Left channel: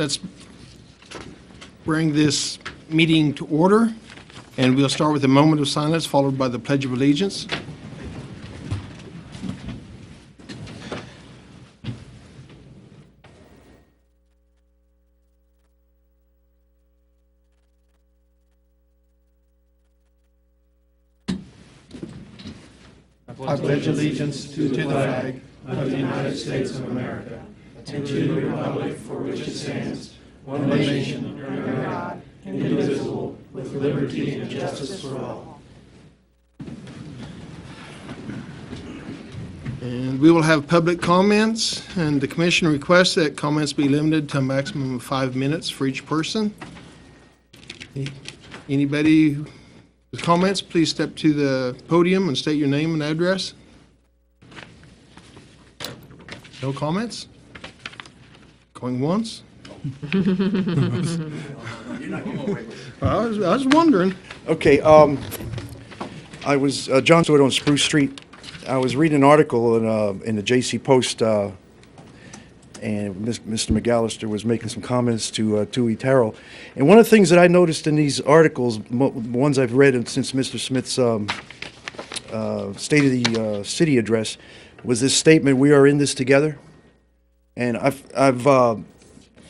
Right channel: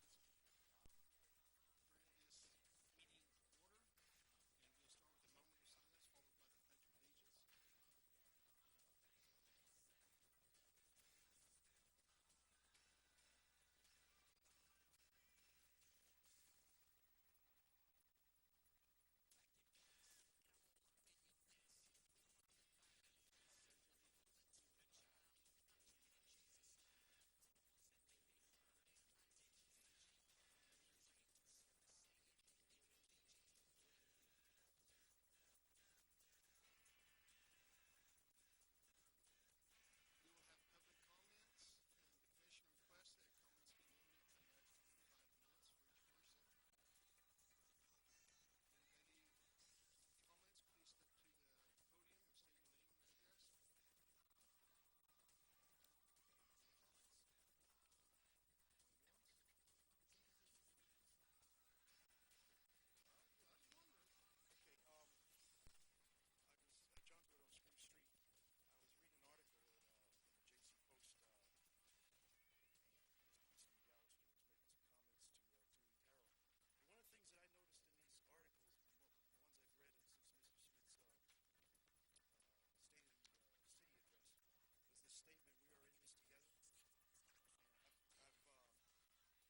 let's bring this meeting to order, and we'll start with a moment of silence followed by the Pledge of Allegiance. I pledge allegiance to the flag of the United States of America and to the republic for which it stands, one nation, under God, indivisible, with liberty and justice for all. And we will have public comments, and the commission requests that comments be limited to a maximum of 5 minutes for each person. Anybody with comments, please step to the podium and state your name and address. No comments? Going once? I was wondering. Okay, I was John Stewart on Spruce Street. I was reading an article in the J.C. Post, and Mr. McAllister was making some comments to Tui Terrell. And one of the things that I noticed in these articles, ones I've read since Mr. Smith's State of the City address, was this statement, "We are in this together." And I've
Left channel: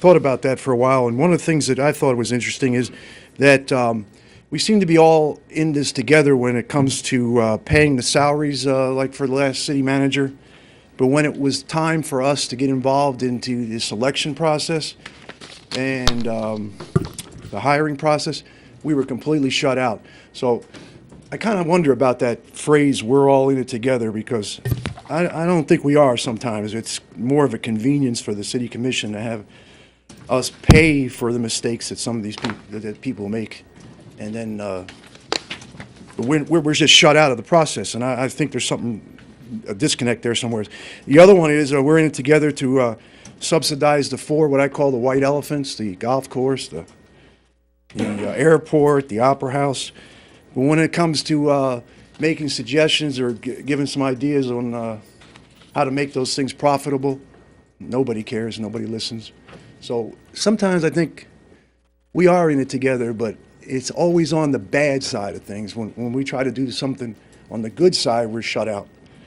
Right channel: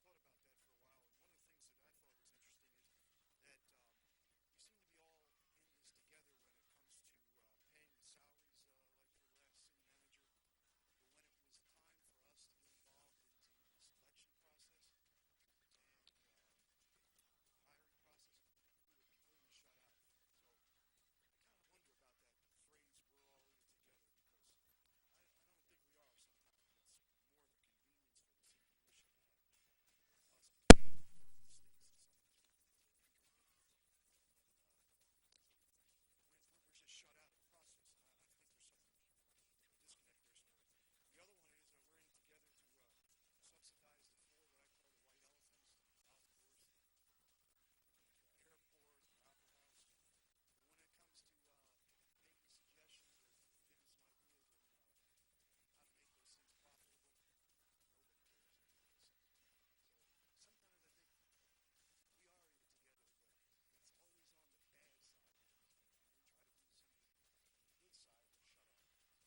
thought about that for a while, and one of the things that I thought was interesting is that we seem to be all in this together when it comes to paying the salaries, like for the last city manager. But when it was time for us to get involved into the selection process and the hiring process, we were completely shut out. So I kind of wonder about that phrase, "we're all in it together," because I don't think we are sometimes. It's more of a convenience for the city commission to have us pay for the mistakes that some of these people make. And then we're just shut out of the process. And I think there's a disconnect there somewhere. The other one is we're in it together to subsidize what I call the white elephants, the golf course, the airport, the opera house. But when it comes to making suggestions or giving some ideas on how to make those things profitable, nobody cares, nobody listens. So sometimes I think we are in it together, but it's always on the bad side of things. When we try to do something on the good side, we're shut out.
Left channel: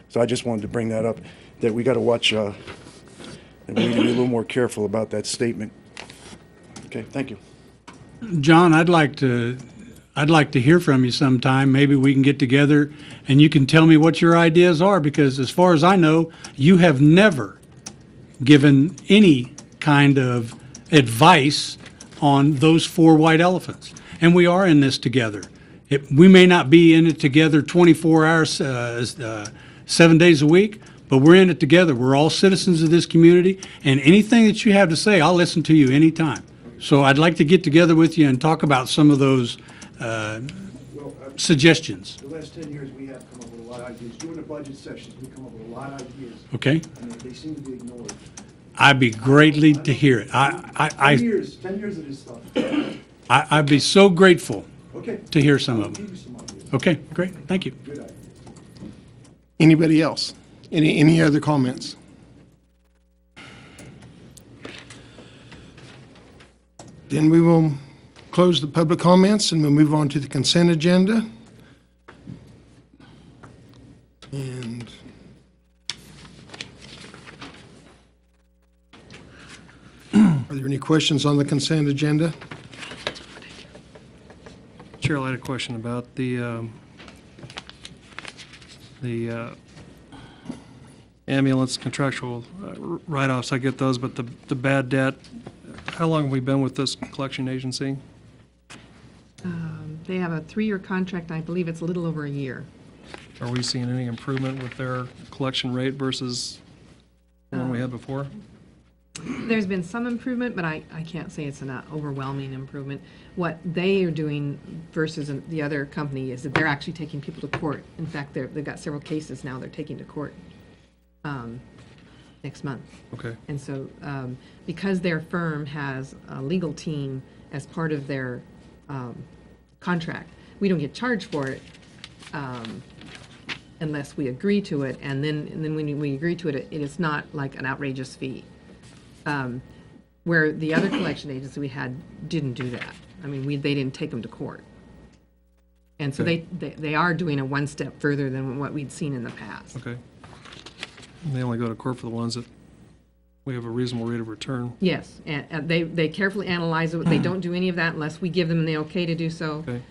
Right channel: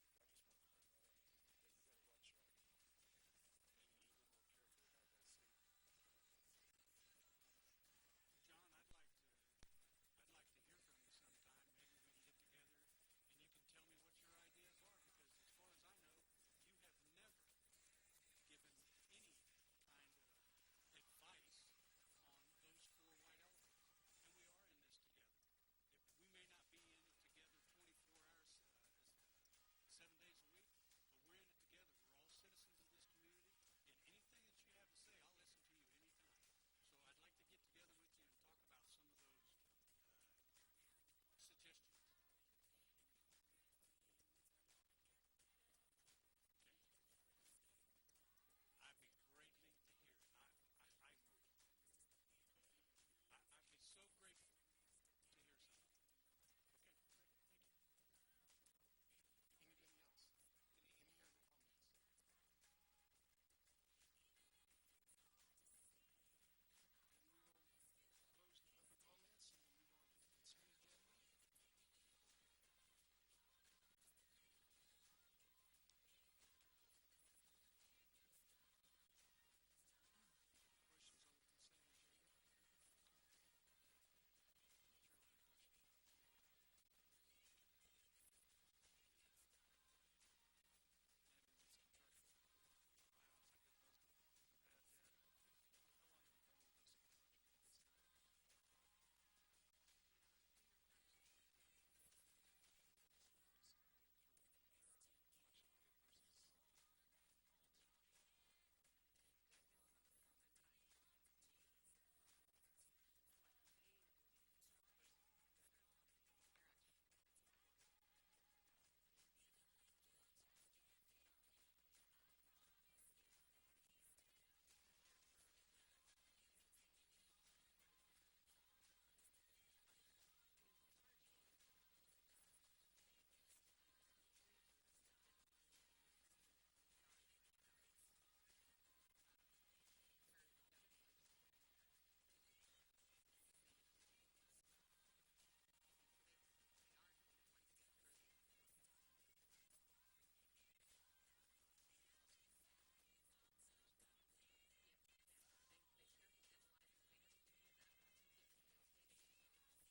So I just wanted to bring that up, that we got to watch, and we need to be a little more careful about that statement. Okay, thank you. John, I'd like to hear from you sometime. Maybe we can get together and you can tell me what your ideas are, because as far as I know, you have never given any kind of advice on those 4 white elephants. And we are in this together. We may not be in it together 24 hours, 7 days a week, but we're in it together. We're all citizens of this community, and anything that you have to say, I'll listen to you anytime. So I'd like to get together with you and talk about some of those suggestions. The last 10 years, we have come up with a lot of ideas. During the budget sessions, we come up with a lot of ideas. Okay? And they seem to be ignored. I'd be greatly to hear it. 10 years of this stuff. I'd be so grateful Okay. to hear some of I'll them. give you some ideas. Okay, great. Thank you. Good idea. Anybody else? Any other comments? Then we will close the public comments and we'll move on to the consent agenda. And are there any questions on the consent agenda? Chair, I had a question about the ambulance contractual write-offs. I get those, but the bad debt, how long have we been with this collection agency? They have a 3-year contract, and I believe it's a little over a year. Are we seeing any improvement with their collection rate versus the one we had before? There's been some improvement, but I can't say it's an overwhelming improvement. What they are doing versus the other company is that they're actually taking people to court. In fact, they've got several cases now they're taking to court next month. Okay. And so because their firm has a legal team as part of their contract, we don't get charged for it unless we agree to it. And then when we agree to it, it is not like an outrageous fee. Where the other collection agents we had didn't do that. I mean, they didn't take them to court. And so they are doing a one step further than what we'd seen in the past. Okay. And they only go to court for the ones that we have a reasonable rate of return. Yes, and they carefully analyze it. They don't do any of that unless we give them the okay to do so. Okay.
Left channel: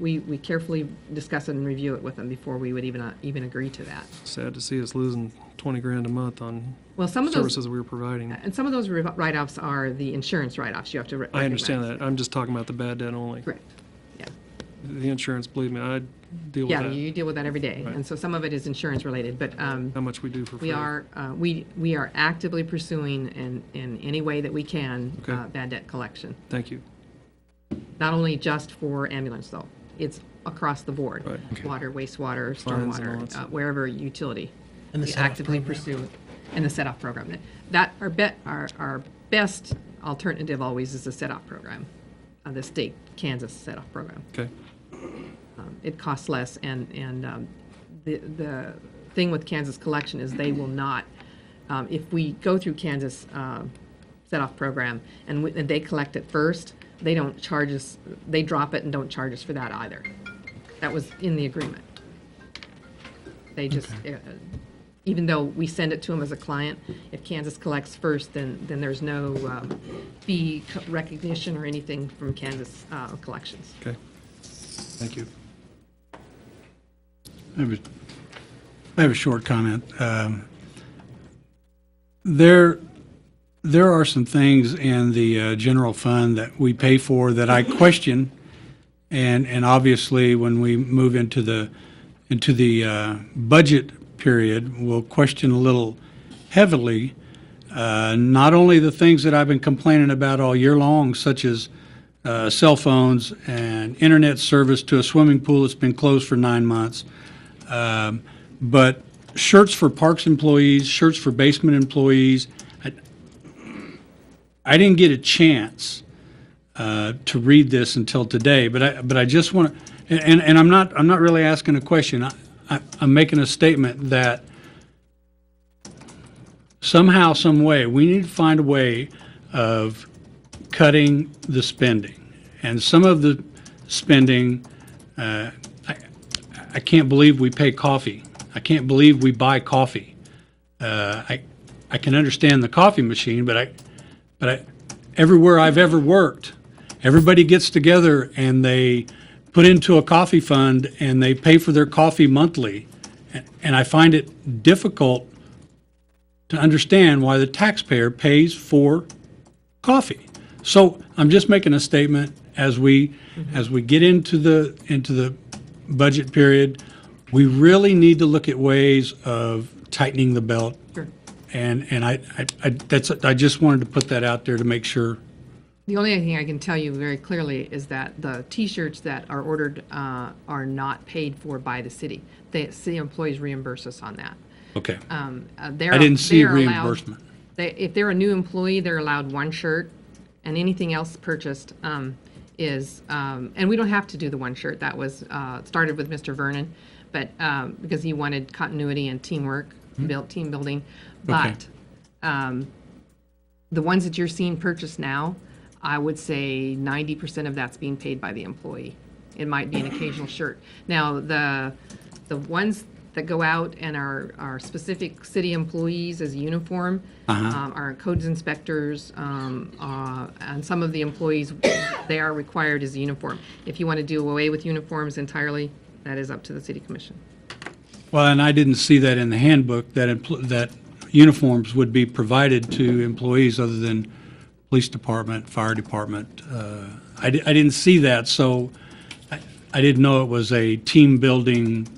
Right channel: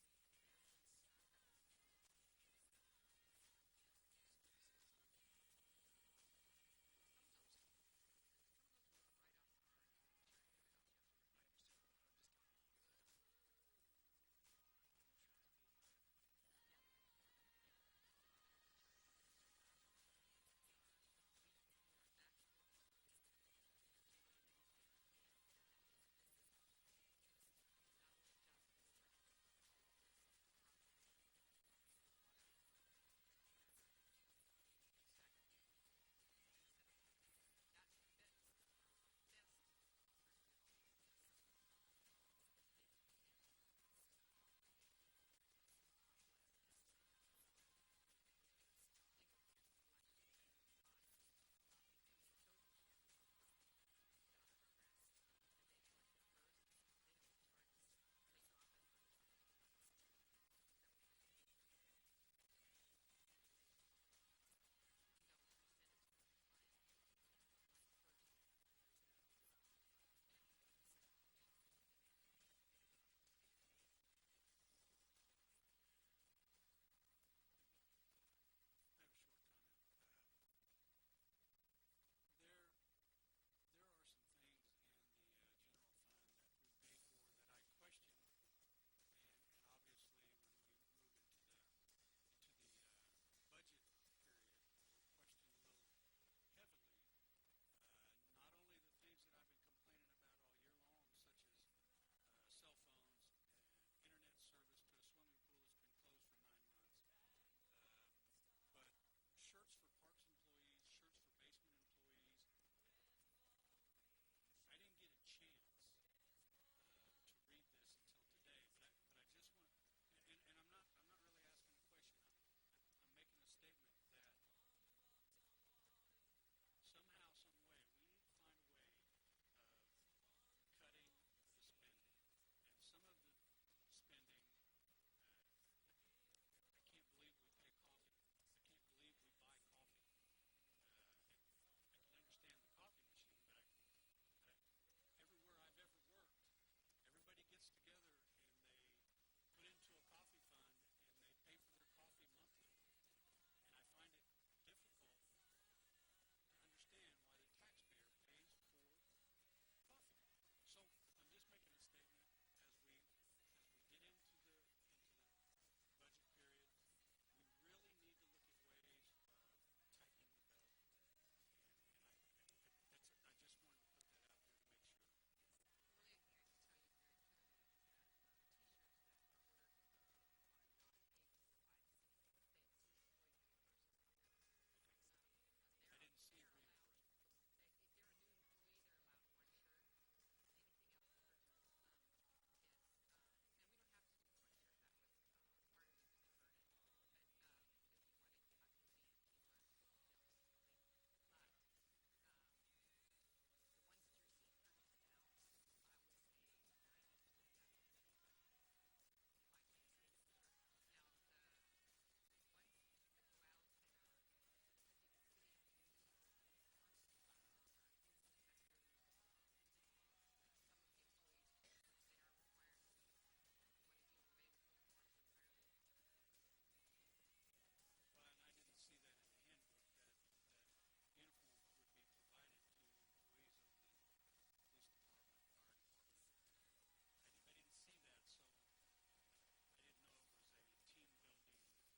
We carefully discuss it and review it with them before we would even agree to that. Sad to see us losing 20 grand a month on Well, some of those, services we were providing. and some of those write-offs are the insurance write-offs. You have to I understand recognize. that. I'm just talking about the bad debt only. Correct. Yeah. The insurance, believe me, I deal with Yeah, that. you deal with that every day. Right. And so some of it is insurance related, but How much we do for free. we are actively pursuing in any way that we can Okay. bad debt collection. Thank you. Not only just for ambulance though, it's across the board. Right. Okay. Water, wastewater, Fines and all stormwater, that stuff. wherever utility. And the We set-off actively program. pursue, and the set-off program. Our best alternative always is the set-off program, the state Kansas set-off program. Okay. It costs less, and the thing with Kansas collection is they will not, if we go through Kansas set-off program and they collect it first, they don't charge us, they drop it and don't charge us for that either. That was in the agreement. They just, even though we send it to them as a client, if Kansas collects first, then there's no fee recognition or anything from Kansas collections. Okay. Thank you. I have a short comment. There are some things in the general fund that we pay for that I question, and obviously when we move into the budget period, we'll question a little heavily. Not only the things that I've been complaining about all year long, such as cell phones and internet service to a swimming pool that's been closed for 9 months, but shirts for parks employees, shirts for basement employees. I didn't get a chance to read this until today, but I just want to, and I'm not really asking a question. I'm making a statement that somehow, some way, we need to find a way of cutting the spending, and some of the spending. I can't believe we pay coffee. I can't believe we buy coffee. I can understand the coffee machine, but everywhere I've ever worked, everybody gets together and they put into a coffee fund and they pay for their coffee monthly. And I find it difficult to understand why the taxpayer pays for coffee. So I'm just making a statement as we get into the budget period, we really need to look at ways of tightening the belt. Sure. And I just wanted to put that out there to make sure. The only thing I can tell you very clearly is that the T-shirts that are ordered are not paid for by the city. The city employees reimburse us on that. Okay. I I didn't see reimbursement. If they're a new employee, they're allowed one shirt, and anything else purchased is, and we don't have to do the one shirt. That was started with Mr. Vernon, but because he wanted continuity and teamwork, team building. Okay. But the ones that you're seeing purchased now, I would say 90% of that's being paid by the employee. It might be an occasional shirt. Now, the ones that go out and are specific city employees as a uniform, are codes inspectors, and some of the employees, they are required as a uniform. If you want to do away with uniforms entirely, that is up to the city commission. Well, and I didn't see that in the handbook, that uniforms would be provided to employees other than police department, fire department. I didn't see that, so I didn't know it was a team-building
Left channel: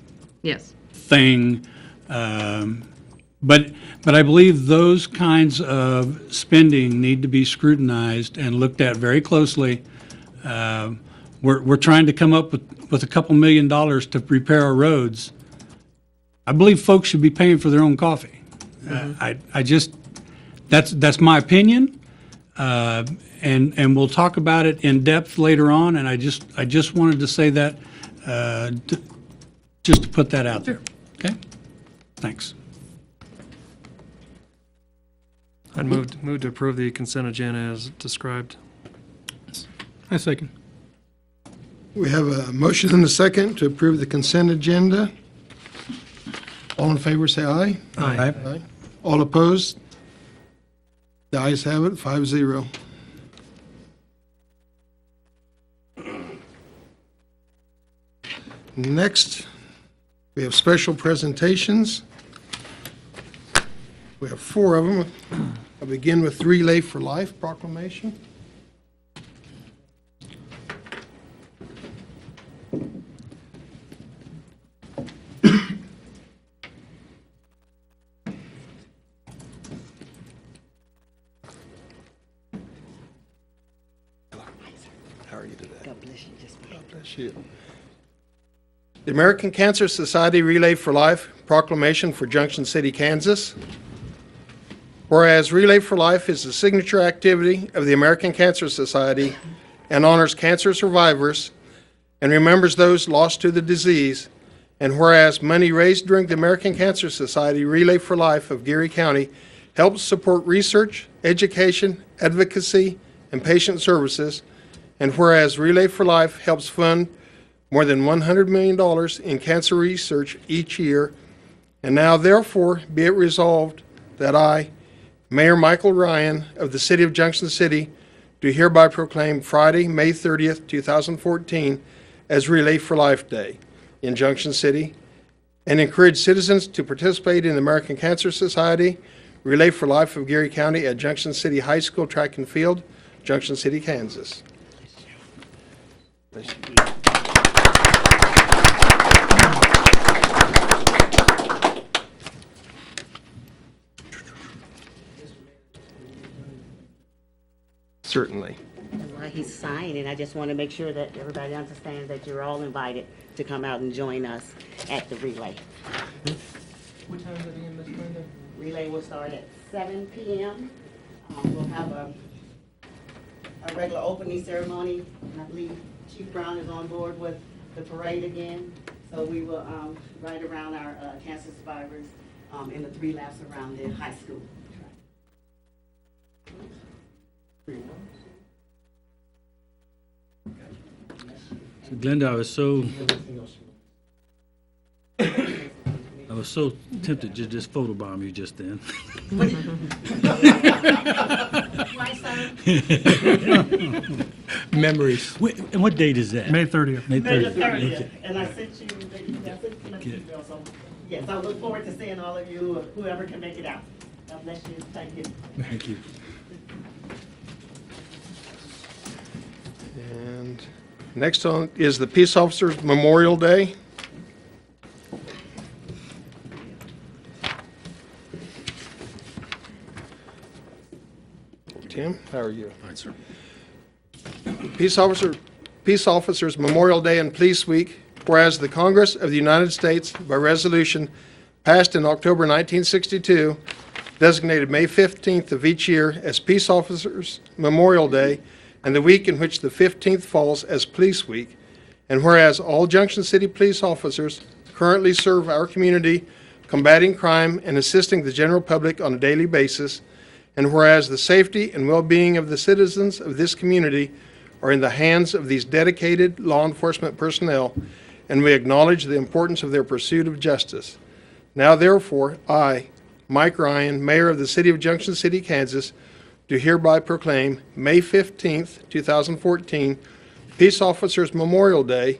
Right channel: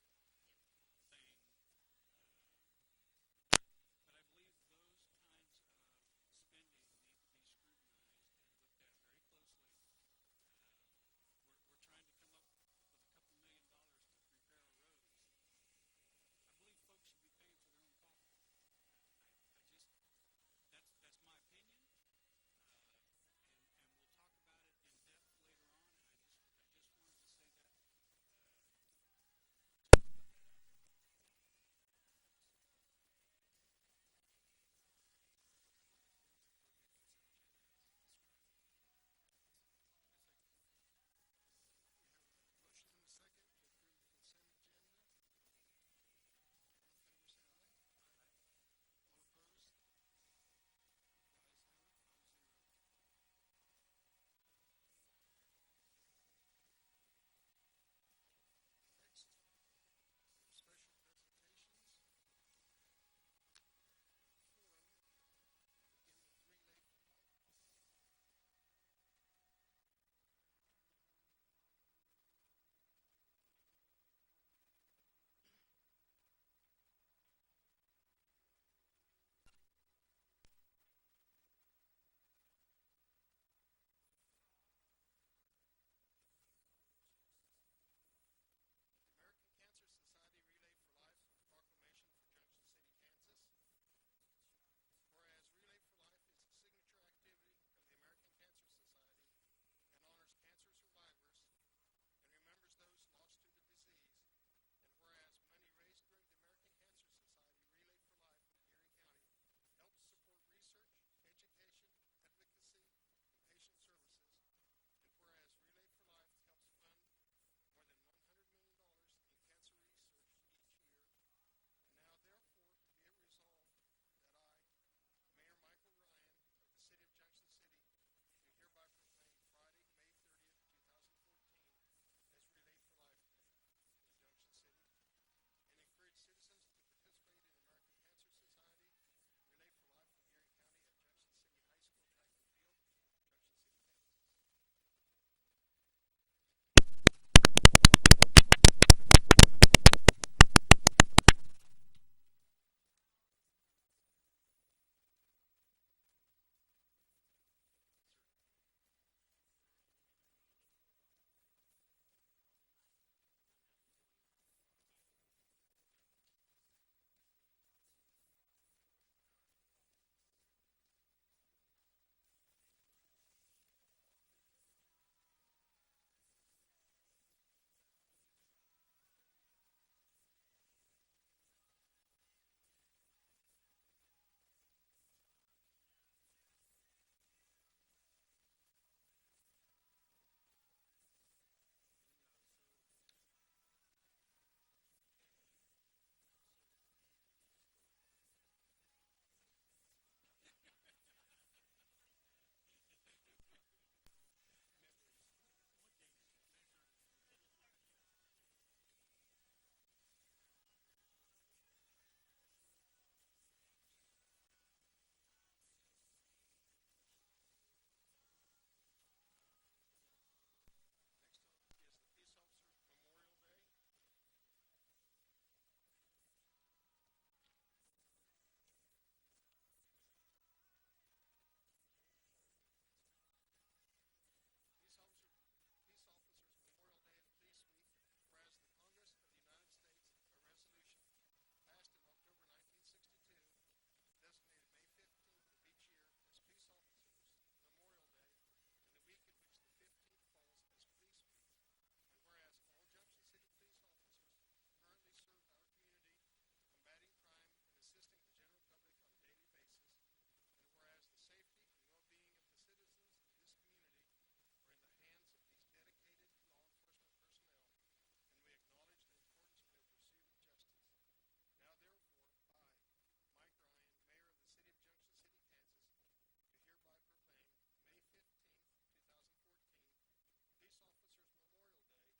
Yes. thing. But I believe those kinds of spending need to be scrutinized and looked at very closely. We're trying to come up with a couple $1 million to repair our roads. I believe folks should be paying for their own coffee. I just, that's my opinion. And we'll talk about it in depth later on, and I just wanted to say that, just to put that out there. Okay? Thanks. I'd move to approve the consent agenda as described. I second. We have a motion and a second to approve the consent agenda. All in favor, say aye. Aye. Aye. All opposed? The ayes have it, 5-0. Next, we have special presentations. We have 4 of them. I'll begin with Relay for Life proclamation. How are you today? God bless you. Just God bless you. The American Cancer Society Relay for Life proclamation for Junction City, Kansas. Whereas Relay for Life is the signature activity of the American Cancer Society and honors cancer survivors and remembers those lost to the disease, and whereas money raised during the American Cancer Society Relay for Life of Geary County helps support research, education, advocacy, and patient services, and whereas Relay for Life helps fund more than $100 million in cancer research each year, and now therefore be it resolved that I, Mayor Michael Ryan of the City of Junction City, do hereby proclaim Friday, May 30th, 2014 as Relay for Life Day in Junction City, and encourage citizens to participate in the American Cancer Society Relay for Life of Geary County at Junction City High School Track and Field, Junction City, Kansas. Bless you. Certainly. while he's signing, I just want to make sure that everybody understands that you're all invited to come out and join us at the relay. What time is it again, Ms. Brenda? Relay will start at 7 p.m. We'll have a regular opening ceremony, and I believe Chief Brown is on board with the parade again. So we will ride around our cancer survivors in the 3 laps around the high school. So Glenda, I was so tempted to just photobomb you just then. Memories. And what date is that? May 30th. May May the 30th. 30th, Okay. and I sent you the email, so, yes, I look forward to seeing all of you, whoever can make it out. God bless you, thank you. Thank you. And next on is the Peace Officers Memorial Day. Tim, how are you? Fine, sir. Peace Officers Memorial Day and Police Week, whereas the Congress of the United States, by resolution passed in October 1962, designated May 15th of each year as Peace Officers Memorial Day and the week in which the 15th falls as Police Week, and whereas all Junction City police officers currently serve our community combating crime and assisting the general public on a daily basis, and whereas the safety and well-being of the citizens of this community are in the hands of these dedicated law enforcement personnel, and we acknowledge the importance of their pursuit of justice. Now therefore, I, Mike Ryan, Mayor of the City of Junction City, Kansas, do hereby proclaim May 15th, 2014, Peace Officers Memorial Day,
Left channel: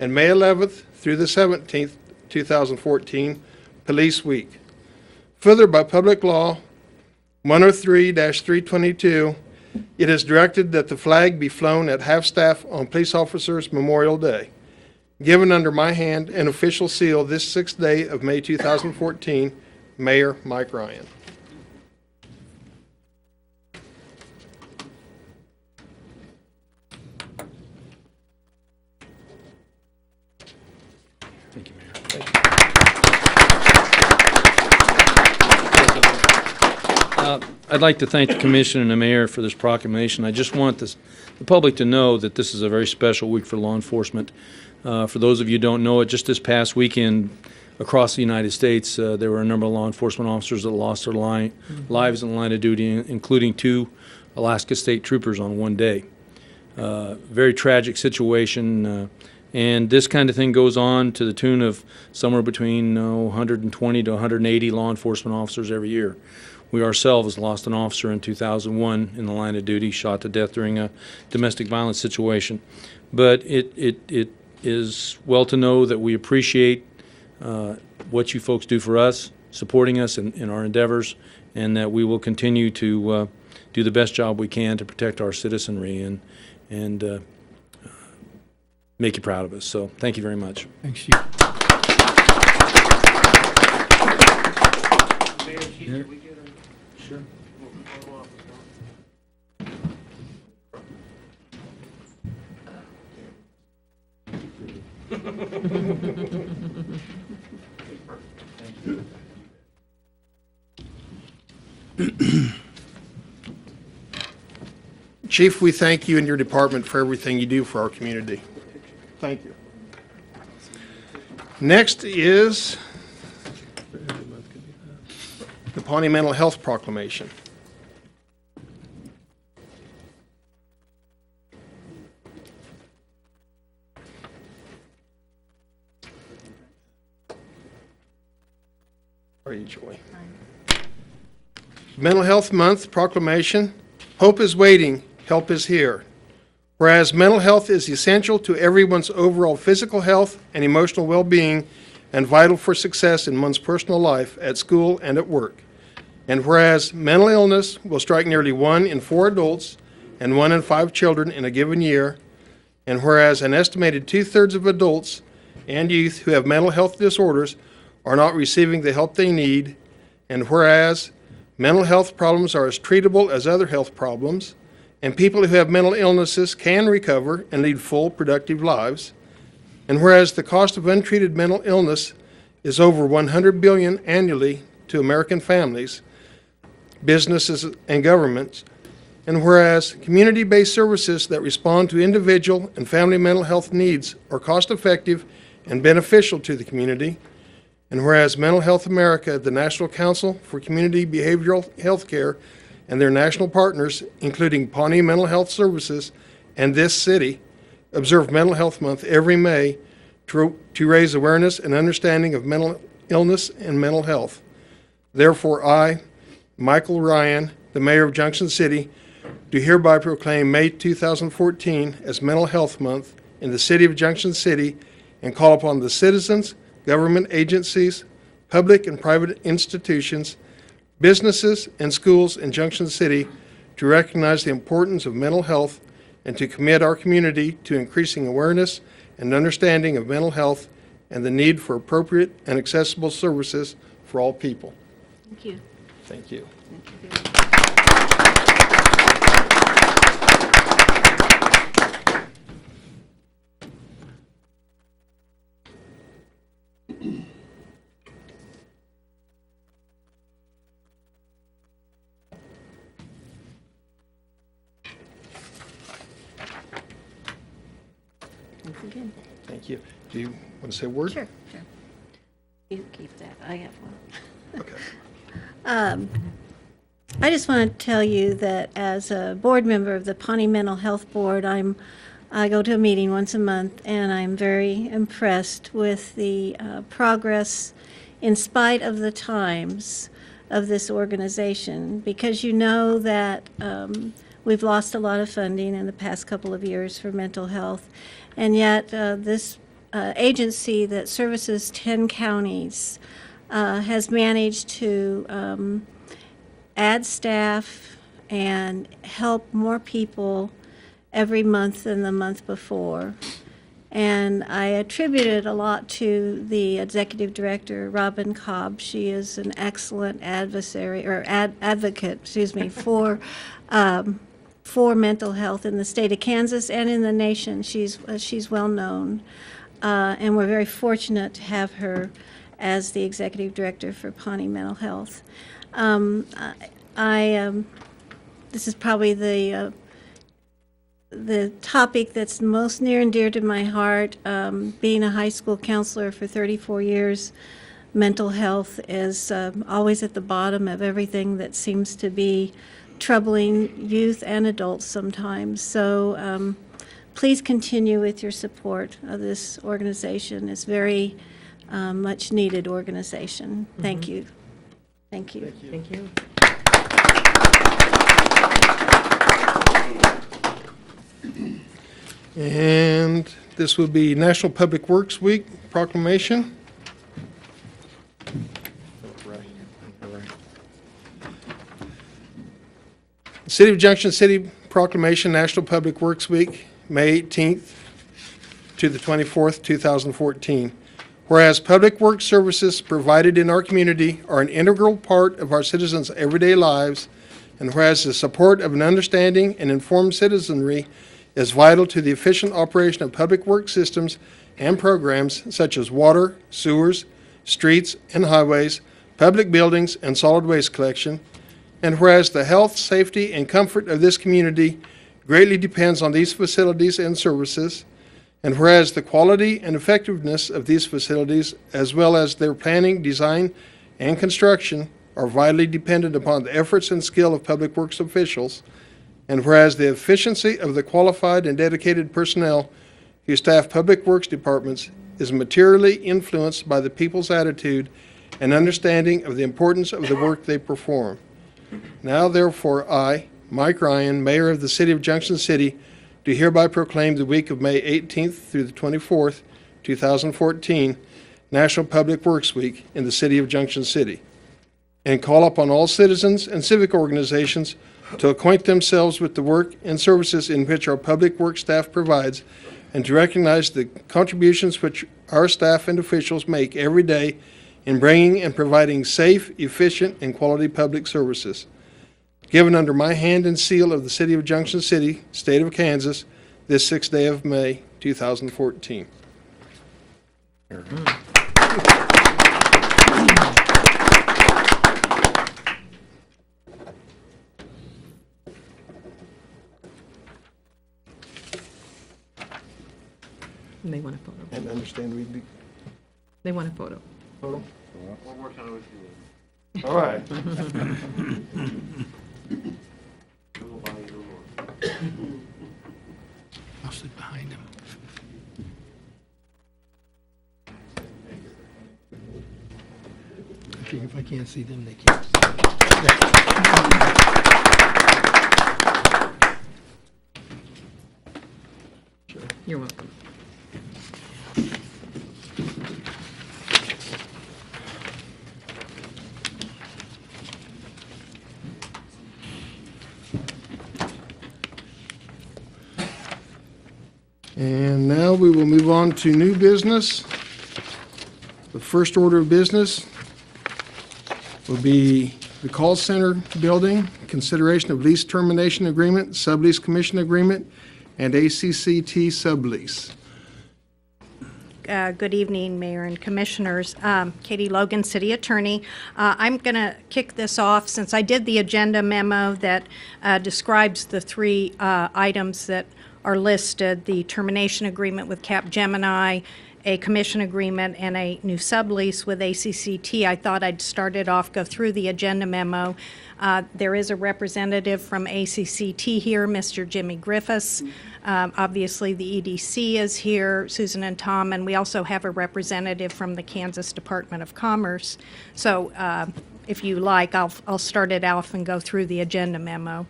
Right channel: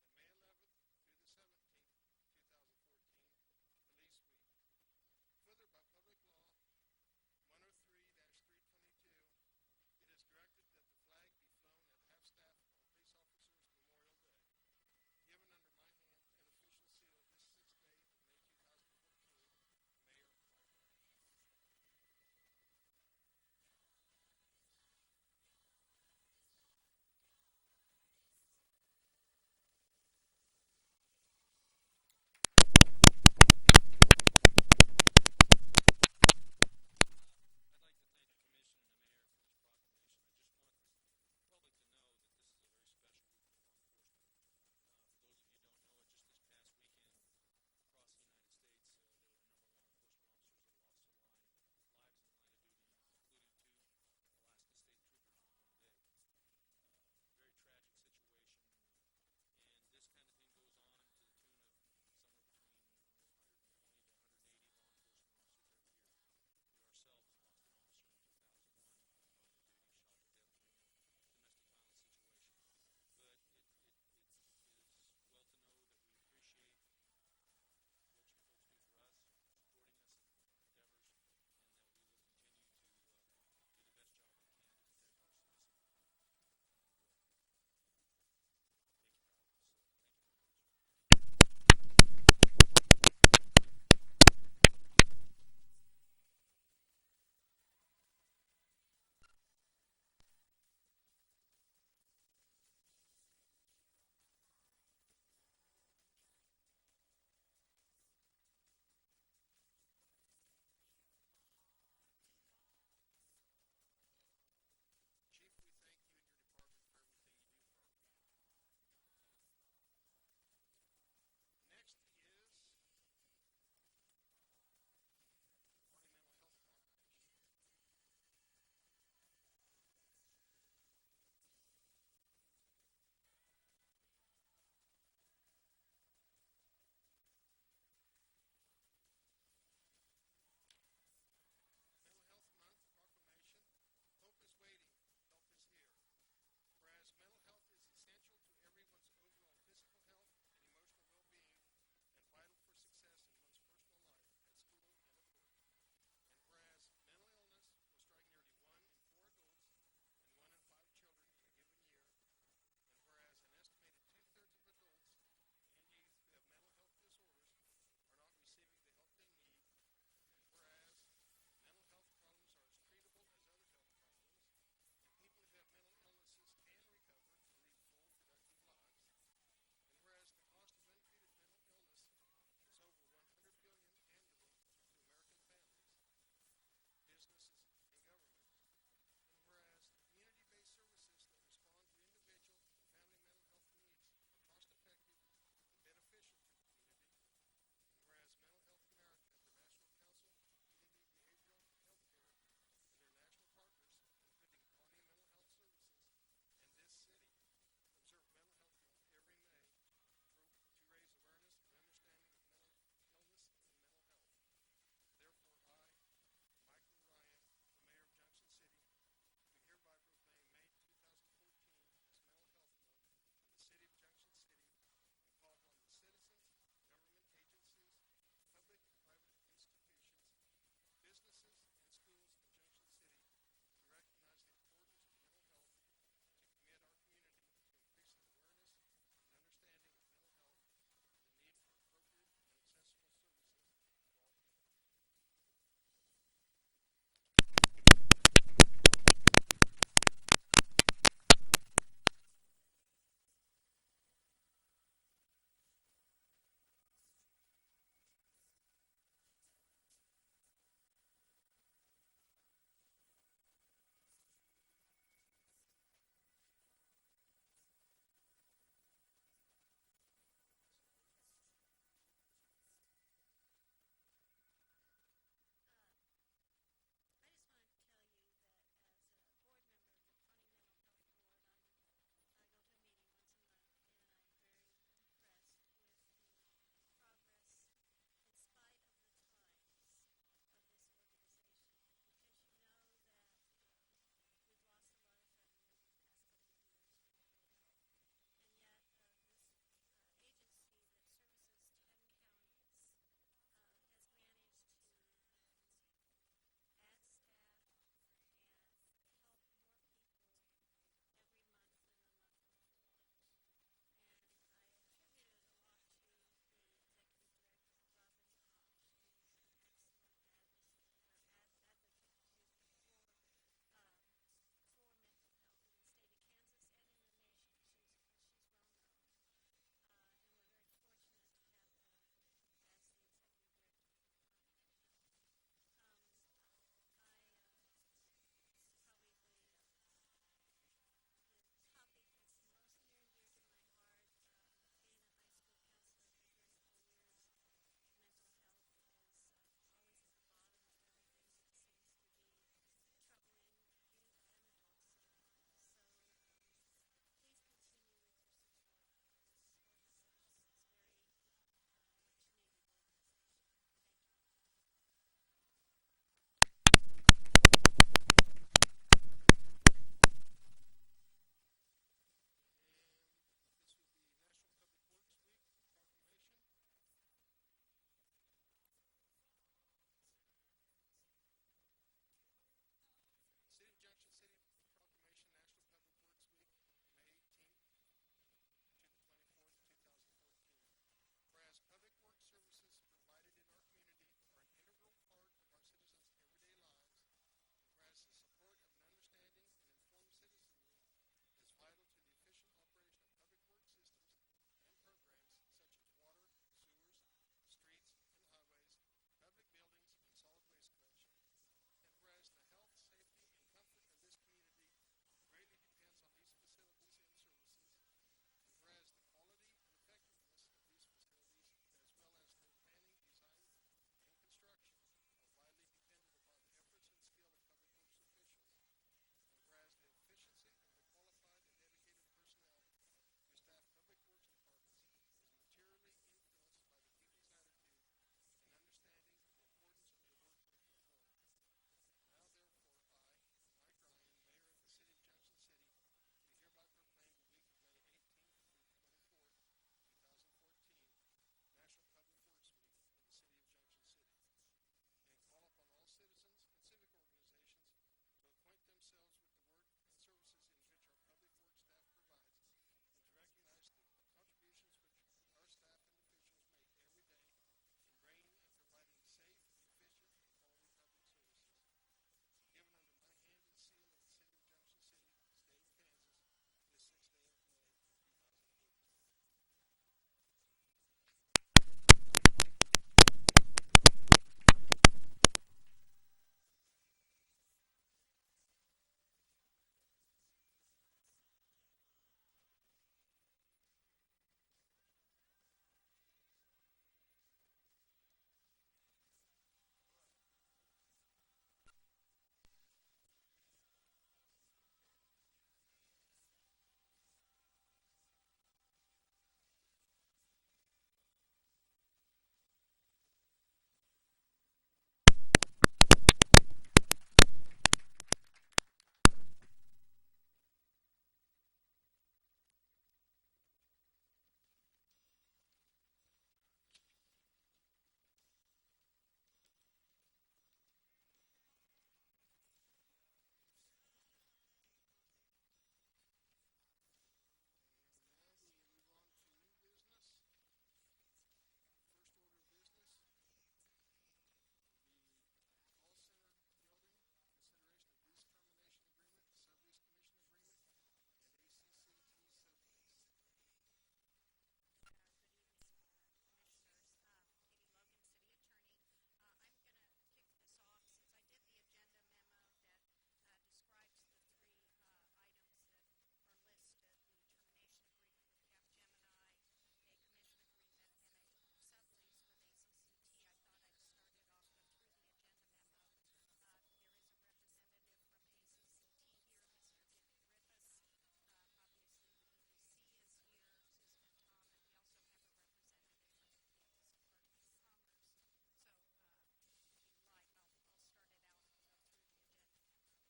and May 11th through the 17th, 2014, Police Week. Further, by Public Law 103-322, it is directed that the flag be flown at half-staff on Police Officers Memorial Day. Given under my hand and official seal this 6th day of May 2014, Mayor Mike Ryan. Thank you, Mayor. I'd like to thank the commission and the mayor for this proclamation. I just want the public to know that this is a very special week for law enforcement. For those of you who don't know it, just this past weekend, across the United States. There were a number of law enforcement officers that lost their lives in the line of duty, including 2 Alaska State Troopers on one day. Very tragic situation, and this kind of thing goes on to the tune of somewhere between 120 to 180 law enforcement officers every year. We ourselves lost an officer in 2001 in the line of duty, shot to death during a domestic violence situation. But it is well to know that we appreciate what you folks do for us, supporting us in our endeavors, and that we will continue to do the best job we can to protect our citizenry and make you proud of us. So thank you very much. Thanks, Chief. Chief, we thank you and your department for everything you do for our community. Thank you. Next is the Pawnee Mental Health Proclamation. How are you, Joy? Mental Health Month Proclamation. Hope is waiting, help is here. Whereas mental health is essential to everyone's overall physical health and emotional well-being and vital for success in one's personal life, at school, and at work. And whereas mental illness will strike nearly 1 in 4 adults and 1 in 5 children in a given year, and whereas an estimated 2/3 of adults and youth who have mental health disorders are not receiving the help they need, and whereas mental health problems are as treatable as other health problems, and people who have mental illnesses can recover and lead full, productive lives. And whereas the cost of untreated mental illness is over $100 billion annually to American families, businesses, and governments, and whereas community-based services that respond to individual and family mental health needs are cost-effective and beneficial to the community, and whereas Mental Health America, the National Council for Community Behavioral Health Care, and their national partners, including Pawnee Mental Health Services and this city, observe Mental Health Month every May to raise awareness and understanding of mental illness and mental health. Therefore, I, Michael Ryan, the Mayor of Junction City, do hereby proclaim May 2014 as Mental Health Month in the city of Junction City and call upon the citizens, government agencies, public and private institutions, businesses, and schools in Junction City to recognize the importance of mental health and to commit our community to increasing awareness and understanding of mental health and the need for appropriate and accessible services for all people. Thank you. Thank you. Thanks again. Thank you. Do you want to say a word? Sure. You keep that. I have one. Okay. I just want to tell you that as a board member of the Pawnee Mental Health Board, I go to a meeting once a month, and I'm very impressed with the progress in spite of the times of this organization, because you know that we've lost a lot of funding in the past couple of years for mental health, and yet this agency that services 10 counties has managed to add staff and help more people every month than the month before. And I attribute it a lot to the executive director, Robin Cobb. She is an excellent advocate, for mental health in the state of Kansas and in the nation. She's well known, and we're very fortunate to have her as the executive director for Pawnee Mental Health. This is probably the topic that's most near and dear to my heart. Being a high school counselor for 34 years, mental health is always at the bottom of everything that seems to be troubling youth and adults sometimes. So please continue with your support of this organization. It's very much needed organization. Thank you. Thank you. Thank you. And this will be National Public Works Week proclamation. City of Junction City Proclamation, National Public Works Week, May 18th to the 24th, 2014. Whereas public works services provided in our community are an integral part of our citizens' everyday lives, and whereas the support of an understanding and informed citizenry is vital to the efficient operation of public works systems and programs such as water, sewers, streets and highways, public buildings, and solid waste collection, and whereas the health, safety, and comfort of this community greatly depends on these facilities and services, and whereas the quality and effectiveness of these facilities, as well as their planning, design, and construction, are vitally dependent upon the efforts and skill of public works officials, and whereas the efficiency of the qualified and dedicated personnel who staff public works departments is materially influenced by the people's attitude and understanding of the importance of the work they perform. Now, therefore, I, Mike Ryan, Mayor of the City of Junction City, do hereby proclaim the week of May 18th through the 24th, 2014, National Public Works Week in the City of Junction City, and call upon all citizens and civic organizations to acquaint themselves with the work and services in which our public works staff provides, and to recognize the contributions which our staff and officials make every day in bringing and providing safe, efficient, and quality public services. Given under my hand and seal of the City of Junction City, State of Kansas, this 6th day of May, 2014. And they want a photo. And understand we'd be They want a photo. photo? All right. I'll sit behind him. I think if I can't see them, they can't. You're welcome. And now we will move on to new business. The first order of business will be the call center building, consideration of lease termination agreement, sublease commission agreement, and ACCT sublease. Good evening, Mayor and Commissioners. Katie Logan, City Attorney. I'm going to kick this off since I did the agenda memo that describes the three items that are listed, the termination agreement with Capgemini, a commission agreement, and a new sublease with ACCT. I thought I'd start it off, go through the agenda memo. There is a representative from ACCT here, Mr. Jimmy Griffiths. Obviously, the EDC is here, Susan and Tom, and we also have a representative from the Kansas Department of Commerce. So if you like, I'll start it off and go through the agenda memo.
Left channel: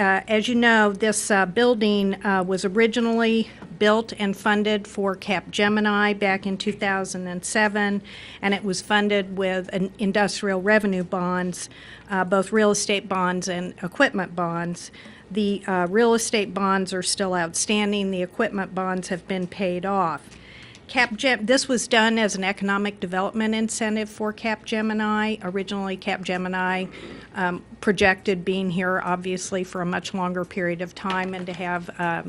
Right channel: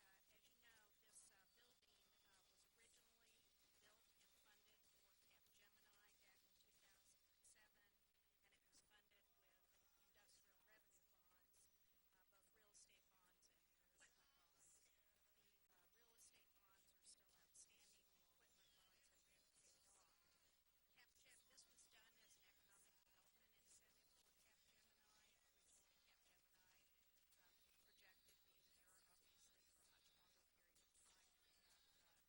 As you know, this building was originally built and funded for Capgemini back in 2007, and it was funded with an industrial revenue bonds, both real estate bonds and equipment bonds. The real estate bonds are still outstanding. The equipment bonds have been paid off. This was done as an economic development incentive for Capgemini. Originally, Capgemini projected being here, obviously, for a much longer period of time and to have a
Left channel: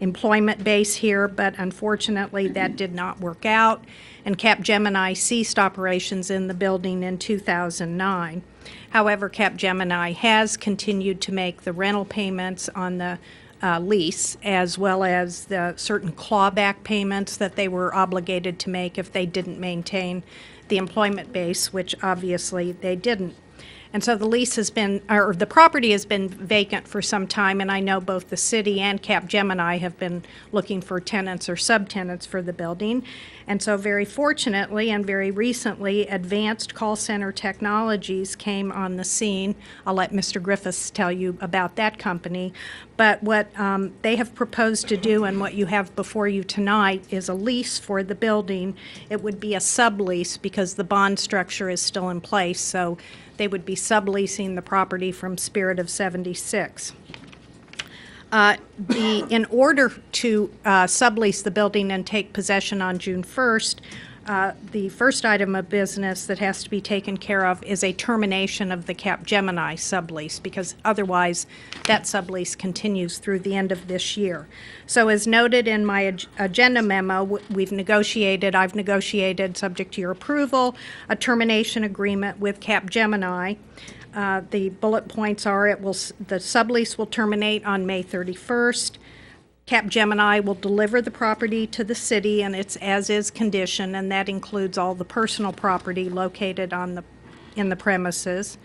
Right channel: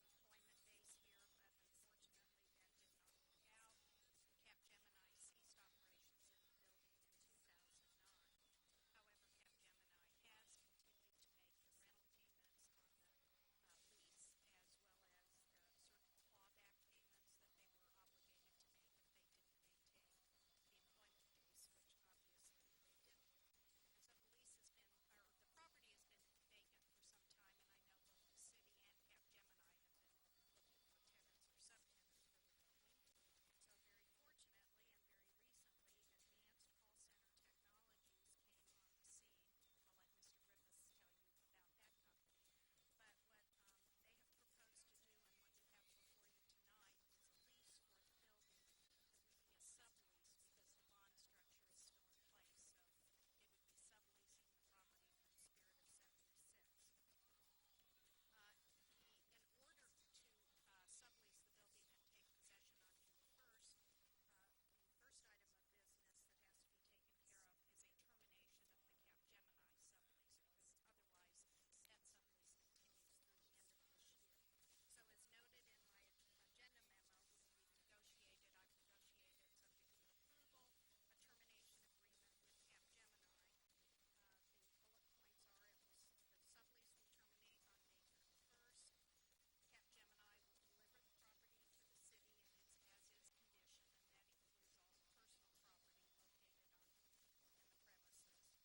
employment base here, but unfortunately, that did not work out, and Capgemini ceased operations in the building in 2009. However, Capgemini has continued to make the rental payments on the lease, as well as the certain clawback payments that they were obligated to make if they didn't maintain the employment base, which obviously they didn't. And so the lease has been, or the property has been vacant for some time, and I know both the city and Capgemini have been looking for tenants or subtenants for the building. And so very fortunately and very recently, Advanced Call Center Technologies came on the scene. I'll let Mr. Griffiths tell you about that company. But what they have proposed to do and what you have before you tonight is a lease for the building. It would be a sublease because the bond structure is still in place, so they would be subleasing the property from Spirit of 76. In order to sublease the building and take possession on June 1st, the first item of business that has to be taken care of is a termination of the Capgemini sublease, because otherwise that sublease continues through the end of this year. So as noted in my agenda memo, I've negotiated, subject to your approval, a termination agreement with Capgemini. The bullet points are the sublease will terminate on May 31st. Capgemini will deliver the property to the city in its as-is condition, and that includes all the personal property located in the premises.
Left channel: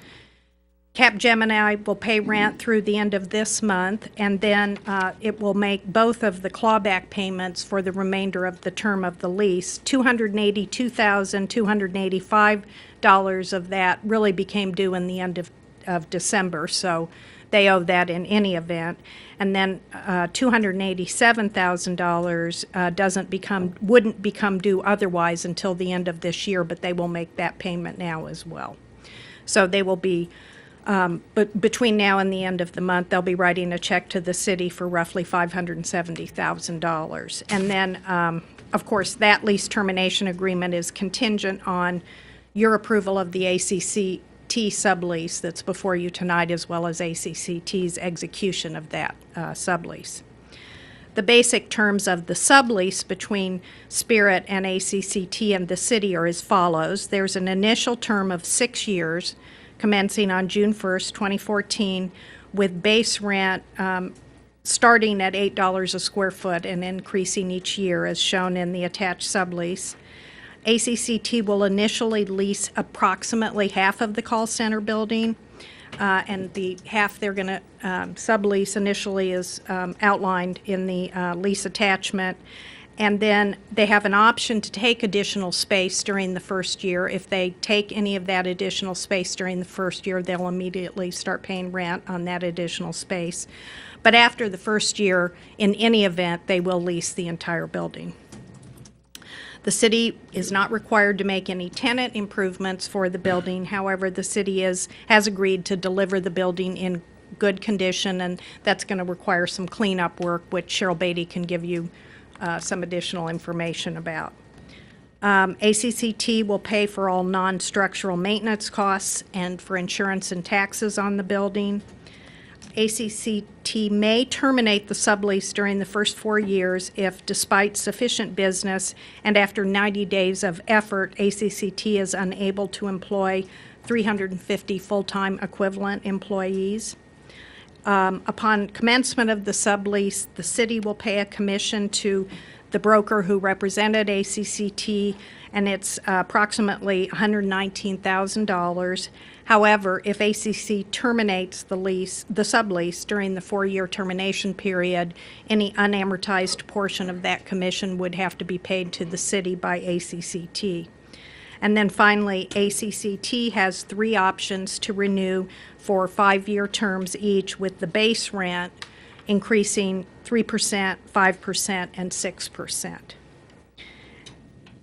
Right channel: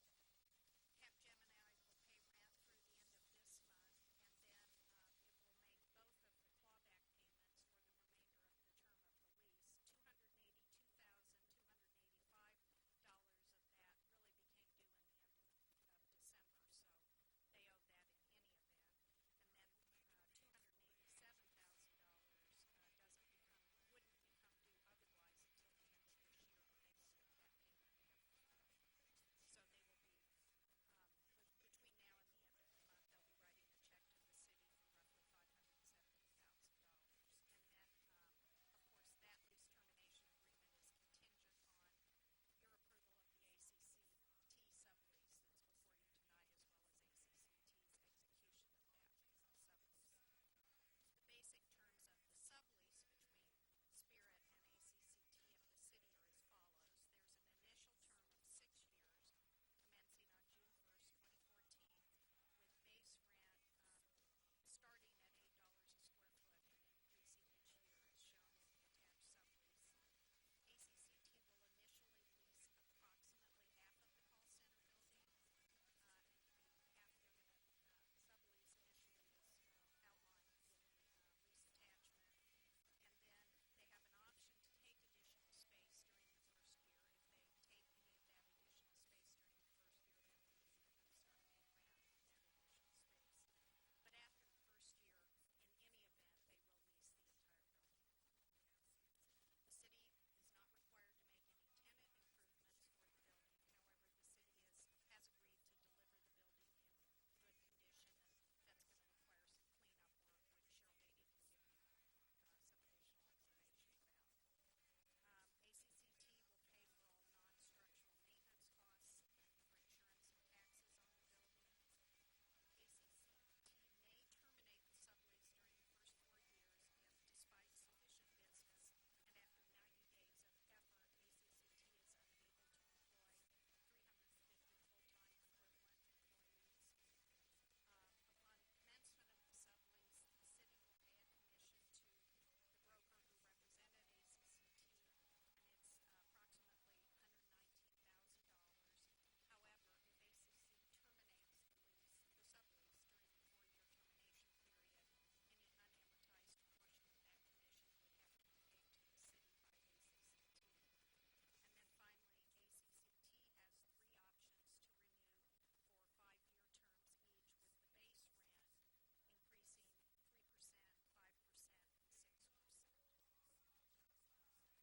Capgemini will pay rent through the end of this month, and then it will make both of the clawback payments for the remainder of the term of the lease. $282,285 of that really became due in the end of December, so they owe that in any event. And then $287,000 wouldn't become due otherwise until the end of this year, but they will make that payment now as well. So they will be, but between now and the end of the month, they'll be writing a check to the city for roughly $570,000. And then, of course, that lease termination agreement is contingent on your approval of the ACCT sublease that's before you tonight, as well as ACCT's execution of that sublease. The basic terms of the sublease between Spirit and ACCT and the city are as follows. There's an initial term of 6 years, commencing on June 1st, 2014, with base rent starting at $8 a square foot and increasing each year, as shown in the attached sublease. ACCT will initially lease approximately half of the call center building, and the half they're going to sublease initially is outlined in the lease attachment. And then they have an option to take additional space during the first year. If they take any of that additional space during the first year, they'll immediately start paying rent on that additional space. But after the first year, in any event, they will lease the entire building. The city is not required to make any tenant improvements for the building. However, the city has agreed to deliver the building in good condition, and that's going to require some cleanup work, which Cheryl Beatty can give you some additional information about. ACCT will pay for all non-structural maintenance costs and for insurance and taxes on the building. ACCT may terminate the sublease during the first 4 years if, despite sufficient business and after 90 days of effort, ACCT is unable to employ 350 full-time equivalent employees. Upon commencement of the sublease, the city will pay a commission to the broker who represented ACCT, and it's approximately $119,000. However, if ACC terminates the sublease during the 4-year termination period, any unamortized portion of that commission would have to be paid to the city by ACCT. And then finally, ACCT has 3 options to renew for 5-year terms each, with the base rent increasing 3%, 5%, and 6%.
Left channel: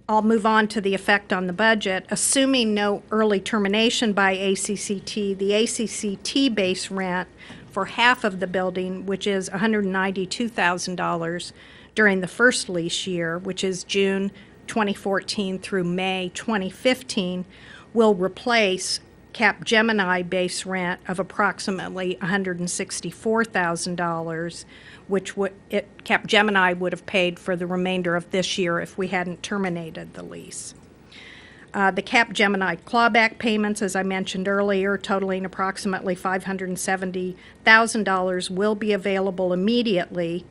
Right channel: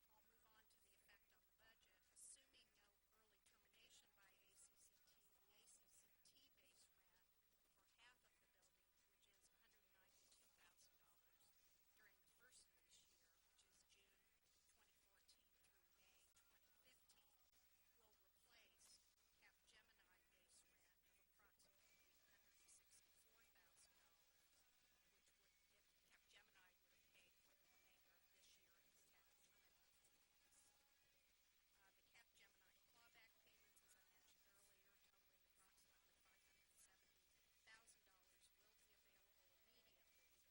I'll move on to the effect on the budget. Assuming no early termination by ACCT, the ACCT base rent for half of the building, which is $192,000 during the first lease year, which is June 2014 through May 2015, will replace Capgemini base rent of approximately $164,000, which Capgemini would have paid for the remainder of this year if we hadn't terminated the lease. The Cap Gemini clawback payments, as I mentioned earlier, totaling approximately $570,000, will be available immediately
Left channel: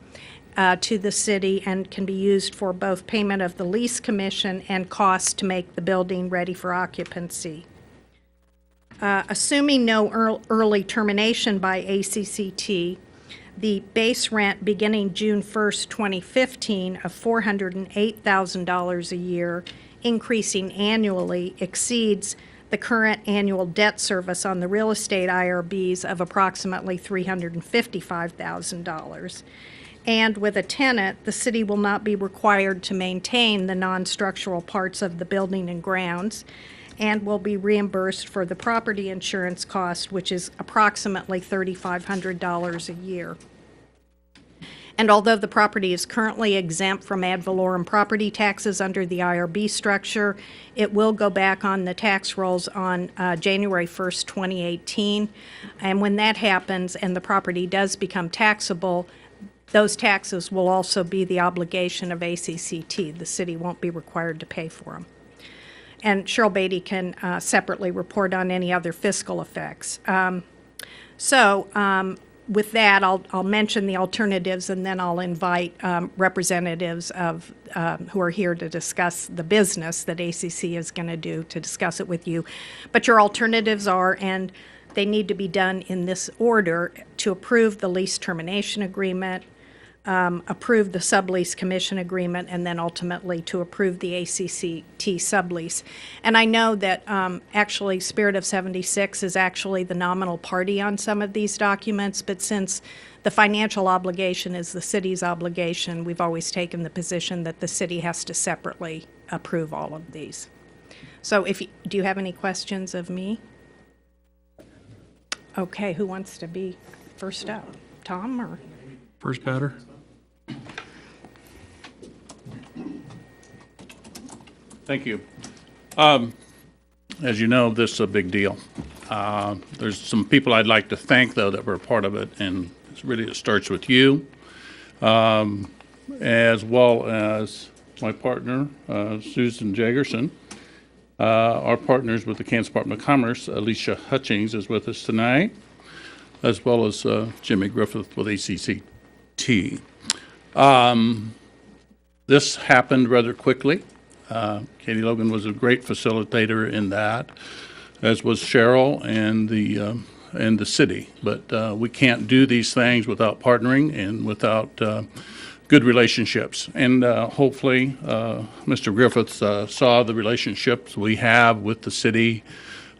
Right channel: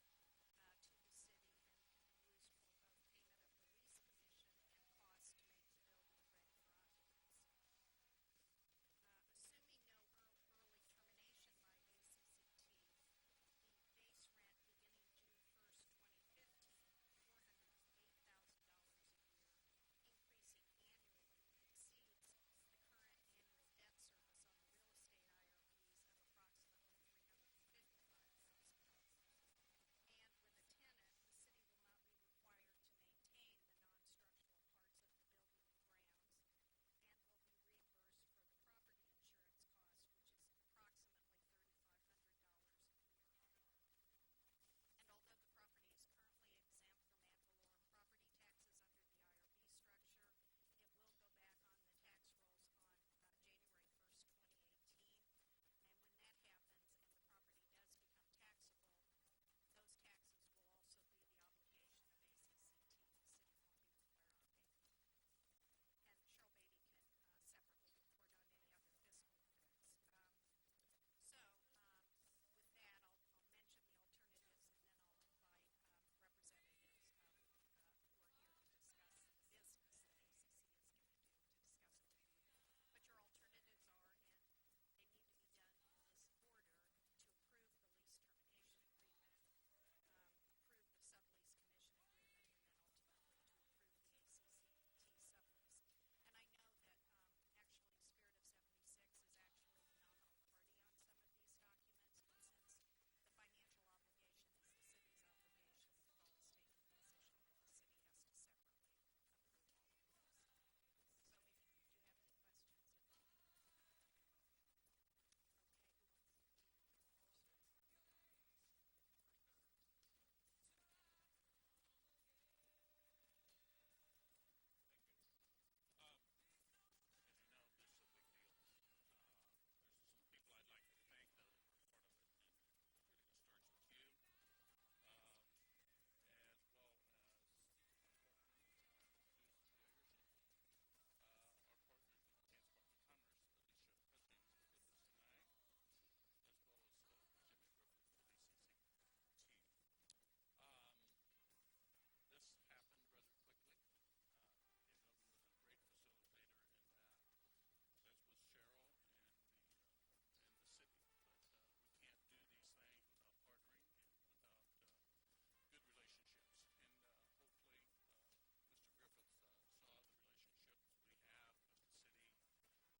to the city and can be used for both payment of the lease commission and costs to make the building ready for occupancy. Assuming no early termination by ACCT, the base rent beginning June 1st, 2015 of $408,000 a year, increasing annually, exceeds the current annual debt service on the real estate IRBs of approximately $355,000. And with a tenant, the city will not be required to maintain the non-structural parts of the building and grounds, and will be reimbursed for the property insurance cost, which is approximately $3,500 a year. And although the property is currently exempt from ad valorem property taxes under the IRB structure, it will go back on the tax rolls on January 1st, 2018. And when that happens and the property does become taxable, those taxes will also be the obligation of ACCT. The city won't be required to pay for them. And Cheryl Beatty can separately report on any other fiscal effects. With that, I'll mention the alternatives, and then I'll invite representatives of who are here to discuss the business that ACC is going to do to discuss it with you. But your alternatives are, and they need to be done in this order, to approve the lease termination agreement, approve the sublease commission agreement, and then ultimately to approve the ACCT sublease. And I know that actually Spirit of 76 is actually the nominal party on some of these documents, but since the financial obligation is the city's obligation, we've always taken the position that the city has to separately approve all of these. So do you have any questions of me? Okay, who wants to be first up? Tom or? First batter. Thank you. As you know, this is a big deal. There's some people I'd like to thank, though, that were a part of it, and it starts with you, as well as my partner, Susan Jagerson. Our partners with the Kansas Department of Commerce, Alicia Hutchings, is with us tonight, as well as Jimmy Griffith with ACCT. This happened rather quickly. Katie Logan was a great facilitator in that, as was Cheryl and the city. But we can't do these things without partnering and without good relationships. And hopefully, Mr. Griffith saw the relationships we have with the city,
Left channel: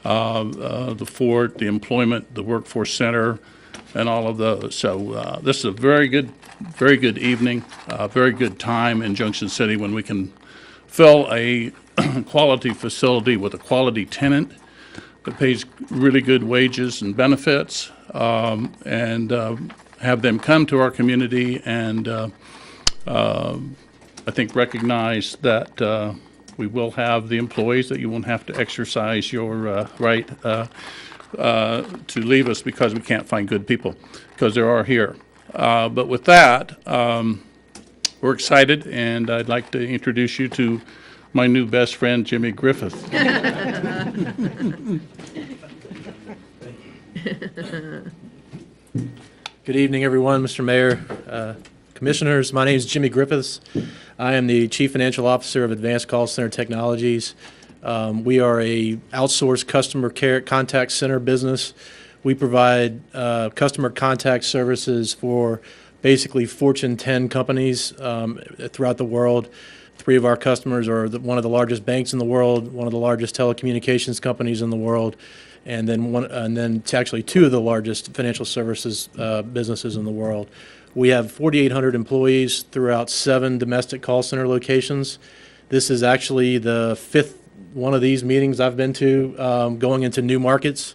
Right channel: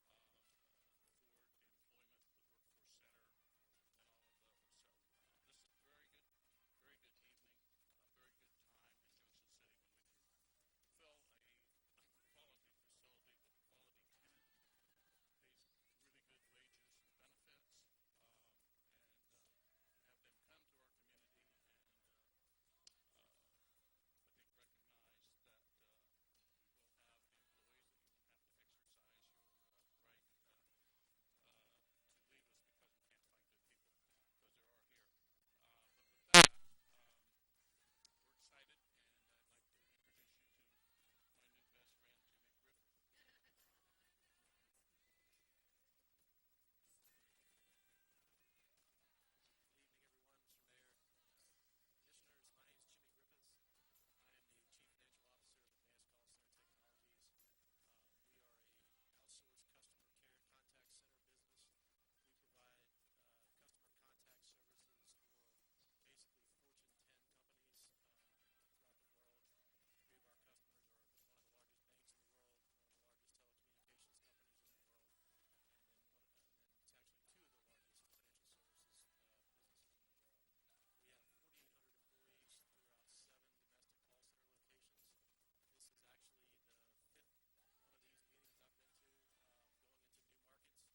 the fort, the employment, the workforce center, and all of those. So this is a very good evening, very good time in Junction City when we can fill a quality facility with a quality tenant that pays really good wages and benefits, and have them come to our community and I think recognize that we will have the employees, that you won't have to exercise your right to leave us because we can't find good people, because there are here. But with that, we're excited, and I'd like to introduce you to my new best friend, Jimmy Griffith. Good evening, everyone, Mr. Mayor, Commissioners. My name is Jimmy Griffiths. I am the Chief Financial Officer of Advanced Call Center Technologies. We are a outsourced customer care contact center business. We provide customer contact services for basically Fortune 10 companies throughout the world. 3 of our customers are one of the largest banks in the world, one of the largest telecommunications companies in the world, and then actually 2 of the largest financial services businesses in the world. We have 4,800 employees throughout 7 domestic call center locations. This is actually the 5th one of these meetings I've been to, going into new markets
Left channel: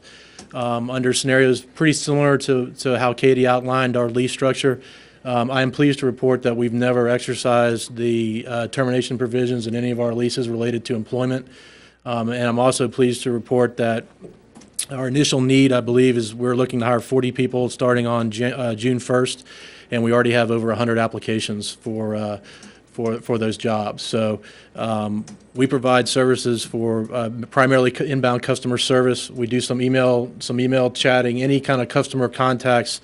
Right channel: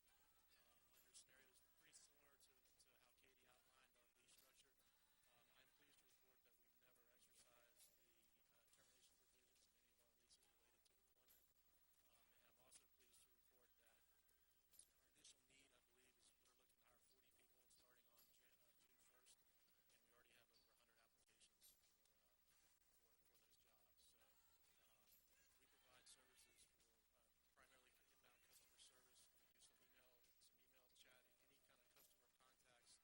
under scenarios pretty similar to how Katie outlined our lease structure. I am pleased to report that we've never exercised the termination provisions in any of our leases related to employment. And I'm also pleased to report that our initial need, I believe, is we're looking to hire 40 people starting on June 1st, and we already have over 100 applications for for those jobs. So we provide services for primarily inbound customer service. We do some email chatting, any kind of customer contacts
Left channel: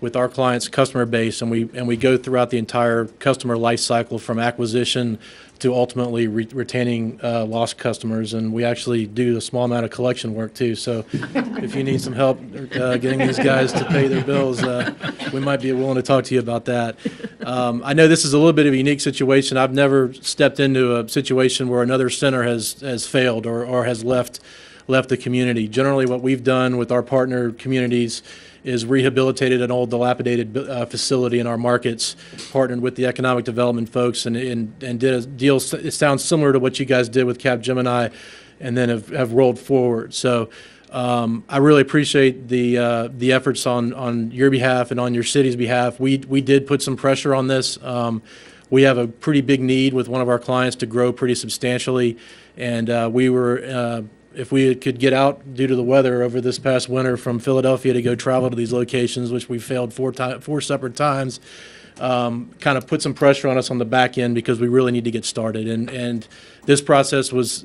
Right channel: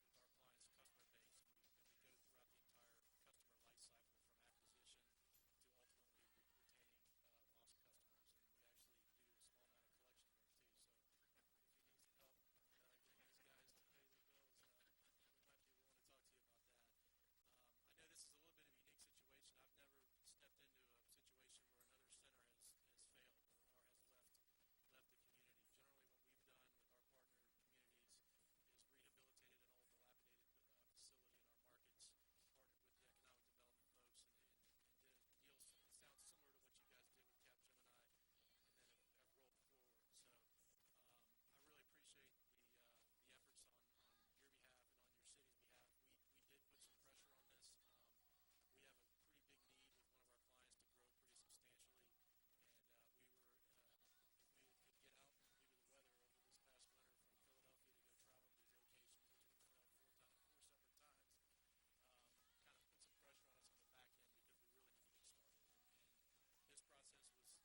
with our clients' customer base, and we go throughout the entire customer life cycle from acquisition to ultimately retaining lost customers. And we actually do a small amount of collection work too. So if you need some help getting these guys to pay their bills, we might be willing to talk to you about that. I know this is a little bit of a unique situation. I've never stepped into a situation where another center has failed or has left the community. Generally, what we've done with our partner communities is rehabilitated an old dilapidated facility in our markets, partnered with the economic development folks, and did a deal. It sounds similar to what you guys did with Capgemini, and then have rolled forward. So I really appreciate the efforts on your behalf and on your city's behalf. We did put some pressure on this. We have a pretty big need with one of our clients to grow pretty substantially, and we were. If we could get out due to the weather over this past winter from Philadelphia to go travel to these locations, which we failed four separate times, kind of put some pressure on us on the back end because we really need to get started. And this process was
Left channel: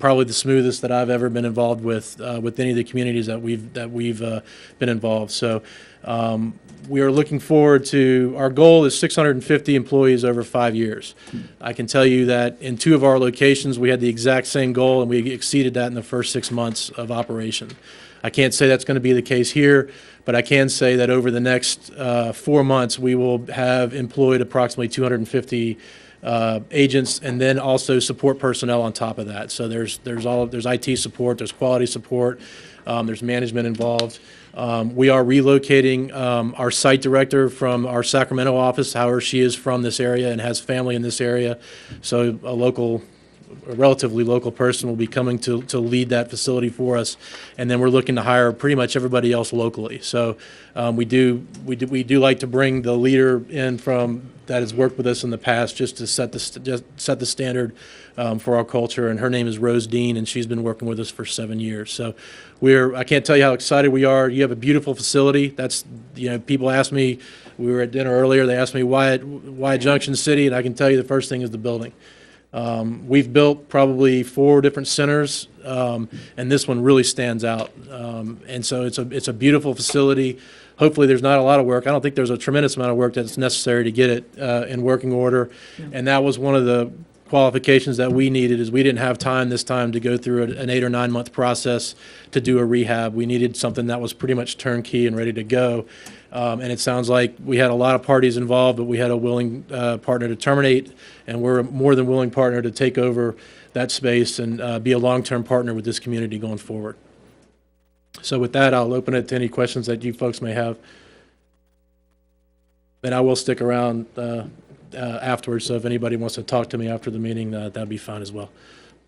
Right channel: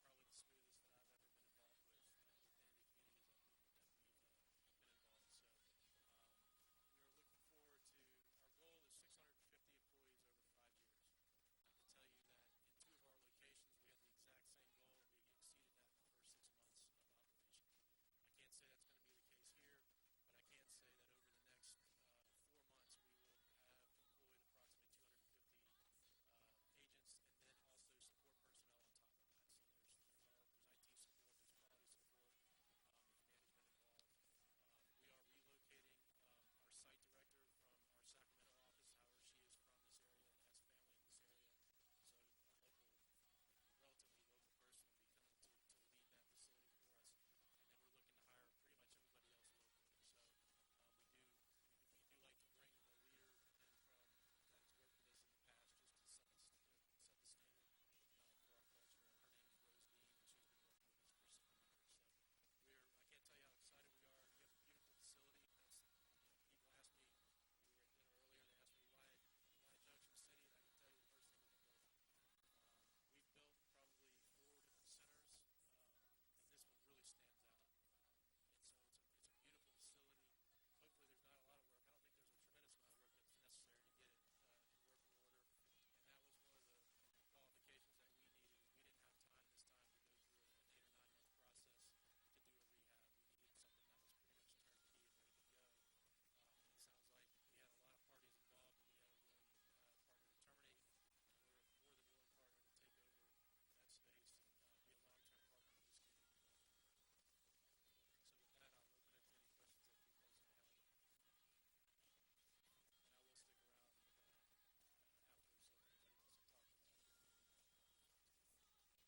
probably the smoothest that I've ever been involved with any of the communities that we've been involved. So we are looking forward to, our goal is 650 employees over 5 years. I can tell you that in 2 of our locations, we had the exact same goal, and we exceeded that in the first 6 months of operation. I can't say that's going to be the case here, but I can say that over the next 4 months, we will have employed approximately 250 agents, and then also support personnel on top of that. So there's IT support, there's quality support, there's management involved. We are relocating our site director from our Sacramento office. However, she is from this area and has family in this area, so a relatively local person will be coming to lead that facility for us. And then we're looking to hire pretty much everybody else locally. So we do like to bring the leader in from that has worked with us in the past, just to set the standard for our culture. And her name is Rose Dean, and she's been working with us for 7 years. So I can't tell you how excited we are. You have a beautiful facility. People ask me, we were at dinner earlier, they asked me why Junction City, and I can tell you the first thing is the building. We've built probably 4 different centers, and this one really stands out. And so it's a beautiful facility. Hopefully there's not a lot of work. I don't think there's a tremendous amount of work that's necessary to get it in working order. And that was one of the qualifications that we needed, is we didn't have time this time to go through an 8 or 9 month process to do a rehab. We needed something that was pretty much turnkey and ready to go. And it sounds like we had a lot of parties involved, but we had a willing partner to terminate, and we're a more than willing partner to take over that space and be a long-term partner with this community going forward. So with that, I'll open it to any questions that you folks may have. And I will stick around afterwards, so if anybody wants to talk to me after the meeting, that'd be fine as well.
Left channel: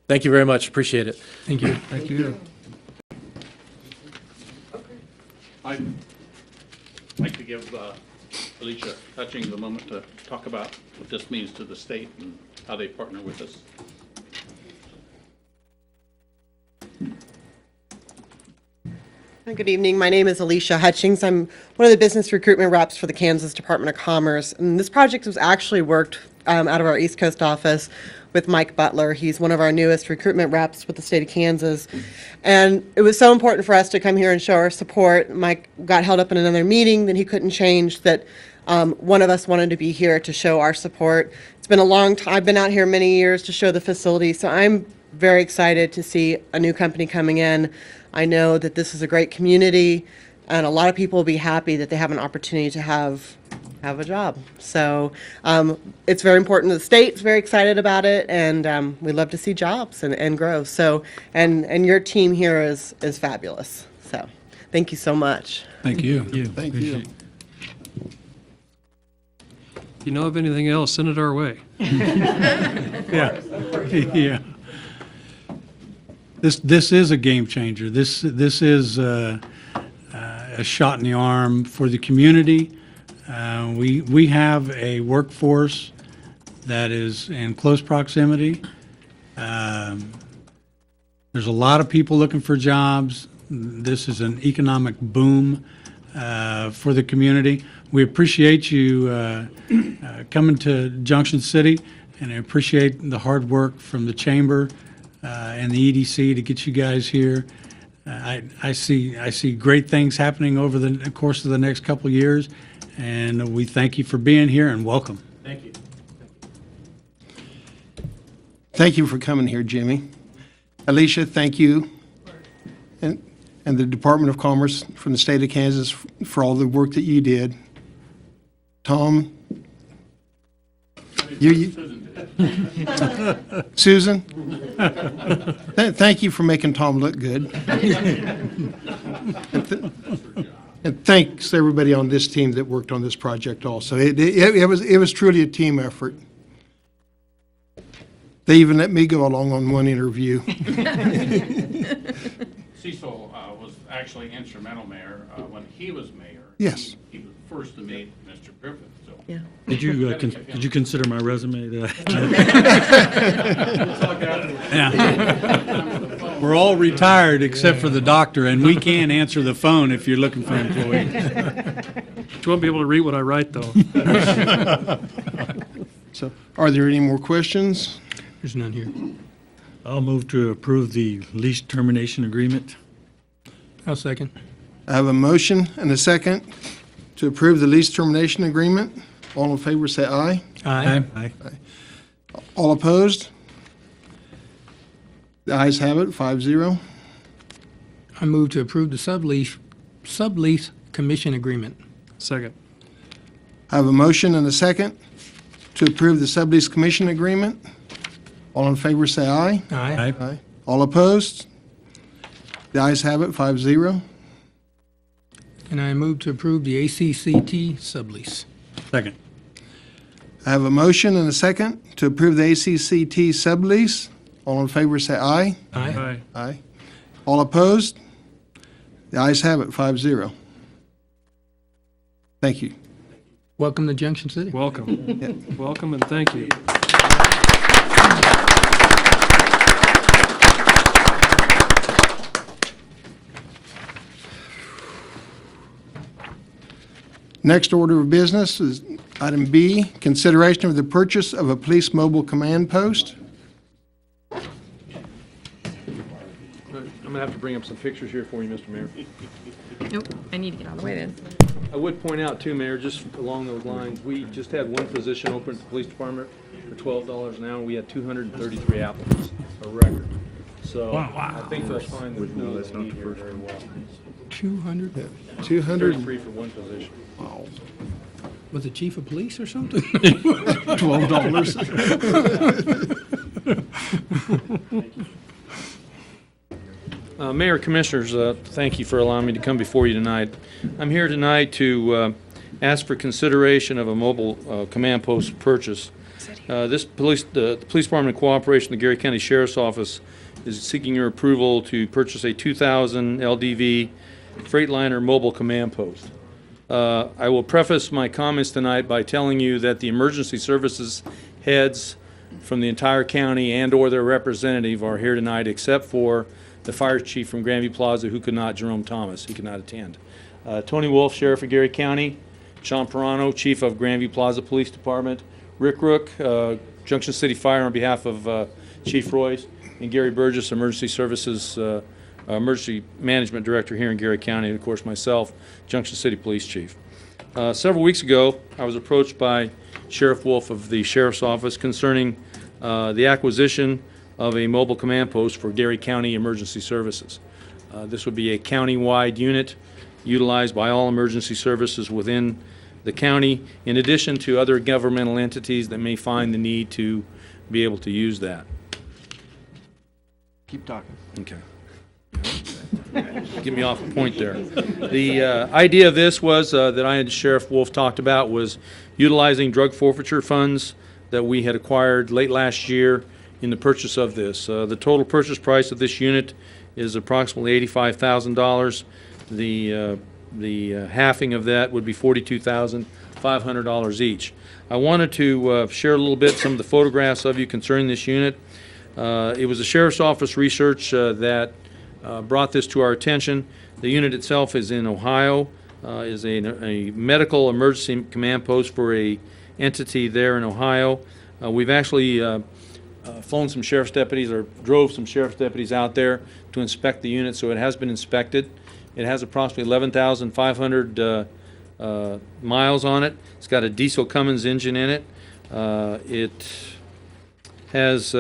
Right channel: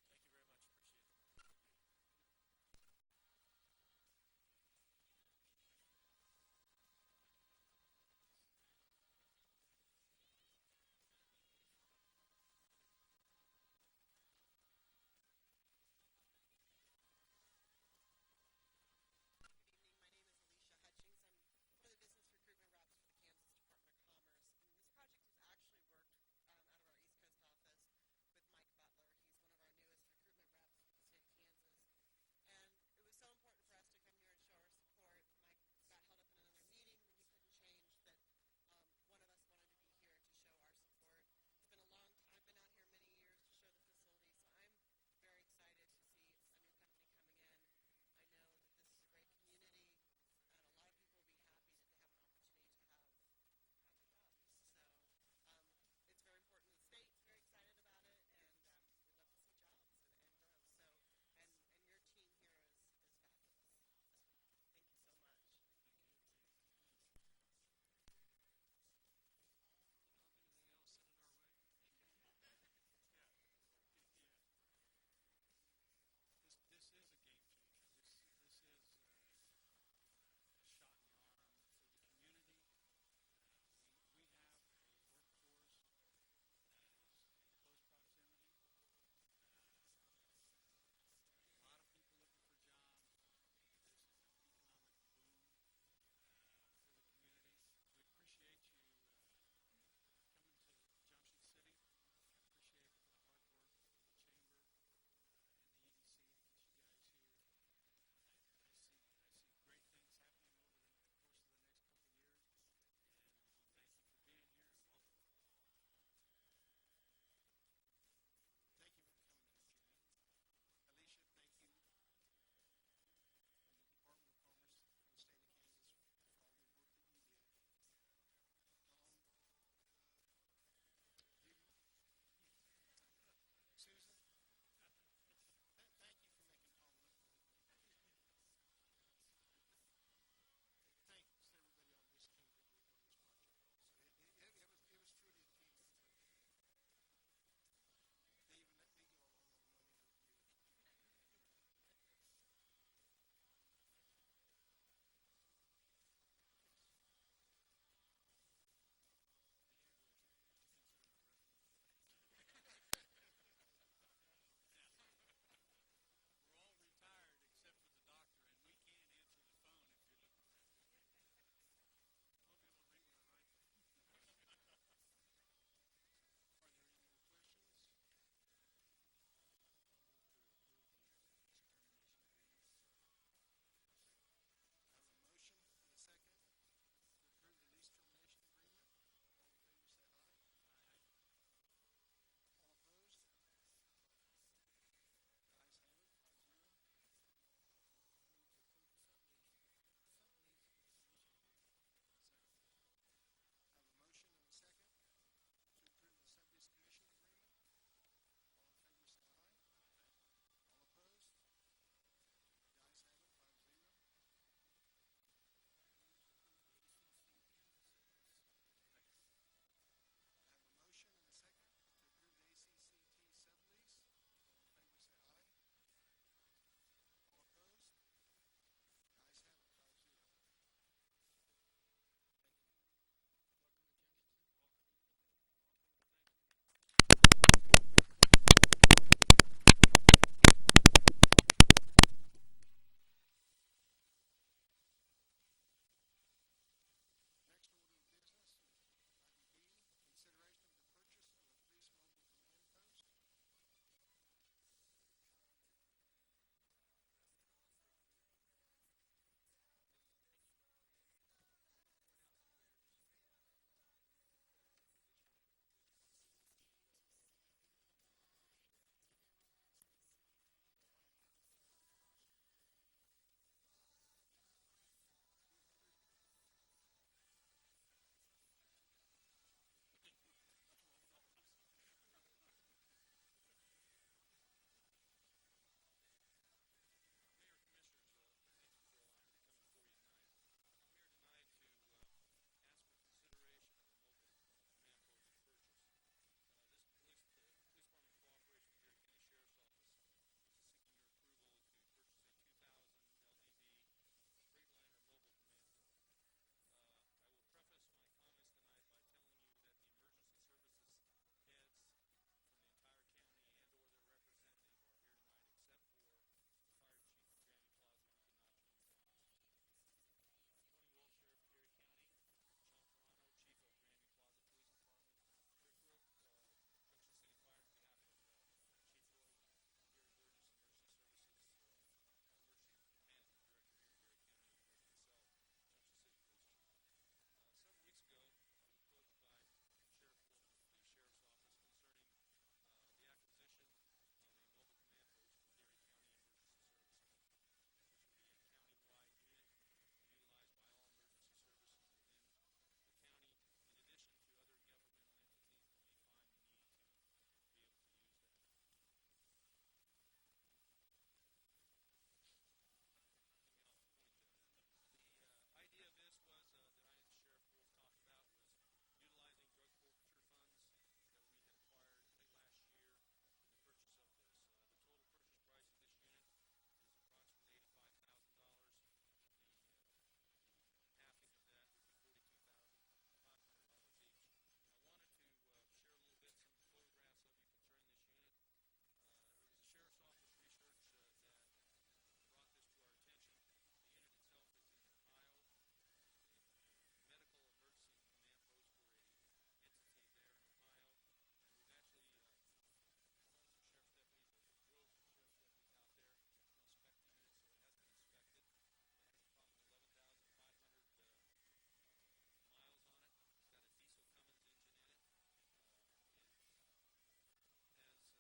Thank you very much. Appreciate it. Thank you. Thank you. I'd like to give Alicia Hutchings a moment to talk about what this means to the state and how they partner with us. Good evening. My name is Alicia Hutchings. I'm one of the business recruitment reps for the Kansas Department of Commerce. And this project was actually worked out of our East Coast office with Mike Butler. He's one of our newest recruitment reps with the state of Kansas. And it was so important for us to come here and show our support. Mike got held up in another meeting that he couldn't change, that one of us wanted to be here to show our support. It's been a long time. I've been out here many years to show the facility, so I'm very excited to see a new company coming in. I know that this is a great community, and a lot of people will be happy that they have an opportunity to have a job. So it's very important to the state. It's very excited about it, and we love to see jobs and grow. So and your team here is fabulous. So thank you so much. Thank you. Thank you. If you know of anything else, send it our way. Yeah. Yeah. This is a game changer. This is a shot in the arm for the community. We have a workforce that is in close proximity. There's a lot of people looking for jobs. This is an economic boom for the community. We appreciate you coming to Junction City, and I appreciate the hard work from the chamber and the EDC to get you guys here. I see great things happening over the course of the next couple of years, and we thank you for being here and welcome. Thank you. Thank you for coming here, Jimmy. Alicia, thank you. And the Department of Commerce from the state of Kansas for all the work that you did. Tom? Susan? Thank you for making Tom look good. And thanks to everybody on this team that worked on this project also. It was truly a team effort. They even let me go along on one interview. Cecil was actually instrumental, Mayor, when he was mayor. Yes. He was first to meet Mr. Griffith, so. Yeah. Did you consider my resume? Yeah. We're all retired except for the doctor, and we can answer the phone if you're looking for employees. You won't be able to read what I write, though. So, are there any more questions? There's none here. I'll move to approve the lease termination agreement. I'll second. I have a motion and a second to approve the lease termination agreement. All in favor, say aye. Aye. All opposed? The ayes have it, 5-0. I move to approve the sublease commission agreement. Second. I have a motion and a second to approve the sublease commission agreement. All in favor, say aye. Aye. Aye. All opposed? The ayes have it, 5-0. And I move to approve the ACCT sublease. Second. I have a motion and a second to approve the ACCT sublease. All in favor, say aye. Aye. Aye. All opposed? The ayes have it, 5-0. Thank you. Welcome to Junction City. Welcome. Welcome and thank you. Next order of business is item B, consideration of the purchase of a police mobile command post. I'm going to have to bring up some pictures here for you, Mr. Mayor. Nope, I need to get out of the way then. I would point out too, Mayor, just along those lines, we just had one position open at the police department for $12 an hour. We had 233 applicants, a record. So I think they'll find the pool that we need here very well. 200? 200. 33 for one position. Wow. Was it chief of police or something? $12. Mayor, Commissioners, thank you for allowing me to come before you tonight. I'm here tonight to ask for consideration of a mobile command post purchase. The police department in cooperation with the Gary County Sheriff's Office is seeking your approval to purchase a 2000 LDV Freightliner mobile command post. I will preface my comments tonight by telling you that the emergency services heads from the entire county and/or their representative are here tonight, except for the fire chief from Grandview Plaza, who could not, Jerome Thomas, he could not attend. Tony Wolf, Sheriff of Gary County, Sean Perrano, Chief of Grandview Plaza Police Department, Rick Rook, Junction City Fire on behalf of Chief Royce, and Gary Burgess, Emergency Services Emergency Management Director here in Gary County, and of course myself, Junction City Police Chief. Several weeks ago, I was approached by Sheriff Wolf of the Sheriff's Office concerning the acquisition of a mobile command post for Gary County Emergency Services. This would be a county-wide unit utilized by all emergency services within the county, in addition to other governmental entities that may find the need to be able to use that. Keep talking. Okay. Get me off a point there. The idea of this was that I and Sheriff Wolf talked about was utilizing drug forfeiture funds that we had acquired late last year in the purchase of this. The total purchase price of this unit is approximately $85,000. The halving of that would be $42,500 each. I wanted to share a little bit some of the photographs of you concerning this unit. It was the Sheriff's Office research that brought this to our attention. The unit itself is in Ohio. is a medical emergency command post for a entity there in Ohio. We've actually flown some sheriff's deputies, or drove some sheriff's deputies out there to inspect the unit, so it has been inspected. It has approximately 11,500 miles on it. It's got a diesel Cummins engine in it. It has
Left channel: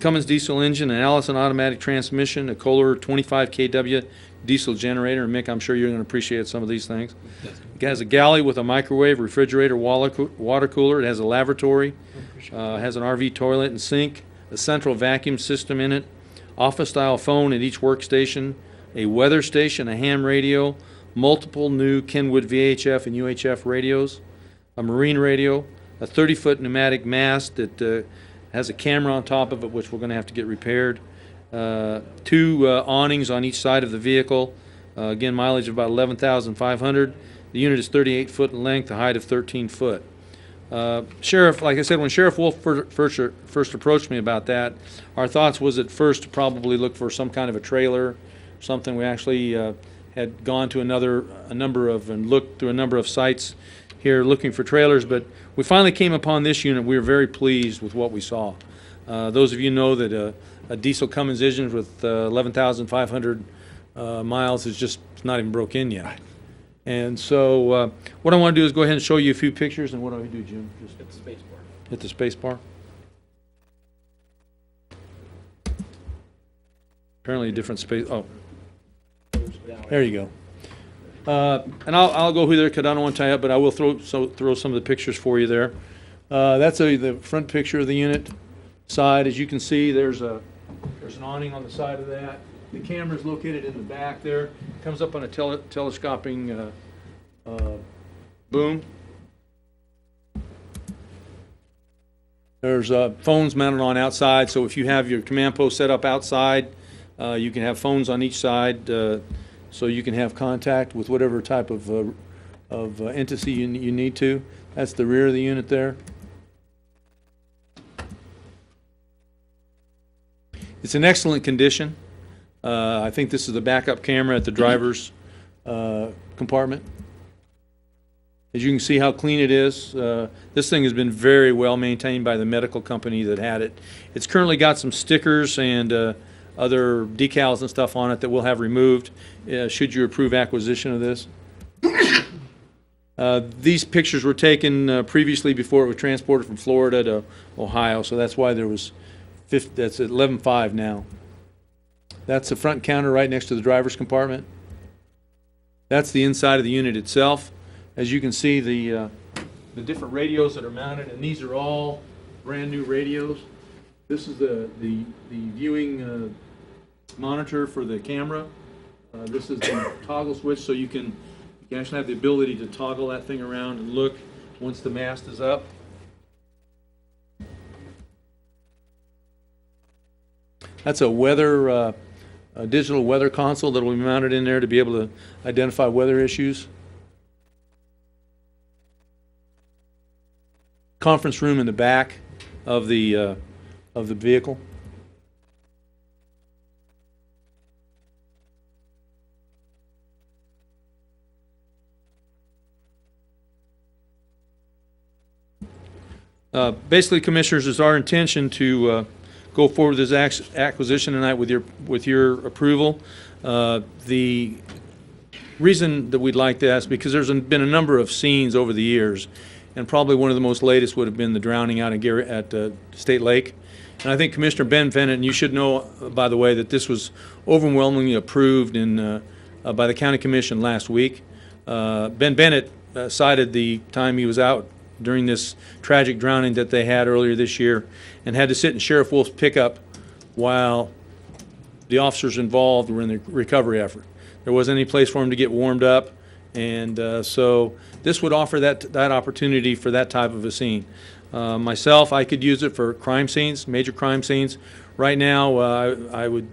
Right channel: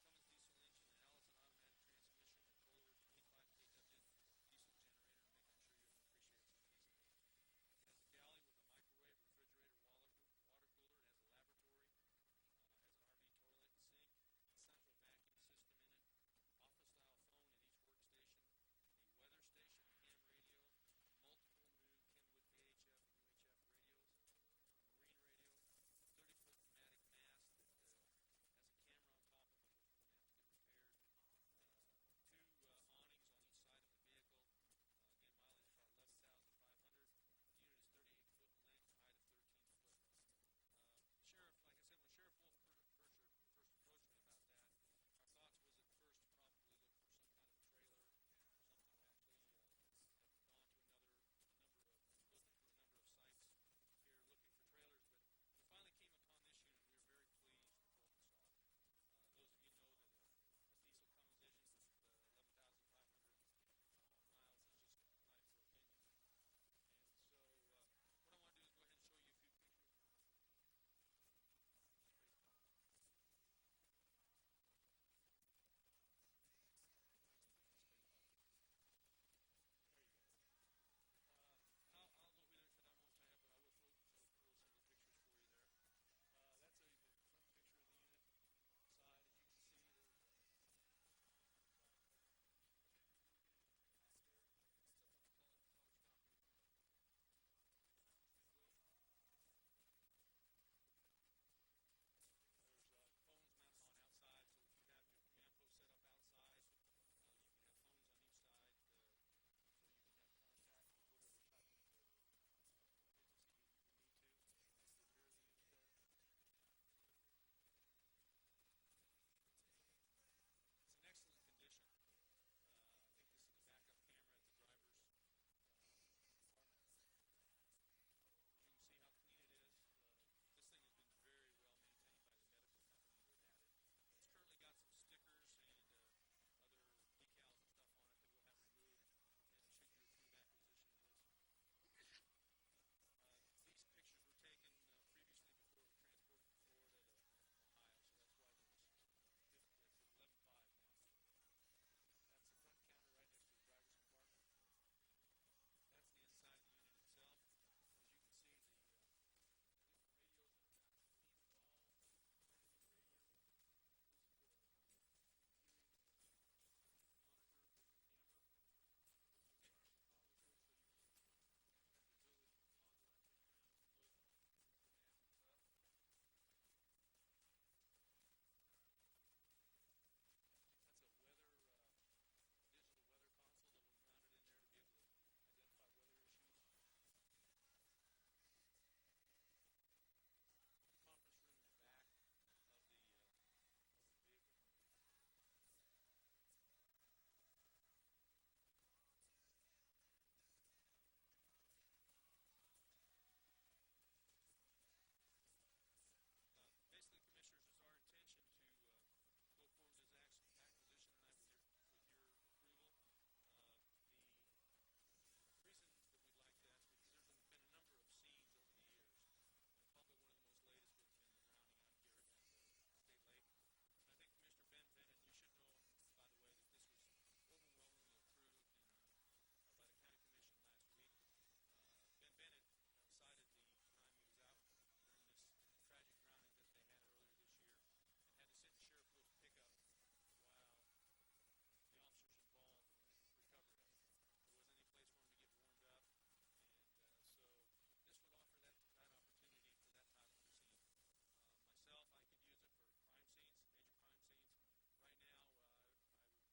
Cummins diesel engine, an Allison automatic transmission, a Kohler 25 kW diesel generator. And Mick, I'm sure you're going to appreciate some of these things. It has a galley with a microwave, refrigerator, water cooler. It has a lavatory, has an RV toilet and sink, a central vacuum system in it, office-style phone at each workstation, a weather station, a ham radio, multiple new Kenwood VHF and UHF radios, a marine radio, a 30-foot pneumatic mast that has a camera on top of it, which we're going to have to get repaired, two awnings on each side of the vehicle, again, mileage of about 11,500. The unit is 38 foot in length, a height of 13 foot. Sheriff, like I said, when Sheriff Wolf first approached me about that, our thoughts was at first to probably look for some kind of a trailer, something. We actually had gone to and looked through a number of sites here looking for trailers, but we finally came upon this unit. We were very pleased with what we saw. Those of you know that a diesel Cummins engine with 11,500 miles is just not even broke in yet. And so what I want to do is go ahead and show you a few pictures. And what do I do, Jim? Just hit the space bar. Hit the space bar. Apparently a different space. Oh, there you go. And I'll go through there because I don't want to tie up, but I will throw some of the pictures for you there. That's the front picture of the unit side. As you can see, there's an awning on the side of that. The camera is located in the back there. It comes up on a telescoping boom. There's phones mounted on outside, so if you have your command post set up outside, you can have phones on each side, so you can have contact with whatever type of entity you need to. That's the rear of the unit there. It's in excellent condition. I think this is the backup camera at the driver's compartment. As you can see how clean it is. This thing has been very well maintained by the medical company that had it. It's currently got some stickers and other decals and stuff on it that we'll have removed should you approve acquisition of this. These pictures were taken previously before it was transported from Florida to Ohio, so that's why there was that's at 11.5 now. That's the front counter right next to the driver's compartment. That's the inside of the unit itself. As you can see, the different radios that are mounted, and these are all brand new radios. This is the viewing monitor for the camera. This is the toggle switch, so you can actually have the ability to toggle that thing around and look once the mast is up. That's a digital weather console that will be mounted in there to be able to identify weather issues. Conference room in the back of the vehicle. Basically, Commissioners, it's our intention to go forward with this acquisition tonight with your approval. The reason that we'd like that is because there's been a number of scenes over the years, and probably one of the most latest would have been the drowning out at State Lake. And I think Commissioner Ben Bennett, and you should know, by the way, that this was overwhelmingly approved by the County Commission last week. Ben Bennett cited the time he was out during this tragic drowning that they had earlier this year and had to sit in Sheriff Wolf's pickup while the officers involved were in the recovery effort. There wasn't any place for him to get warmed up, and so this would offer that opportunity for that type of a scene. Myself, I could use it for crime scenes, major crime scenes. Right now, I would,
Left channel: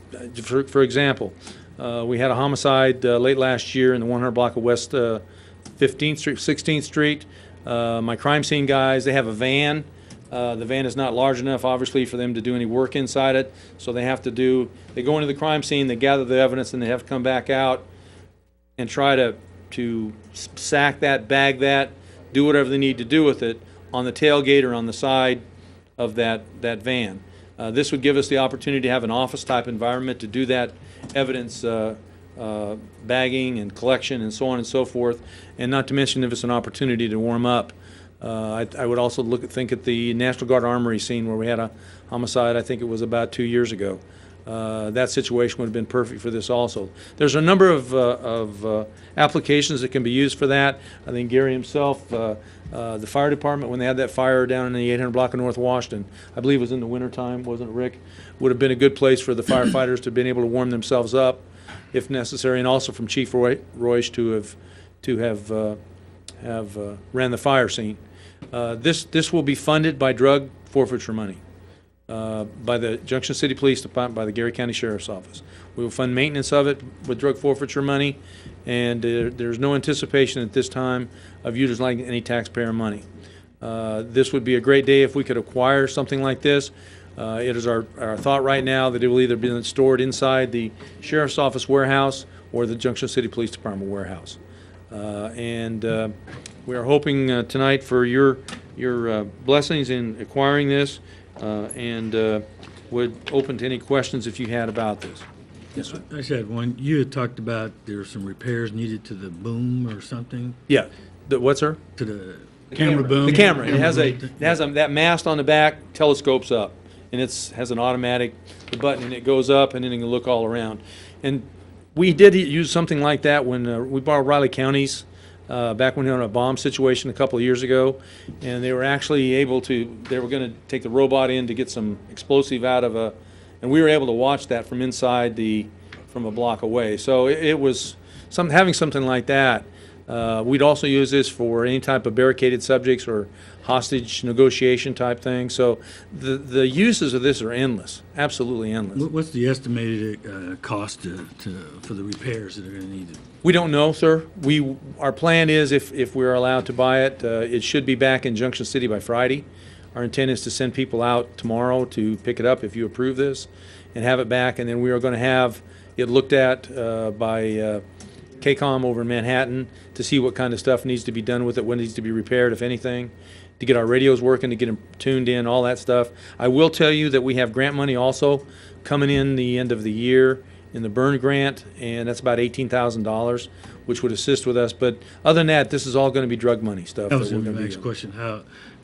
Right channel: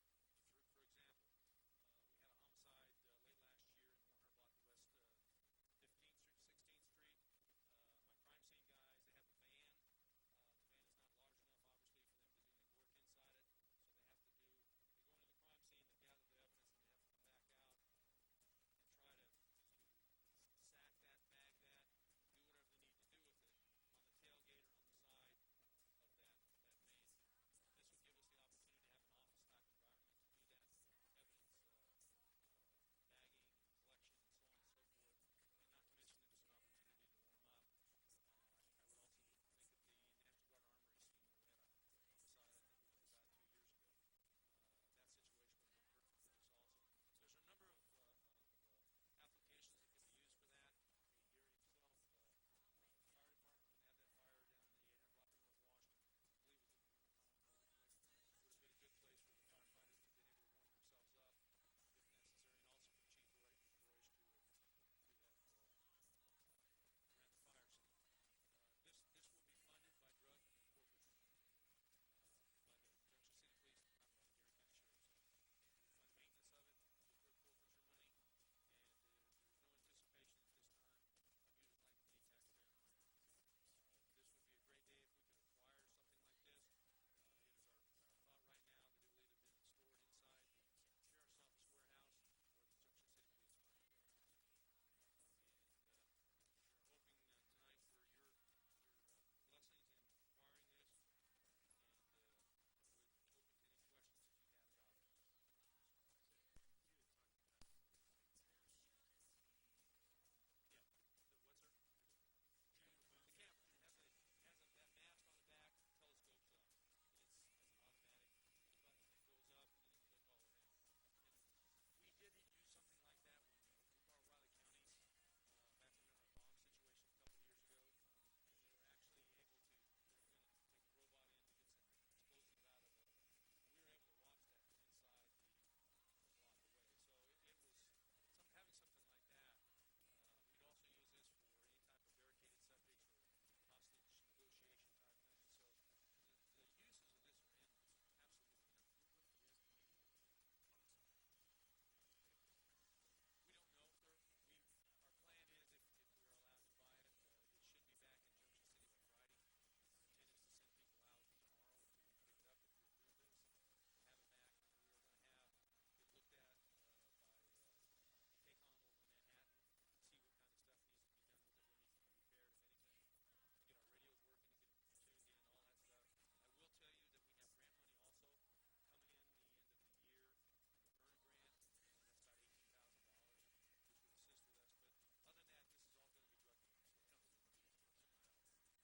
for example, we had a homicide late last year in the 100 block of West 15th Street, 16th Street. My crime scene guys, they have a van. The van is not large enough, obviously, for them to do any work inside it. So they go into the crime scene, they gather the evidence, and they have to come back out, and try to sack that, bag that, do whatever they need to do with it on the tailgate or on the side of that van. This would give us the opportunity to have an office-type environment to do that evidence bagging and collection and so on and so forth, and not to mention if it's an opportunity to warm up. I would also think at the National Guard Armory scene where we had a homicide, I think it was about 2 years ago. That situation would have been perfect for this also. There's a number of applications that can be used for that. I think Gary himself, the fire department, when they had that fire down in the 800 block of North Washington, I believe it was in the wintertime, wasn't it, Rick? Would have been a good place for the firefighters to have been able to warm themselves up if necessary, and also from Chief Royce to have ran the fire scene. This will be funded by drug forfeiture money, by the Junction City Police Department, by the Gary County Sheriff's Office. We will fund maintenance of it with drug forfeiture money, and there's no anticipation at this time of utilizing any taxpayer money. This would be a great day if we could acquire something like this. It is our thought right now that it will either be stored inside the Sheriff's Office warehouse or the Junction City Police Department warehouse. We are hoping tonight for your blessings in acquiring this, and would open to any questions if you had about this. Yes, sir. I just had one. You had talked about there were some repairs needed to the boom or something, Yeah. What, sir? to the Camera boom. The camera. It has that mast on the back, telescopes up, and has an automatic button, and it goes up, and then it can look all around. And we did use something like that when we borrowed Riley County's back when we were in a bomb situation a couple of years ago, and they were actually able to. They were going to take the robot in to get some explosive out of and we were able to watch that from inside from a block away. So it was having something like that. We'd also use this for any type of barricaded subjects or hostage negotiation type thing. So the uses of this are endless, absolutely endless. what's the estimated cost for the repairs that are going to need? We don't know, sir. Our plan is if we're allowed to buy it, it should be back in Junction City by Friday. Our intent is to send people out tomorrow to pick it up if you approve this and have it back. And then we are going to have it looked at by KCOM over in Manhattan to see what kind of stuff needs to be done with it, what needs to be repaired, if anything, to get our radios working, to get them tuned in, all that stuff. I will tell you that we have grant money also coming in the end of the year in the burn grant, and that's about $18,000, which would assist with us. But other than that, this is all going to be drug money stuff. That was we're my gonna be next doing. question.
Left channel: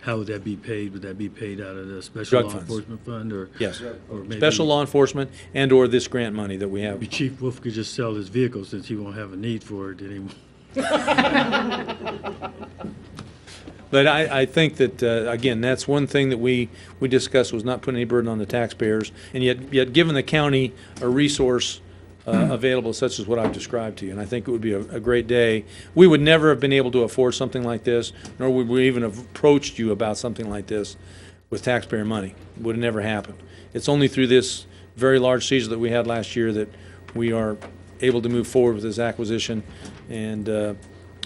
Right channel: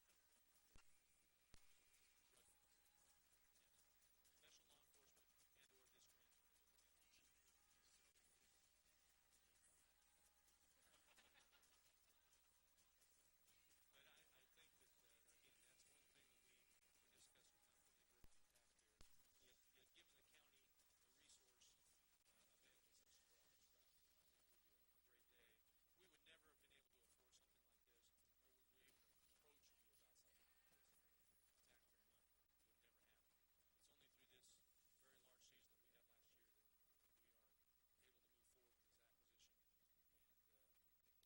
How would that be paid? Would that be paid out of the special Drug law funds. enforcement fund, or Yes. or maybe Special law enforcement and/or this grant money that we have. maybe Chief Wolf could just sell his vehicle since he won't have a need for it anymore? But I think that, again, that's one thing that we discussed, was not putting any burden on the taxpayers, and yet giving the county a resource available such as what I've described to you. And I think it would be a great day. We would never have been able to afford something like this, nor would we even have approached you about something like this with taxpayer money. It would have never happened. It's only through this very large seizure that we had last year that we are able to move forward with this acquisition. And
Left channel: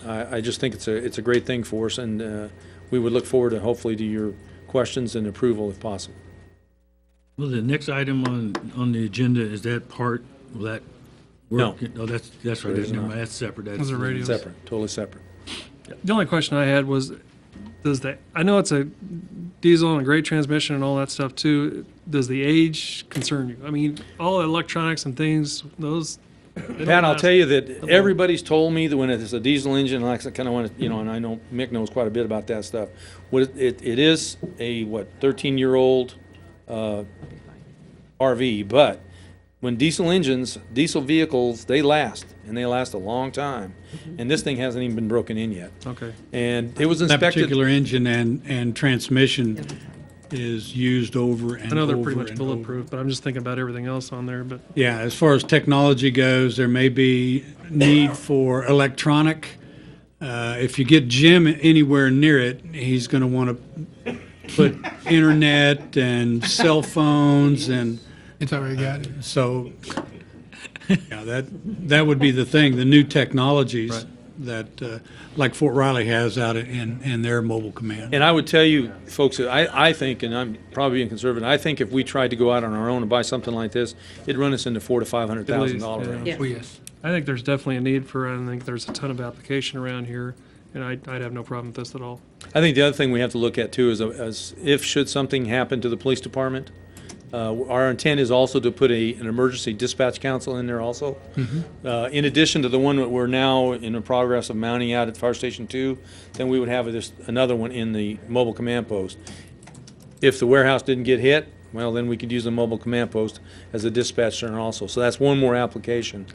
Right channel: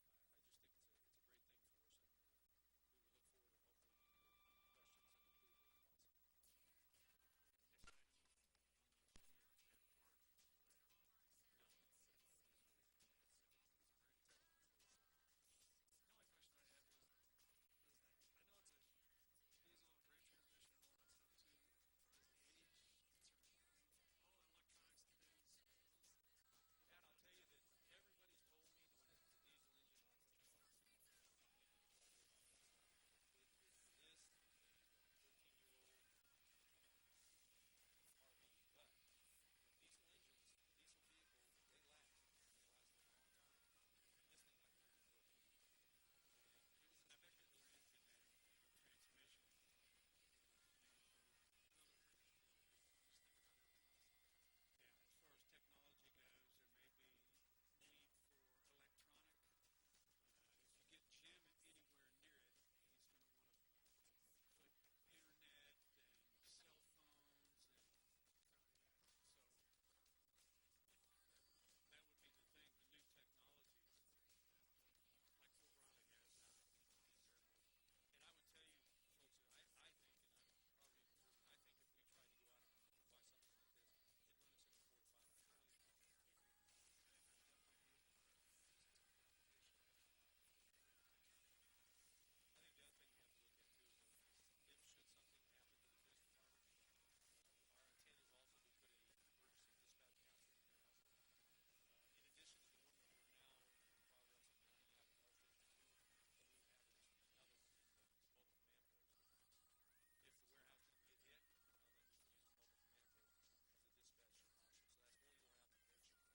I just think it's a great thing for us, and we would look forward to hopefully to your questions and approval if possible. Well, the next item on the agenda, is that part, will that No. work? No, that's right, It is never not. mind, that's separate. Those are radios. Separate, totally separate. The only question I had was, I know it's a diesel and a great transmission and all that stuff too. Does the age concern you? I mean, all electronics and things, those. they don't Pat, I'll last tell you that that long. everybody's told me that when it's a diesel engine, I kind of want to, and I know Mick knows quite a bit about that stuff. It is a 13-year-old RV, but when diesel vehicles, they last, and they last a long time. And this thing hasn't even been broken in yet. Okay. And it was That inspected. particular engine and transmission is used over and over. I know they're pretty much and over. bulletproof, but I'm just thinking about everything else on there, but. Yeah, as far as technology goes, there may be need for electronic. If you get Jim anywhere near it, he's going to want to put internet and cell phones, and It's already got it. so yeah, that would be the thing. The new technologies that like Fort Riley has out in their mobile command. And I would tell you, folks, that I think, and I'm probably being conservative, I think if we tried to go out on our own and buy something like this, it'd run us into $400,000 to $500,000 range. Yeah. Oh, yes. I think there's definitely a need for it. I think there's a ton of application around here, and I'd have no problem with this at all. I think the other thing we have to look at too is, if should something happen to the police department, our intent is also to put an emergency dispatch council in there also. In addition to the one that we're now in the progress of mounting out at Fire Station 2, then we would have another one in the mobile command post. If the warehouse didn't get hit, well, then we could use the mobile command post as a dispatch center also. So that's one more application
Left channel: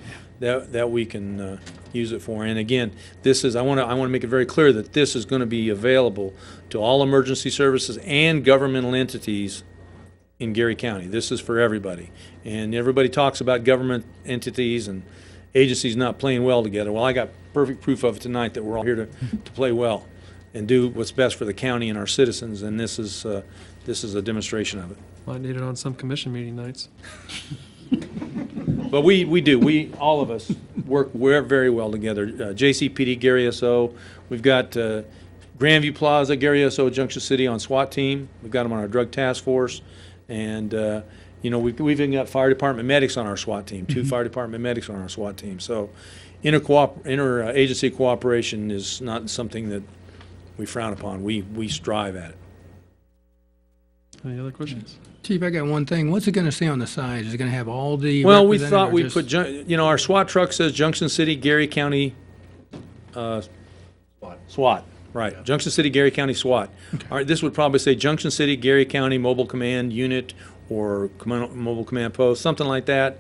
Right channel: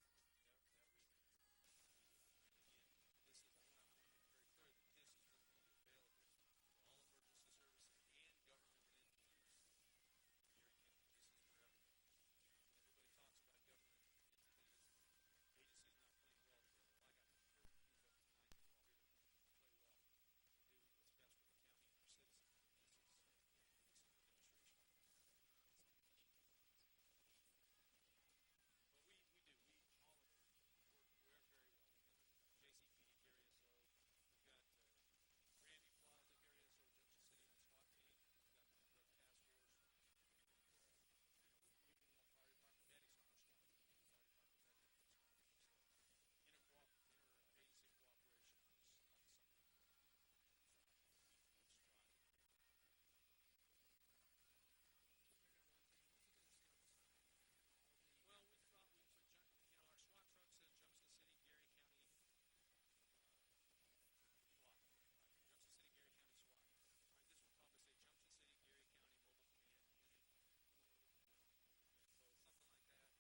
that we can use it for. And again, I want to make it very clear that this is going to be available to all emergency services and governmental entities in Gary County. This is for everybody. And everybody talks about government entities and agencies not playing well together. Well, I got perfect proof of it tonight that we're all here to play well and do what's best for the county and our citizens, and this is a demonstration of it. Might need it on some commission meeting nights. But we do. All of us work very well together. JCPD, Gary SO. We've got Grandview Plaza, Gary SO, Junction City on SWAT team. We've got them on our drug task force. And, we've even got fire department medics on our SWAT team, 2 fire department medics on our SWAT team. So interagency cooperation is not something that we frown upon. We strive at it. Any other questions? Chief, I got one thing. What's it going to say on the side? Is it going to have all the Well, we represented thought or we'd just- put, our SWAT truck says Junction City, Gary County, SWAT, right. Junction City, Gary County SWAT. All right, this would probably say Junction City, Gary County Mobile Command Unit or Mobile Command Post, something like that.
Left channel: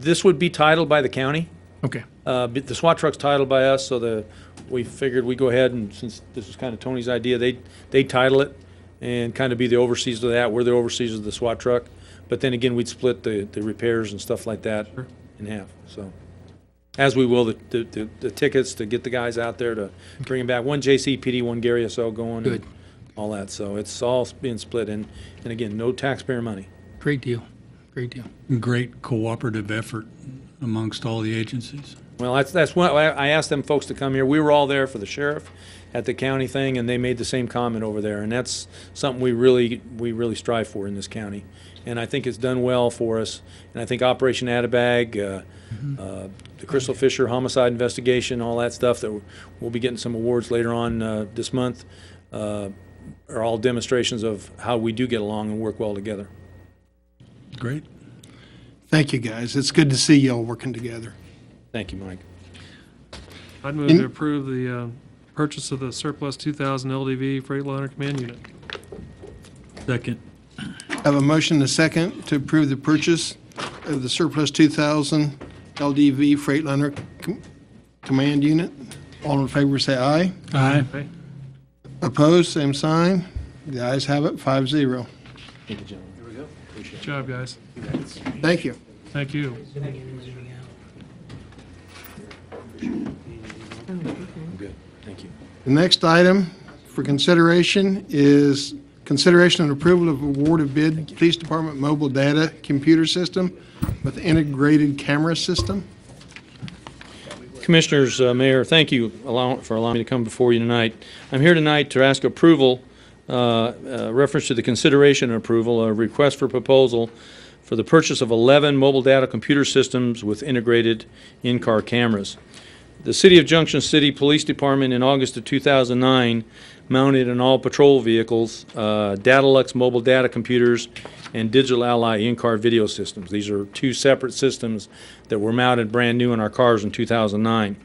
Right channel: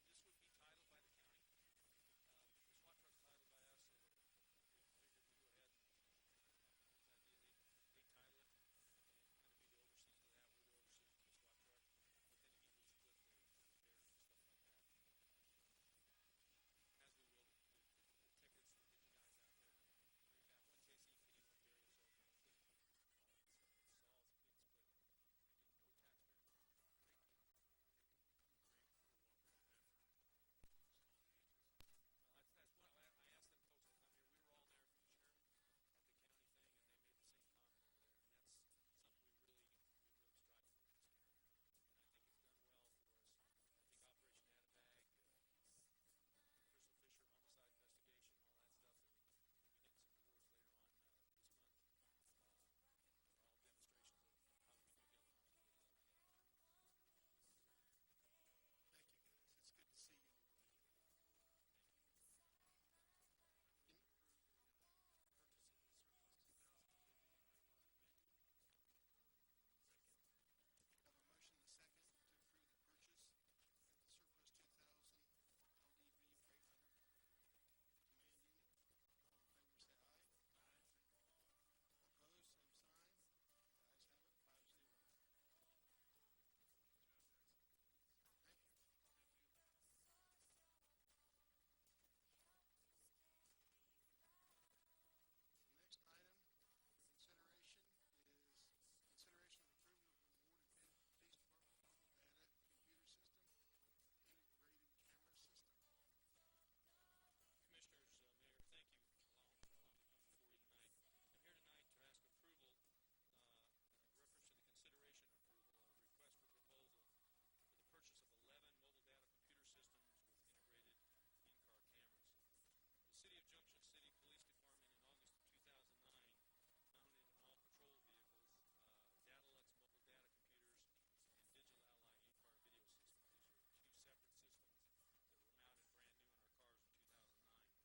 This would be titled by the county. Okay. But the SWAT truck's titled by us, so we figured we'd go ahead and, since this was kind of Tony's idea, they title it and kind of be the overseers of that. We're the overseers of the SWAT truck. But then again, we'd split the repairs and stuff like that in half, so. As we will the tickets to get the guys out there to bring them back. One JCPD, one Gary SO going. Good. And all that, so it's all being split, and again, no taxpayer money. Great deal. Great deal. Great cooperative effort amongst all the agencies. Well, that's what I asked them folks to come here. We were all there for the sheriff at the county thing, and they made the same comment over there, and that's something we really strive for in this county. And I think it's done well for us. And I think Operation Addabag, the Crystal Fisher homicide investigation, all that stuff that we'll be getting some awards later on this month, are all demonstrations of how we do get along and work well together. Great. Thank you, guys. It's good to see y'all working together. Thank you, Mike. I'd move to approve the purchase of the surplus 2000 LDV Freightliner Command Unit. Second. I have a motion and a second to approve the purchase of the surplus 2000 LDV Freightliner Command Unit. All in favor, say aye. Aye. Okay. Opposed, same sign. The ayes have it, 5-0. Thank you, gentlemen. Good job, guys. Thank you. Thank you. Good, thank you. The next item for consideration is consideration and approval of award of bid, Police Department Mobile Data Computer System with integrated camera system. Commissioners, Mayor, thank you for allowing me to come before you tonight. I'm here tonight to ask approval, reference to the consideration and approval, a request for proposal for the purchase of 11 mobile data computer systems with integrated in-car cameras. The City of Junction City Police Department in August of 2009 mounted in all patrol vehicles Datalux mobile data computers and Digital Ally in-car video systems. These are two separate systems that were mounted brand new in our cars in 2009.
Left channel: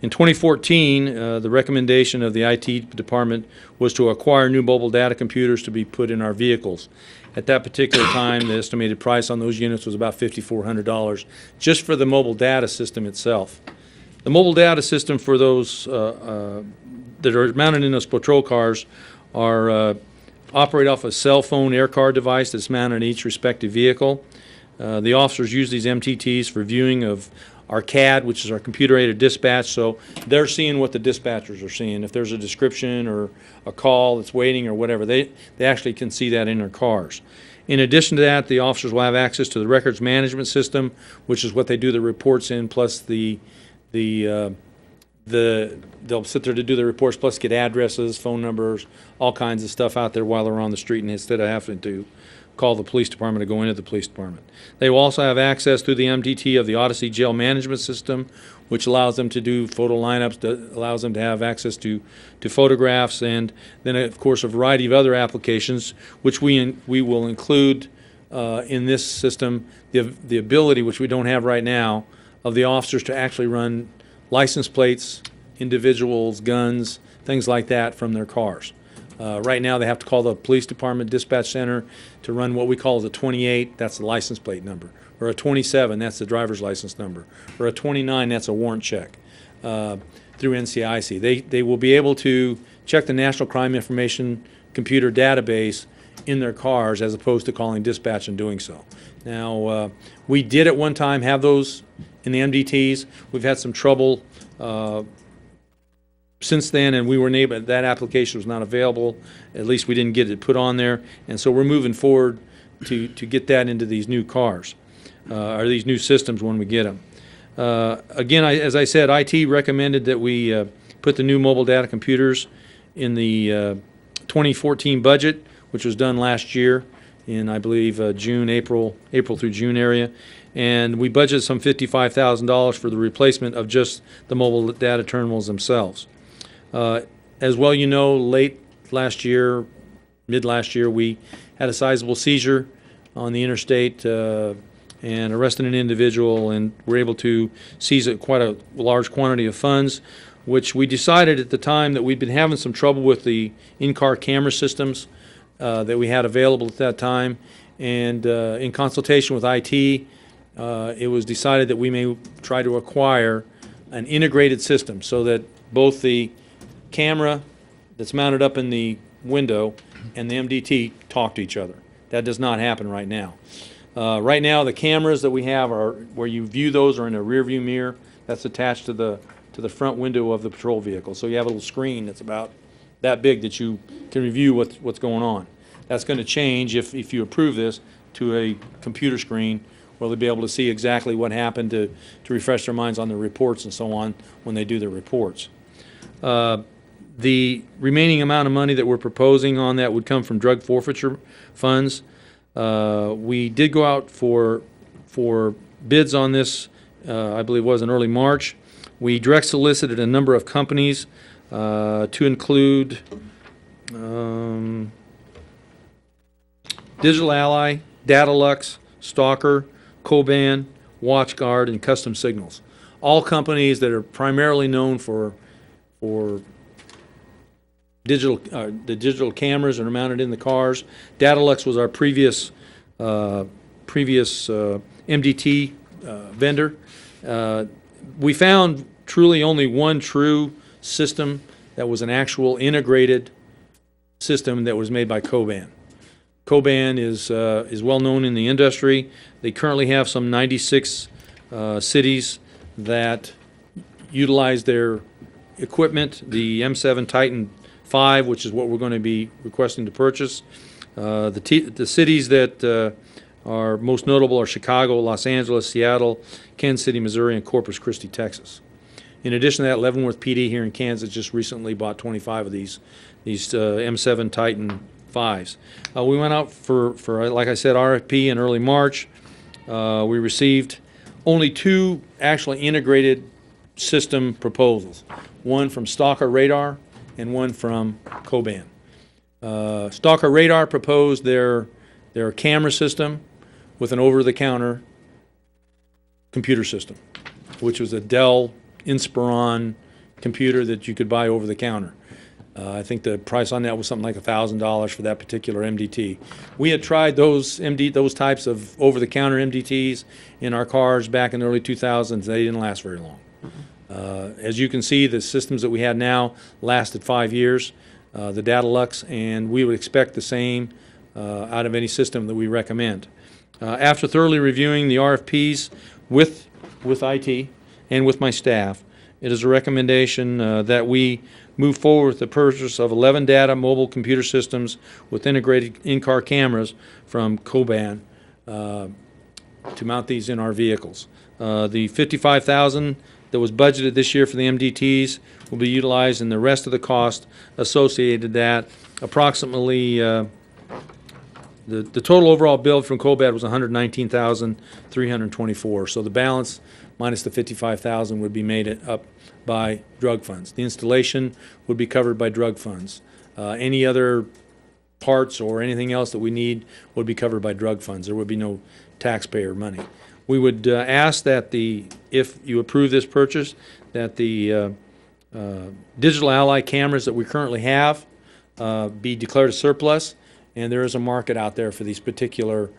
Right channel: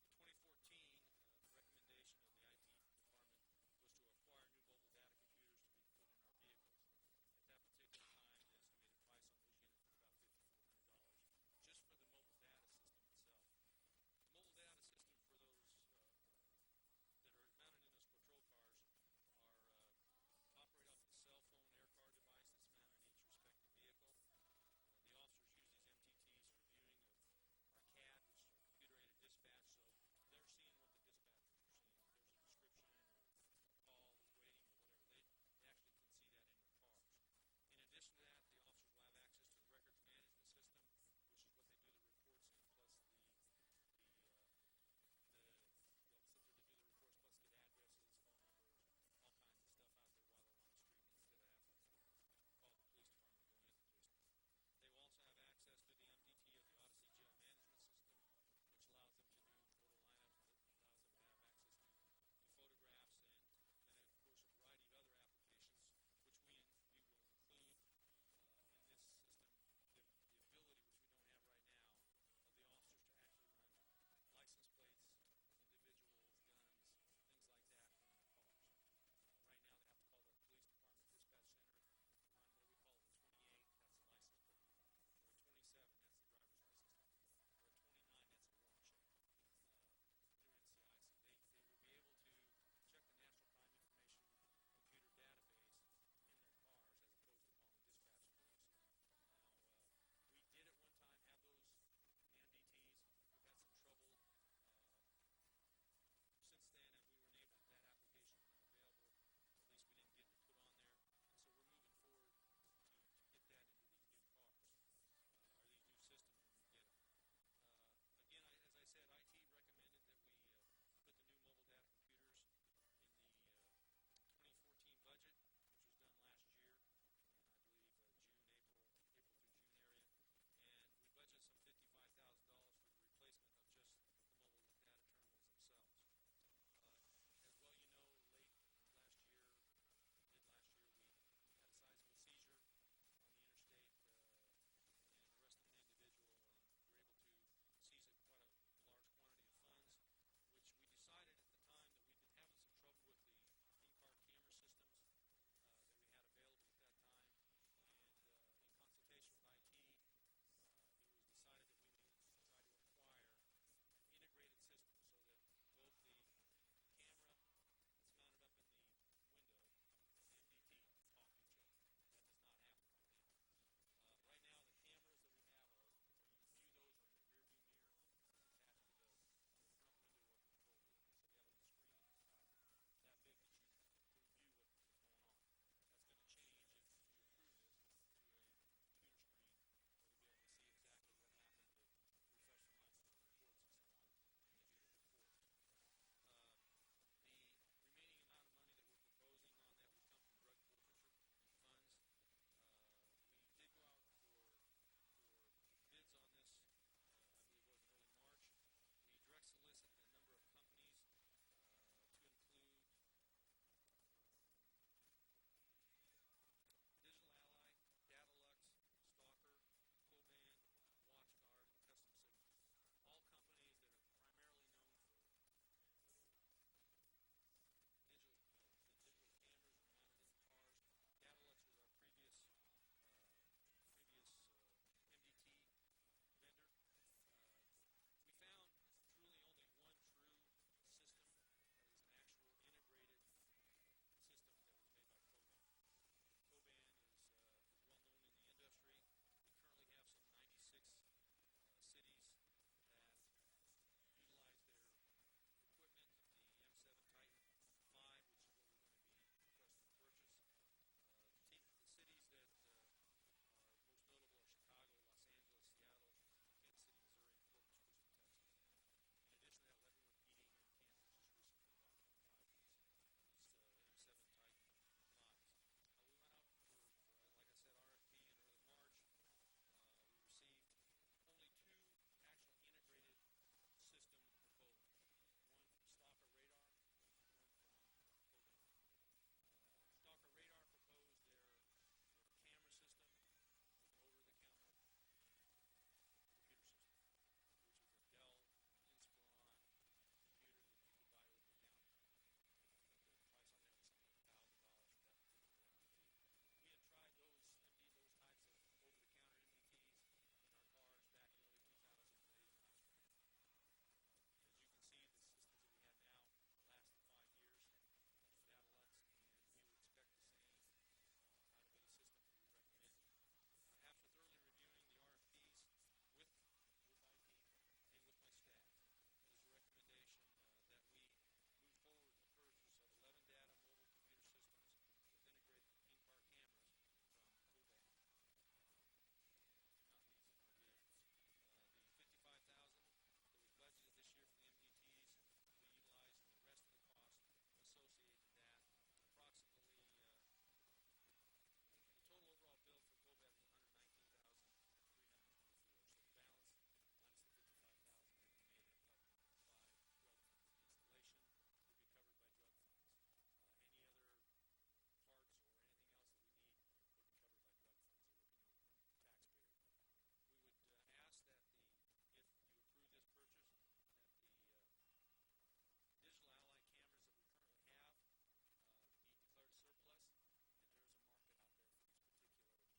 In 2014, the recommendation of the IT department was to acquire new mobile data computers to be put in our vehicles. At that particular time, the estimated price on those units was about $5,400 just for the mobile data system itself. The mobile data system for those that are mounted in those patrol cars are operate off a cell phone air card device that's mounted in each respective vehicle. The officers use these MTTs for viewing of our CAD, which is our computer-aided dispatch, so they're seeing what the dispatchers are seeing. If there's a description or a call that's waiting or whatever, they actually can see that in their cars. In addition to that, the officers will have access to the records management system, which is what they do the reports in, plus they'll sit there to do the reports, plus get addresses, phone numbers, all kinds of stuff out there while they're on the street, and instead of having to call the police department to go into the police department. They will also have access through the MDT of the Odyssey jail management system, which allows them to do photo lineups, that allows them to have access to photographs, and then, of course, a variety of other applications, which we will include in this system, the ability, which we don't have right now, of the officers to actually run license plates, individuals, guns, things like that from their cars. Right now, they have to call the police department dispatch center to run what we call the 28, that's the license plate number, or a 27, that's the driver's license number, or a 29, that's a warrant check through NCIC. They will be able to check the National Crime Information Computer database in their cars as opposed to calling dispatch and doing so. Now, we did at one time have those in the MDTs. We've had some trouble since then, and we were able, that application was not available. At least we didn't get it put on there, and so we're moving forward to get that into these new cars, or these new systems when we get them. Again, as I said, IT recommended that we put the new mobile data computers in the 2014 budget, which was done last year in, I believe, April through June area. And we budgeted some $55,000 for the replacement of just the mobile data terminals themselves. As well, you know, late last year, mid last year, we had a sizable seizure on the interstate and arrested an individual, and were able to seize quite a large quantity of funds, which we decided at the time that we'd been having some trouble with the in-car camera systems that we had available at that time. And in consultation with IT, it was decided that we may try to acquire an integrated system so that both the camera that's mounted up in the window and the MDT talk to each other. That does not happen right now. Right now, the cameras that we have are where you view those are in a rear view mirror that's attached to the front window of the patrol vehicle. So you have a little screen that's about that big that you can review what's going on. That's going to change if you approve this to a computer screen where they'll be able to see exactly what happened to refresh their minds on the reports and so on when they do their reports. The remaining amount of money that we're proposing on that would come from drug forfeiture funds. We did go out for bids on this, I believe it was in early March. We direct solicited a number of companies to include Digital Ally, Datalux, Stalker, Coban, WatchGuard, and Custom Signals. All companies that are primarily known for the digital cameras that are mounted in the cars. Datalux was our previous MDT vendor. We found truly only one true system that was an actual integrated system that was made by Coban. Coban is well known in the industry. They currently have some 96 cities that utilize their equipment. The M7 Titan 5, which is what we're going to be requesting to purchase. The cities that are most notable are Chicago, Los Angeles, Seattle, Kansas City, Missouri, and Corpus Christi, Texas. In addition to that, Leavenworth PD here in Kansas just recently bought 25 of these M7 Titan 5s. We went out for, like I said, RFP in early March. We received only two actually integrated system proposals, one from Stalker Radar and one from Coban. Stalker Radar proposed their camera system with an over-the-counter computer system, which was a Dell Inspiron computer that you could buy over the counter. I think the price on that was something like $1,000 for that particular MDT. We had tried those types of over-the-counter MDTs in our cars back in the early 2000s. They didn't last very long. As you can see, the systems that we had now lasted 5 years, the Datalux, and we would expect the same out of any system that we recommend. After thoroughly reviewing the RFPs with IT and with my staff, it is a recommendation that we move forward with the purchase of 11 data mobile computer systems with integrated in-car cameras from Coban to mount these in our vehicles. The $55,000 that was budgeted this year for the MDTs will be utilized in the rest of the cost associated with that. Approximately the total overall bill from COBAD was $119,324. So the balance minus the $55,000 would be made up by drug funds. The installation would be covered by drug funds. Any other parts or anything else that we need would be covered by drug funds. There would be no taxpayer money. We would ask that if you approve this purchase, that the Digital Ally cameras that we currently have be declared a surplus, and there is a market out there for these particular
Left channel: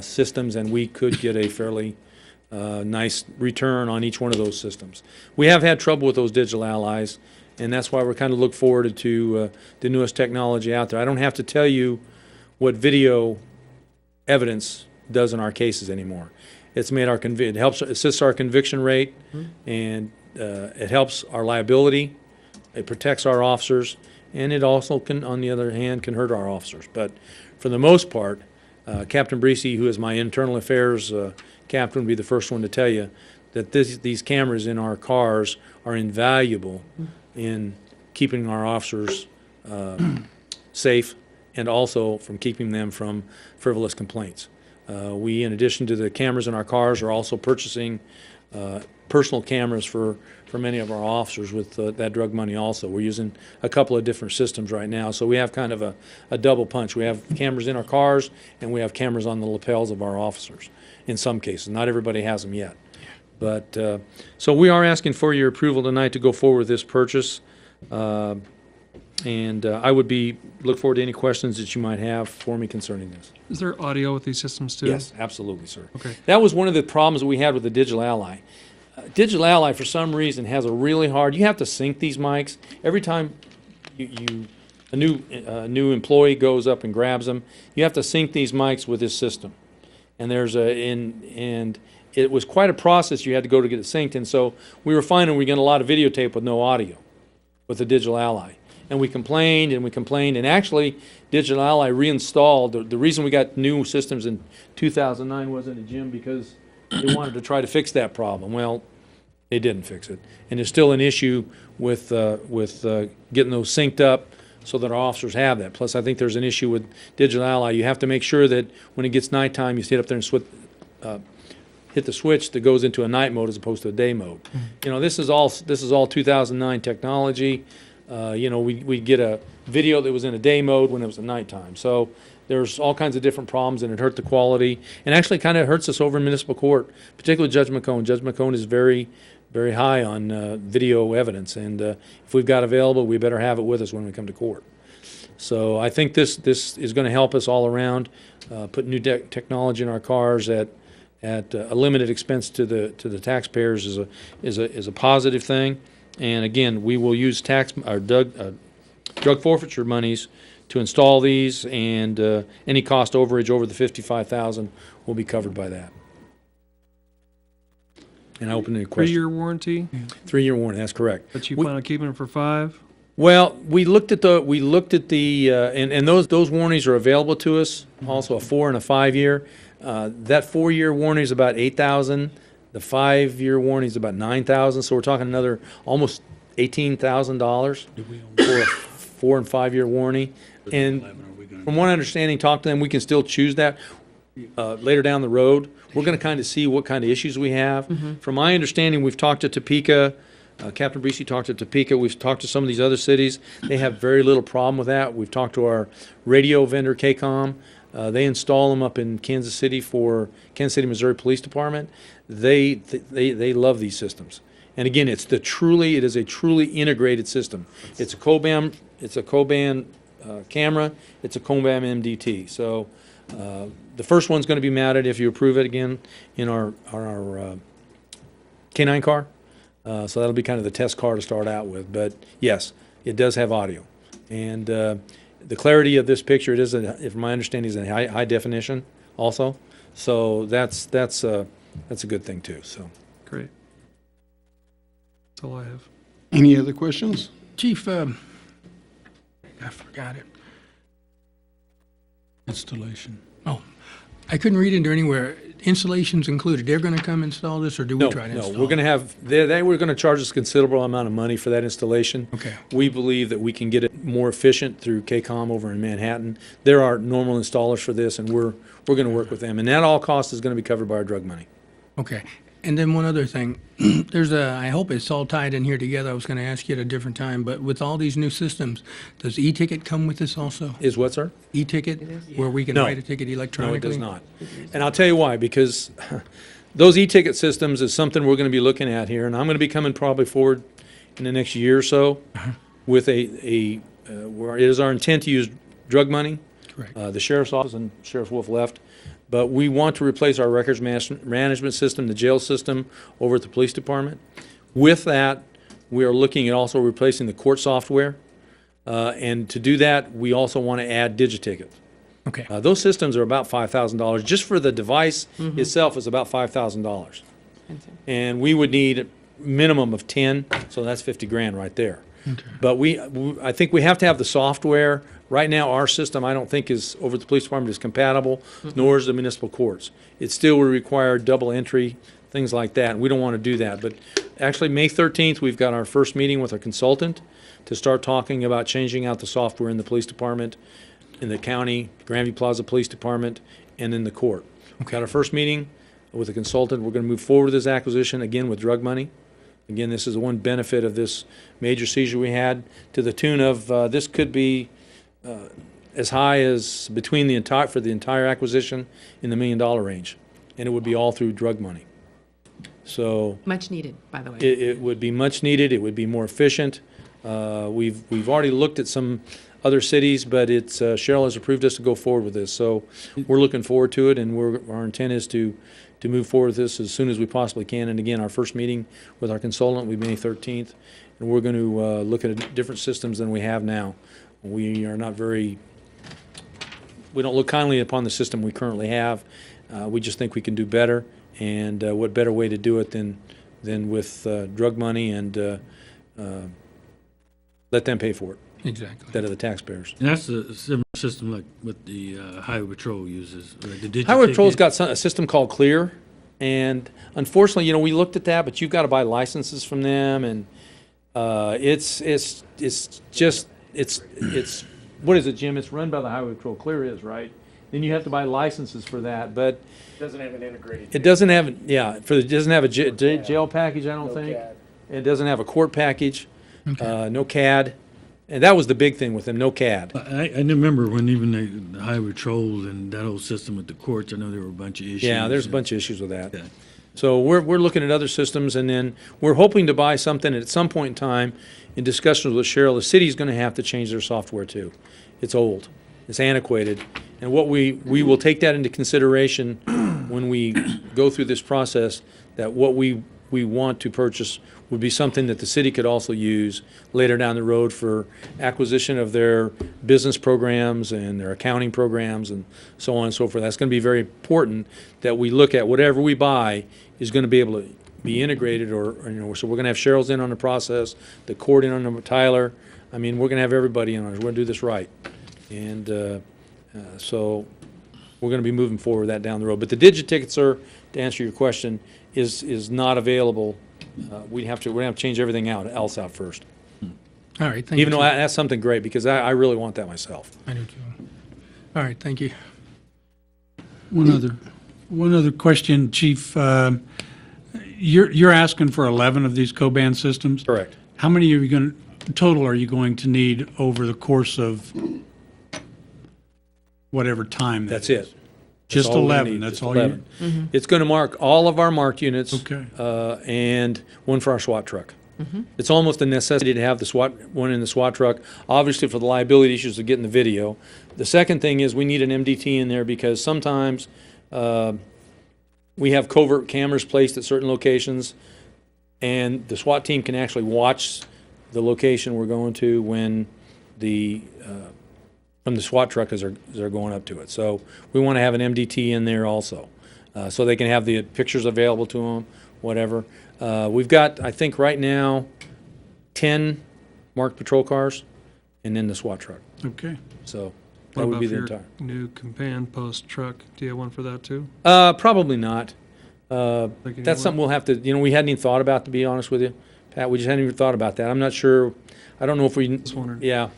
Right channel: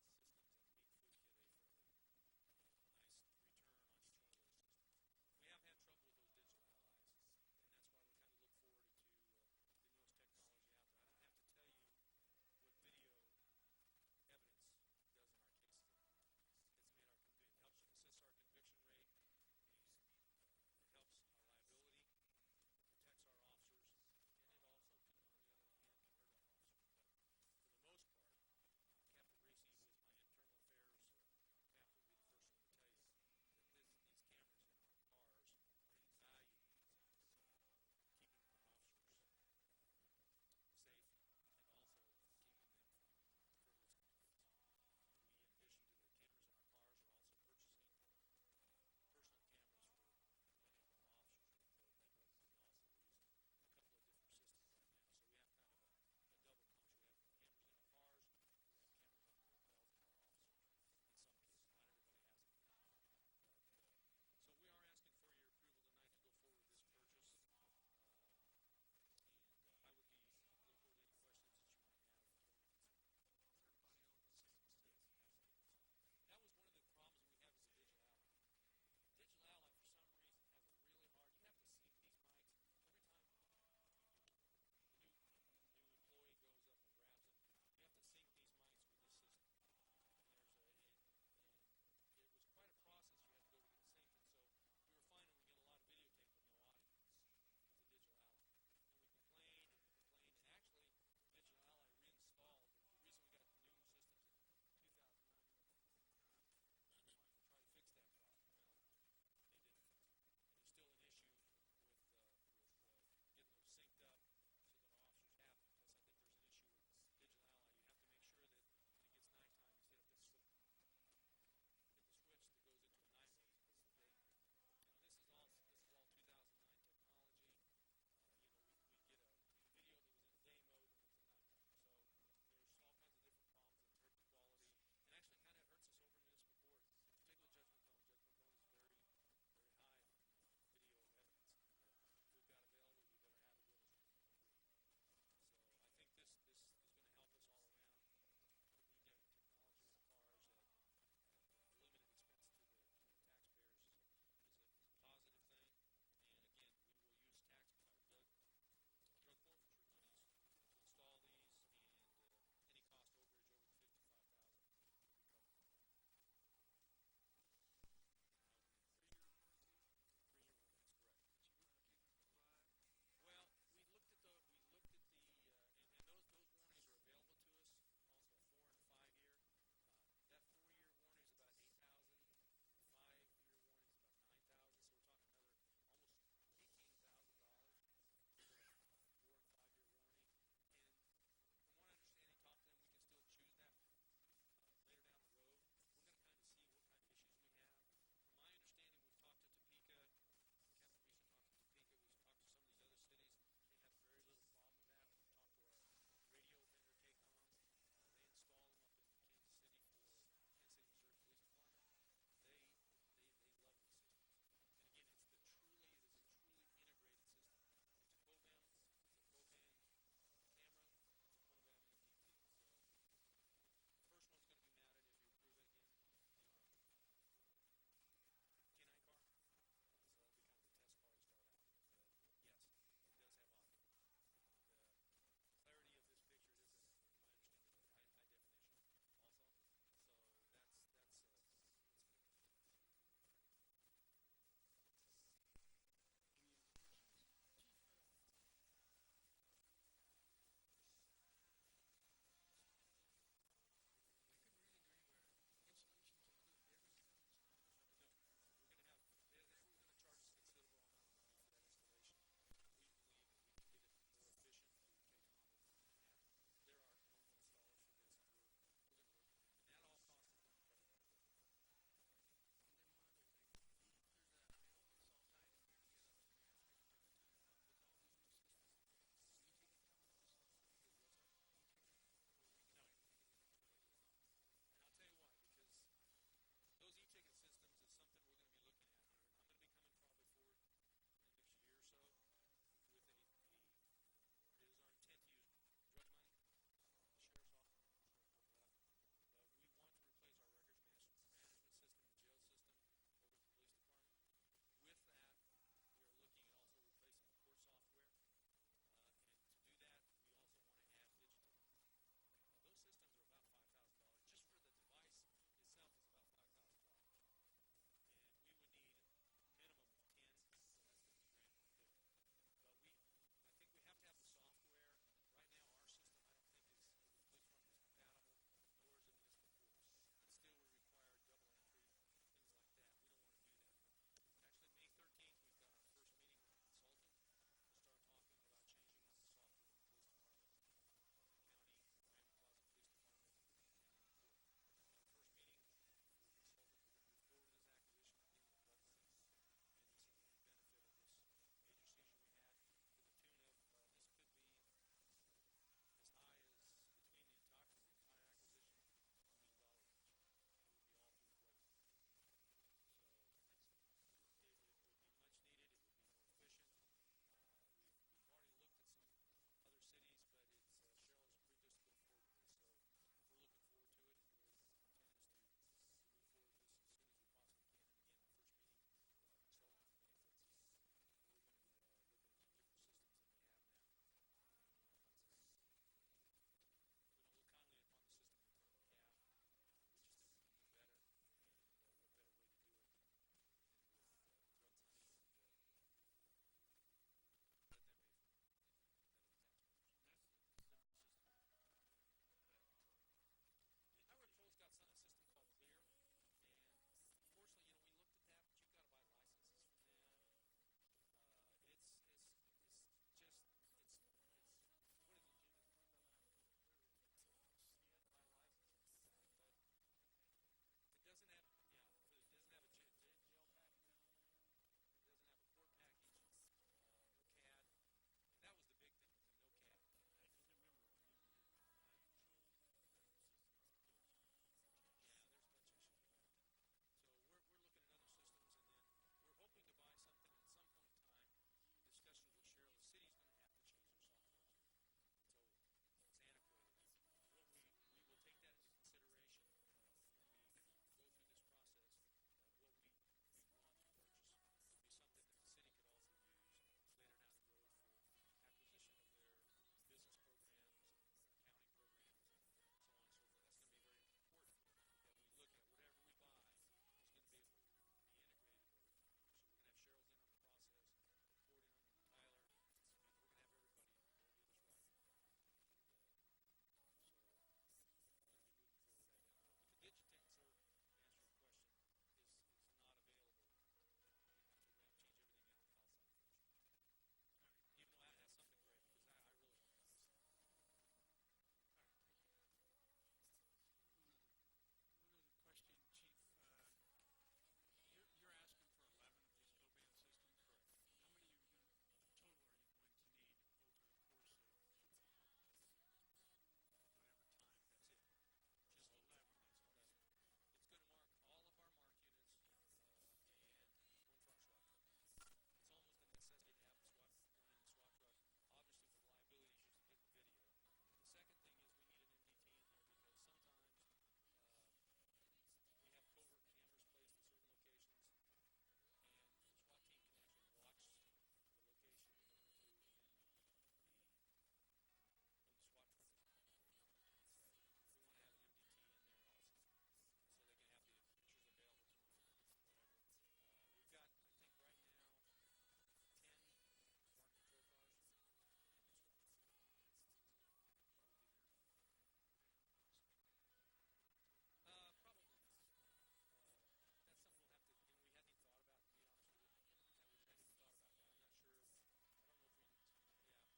systems, and we could get a fairly nice return on each one of those systems. We have had trouble with those Digital Allies, and that's why we're kind of look forward to the newest technology out there. I don't have to tell you what video evidence does in our cases anymore. It's made our it helps assists our conviction rate, and it helps our liability. It protects our officers, and it also can, on the other hand, can hurt our officers. But for the most part, Captain Breesy, who is my internal affairs captain, would be the first one to tell you that these cameras in our cars are invaluable in keeping our officers safe, and also from keeping them from frivolous complaints. We, in addition to the cameras in our cars, are also purchasing personal cameras for many of our officers with that drug money also. We're using a couple of different systems right now, so we have kind of a double punch. We have cameras in our cars, and we have cameras on the lapels of our officers in some cases. Not everybody has them yet. But so we are asking for your approval tonight to go forward with this purchase. And I would look forward to any questions that you might have for me concerning this. Is there audio with these systems too? Yes, absolutely, sir. Okay. That was one of the problems that we had with the Digital Ally. Digital Ally, for some reason, has a really hard. You have to sync these mics every time a new employee goes up and grabs them. You have to sync these mics with this system, and and it was quite a process. You had to go to get it synced, and so we were finding we get a lot of videotape with no audio with the Digital Ally. And we complained and we complained, and actually Digital Ally reinstalled. The reason we got new systems in 2009 wasn't it, Jim, because they wanted to try to fix that problem. Well, they didn't fix it, and there's still an issue with getting those synced up so that our officers have that. Plus, I think there's an issue with Digital Ally. You have to make sure that when it gets nighttime, you sit up there and hit the switch that goes into a night mode as opposed to a day mode. You know, this is all 2009 technology. We get a video that was in a day mode when it was a nighttime. So there's all kinds of different problems, and it hurt the quality, and actually kind of hurts us over in municipal court, particularly Judge McCone. Judge McCone is very, very high on video evidence, and if we've got available, we better have it with us when we come to court. So I think this is going to help us all around, put new technology in our cars at a limited expense to the taxpayers is a positive thing. And again, we will use drug forfeiture monies to install these, and any cost overage over the $55,000 will be covered by that. And I open any questions. 3-year warranty, 3-year warranty. That's correct. but you plan on keeping it for 5? Well, we looked at and those warranties are available to us. Also, a 4 and a 5 year. That 4-year warranty is about $8,000. The 5-year warranty is about $9,000, so we're talking another almost $18,000 for a 4 and 5 year warranty. And from what I understand, talk to them, we can still choose that later down the road. We're going to kind of see what kind of issues we have. From my understanding, we've talked to Topeka. Captain Breesy talked to Topeka. We've talked to some of these other cities. They have very little problem with that. We've talked to our radio vendor, KCOM. They install them up in Kansas City for Kansas City, Missouri Police Department. They love these systems. And again, it is a truly integrated system. It's a COBAM camera. It's a COBAM MDT. So the first one's going to be mounted, if you approve it again, in our K9 car. So that'll be kind of the test car to start out with. But yes, it does have audio, and the clarity of this picture, it is, if my understanding, is in high definition also. So that's a good thing too. So Great. That's all I have. Any other questions? Chief, I forgot it. Installation. Oh, I couldn't read into anywhere, installations included. They're going to come install this, or do we No, try to no, install? we're going to have, they were going to charge us a considerable amount of money for that installation. Okay. We believe that we can get it more efficient through KCOM over in Manhattan. There are normal installers for this, and we're going to work with them. And that all cost is going to be covered by our drug money. Okay. And then one other thing, I hope it's all tied in here together. I was going to ask you at a different time, but with all these new systems, does e-ticket come with this also? Is what, sir? E-ticket, where we can No. write a ticket No, electronically? it does not. And I'll tell you why, because those e-ticket systems is something we're going to be looking at here, and I'm going to be coming probably forward in the next year or so with where it is our intent to use drug money. Correct. The sheriff's office and Sheriff Wolf left, but we want to replace our records management system, the jail system, over at the police department. With that, we are looking at also replacing the court software, and to do that, we also want to add DigiTicket. Okay. Those systems are about $5,000. Just for the device itself is about $5,000. And we would need a minimum of 10, so that's 50 grand right there. Okay. But I think we have to have the software. Right now, our system, I don't think is, over at the police department, is compatible, nor is the municipal courts. It still will require double entry, things like that, and we don't want to do that. But actually, May 13th, we've got our first meeting with our consultant to start talking about changing out the software in the police department, in the county, Grandview Plaza Police Department, and in the court. We've got our first meeting with a consultant. We're going to move forward with this acquisition, again, with drug money. Again, this is the one benefit of this major seizure we had, to the tune of, this could be as high as for the entire acquisition in the $1 million range. And it would be all through drug money. So Much needed, by the way. it would be much needed. It would be more efficient. We've already looked at some other cities, but Cheryl has approved us to go forward with this. So we're looking forward to it, and our intent is to move forward with this as soon as we possibly can. And again, our first meeting with our consultant will be May 13th, and we're going to look at different systems than we have now. We don't look kindly upon the system we currently have. We just think we can do better, and what better way to do it than with drug money and let them pay for it Exactly. instead of the taxpayers. And that's a similar system like what the Highway Patrol uses, right? The Highway Patrol's DigiTicket. got a system called Clear, and unfortunately, we looked at that, but you've got to buy licenses from them, and it's what is it, Jim? It's run by the Highway Patrol. Clear is, right? Then you have to buy licenses for that, but Doesn't have an integrated. it doesn't have, it doesn't have a jail package, I don't think. It doesn't have a court package, no CAD. And that was the big thing with them, no CAD. I remember when even the Highway Patrol and that whole system with the courts, I know there were a bunch of issues. Yeah, there's a bunch of issues with that. Yeah. So we're looking at other systems, and then we're hoping to buy something at some point in time. In discussions with Cheryl, the city's going to have to change their software too. It's old, it's antiquated, and what we will take that into consideration when we go through this process. That what we want to purchase would be something that the city could also use later down the road for acquisition of their business programs and their accounting programs and so on and so forth. That's going to be very important that we look at whatever we buy is going to be able to be integrated, or so we're going to have Cheryl's in on the process, the court in on Tyler. I mean, we're going to have everybody in on it. We're going to do this right. And so we're going to be moving forward with that down the road. But the DigiTicket, sir, to answer your question, is not available. We're going to have to change everything else out first. All right, thank you. Even though that's something great, because I really want that myself. I do too. All right, thank you. One other question, Chief. You're asking for 11 of these co-band systems? Correct. How many total are you going to need over the course of whatever time that That's is? it. Just That's all we're gonna 11, need, that's just all 11. Mm-hmm. It's going to mark all of our marked units. Okay. And one for our SWAT truck. It's almost a necessity to have one in the SWAT truck, obviously for the liability issues of getting the video. The second thing is we need an MDT in there because sometimes we have covert cameras placed at certain locations, and the SWAT team can actually watch the location we're going to when from the SWAT truck as they're going up to it. So we want to have an MDT in there also, so they can have the pictures available to them, whatever. We've got, I think right now, 10 marked patrol cars, and then the SWAT truck. Okay. So That What would about be for the your entire. new companion post truck? Do you have one for that too? Probably not. Thinking That's you something we'll have to, we hadn't even thought about, to be honest with you, Pat. We just hadn't even thought about that. I'm not sure. I don't know if we. Just wondering. Yeah.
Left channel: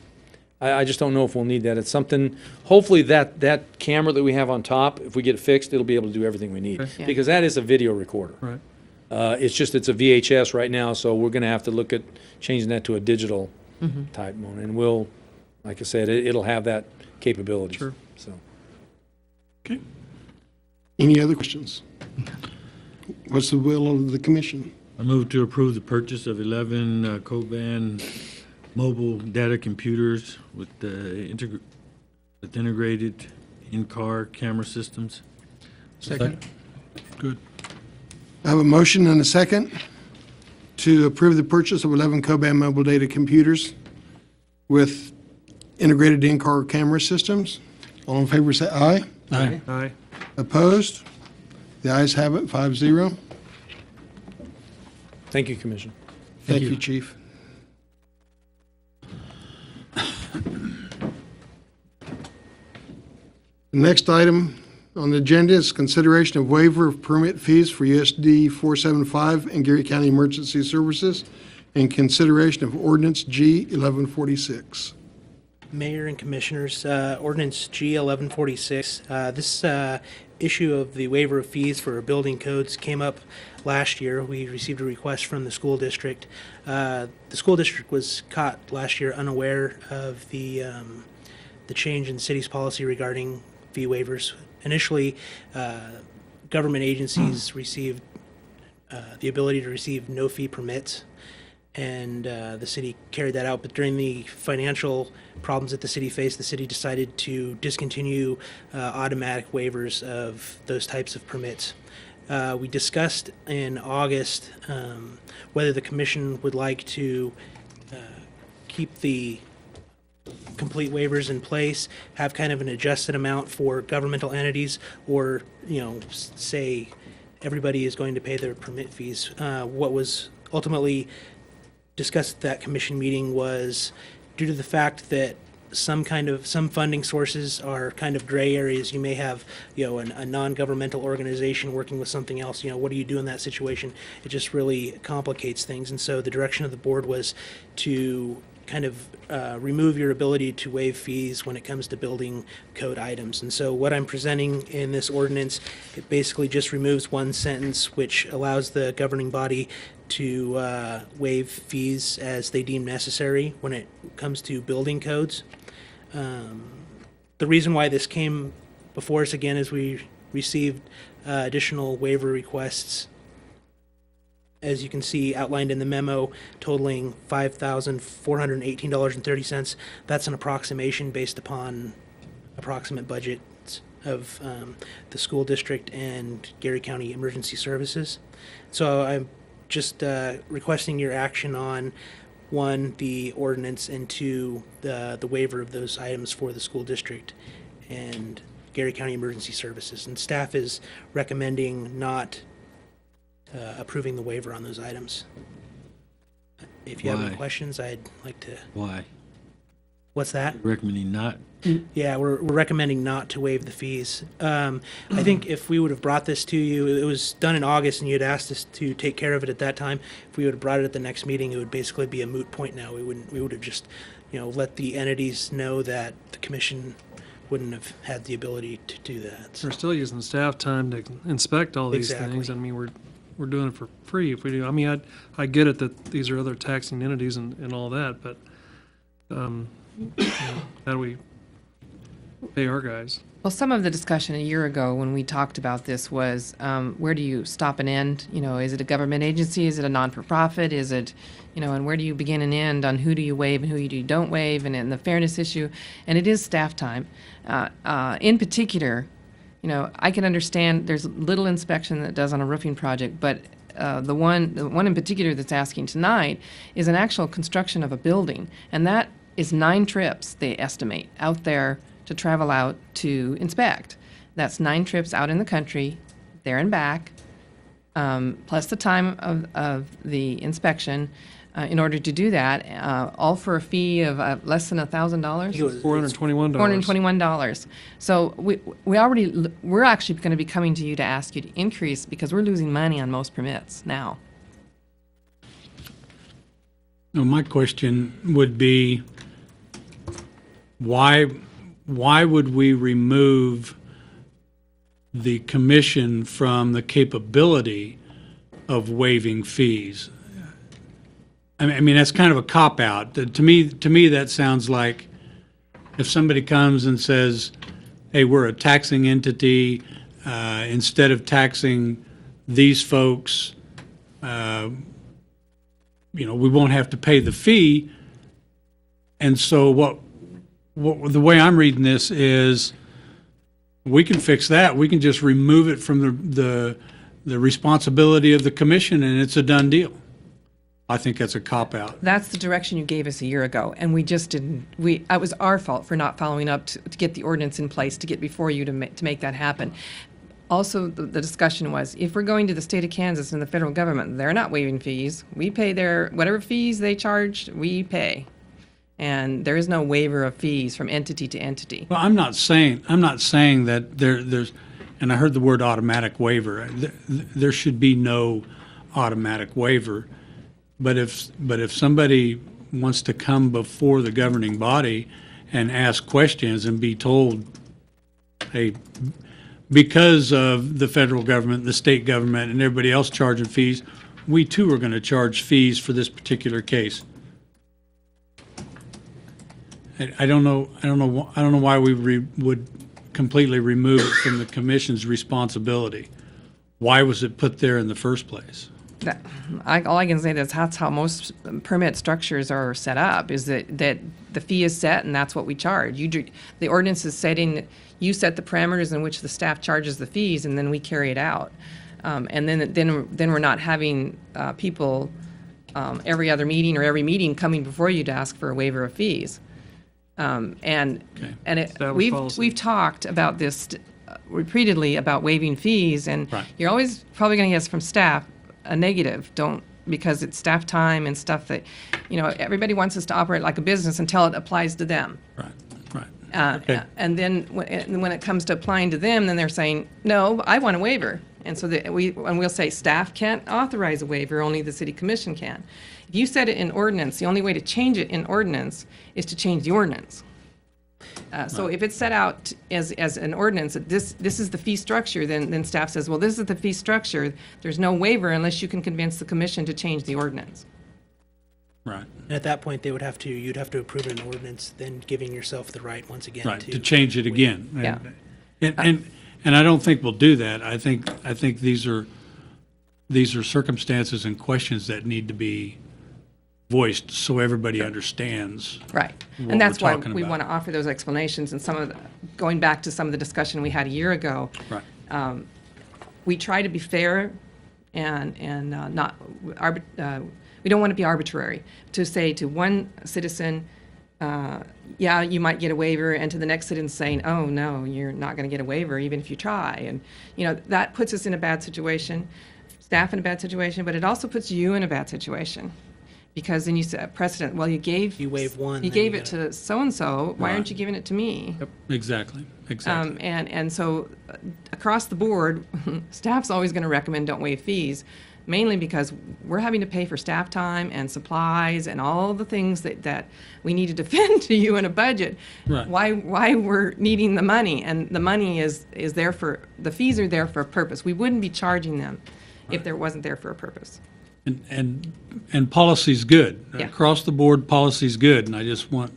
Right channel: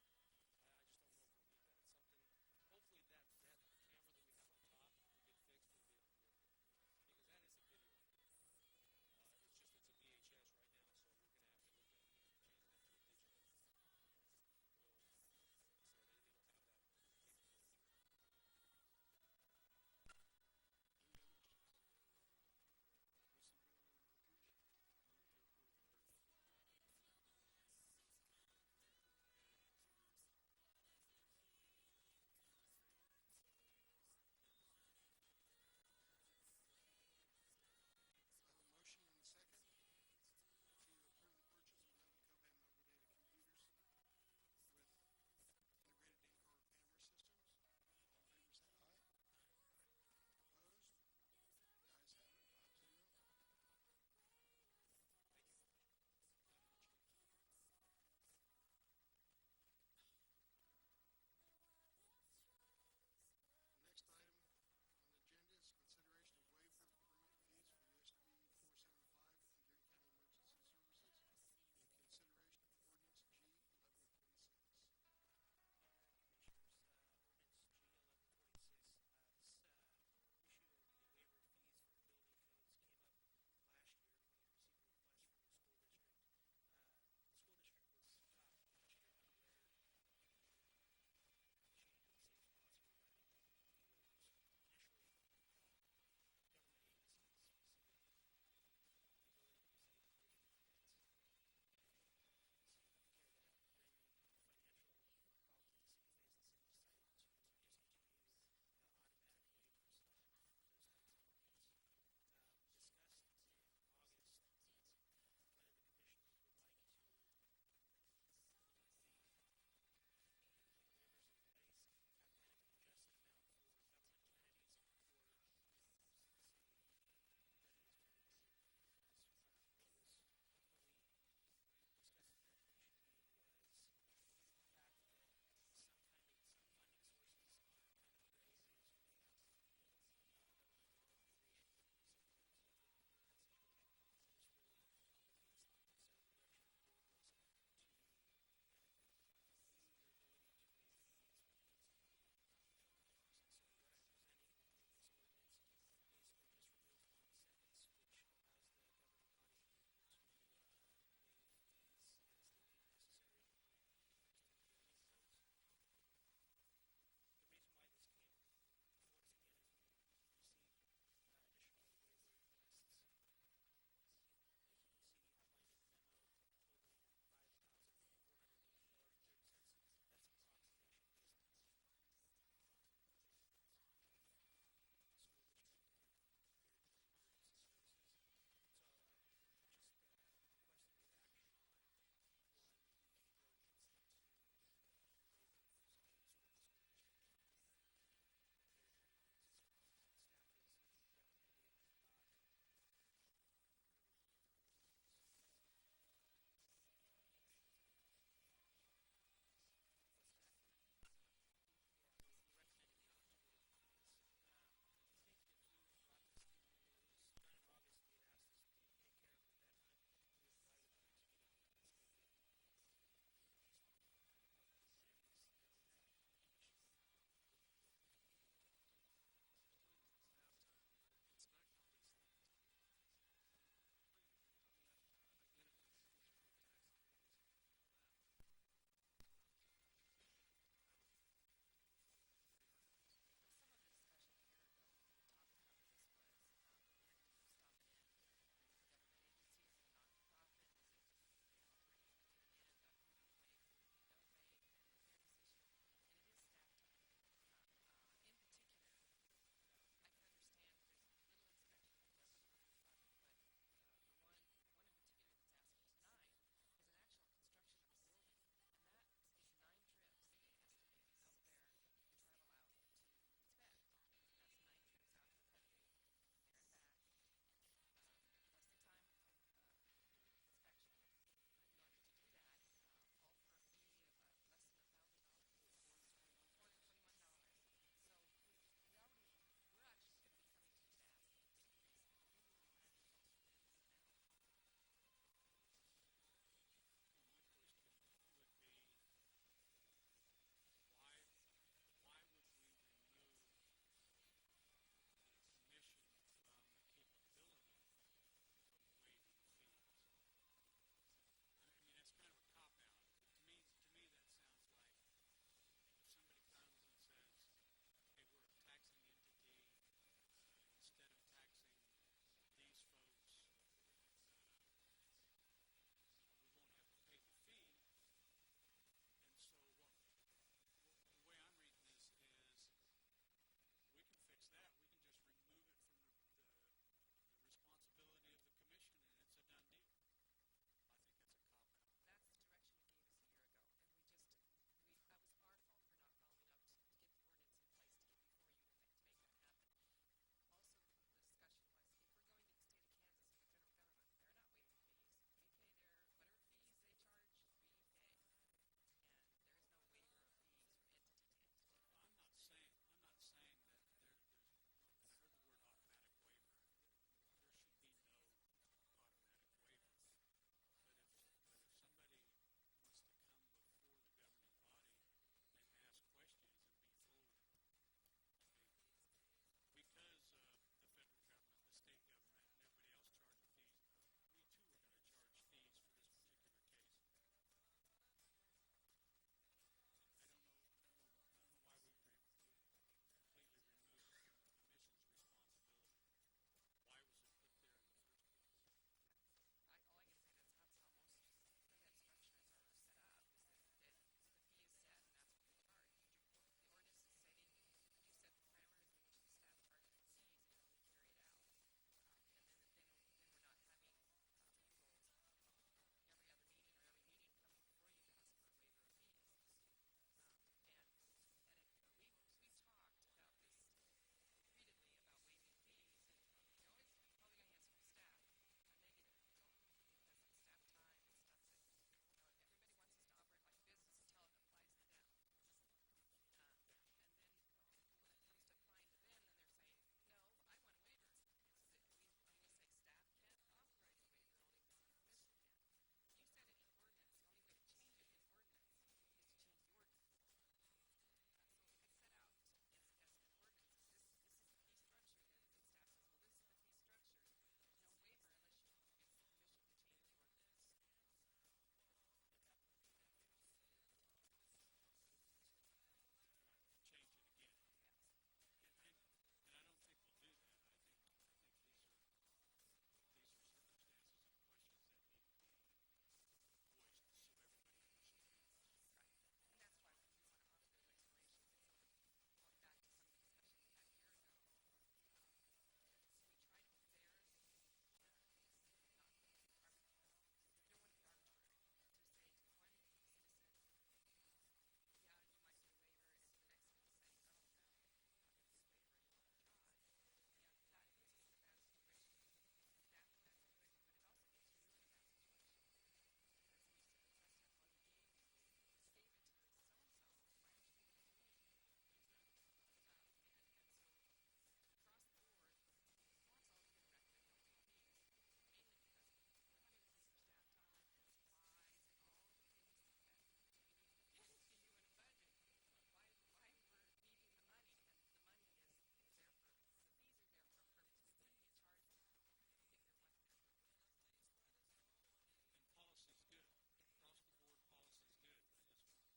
I just don't know if we'll need that. It's something, hopefully that camera that we have on top, if we get it fixed, it'll be able to do everything we need. Okay. Yeah. Because that is a video recorder. Right. It's a VHS right now, so we're gonna have to look at changing that to a digital type one. And we'll, like I said, it'll have that capability. Sure. So. Okay. Any other questions? What's the will of the commission? I move to approve the purchase of 11 Coban mobile data computers with integrated in-car camera systems. Second. Good. I have a motion and a second to approve the purchase of 11 Coban mobile data computers with integrated in-car camera systems. All in favor, say aye. Aye. Aye. Opposed? The ayes have it, 5-0. Thank you, Commissioner. Thank you, Chief. The next item on the agenda is consideration of waiver of permit fees for USD 475 and Geary County Emergency Services and consideration of ordinance G 1146. Mayor and Commissioners, Ordinance G 1146. This issue of the waiver of fees for building codes came up last year. We received a request from the school district. The school district was caught last year unaware of the change in the city's policy regarding fee waivers. Initially, government agencies received the ability to receive no fee permits, and the city carried that out. But during the financial problems that the city faced, the city decided to discontinue automatic waivers of those types of permits. We discussed in August whether the commission would like to keep the complete waivers in place, have kind of an adjusted amount for governmental entities, or, say everybody is going to pay their permit fees. What was ultimately discussed at that commission meeting was, due to the fact that some funding sources are kind of gray areas. You may have, a non-governmental organization working with something else. What do you do in that situation? It just really complicates things. And so the direction of the board was to kind of remove your ability to waive fees when it comes to building code items. And so what I'm presenting in this ordinance, it basically just removes one sentence which allows the governing body to waive fees as they deem necessary when it comes to building codes. The reason why this came before us again is we received additional waiver requests, as you can see outlined in the memo, totaling $5,418.30. That's an approximation based upon approximate budgets of the school district and Geary County Emergency Services. So I'm just requesting your action on, one, the ordinance, and two, the waiver of those items for the school district and Geary County Emergency Services. And staff is recommending not approving the waiver on those items. If you have any Why? questions, I'd like to. Why? What's that? Recommending not. Yeah, we're recommending not to waive the fees. I think if we would have brought this to you, it was done in August, and you had asked us to take care of it at that time. If we would have brought it at the next meeting, it would basically be a moot point now. We would have just, let the entities know that the commission wouldn't have had the ability to do that. We're still using staff time to inspect all these Exactly. things. I mean, we're doing it for free if we do. I mean, I get it that these are other taxing entities and all that, but how do we pay our guys? Well, some of the discussion a year ago when we talked about this was, where do you stop and end? Is it a government agency? Is it a non-for-profit? Is it, and where do you begin and end on who do you waive and who you don't waive, and the fairness issue? And it is staff time. In particular, I can understand there's little inspection that does on a roofing project, but the one in particular that's asking tonight is an actual construction of a building, and that is 9 trips, they estimate, out there to travel out to inspect. That's 9 trips out in the country, there and back, plus the time of the inspection. in order to do that, all for a fee of less than $1,000. $421. $421. So we're actually going to be coming to you to ask you to increase because we're losing money on most permits now. No, my question would be, why would we remove the commission from the capability of waiving fees? I mean, that's kind of a cop-out. To me, that sounds like if somebody comes and says, hey, we're a taxing entity, instead of taxing these folks, we won't have to pay the fee. And so what the way I'm reading this is we can fix that. We can just remove it from the responsibility of the commission, and it's a done deal. I think that's a cop-out. That's the direction you gave us a year ago, and we just didn't. It was our fault for not following up to get the ordinance in place to get before you to make that happen. Also, the discussion was, if we're going to the state of Kansas and the federal government, they're not waiving fees. We pay whatever fees they charge, we pay. And there is no waiver of fees from entity to entity. Well, I'm not saying that there's, and I heard the word automatic waiver. There should be no automatic waiver. But if somebody wants to come before the governing body and ask questions and be told, hey, because of the federal government, the state government, and everybody else charging fees, we too are going to charge fees for this particular case. I don't know why we would completely remove it from the commission's responsibility. Why was it put there in the first place? All I can say is that's how most permit structures are set up, is that the fee is set and that's what we charge. The ordinance is setting, you set the parameters in which the staff charges the fees, and then we carry it out. And then we're not having people every other meeting or every meeting coming before you to ask for a waiver of fees. We've talked about this repeatedly about waiving fees, and right. You're always probably going to get from staff a negative. Because it's staff time and stuff that, everybody wants us to operate like a business until it applies to them. Right. Okay. And then when it comes to applying to them, then they're saying, no, I want a waiver. And so we'll say staff can't authorize a waiver, only the city commission can. If you set it in ordinance, the only way to change it in ordinance is to change the ordinance. So if it's set out as an ordinance, that this is the fee structure, then staff says, well, this is the fee structure. There's no waiver unless you can convince the commission to change the ordinance. Right. And at that point, you'd have to approve an ordinance, then giving yourself the right once again Right, to change it again. Yeah. And I don't think we'll do that. I think these are circumstances and questions that need to be voiced so everybody understands. Right. what And that's we're why talking we about. want to offer those explanations, and going back to some of the discussion we had a year ago. Right. We try to be fair and not, we don't want to be arbitrary. To say to one citizen, yeah, you might get a waiver, and to the next citizen saying, oh, no, you're not going to get a waiver even if you try. And, that puts us in a bad situation, staff in a bad situation, but it also puts you in a bad situation. Because then you set precedent, well, you waive one. You gave it to so-and-so, why aren't you giving it to me? Yep. Exactly. And so across the board, staff's always going to recommend don't waive fees, mainly because we're having to pay for staff time and supplies and all the things that we need to defend to you in a budget. Right. Why we're needing the money, and the money is there the fees are there for a purpose. We wouldn't be charging them if there wasn't there for a purpose. And policy's good. Yeah. Across the board, policy's good, and I just want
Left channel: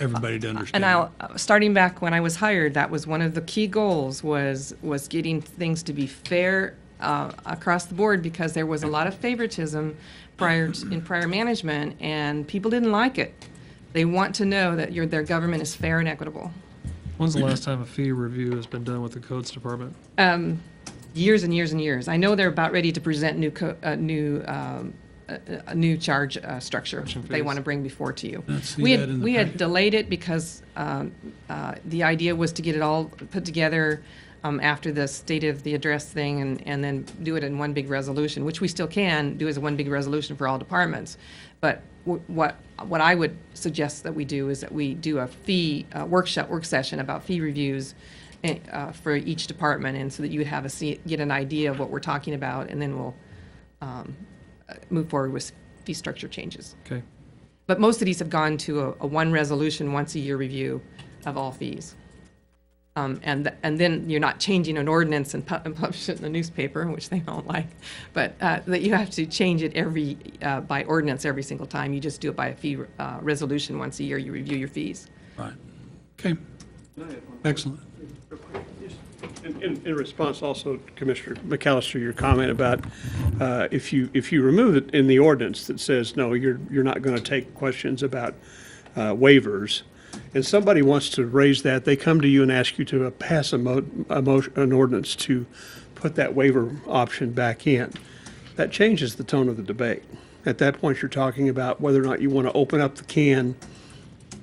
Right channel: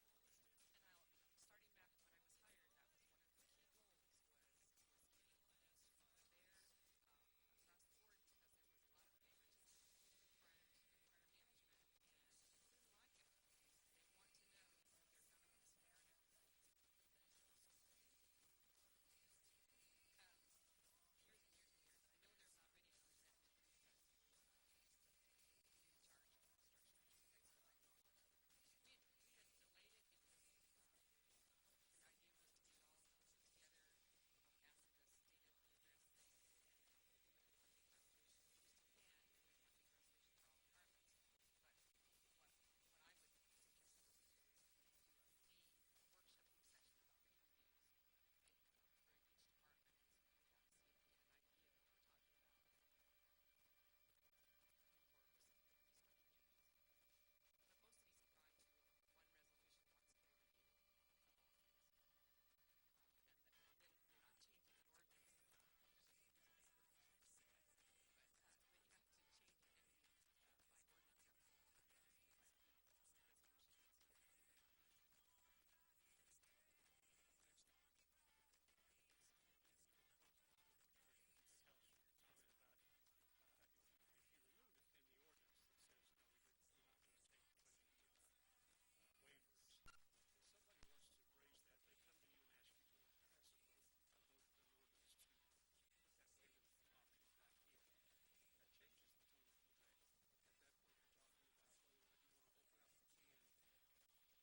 everybody to understand. And starting back when I was hired, that was one of the key goals was getting things to be fair across the board, because there was a lot of favoritism in prior management, and people didn't like it. They want to know that their government is fair and equitable. When's the last time a fee review has been done with the codes department? Years and years and years. I know they're about ready to present a new charge structure they want to bring before to you. We had delayed it because the idea was to get it all put together after the state of the address thing, and then do it in one big resolution, which we still can do as one big resolution for all departments. But what I would suggest that we do is that we do a fee work session about fee reviews for each department, and so that you would have get an idea of what we're talking about, and then we'll move forward with fee structure changes. Okay. But most of these have gone to a one resolution, once a year review of all fees. And then you're not changing an ordinance and publish it in the newspaper, which they don't like, but that you have to change it by ordinance every single time. You just do it by a fee resolution once a year. You review your fees. Right. Okay. Excellent. In response also, Commissioner McAllister, your comment about if you remove it in the ordinance that says, no, you're not going to take questions about waivers, and somebody wants to raise that, they come to you and ask you to pass an ordinance to put that waiver option back in. That changes the tone of the debate. At that point, you're talking about whether or not you want to open up the can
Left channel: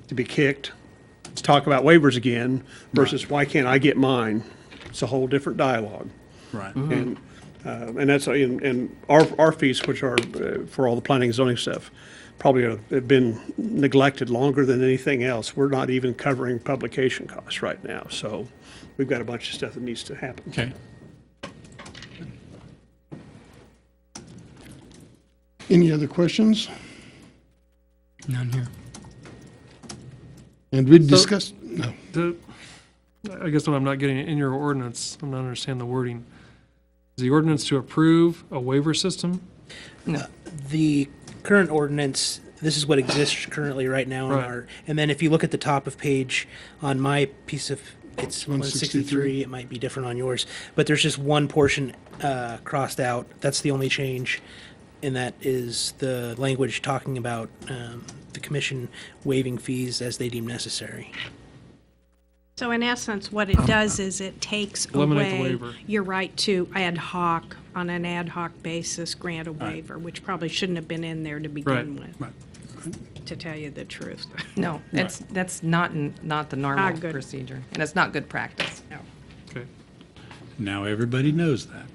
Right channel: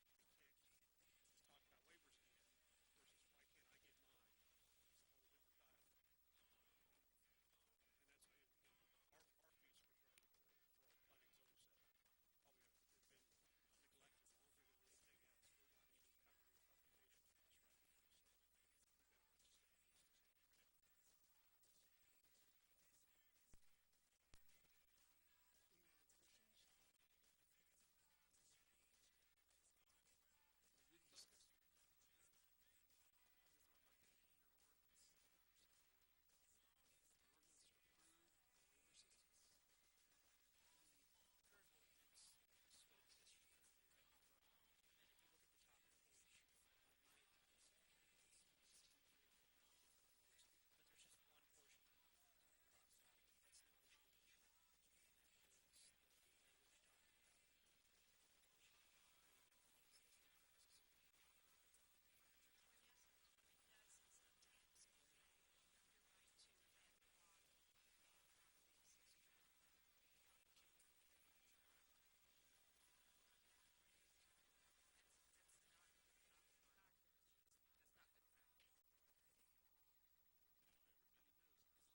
to be kicked. Let's talk about waivers again versus why can't I get mine? It's a whole different dialogue. Right. And that's and our fees, which are for all the planning and zoning stuff, probably have been neglected longer than anything else. We're not even covering publication costs right now. So we've got a bunch of stuff that needs to happen. Okay. Any other questions? None here. And we discussed, no. I guess what I'm not getting in your ordinance, I'm not understanding the wording. Is the ordinance to approve a waiver system? No. The current ordinance, this is what exists currently right now in Right. our, and then if you look at the top of page on my piece of, it's 163, it might be different on yours, but there's just one portion crossed out. That's the only change, and that is the language talking about the commission waiving fees as they deem necessary. So in essence, what it does is it takes Eliminate the away waiver. your right to on an ad hoc basis, grant a waiver, which probably shouldn't have been in there to begin Right. with. Right. To tell you the truth. No, that's not the normal Not good. procedure, and it's not good practice. No. Okay. Now everybody knows that.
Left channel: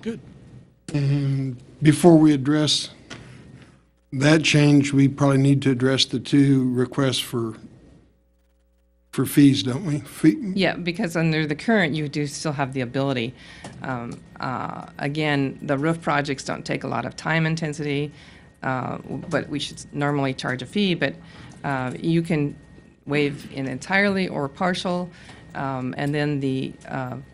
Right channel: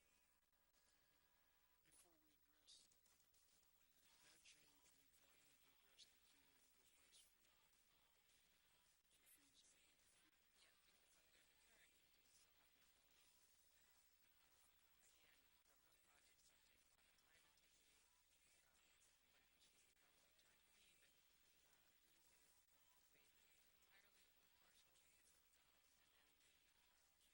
Good. And before we address that change, we probably need to address the two requests for fees, don't we? Yeah, because under the current, you do still have the ability. Again, the roof projects don't take a lot of time intensity, but we should normally charge a fee, but you can waive in entirely or partial. And then the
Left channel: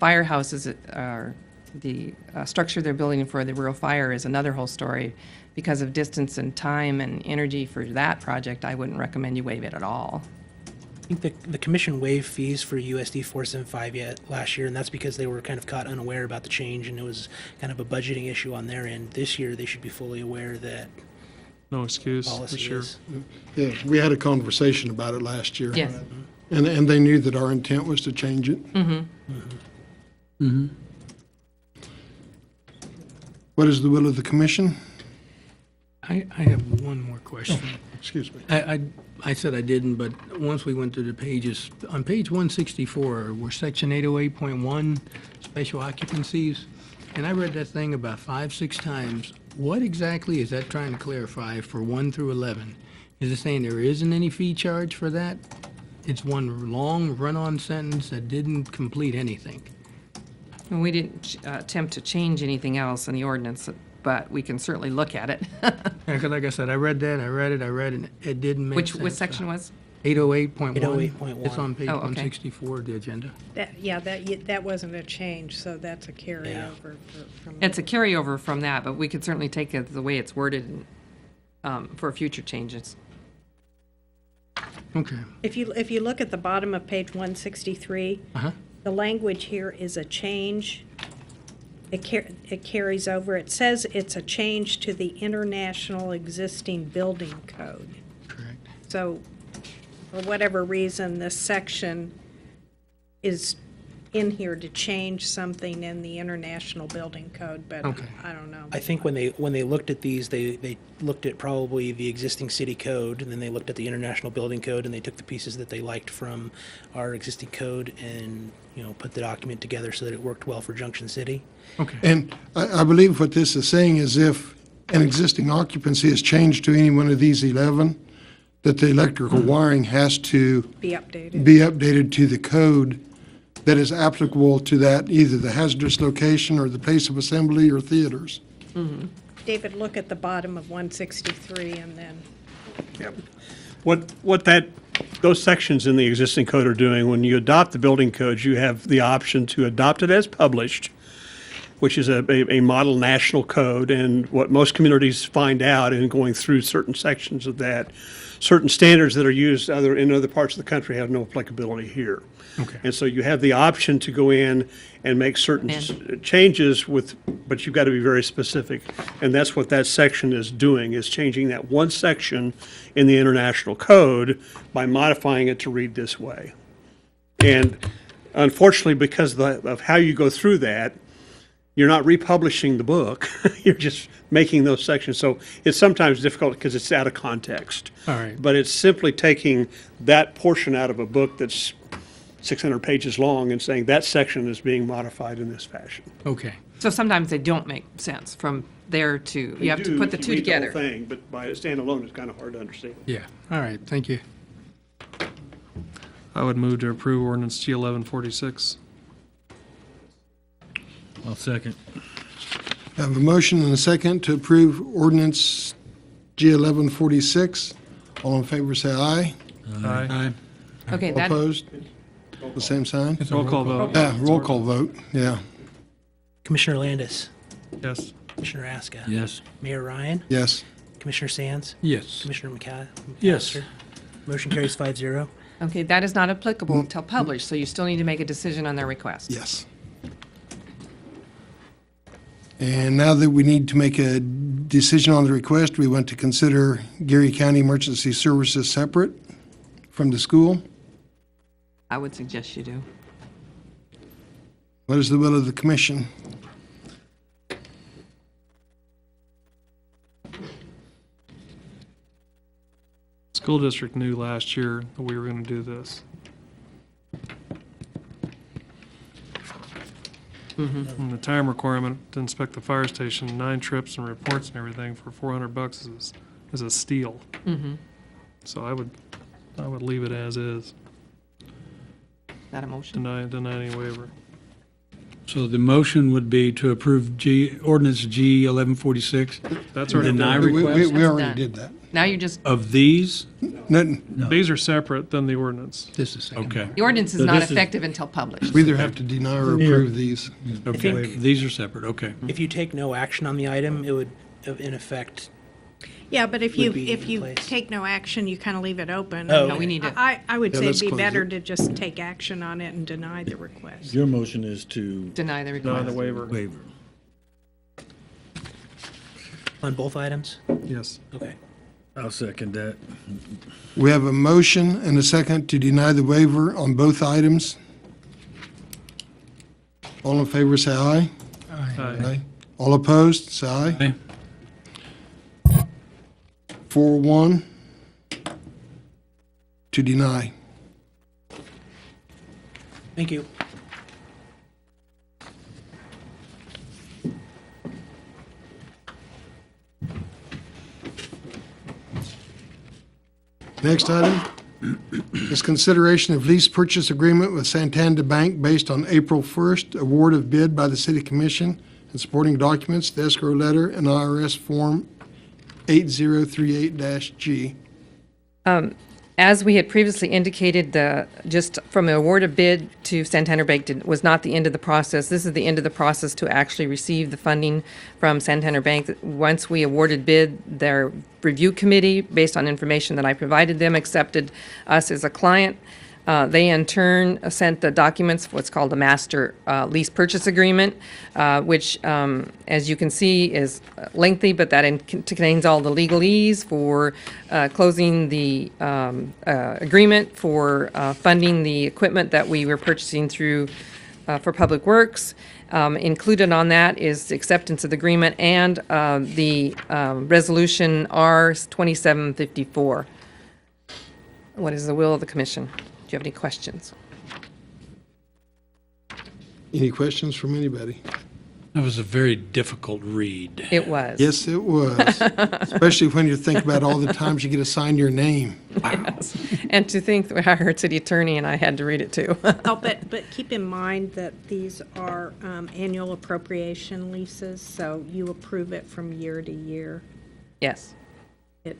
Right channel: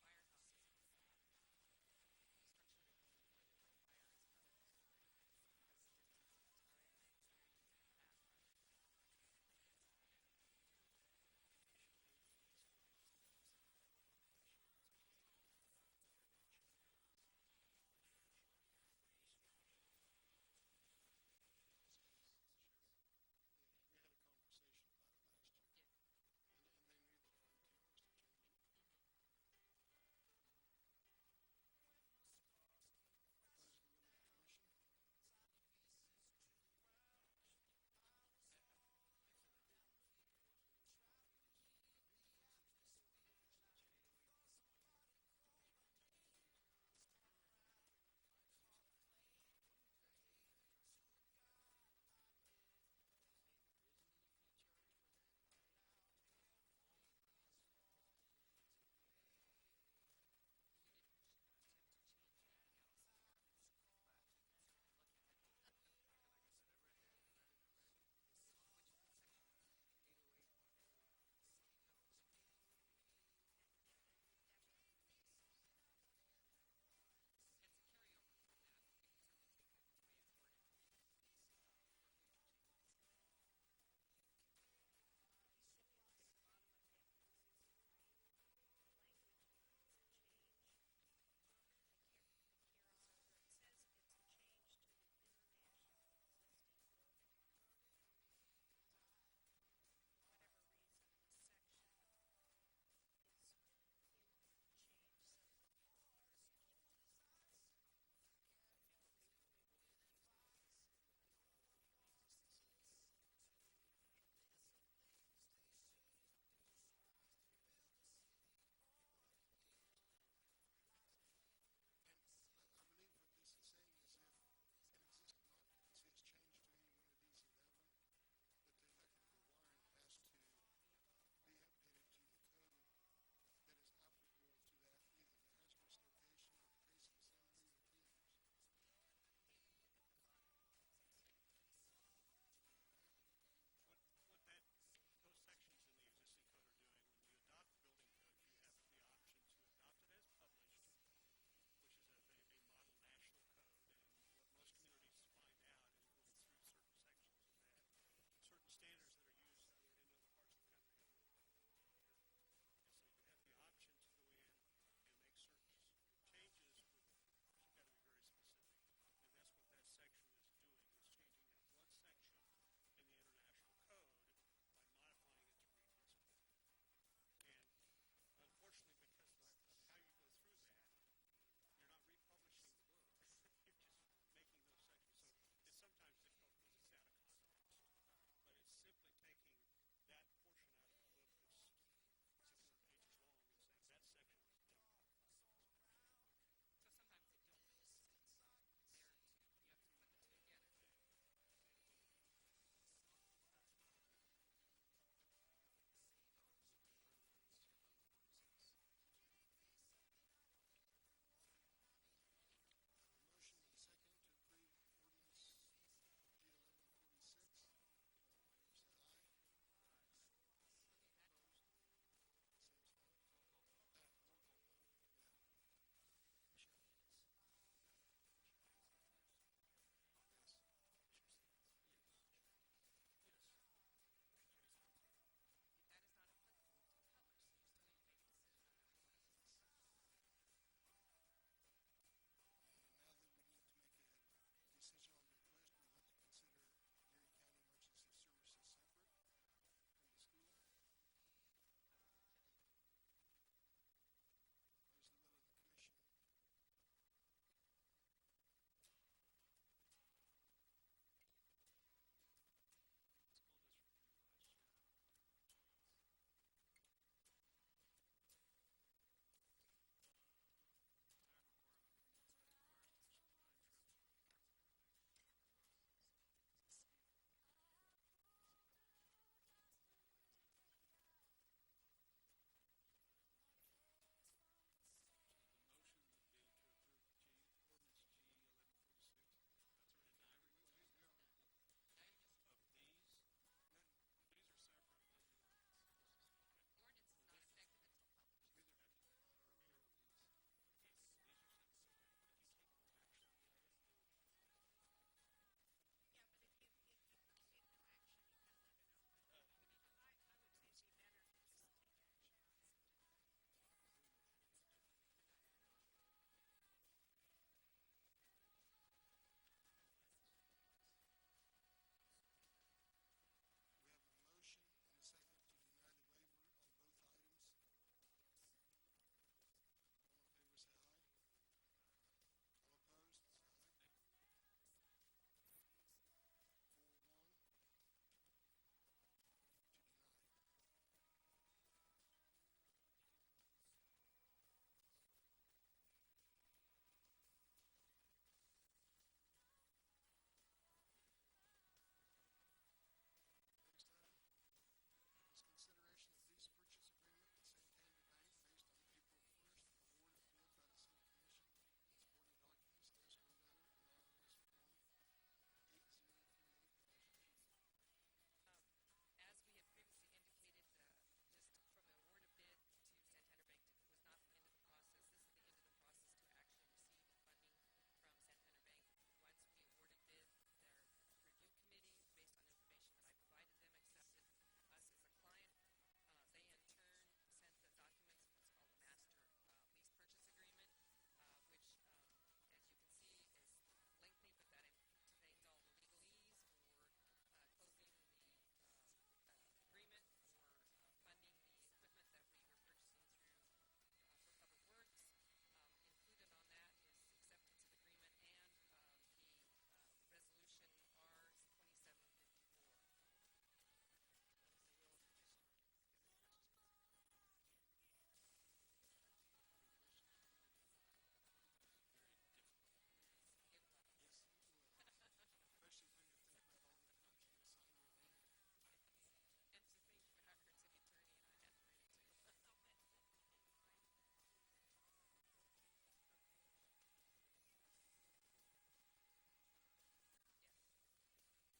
firehouses are the structure they're building for the rural fire is another whole story. Because of distance and time and energy for that project, I wouldn't recommend you waive it at all. I think the commission waived fees for USD 475 last year, and that's because they were kind of caught unaware about the change, and it was kind of a budgeting issue on their end. This year, they should be fully aware that No excuse, for policy sure. is. Yeah, we had a conversation about it last year. Yes. And they knew that our intent was to change it. Mm-hmm. Mm-hmm. What is the will of the commission? I have one more question. Excuse me. I said I didn't, but once we went through the pages, on page 164, were section 808.1 special occupancies, and I read that thing about 5-6 times. What exactly is that trying to clarify for 1 through 11? Is it saying there isn't any fee charge for that? It's one long run-on sentence that didn't complete anything. We didn't attempt to change anything else in the ordinance, but we can certainly look at it. Yeah, 'cause like I said, I read that, I read it, it didn't make sense. Which section was? 808.1. 808.1. It's on page Oh, okay. 164 of the agenda. That wasn't a change, so that's a carryover from. It's a carryover from that, but we could certainly take it the way it's worded for future changes. Okay. If you look at the bottom of page 163, Uh-huh. the language here is a change. It carries over. It says it's a change to the international existing building code. Correct. So, for whatever reason, this section is in here to change something in the international building code, but Okay. I don't know. I think when they looked at these, they looked at probably the existing city code, and then they looked at the international building code, and they took the pieces that they liked from our existing code and, put the document together so that it worked well for Junction City. Okay. And I believe what this is saying is if an existing occupancy is changed to any one of these 11, that the electrical wiring has to Be updated. be updated to the code that is applicable to that, either the hazardous location or the place of assembly or theaters. David, look at the bottom of 163 and then. What those sections in the existing code are doing, when you adopt the building codes, you have the option to adopt it as published, which is a model national code, and what most communities find out in going through certain sections of that, certain standards that are used in other parts of the country have no applicability here. Okay. And so you have the option to go in and make certain changes but you've got to be very specific. And that's what that section is doing, is changing that one section in the international code by modifying it to read this way. And unfortunately, because of how you go through that, you're not republishing the book. You're just making those sections. So it's sometimes difficult because it's out of context. All right. But it's simply taking that portion out of a book that's 600 pages long and saying that section is being modified in this fashion. Okay. So sometimes they don't make sense from there to, you have to put the two Read the whole together. thing, but by a standalone, it's kind of hard to understand. Yeah. All right. Thank you. I would move to approve ordinance G 1146. I'll second. I have a motion and a second to approve ordinance G 1146. All in favor, say aye. Aye. Okay, All that, opposed? The same sign? Roll call vote. Roll call vote, yeah. Commissioner Landis, Yes. Commissioner Aska. Yes. Mayor Ryan, Yes. Commissioner Sands, Yes. Commissioner McCall. Yes. Motion carries 5-0. okay, that is not applicable until published, so you still need to make a decision on their request. Yes. And now that we need to make a decision on the request, we want to consider Geary County Emergency Services separate from the school. I would suggest you do. What is the will of the commission? School district knew last year that we were going to do this. And the time requirement to inspect the fire station, 9 trips and reports and everything for $400 is a steal. So I would leave it as is. That a motion? Deny any waiver. So the motion would be to approve ordinance G 1146 That's already Deny done. We request already done. did that. Now you're just, of these? These are separate than the ordinance. This is second. Okay. the ordinance is So not this is- effective until published. We either have to deny or approve these. Okay, these are separate, okay. If you take no action on the item, it would, in effect, Yeah, but if Would you, be if you in place. take no action, you kind of leave it open. Oh, No, we need to, I would Yeah, say let's it'd be close better it. to just take action on it and deny the request. Your motion is to deny the Deny request. the waiver. waiver. on both items? Yes. Okay. I'll second that. We have a motion and a second to deny the waiver on both items. All in favor, say aye. Aye. All opposed, say aye. 4-1 to deny. Thank you. Next item is consideration of lease purchase agreement with Santander Bank based on April 1st award of bid by the City Commission and supporting documents, the escrow letter, and IRS Form 8038-G. As we had previously indicated, just from the award of bid to Santander Bank was not the end of the process. This is the end of the process to actually receive the funding from Santander Bank. Once we awarded bid, their review committee, based on information that I provided them, accepted us as a client. They in turn sent the documents, what's called a master lease purchase agreement, which, as you can see, is lengthy, but that contains all the legalese for closing the agreement, for funding the equipment that we were purchasing through for Public Works. Included on that is the acceptance of the agreement and the resolution R 2754. What is the will of the commission? Do you have any questions? Any questions from anybody? That was a very difficult read. It was. Yes, it was. Especially when you think about all the times you get assigned your name. Yes. And to think that I heard city attorney and I had to read it too. Oh, but keep in mind that these are annual appropriation leases, so you approve it from year to year. Yes. It,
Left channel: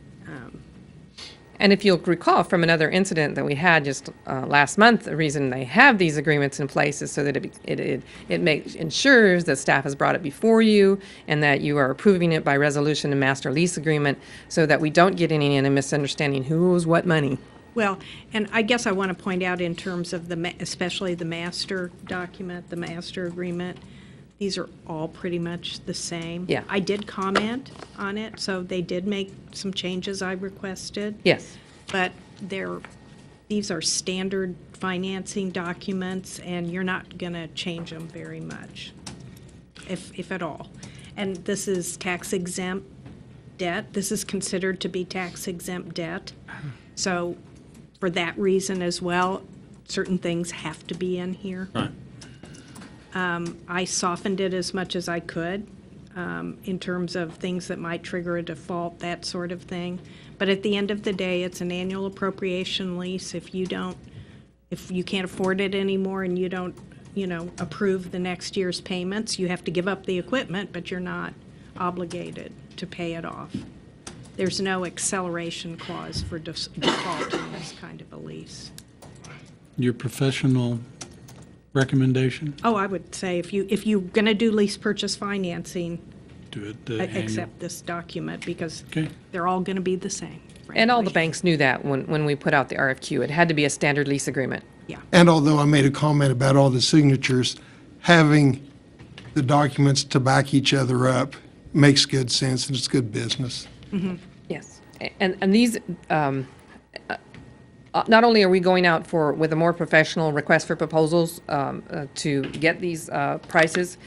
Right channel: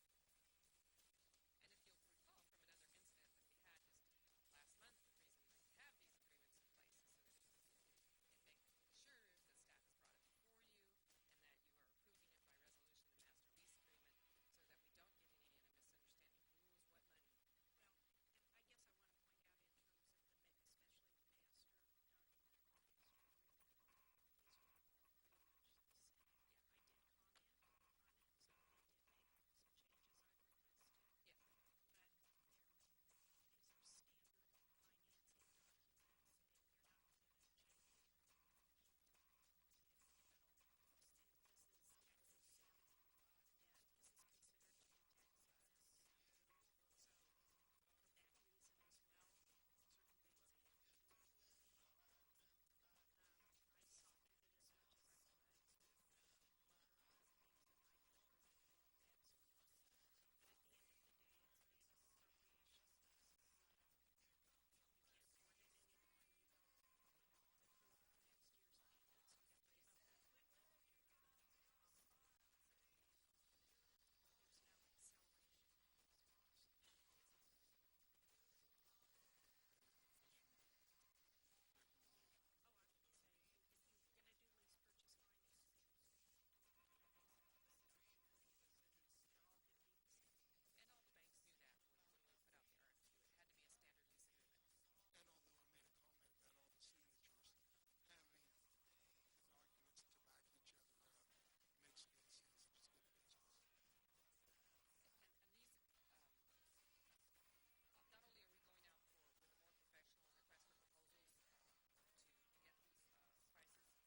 And if you'll recall from another incident that we had just last month, the reason they have these agreements in place is so that it ensures that staff has brought it before you and that you are approving it by resolution and master lease agreement so that we don't get any misunderstanding who owes what money. Well, and I guess I want to point out in terms of especially the master document, the master agreement, these are all pretty much the same. Yeah. I did comment on it, so they did make some changes I requested. Yes. But these are standard financing documents, and you're not going to change them very much, if at all. And this is tax exempt debt. This is considered to be tax exempt debt. So for that reason as well, certain things have to be in here. Right. I softened it as much as I could in terms of things that might trigger a default, that sort of thing. But at the end of the day, it's an annual appropriation lease. If you can't afford it anymore and you don't, approve the next year's payments, you have to give up the equipment, but you're not obligated to pay it off. There's no acceleration clause for default in this kind of a lease. Your professional recommendation? Oh, I would say if you're going to do lease purchase financing, Do it the annual. accept this document because Okay. they're all going to be the same. And all the frankly. banks knew that when we put out the RFQ. It had to be a standard lease agreement. Yeah. And although I made a comment about all the signatures, having the documents to back each other up makes good sense and it's good business. Yes. And these, not only are we going out with a more professional request for proposals to get these prices,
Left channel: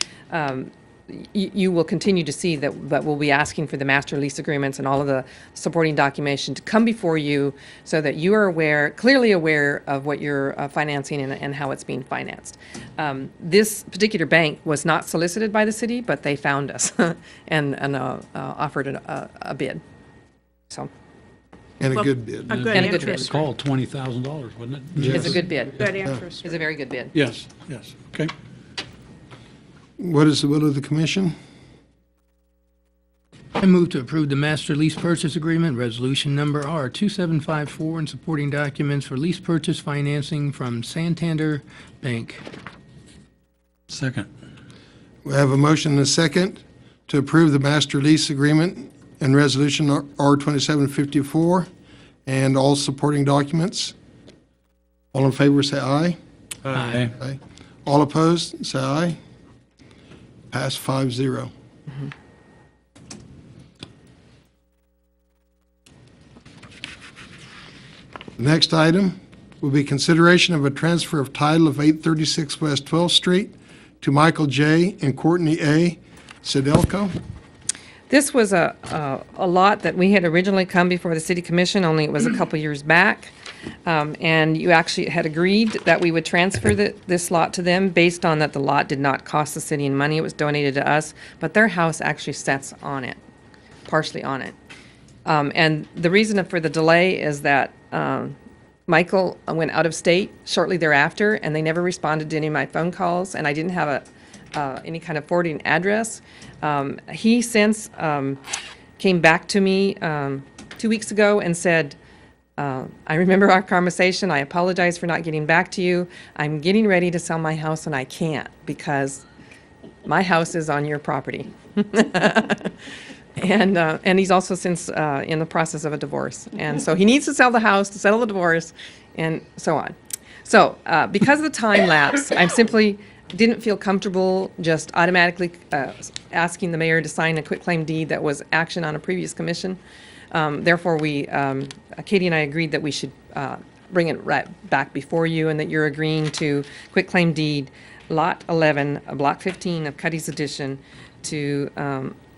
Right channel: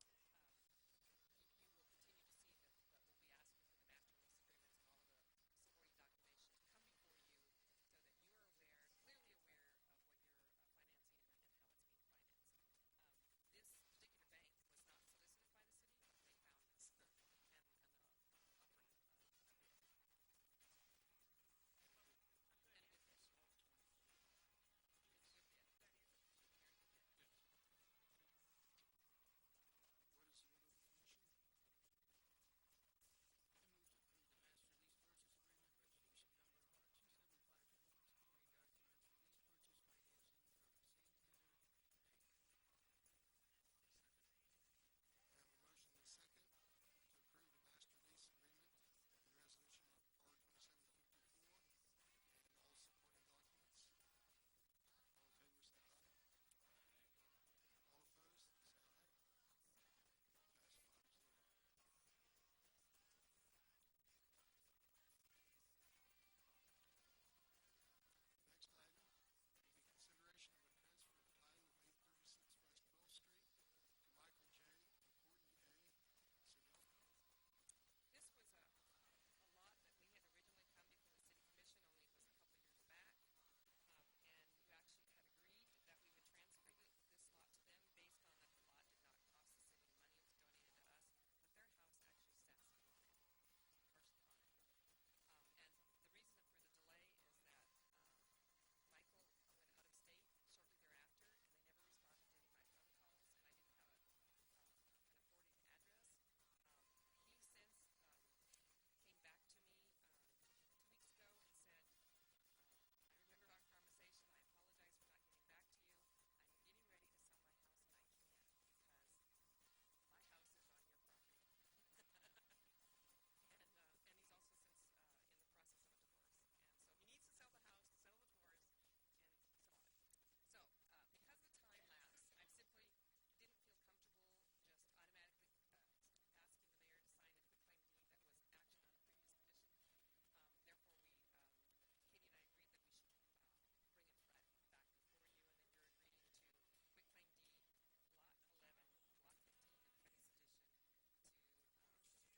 you will continue to see that we'll be asking for the master lease agreements and all of the supporting documentation to come before you so that you are clearly aware of what you're financing and how it's being financed. This particular bank was not solicited by the city, but they found us and offered a bid. So And a good bid. A good And a good interest bid. rate. Called $20,000, wasn't it? It's a good bid. Good interest It's a very good bid. Yes, okay. What is the will of the commission? I move to approve the master lease purchase agreement, resolution number R2754, and supporting documents for lease purchase financing from Santander Bank. Second. We have a motion and a second to approve the master lease agreement and resolution R2754 and all supporting documents. All in favor, say aye. Aye. Aye. All opposed, say aye. Pass 5-0. The next item will be consideration of a transfer of title of 836 West 12th Street to Michael J. and Courtney A. Sedelko. This was a lot that we had originally come before the city commission, only it was a couple years back. And you actually had agreed that we would transfer this lot to them based on that the lot did not cost the city any money. It was donated to us, but their house actually sets on it, partially on it. And the reason for the delay is that Michael went out of state shortly thereafter, and they never responded to any of my phone calls, and I didn't have any kind of forwarding address. He since came back to me 2 weeks ago and said, I remember our conversation. I apologize for not getting back to you. I'm getting ready to sell my house and I can't because my house is on your property. And he's also since in the process of a divorce. And so he needs to sell the house to settle the divorce and so on. So because of the time lapse, I simply didn't feel comfortable just automatically asking the mayor to sign a quitclaim deed that was action on a previous commission. Therefore, Katie and I agreed that we should bring it right back before you and that you're agreeing to quitclaim deed Lot 11, Block 15 of Cuddy's Addition to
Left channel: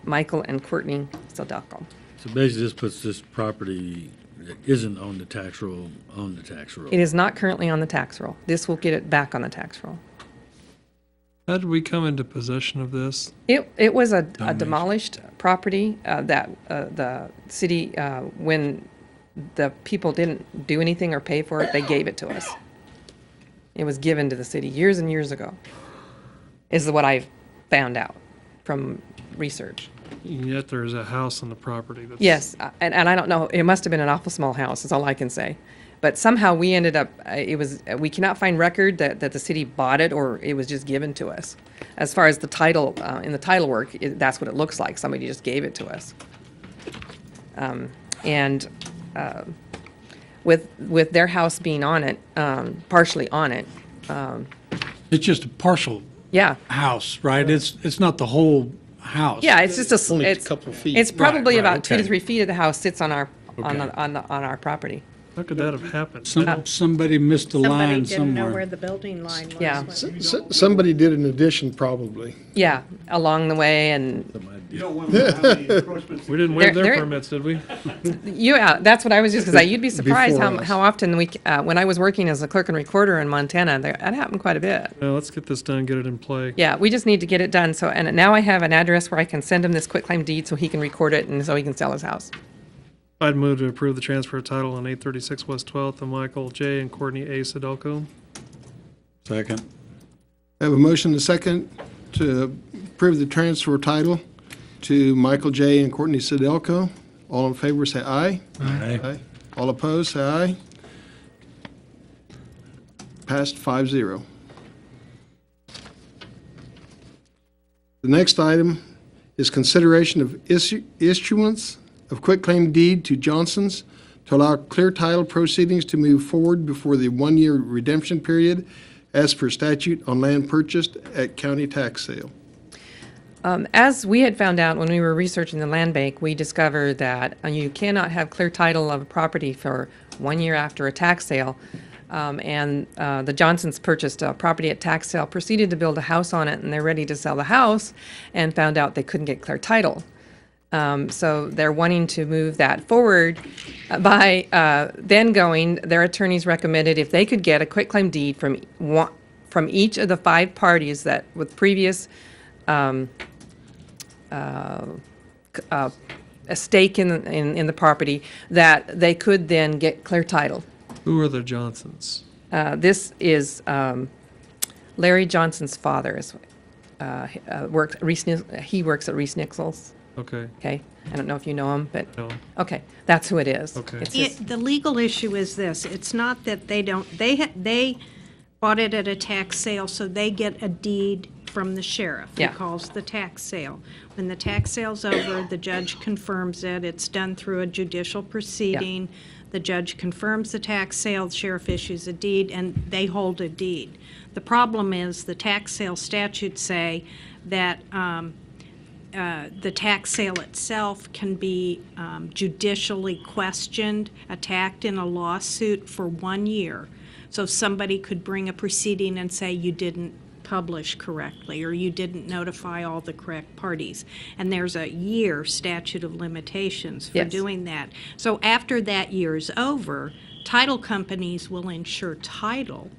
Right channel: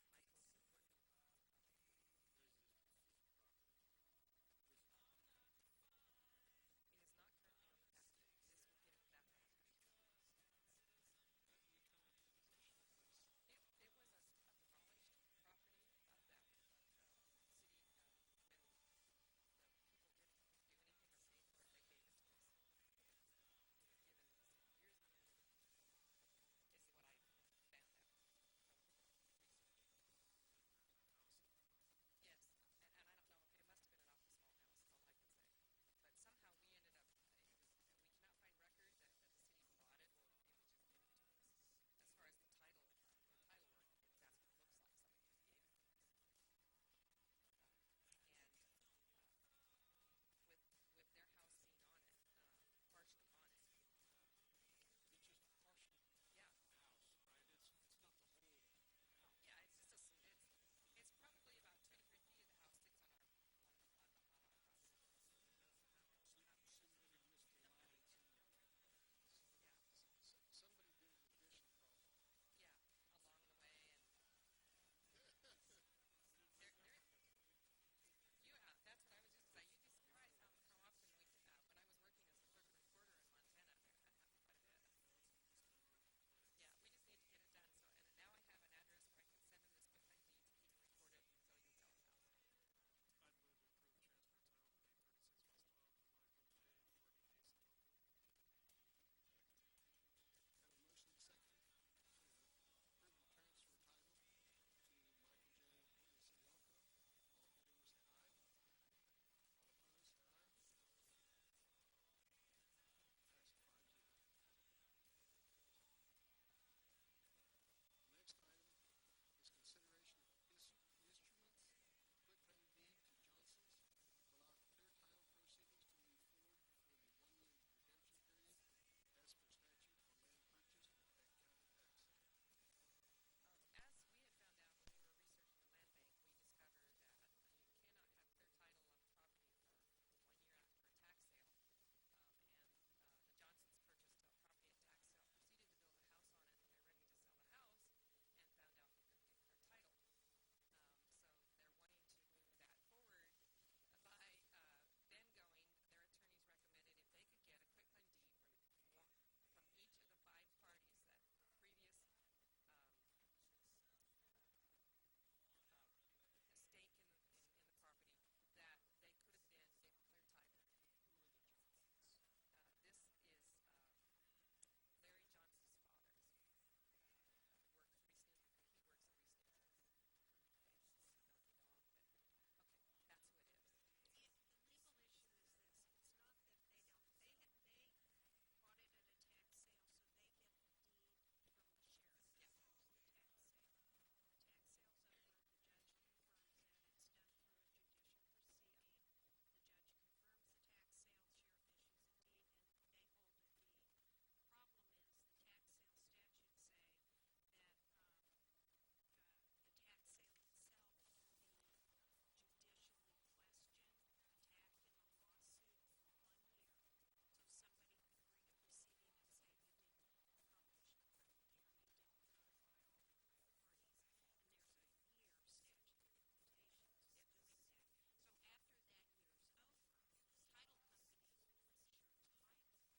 Michael and Courtney Sedelko. So basically, this puts this property that isn't on the tax roll on the tax roll. It is not currently on the tax roll. This will get it back on the tax roll. How did we come into possession of this? It was a demolished property that the city, when the people didn't do anything or pay for it, they gave it to us. It was given to the city years and years ago, is what I found out from research. Yet there's a house on the property that's. Yes, and I don't know, it must have been an awful small house, is all I can say. But somehow we ended up, we cannot find record that the city bought it or it was just given to us. As far as the title, in the title work, that's what it looks like. Somebody just gave it to us. With their house being on it, partially on it. It's just a partial Yeah. house, right? It's not the whole house. Yeah, it's just Only a it's couple feet. It's probably Right, about 2 to okay. 3 feet of the house sits on our Okay. on our property. How could that have happened? Somebody missed a Somebody line didn't know somewhere. where the building line was. Yeah. when- Somebody did an addition, probably. Yeah, along the way, and You don't want to know how many encroachments. We didn't waive their There- permits, did we? that's what I was just gonna say. You'd be surprised Before us. how often when I was working as a clerk and recorder in Montana, that happened quite a bit. Well, let's get this done, get it in play. Yeah, we just need to get it done. So, and now I have an address where I can send him this quitclaim deed so he can record it and so he can sell his house. I'd move to approve the transfer of title on 836 West 12th to Michael J. and Courtney A. Sudelko. Second. I have a motion and a second to approve the transfer title to Michael J. and Courtney Sudelko. All in favor, say aye. Aye. All opposed, say aye. Passed 5-0. The next item is consideration of issuance of quitclaim deed to Johnson's to allow clear title proceedings to move forward before the one-year redemption period as per statute on land purchased at county tax sale. As we had found out when we were researching the land bank, we discovered that you cannot have clear title of a property for 1 year after a tax sale. The Johnsons purchased a property at tax sale, proceeded to build a house on it, and they're ready to sell the house, and found out they couldn't get clear title. So they're wanting to move that forward by then their attorneys recommended if they could get a quitclaim deed from each of the 5 parties that with previous a stake in the property, that they could then get clear title. Who are the Johnsons? This is Larry Johnson's father. He works at Reese Nichols. Okay. Okay, I don't know if you know him, but No. okay, that's who it is. Okay. It's his- The legal issue is this, it's not that they don't, they bought it at a tax sale, so they get a deed from the sheriff. Yeah. He calls the tax sale. When the tax sale's over, the judge confirms it, it's done through a judicial proceeding. The judge confirms the tax sale, the sheriff issues a deed, and they hold a deed. The problem is the tax sale statutes say that the tax sale itself can be judicially questioned, attacked in a lawsuit for 1 year. So somebody could bring a proceeding and say you didn't publish correctly or you didn't notify all the correct parties. And there's a year statute of limitations for Yes. doing that. So after that year is over, title companies will insure title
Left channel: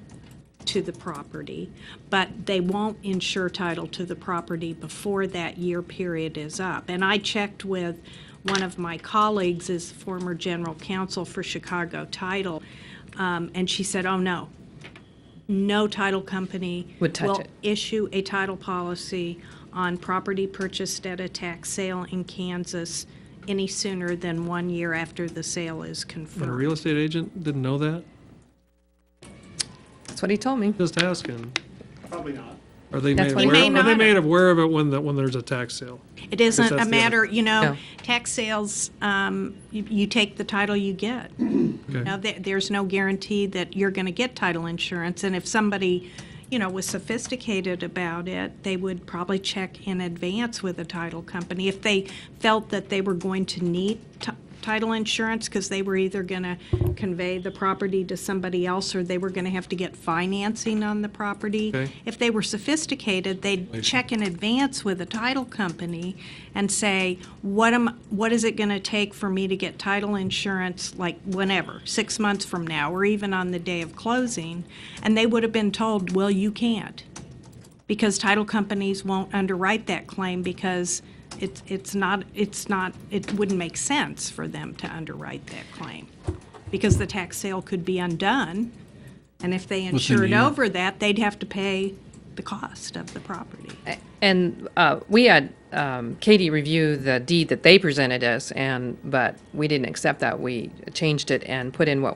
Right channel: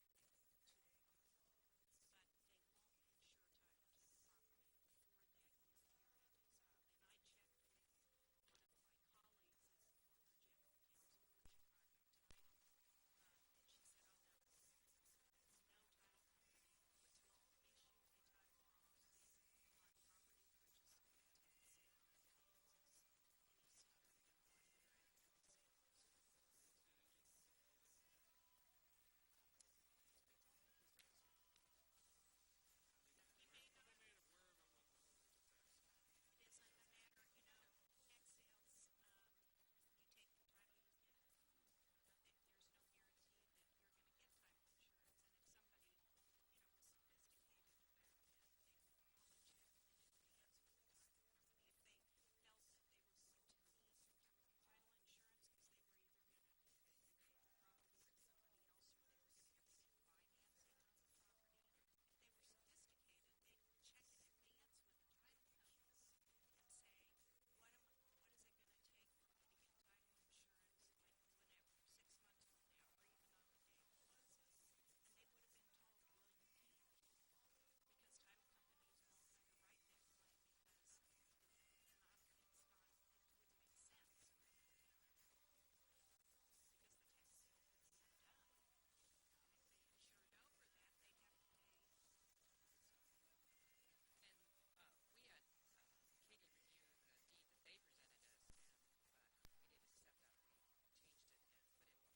to the property, but they won't insure title to the property before that year period is up. And I checked with one of my colleagues, as former general counsel for Chicago Title, and she said, oh, no title company Would touch will it. issue a title policy on property purchased at a tax sale in Kansas any sooner than 1 year after the sale is And a confirmed. real estate agent didn't know that? That's what he told me. Just asking. Probably not. Are they That's made what aware, he- are May they not made aware of it when there's a tax sale? It isn't that's a the matter, other- No. tax sales, you take the title you get. Okay. Now, there's no guarantee that you're going to get title insurance, and if somebody, was sophisticated about it, they would probably check in advance with a title company. If they felt that they were going to need title insurance because they were either going to convey the property to somebody else or they were going to have to get financing on the property. Okay. If they were sophisticated, they'd check in advance with a title company and say, what is it going to take for me to get title insurance, like whenever, 6 months from now, or even on the day of closing? And they would have been told, well, you can't. because title companies won't underwrite that claim because it wouldn't make sense for them to underwrite that claim. Because the tax sale could be undone, and if they insured over that, they'd have to pay the cost of the property. And we had Katie review the deed that they presented us, but we didn't accept that. We changed it and put in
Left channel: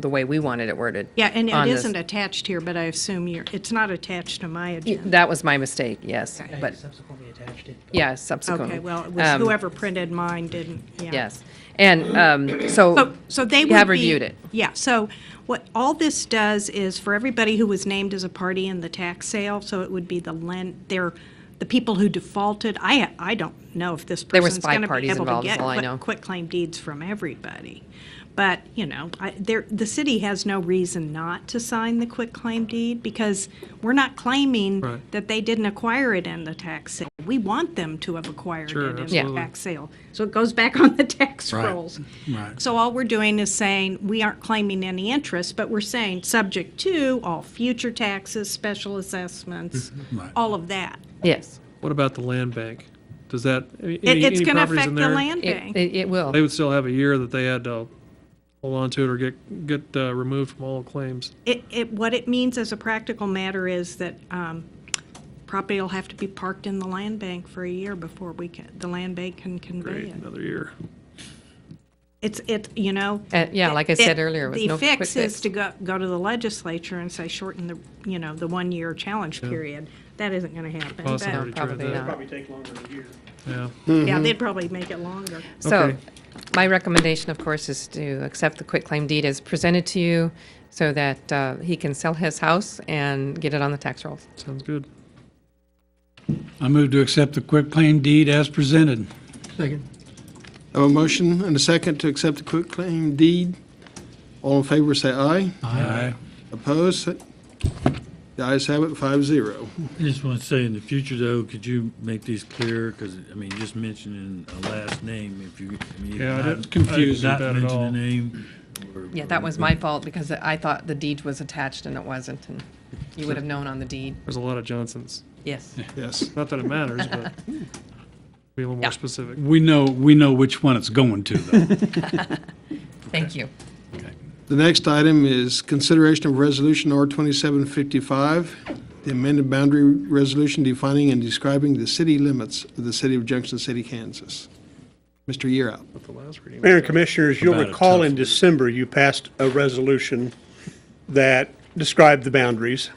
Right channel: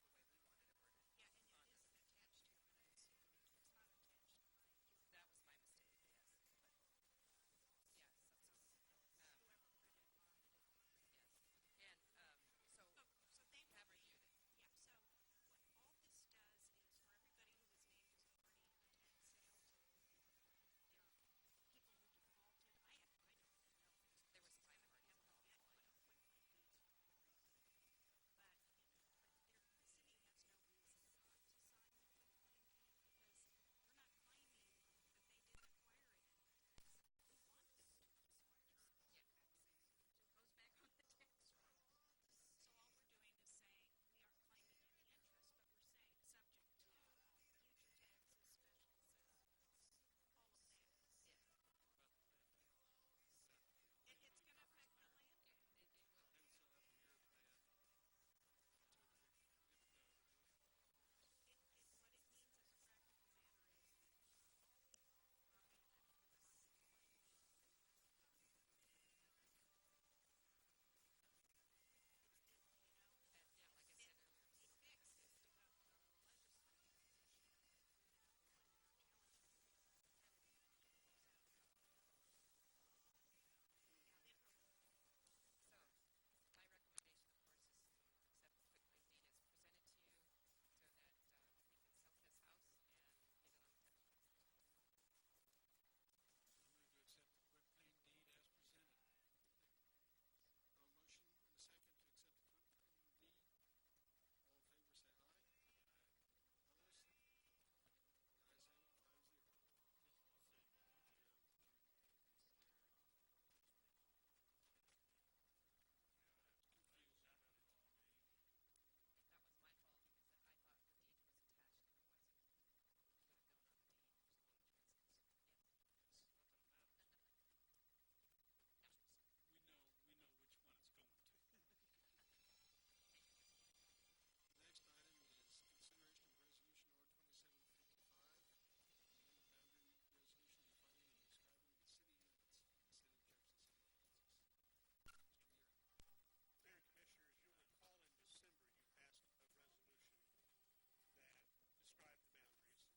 the way we wanted it worded. Yeah, and it on this. isn't attached here, but I assume it's not attached to my agenda. That was my mistake, yes. Okay. But Subsequently attached it. yeah, subsequently. Okay, well, it was whoever printed mine didn't, yeah. Yes. And so they you would have be- reviewed it. Yeah, so what all this does is for everybody who was named as a party in the tax sale, so it would be the people who defaulted. I don't know if this There was person's 5 going to be parties able to involved, is get all I know. quitclaim deeds from everybody. But, the city has no reason not to sign the quitclaim deed because we're not claiming Right. that they didn't acquire it in the tax sale. We want them to have acquired Sure, it in absolutely. the tax sale. So it goes back on the tax Right. rolls. Right. So all we're doing is saying, we aren't claiming any interest, but we're saying, subject to all future taxes, special assessments, Right. all of that. Yes. What about the land bank? Does that, It's any going to properties affect in the there? land bank. It will. They would still have a year that they had to hold on to it or get removed from all claims. What it means as a practical matter is that property will have to be parked in the land bank for a year before the land bank can convey Great, it. another year. Yeah, like I said earlier, it was no The quick fix is to go to the legislature and say shorten the 1 year challenge period. That isn't going to happen. Well, it's but- already tried probably that. not. Probably take longer than a year. Yeah. Yeah, they'd probably make it longer. So Okay. my recommendation, of course, is to accept the quitclaim deed as presented to you so that he can sell his house and get it on the tax rolls. Sounds good. I move to accept the quitclaim deed as presented. Second. I have a motion and a second to accept the quitclaim deed. All in favor, say aye. Aye. Opposed? The ayes have it, 5-0. I just want to say, in the future, though, could you make these clear? Because, I mean, just mentioning a last name, if you, I mean, Yeah, I not- didn't confuse not that at mention all. the name. Yeah, that was my fault because I thought the deed was attached and it wasn't, and you would have known on the deed. There's a lot of Johnsons. Yes. Yes. Not that it matters, but be a little Yeah. more specific. We know which one it's going to, though. Thank you. The next item is consideration of Resolution R2755, the amended boundary resolution defining and describing the city limits of the city of Junction City, Kansas. Mr. Yearout. But the last reading. Mayor and Commissioners, you'll About a recall tough in one. December, you passed a resolution that described the boundaries.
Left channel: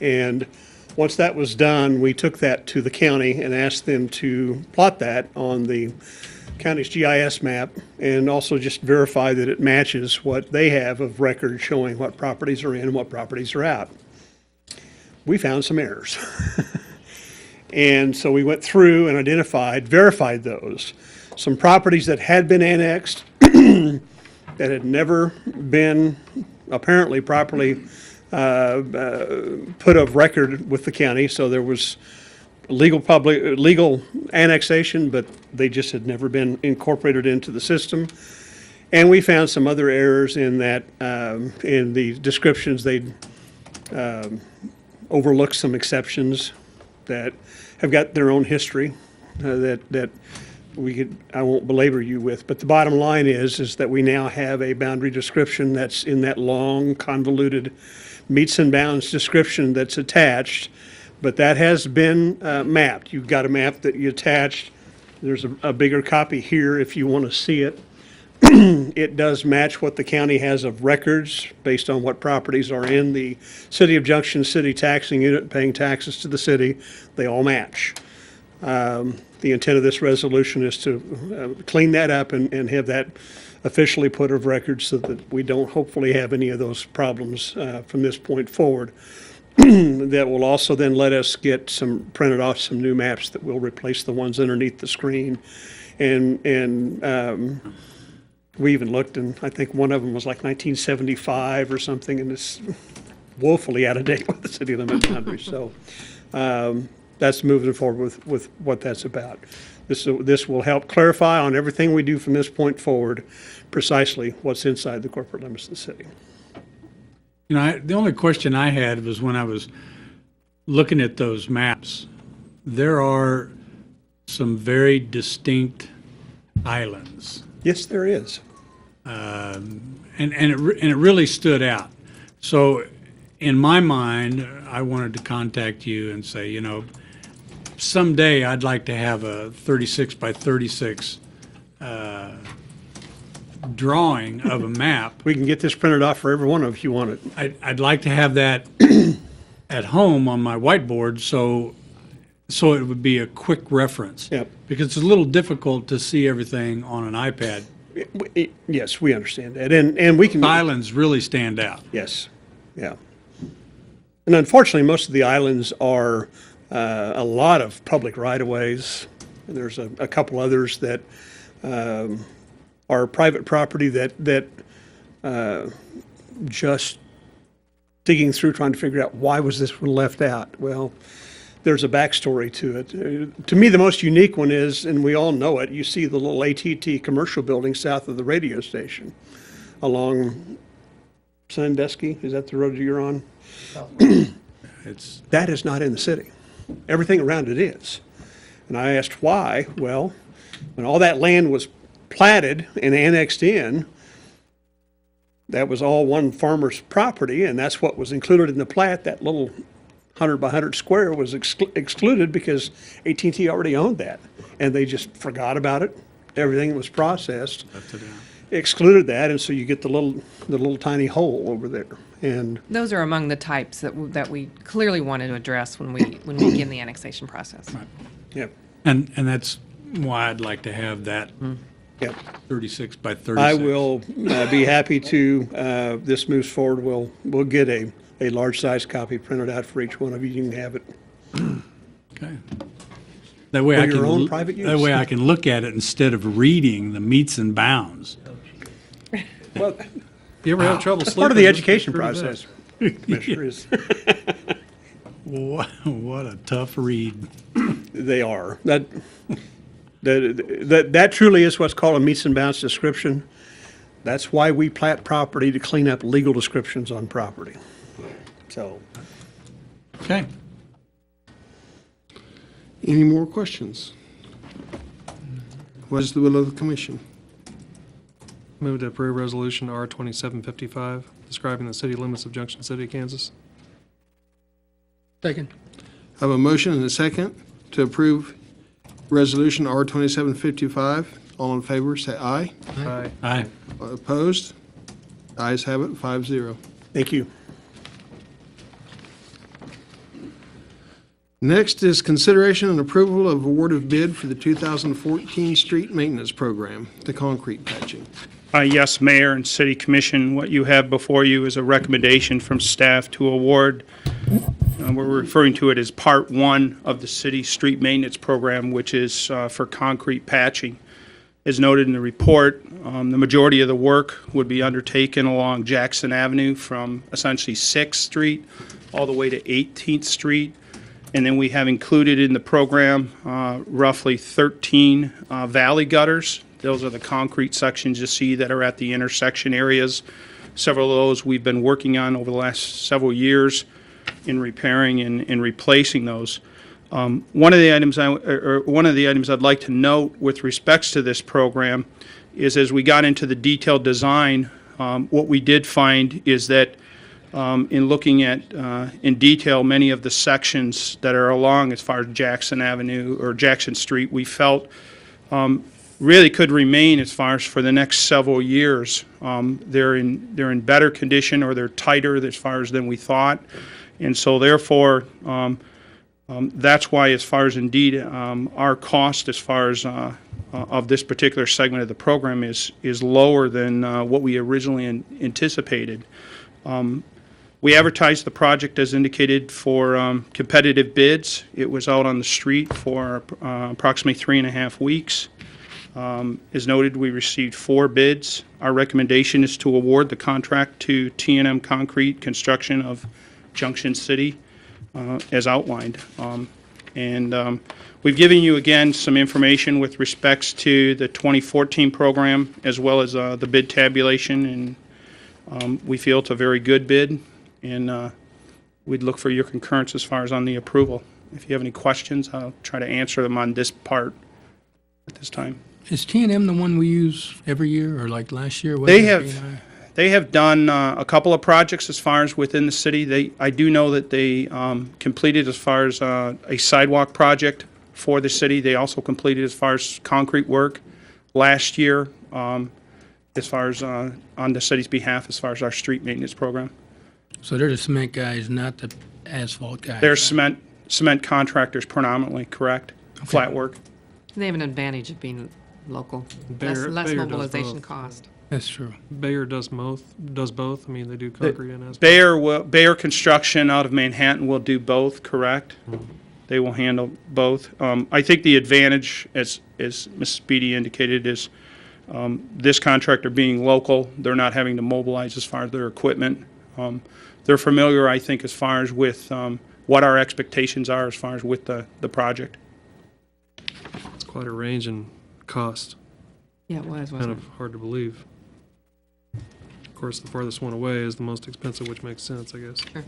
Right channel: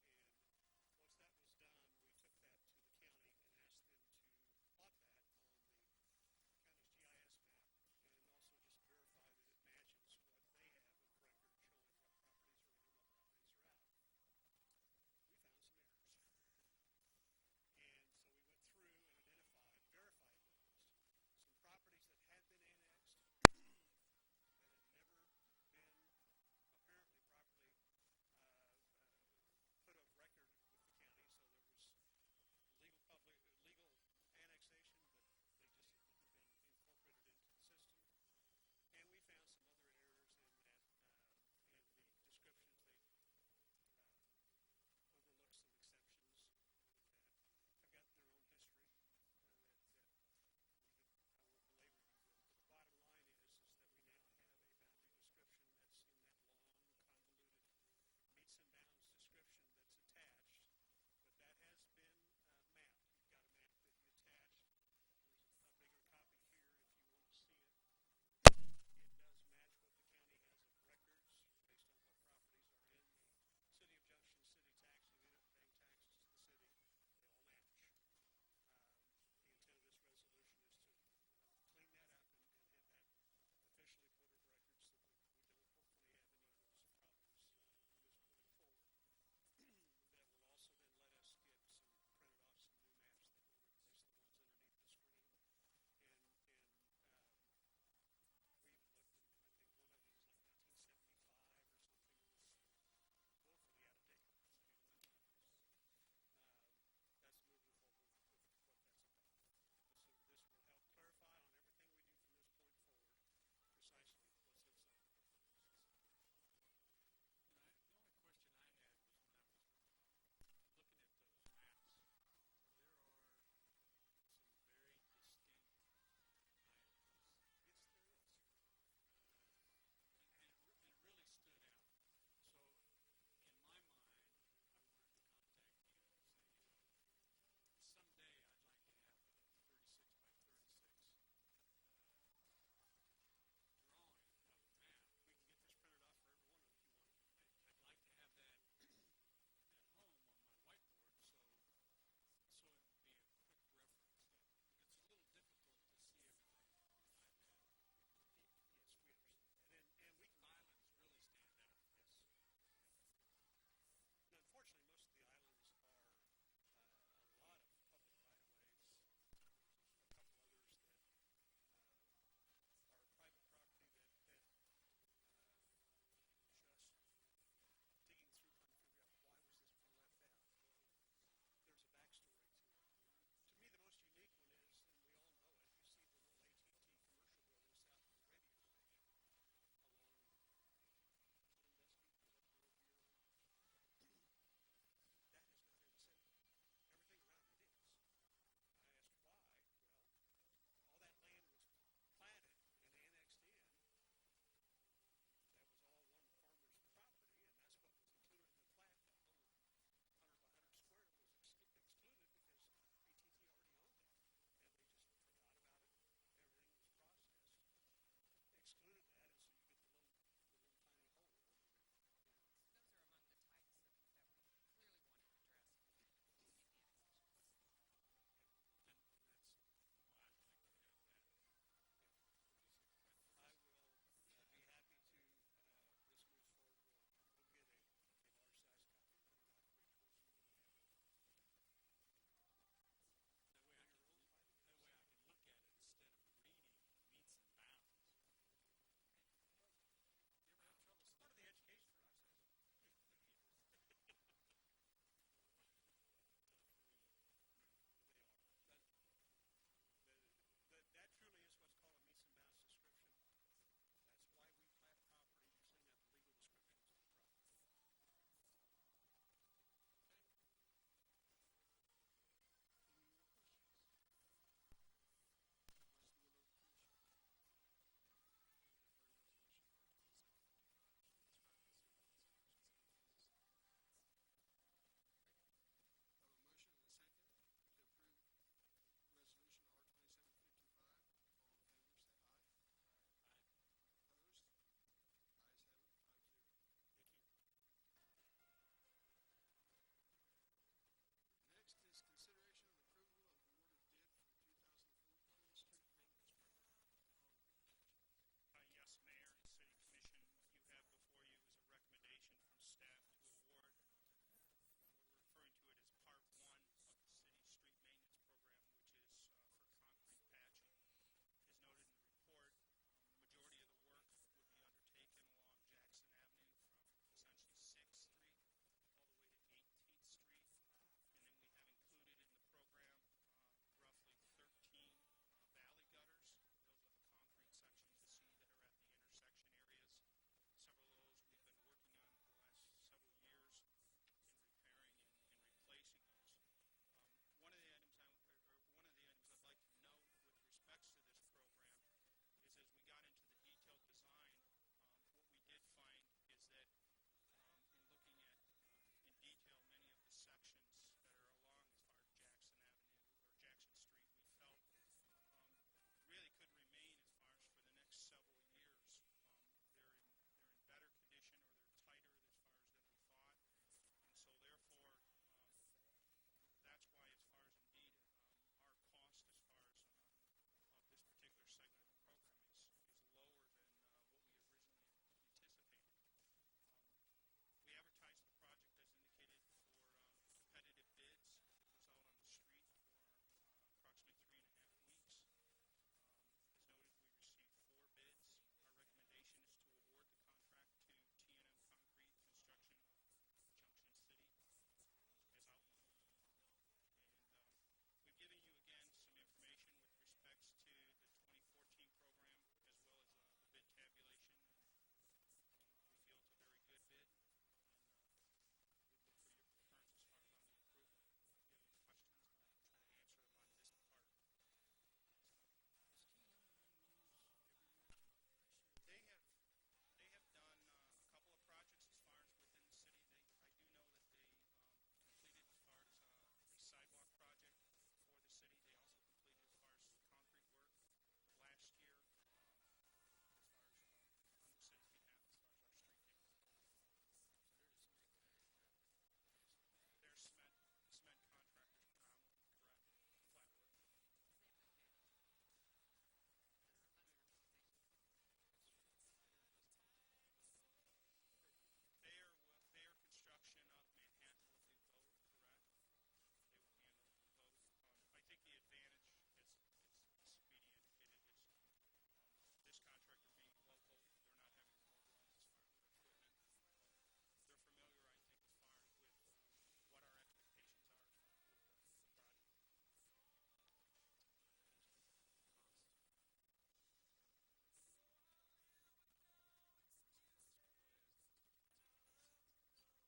And once that was done, we took that to the county and asked them to plot that on the county's GIS map and also just verify that it matches what they have of record showing what properties are in and what properties are out. We found some errors. And so we went through and verified those. Some properties that had been annexed that had never been apparently properly put of record with the county. So there was legal annexation, but they just had never been incorporated into the system. And we found some other errors in that, in the descriptions, they'd overlooked some exceptions that have got their own history that I won't belabor you with. But the bottom line is that we now have a boundary description that's in that long, convoluted meets and bounds description that's attached, but that has been mapped. You've got a map that you attached. There's a bigger copy here if you want to see it. It does match what the county has of records based on what properties are in the City of Junction City taxing unit paying taxes to the city. They all match. The intent of this resolution is to clean that up and have that officially put of record so that we don't hopefully have any of those problems from this point forward. That will also then let us get printed off some new maps that will replace the ones underneath the screen. And we even looked, and I think one of them was like 1975 or something, and it's woefully out of date with the city limit boundaries. So that's moving forward with what that's about. This will help clarify on everything we do from this point forward precisely what's inside the corporate limits of the city. The only question I had was when I was looking at those maps, there are some very distinct islands. Yes, there is. And it really stood out. So in my mind, I wanted to contact you and say, you know, someday I'd like to have a 36 by 36 drawing of a map. We can get this printed off for every one of you if you want it. I'd like to have that at home on my whiteboard, so it would be a quick reference. Yep. Because it's a little difficult to see everything on an iPad. Yes, we understand that, and we can. Islands really stand out. Yes, yeah. And unfortunately, most of the islands are a lot of public right-of-ways. There's a couple others that are private property that just digging through trying to figure out why was this one left out. Well, there's a backstory to it. To me, the most unique one is, and we all know it, you see the little AT&T commercial building south of the radio station along Sandusky. Is that the road you're on? That is not in the city. Everything around it is. And I asked why. Well, when all that land was platted and annexed in, that was all one farmer's property, and that's what was included in the plat. That little 100 by 100 square was excluded because AT&T already owned that, and they just forgot about it. Everything was processed, excluded that, and so you get the little tiny hole over there. And those are among the types that we clearly wanted to address when we begin the annexation process. Right. Yep. And that's why I'd like to have that Yep. 36 by 36. I will be happy to, this moves forward, we'll get a large size copy printed out for each one of you. You can have it. Okay. That way For I your can own private use. That way I can look at it instead of reading the meets and bounds. Well, You ever have trouble that's sleeping? part of the It's education pretty bad. process. Commissioner, is What a tough read. they are. That truly is what's called a meets and bounds description. That's why we plat property to clean up legal descriptions on property. So, Okay. Any more questions? What is the will of the commission? Move to approve resolution R 2755, describing the city limits of Junction City, Kansas. Second. I have a motion and a second to approve resolution R 2755. All in favor, say aye. Aye. Aye. Opposed? Ayes have it, 5-0. thank you. Next is consideration and approval of award of bid for the 2014 street maintenance program, the concrete patching. Yes, Mayor and City Commission, what you have before you is a recommendation from staff to award. We're referring to it as Part 1 of the city street maintenance program, which is for concrete patching. As noted in the report, the majority of the work would be undertaken along Jackson Avenue from essentially 6th Street all the way to 18th Street. And then we have included in the program roughly 13 valley gutters. Those are the concrete sections you see that are at the intersection areas. Several of those we've been working on over the last several years in repairing and replacing those. One of the items I'd like to note with respects to this program is as we got into the detailed design, what we did find is that in looking at in detail many of the sections that are along as far as Jackson Avenue or Jackson Street, we felt really could remain as far as for the next several years. They're in better condition, or they're tighter as far as than we thought, and so therefore that's why, as far as indeed our cost as far as of this particular segment of the program is lower than what we originally anticipated. We advertised the project as indicated for competitive bids. It was out on the street for approximately 3.5 weeks. As noted, we received 4 bids. Our recommendation is to award the contract to T&M Concrete Construction of Junction City as outlined. We've given you again some information with respects to the 2014 program as well as the bid tabulation, and we feel it's a very good bid, and we'd look for your concurrence as far as on the approval. If you have any questions, I'll try to answer them on this part at this time. Is T&M the one we use every year, or like last year? They have done a couple of projects as far as within the city. I do know that they completed as far as a sidewalk project for the city. They also completed as far as concrete work last year, as far as on the city's behalf, as far as our street maintenance program. So they're the cement guys, not the asphalt guys? They're cement contractors predominantly, correct? Okay. Flat work. They have an advantage of being local, Bayer less does mobilization both. cost. That's true. Bayer does both. I mean, they do concrete and asphalt. Bayer Construction out of Manhattan will do both, correct? They will handle both. I think the advantage, as Ms. Speedy indicated, is this contractor being local, they're not having to mobilize as far as their equipment. They're familiar, I think, as far as with what our expectations are as far as with the project. It's quite a range in cost. Yeah, it was, Kind wasn't of it? hard to believe. Of course, the farthest one away is the most expensive, which makes sense, I guess. Sure.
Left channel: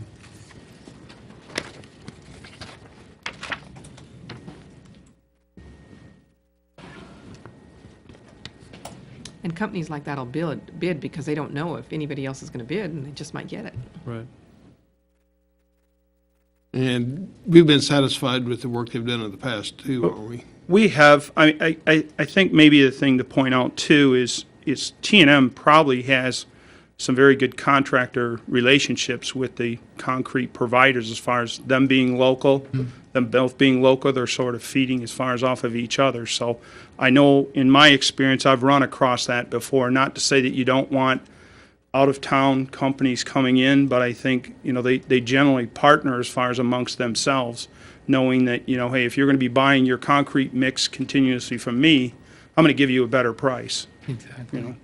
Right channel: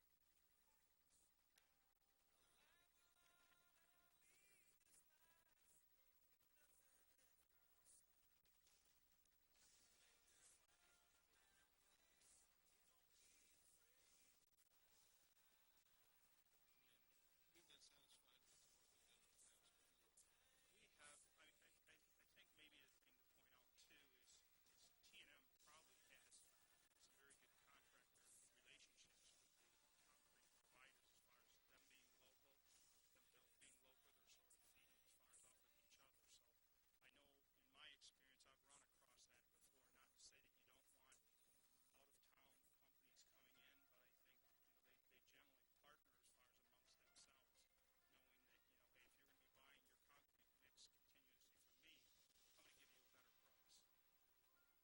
And companies like that'll bid because they don't know if anybody else is going to bid, and they just might get it. Right. And we've been satisfied with the work they've done in the past, too, aren't we? We have. I think maybe the thing to point out too is T&M probably has some very good contractor relationships with the concrete providers as far as them being local, them both being local. They're sort of feeding as far as off of each other. So I know in my experience I've run across that before. Not to say that you don't want out-of-town companies coming in, but I think they generally partner as far as amongst themselves, knowing that, hey, if you're going to be buying your concrete mix continuously from me, I'm going to give you a better price. Exactly.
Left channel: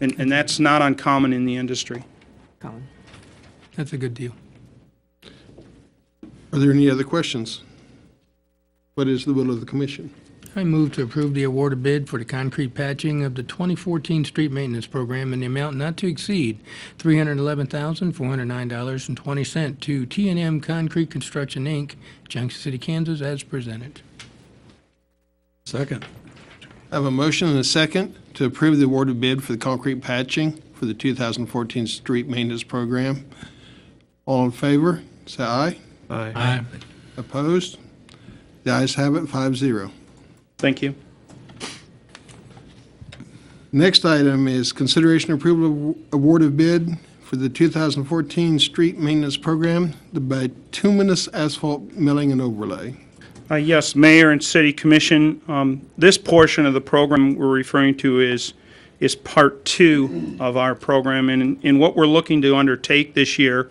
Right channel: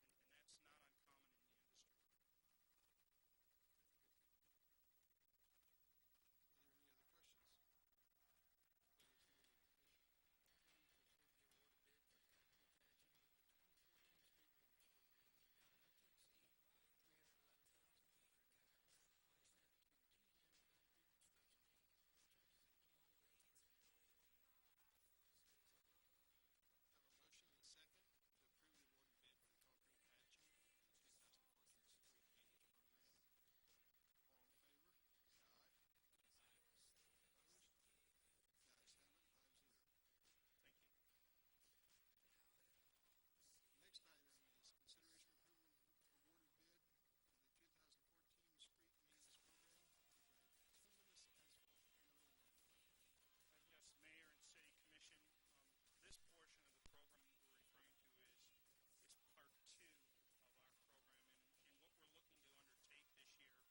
And that's not uncommon in the industry. Colin. That's a good deal. Are there any other questions? What is the will of the commission? I move to approve the award of bid for the concrete patching of the 2014 street maintenance program in the amount not to exceed $311,409.20 to T&M Concrete Construction, Inc., Junction City, Kansas, as presented. Second. I have a motion and a second to approve the award of bid for the concrete patching for the 2014 street maintenance program. All in favor, say aye. Aye. Aye. Opposed? The ayes have it, 5-0. Thank you. Next item is consideration approval of award of bid for the 2014 street maintenance program, the bituminous asphalt milling and overlay. Yes, Mayor and City Commission, this portion of the program we're referring to is Part 2 of our program. And in what we're looking to undertake this year,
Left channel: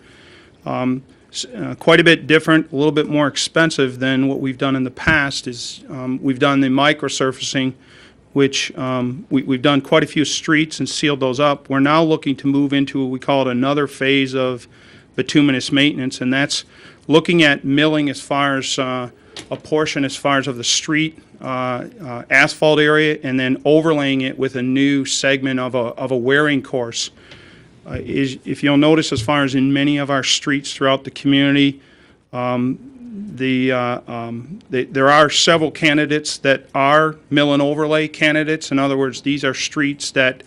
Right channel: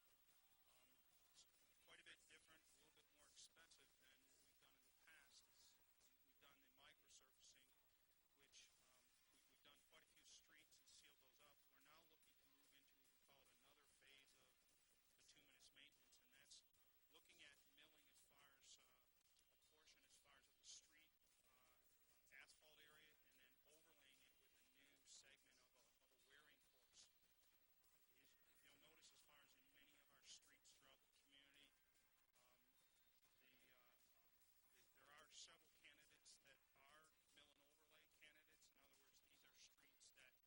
quite a bit different, a little bit more expensive than what we've done in the past, is we've done the microsurfacing, which we've done quite a few streets and sealed those up. We're now looking to move into what we call it another phase of bituminous maintenance, and that's looking at milling as far as a portion as far as of the street asphalt area, and then overlaying it with a new segment of a wearing course. If you'll notice, as far as in many of our streets throughout the community, there are several candidates that are mill and overlay candidates. In other words, these are streets that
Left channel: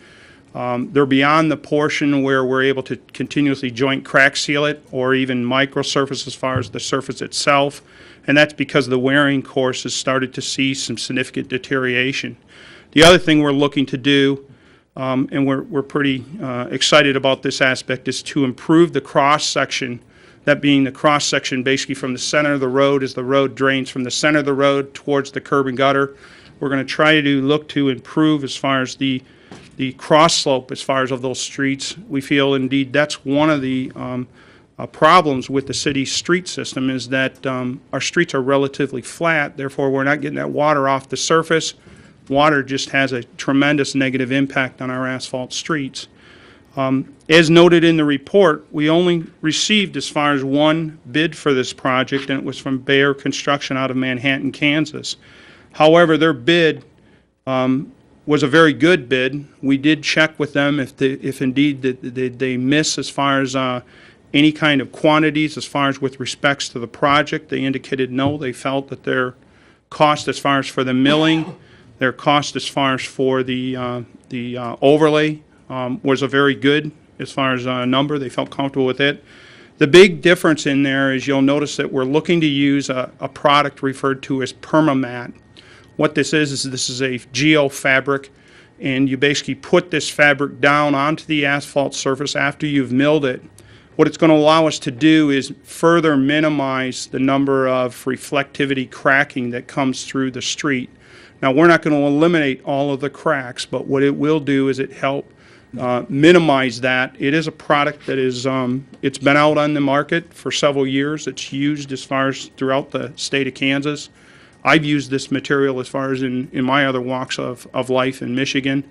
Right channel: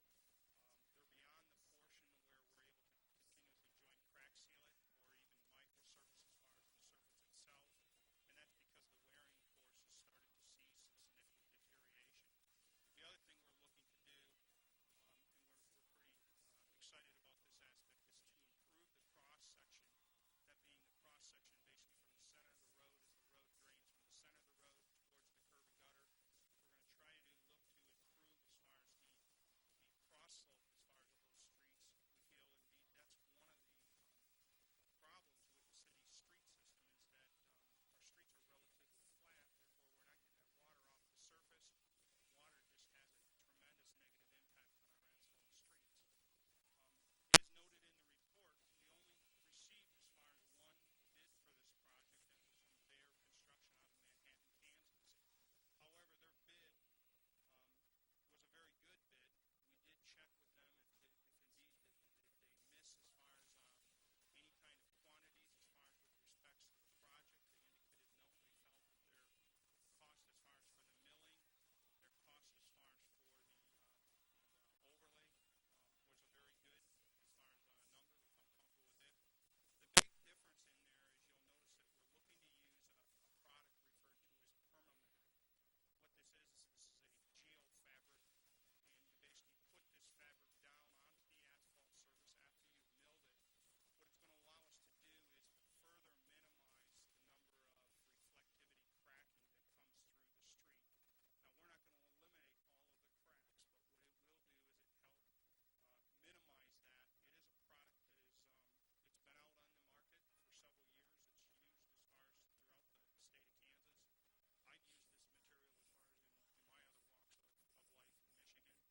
they're beyond the portion where we're able to continuously joint crack seal it or even microsurface as far as the surface itself. And that's because the wearing course has started to see some significant deterioration. The other thing we're looking to do, and we're pretty excited about this aspect, is to improve the cross-section, that being the cross-section basically from the center of the road as the road drains from the center of the road towards the curb and gutter. We're going to try to look to improve as far as the cross slope as far as of those streets. We feel indeed that's one of the problems with the city's street system, is that our streets are relatively flat, therefore we're not getting that water off the surface. Water just has a tremendous negative impact on our asphalt streets. As noted in the report, we only received as far as one bid for this project, and it was from Bayer Construction out of Manhattan, Kansas. However, their bid was a very good bid. We did check with them if indeed they miss as far as any kind of quantities as far as with respects to the project. They indicated no. They felt that their cost as far as for the milling, their cost as far as for the overlay was a very good as far as a number. They felt comfortable with it. The big difference in there is you'll notice that we're looking to use a product referred to as PermaMat. What this is this is a geofabric, and you basically put this fabric down onto the asphalt surface after you've milled it. What it's going to allow us to do is further minimize the number of reflectivity cracking that comes through the street. Now, we're not going to eliminate all of the cracks, but what it will do is it help minimize that. It is a product that is, it's been out on the market for several years. It's used as far as throughout the state of Kansas. I've used this material as far as in my other walks of life in Michigan.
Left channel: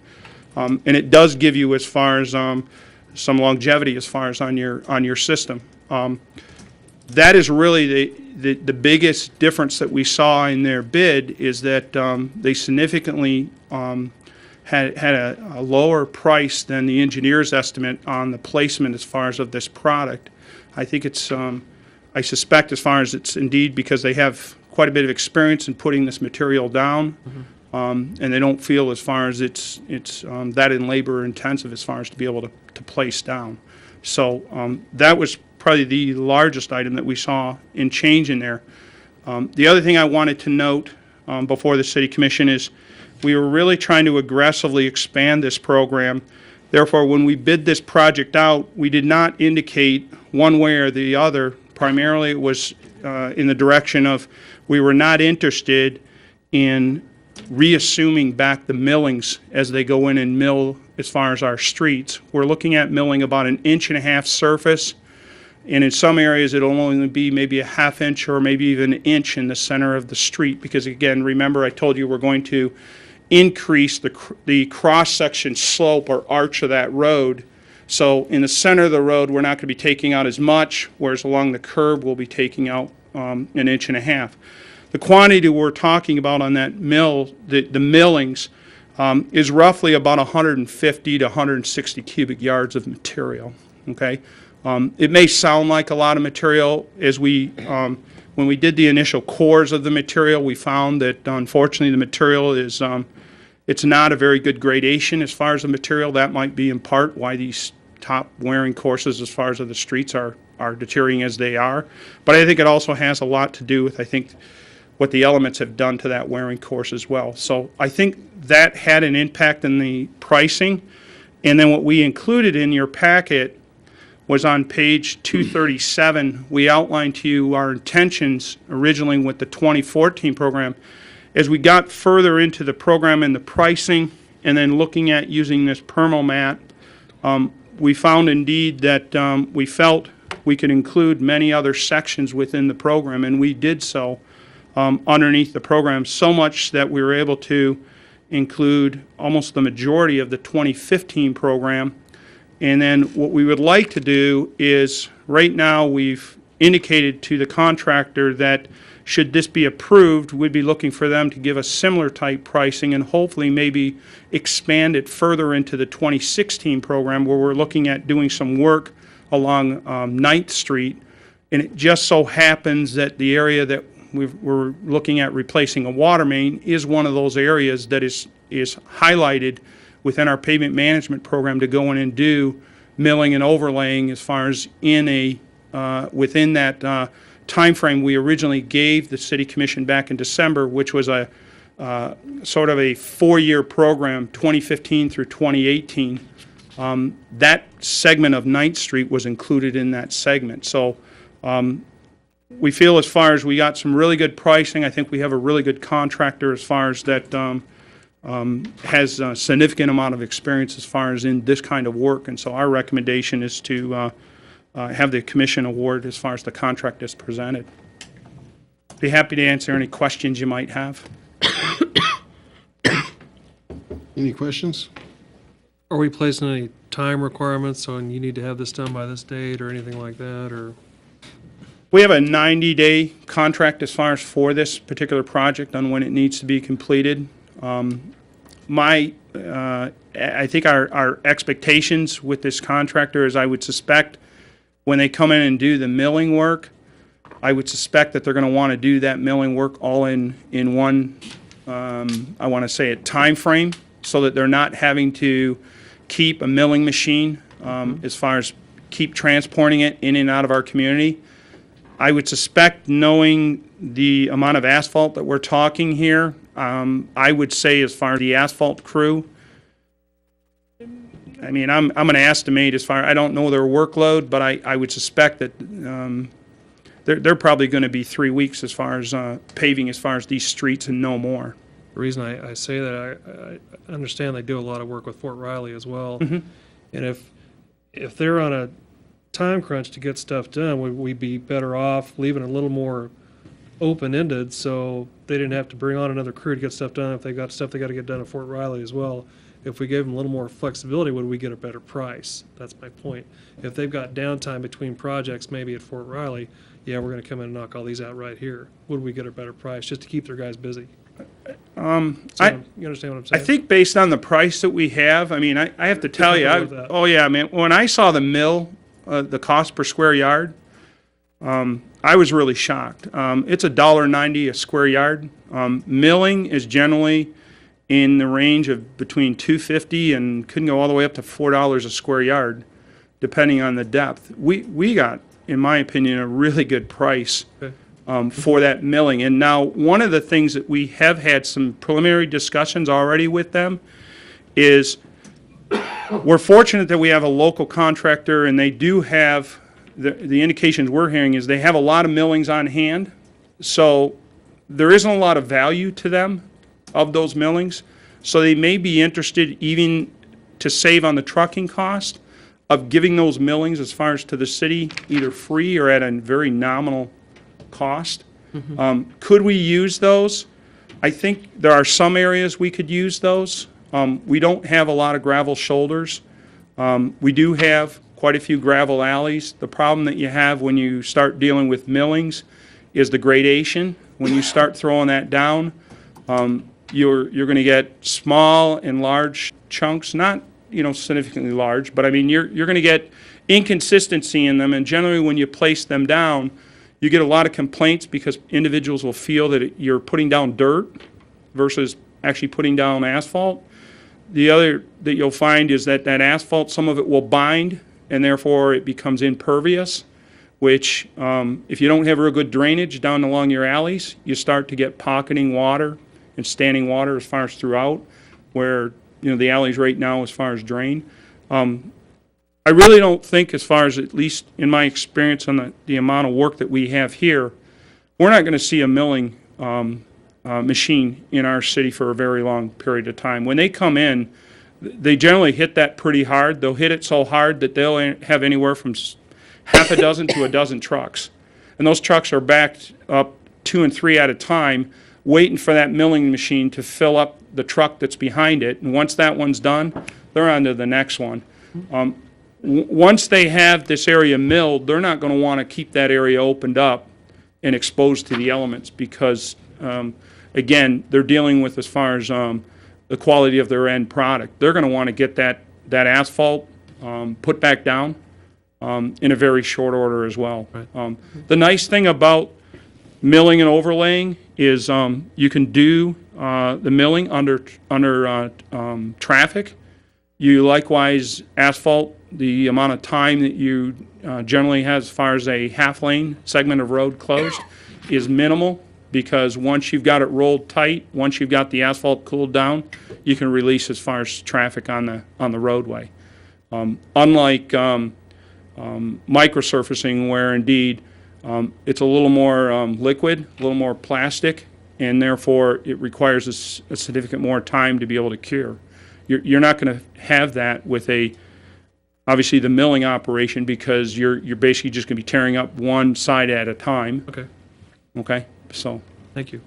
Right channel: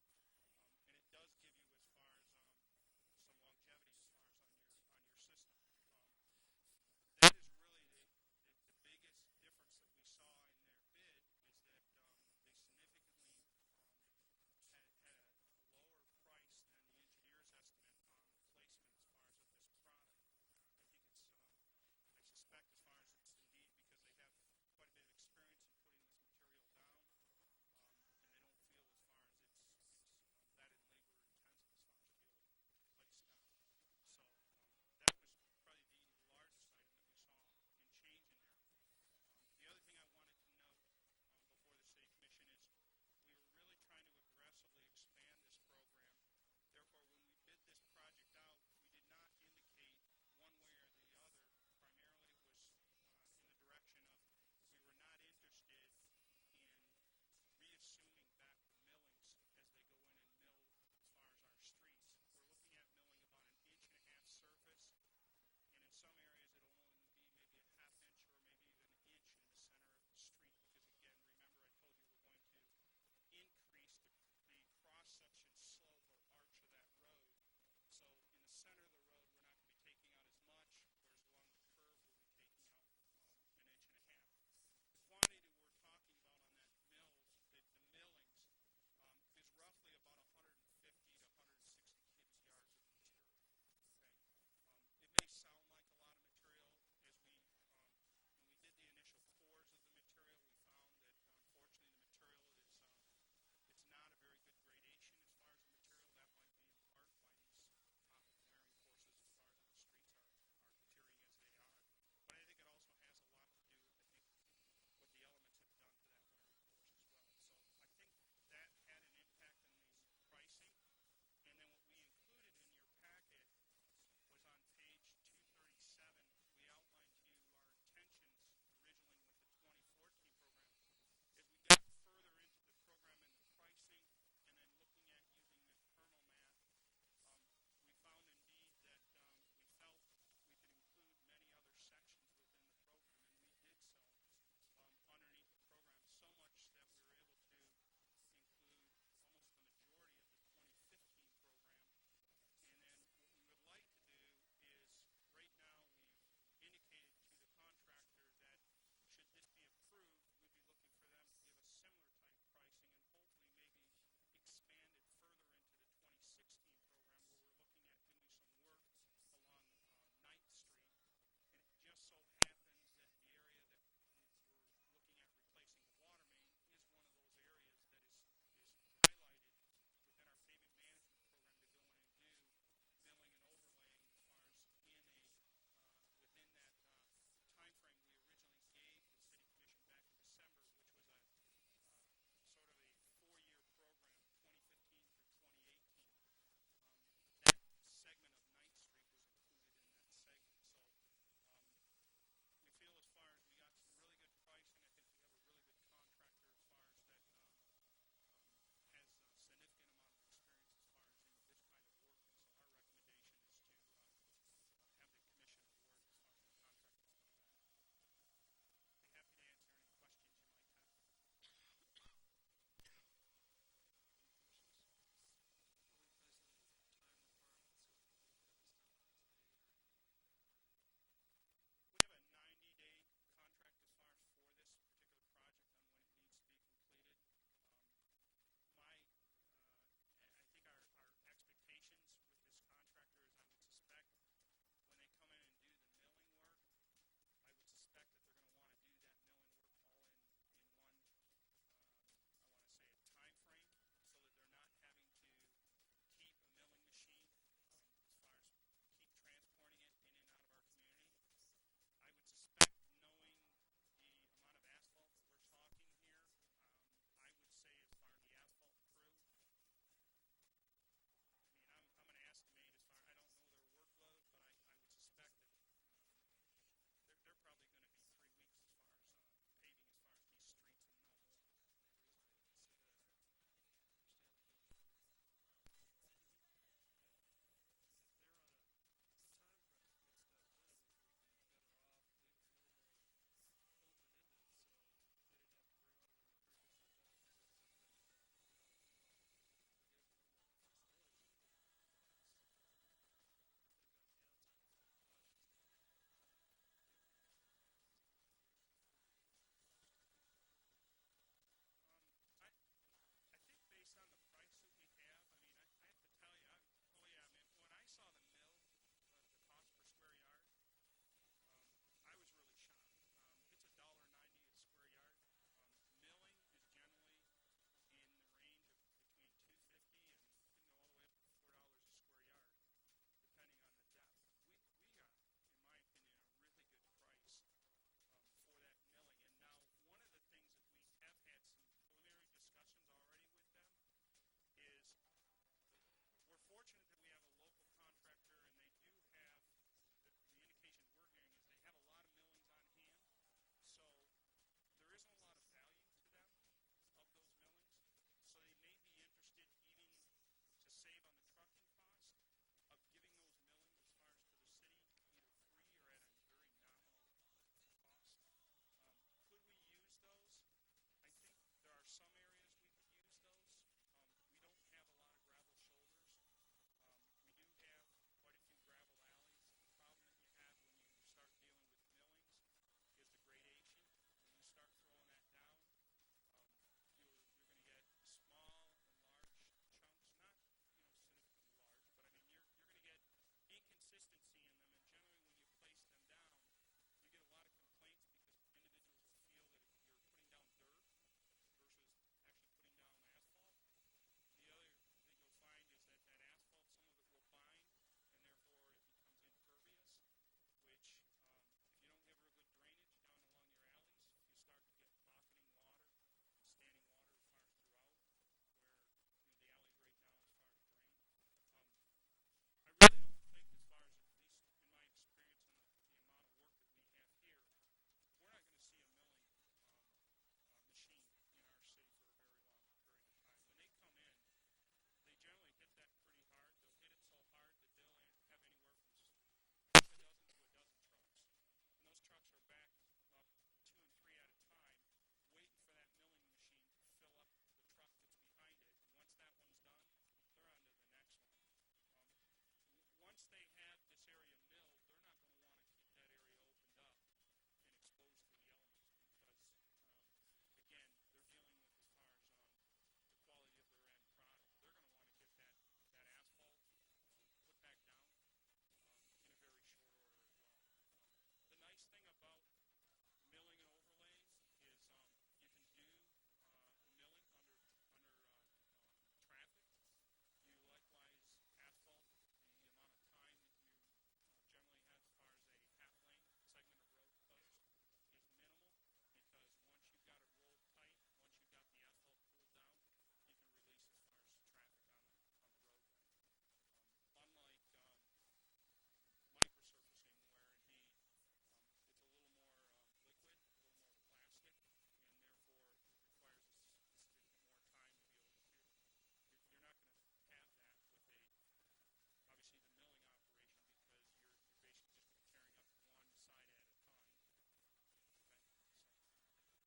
And it does give you as far as some longevity as far as on your system. That is really the biggest difference that we saw in their bid is that they significantly had a lower price than the engineer's estimate on the placement as far as of this product. I think it's, I suspect as far as it's indeed because they have quite a bit of experience in putting this material down, and they don't feel as far as it's that in labor intensive as far as to be able to place down. So that was probably the largest item that we saw in change in there. The other thing I wanted to note before the City Commission is we were really trying to aggressively expand this program. Therefore, when we bid this project out, we did not indicate one way or the other. Primarily, it was in the direction of we were not interested in reassuming back the millings as they go in and mill as far as our streets. We're looking at milling about 1.5 inch surface, and in some areas it'll only be maybe a 1/2 inch or maybe even 1 inch in the center of the street because, again, remember I told you we're going to increase the cross-section slope or arch of that road. So in the center of the road we're not going to be taking out as much, whereas along the curb we'll be taking out 1.5 inches. The quantity we're talking about on that mill, the millings, is roughly about 150 to 160 cubic yards of material. Okay, it may sound like a lot of material. As we, when we did the initial cores of the material, we found that unfortunately the material is, it's not a very good gradation as far as the material. That might be in part why these top wearing courses as far as the streets are deteriorating as they are. But I think it also has a lot to do with, I think, what the elements have done to that wearing course as well. So I think that had an impact in the pricing. And then what we included in your packet was on page 237. We outlined to you our intentions originally with the 2014 program. As we got further into the program and the pricing and then looking at using this PermaMat, we found indeed that we felt we could include many other sections within the program, and we did so. Underneath the program, so much that we were able to include almost the majority of the 2015 program. And then what we would like to do is, right now we've indicated to the contractor that should this be approved, we'd be looking for them to give us similar type pricing and hopefully maybe expand it further into the 2016 program where we're looking at doing some work along 9th Street. And it just so happens that the area that we're looking at replacing a water main is one of those areas that is highlighted within our pavement management program to go in and do milling and overlaying as far as in a within that time frame we originally gave the City Commission back in December, which was a sort of a 4-year program, 2015 through 2018. That segment of 9th Street was included in that segment. So we feel as far as we got some really good pricing. I think we have a really good contractor as far as that has a significant amount of experience as far as in this kind of work. And so our recommendation is to have the commission award as far as the contract is presented. Be happy to answer any questions you might have. Any questions? Are we placing any time requirements on you need to have this done by this date or anything like that, or? We have a 90-day contract as far as for this particular project on when it needs to be completed. I think our expectations with this contractor is I would suspect when they come in and do the milling work, I would suspect that they're going to want to do that milling work all in one, I want to say, a time frame, so that they're not having to keep a milling machine as far as keep transporting it in and out of our community. I would suspect, knowing the amount of asphalt that we're talking here, I would say, as far as the asphalt crew, I mean, I'm going to estimate, as far, I don't know their workload, but I would suspect that they're probably going to be 3 weeks as far as paving, as far as these streets, and no more. The reason I say that, I understand they do a lot of work with Fort Riley as well. Mhm. And if they're on a time crunch to get stuff done, would we be better off leaving it a little more open-ended, so they didn't have to bring on another crew to get stuff done if they got stuff they got to get done at Fort Riley as well? If we gave them a little more flexibility, would we get a better price? That's my point. If they've got downtime between projects, maybe at Fort Riley, yeah, we're going to come in and knock all these out right here. Would we get a better price just to keep their guys busy? You understand what I'm saying? I think based on the price that we have, I mean, I have to tell you, Comfortable with that. oh yeah, man, when I saw the mill, the cost per square yard, I was really shocked. It's $1.90 a square yard. Milling is generally in the range of between $2.50 and couldn't go all the way up to $4 a square yard, depending on the depth. We got, in my opinion, a really good price for that milling. And now, one of the things that we have had some preliminary discussions already with them is we're fortunate that we have a local contractor, and they do have, the indications we're hearing is they have a lot of millings on hand. So there isn't a lot of value to them of those millings. So they may be interested, even to save on the trucking cost, of giving those millings as far as to the city, either free or at a very nominal cost. Could we use those? I think there are some areas we could use those. We don't have a lot of gravel shoulders. We do have quite a few gravel alleys. The problem that you have when you start dealing with millings is the gradation. When you start throwing that down, you're going to get small and large chunks, not significantly large, but I mean you're going to get inconsistency in them, and generally when you place them down, you get a lot of complaints because individuals will feel that you're putting down dirt versus actually putting down asphalt. The other that you'll find is that asphalt, some of it will bind, and therefore it becomes impervious, which if you don't have real good drainage down along your alleys, you start to get pocketing water and standing water as far as throughout, where the alleys right now as far as drain. I really don't think, as far as, at least in my experience on the amount of work that we have here, we're not going to see a milling machine in our city for a very long period of time. When they come in, they generally hit that pretty hard. They'll hit it so hard that they'll have anywhere from half a dozen to a dozen trucks. And those trucks are backed up 2 and 3 at a time, waiting for that milling machine to fill up the truck that's behind it. And once that one's done, they're on to the next one. Once they have this area milled, they're not going to want to keep that area opened up and exposed to the elements because, again, they're dealing with, as far as the quality of their end product, they're going to want to get that asphalt put back down in a very short order as well. Right. The nice thing about milling and overlaying is you can do the milling under traffic. You likewise asphalt. The amount of time that you generally have as far as a half lane segment of road closed is minimal, because once you've got it rolled tight, once you've got the asphalt cooled down, you can release as far as traffic on the roadway. Unlike microsurfacing, where indeed it's a little more liquid, a little more plastic, and therefore it requires a significant more time to be able to cure. You're not going to have that with obviously the milling operation, because you're basically just going to be tearing up one side at a time. Okay. Okay, so. Thank you.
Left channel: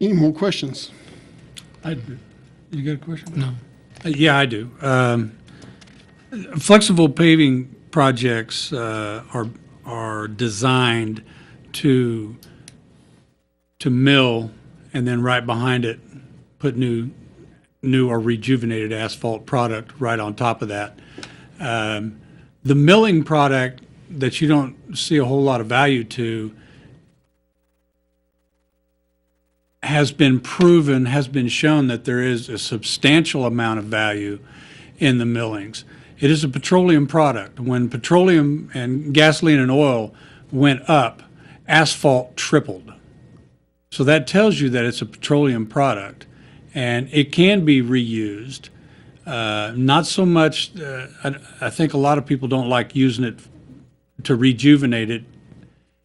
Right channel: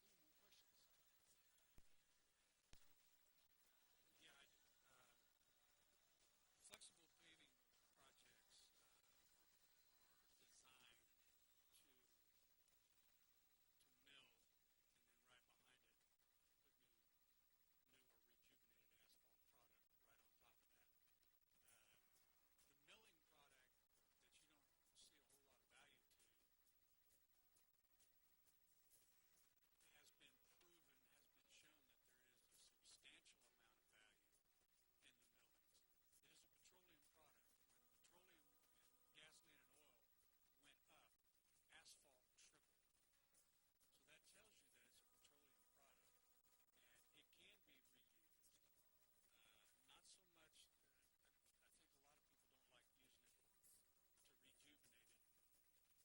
Any more questions? You got a question? No. Yeah, I do. Flexible paving projects are designed to mill, and then right behind it put new or rejuvenated asphalt product right on top of that. The milling product that you don't see a whole lot of value to has been proven, has been shown that there is a substantial amount of value in the millings. It is a petroleum product. When petroleum and gasoline and oil went up, asphalt tripled. So that tells you that it's a petroleum product, and it can be reused. Not so much, I think a lot of people don't like using it to rejuvenate it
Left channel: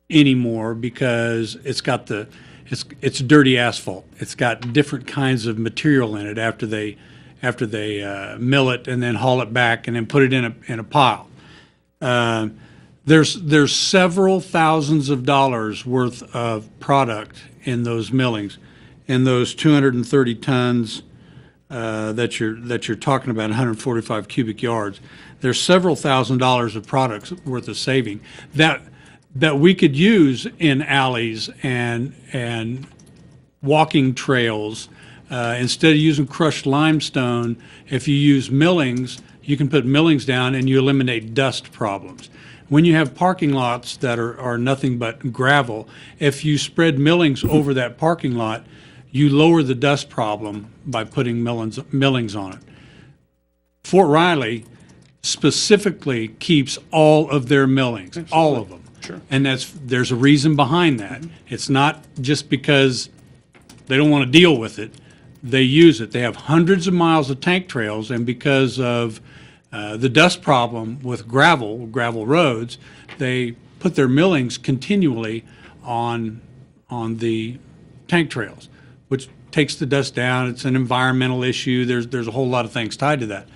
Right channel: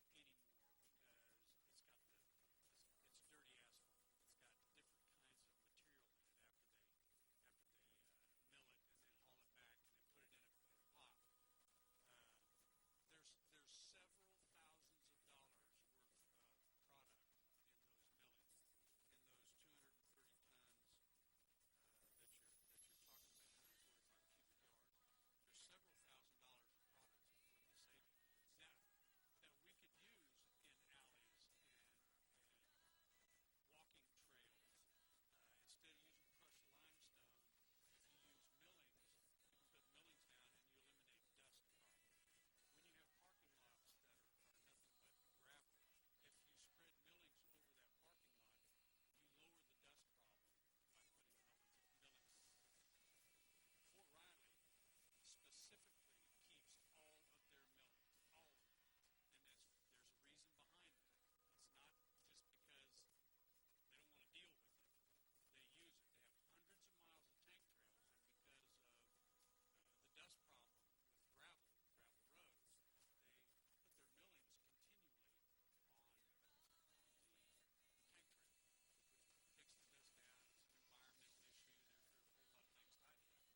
anymore because it's got it's dirty asphalt. It's got different kinds of material in it after they mill it and then haul it back and then put it in a pile. There's several thousands of dollars worth of product in those millings, in those 230 tons that you're talking about, 145 cubic yards. There's several $1,000s of products worth of saving that we could use in alleys and walking trails. Instead of using crushed limestone, if you use millings, you can put millings down and you eliminate dust problems. When you have parking lots that are nothing but gravel, if you spread millings over that parking lot, you lower the dust problem by putting millings on it. Fort Riley specifically keeps all of their millings, all of them. Sure. And there's a reason behind that. It's not just because they don't want to deal with it. They use it. They have hundreds of miles of tank trails, and because of the dust problem with gravel roads, they put their millings continually on the tank trails, which takes the dust down. It's an environmental issue. There's a whole lot of things tied to that.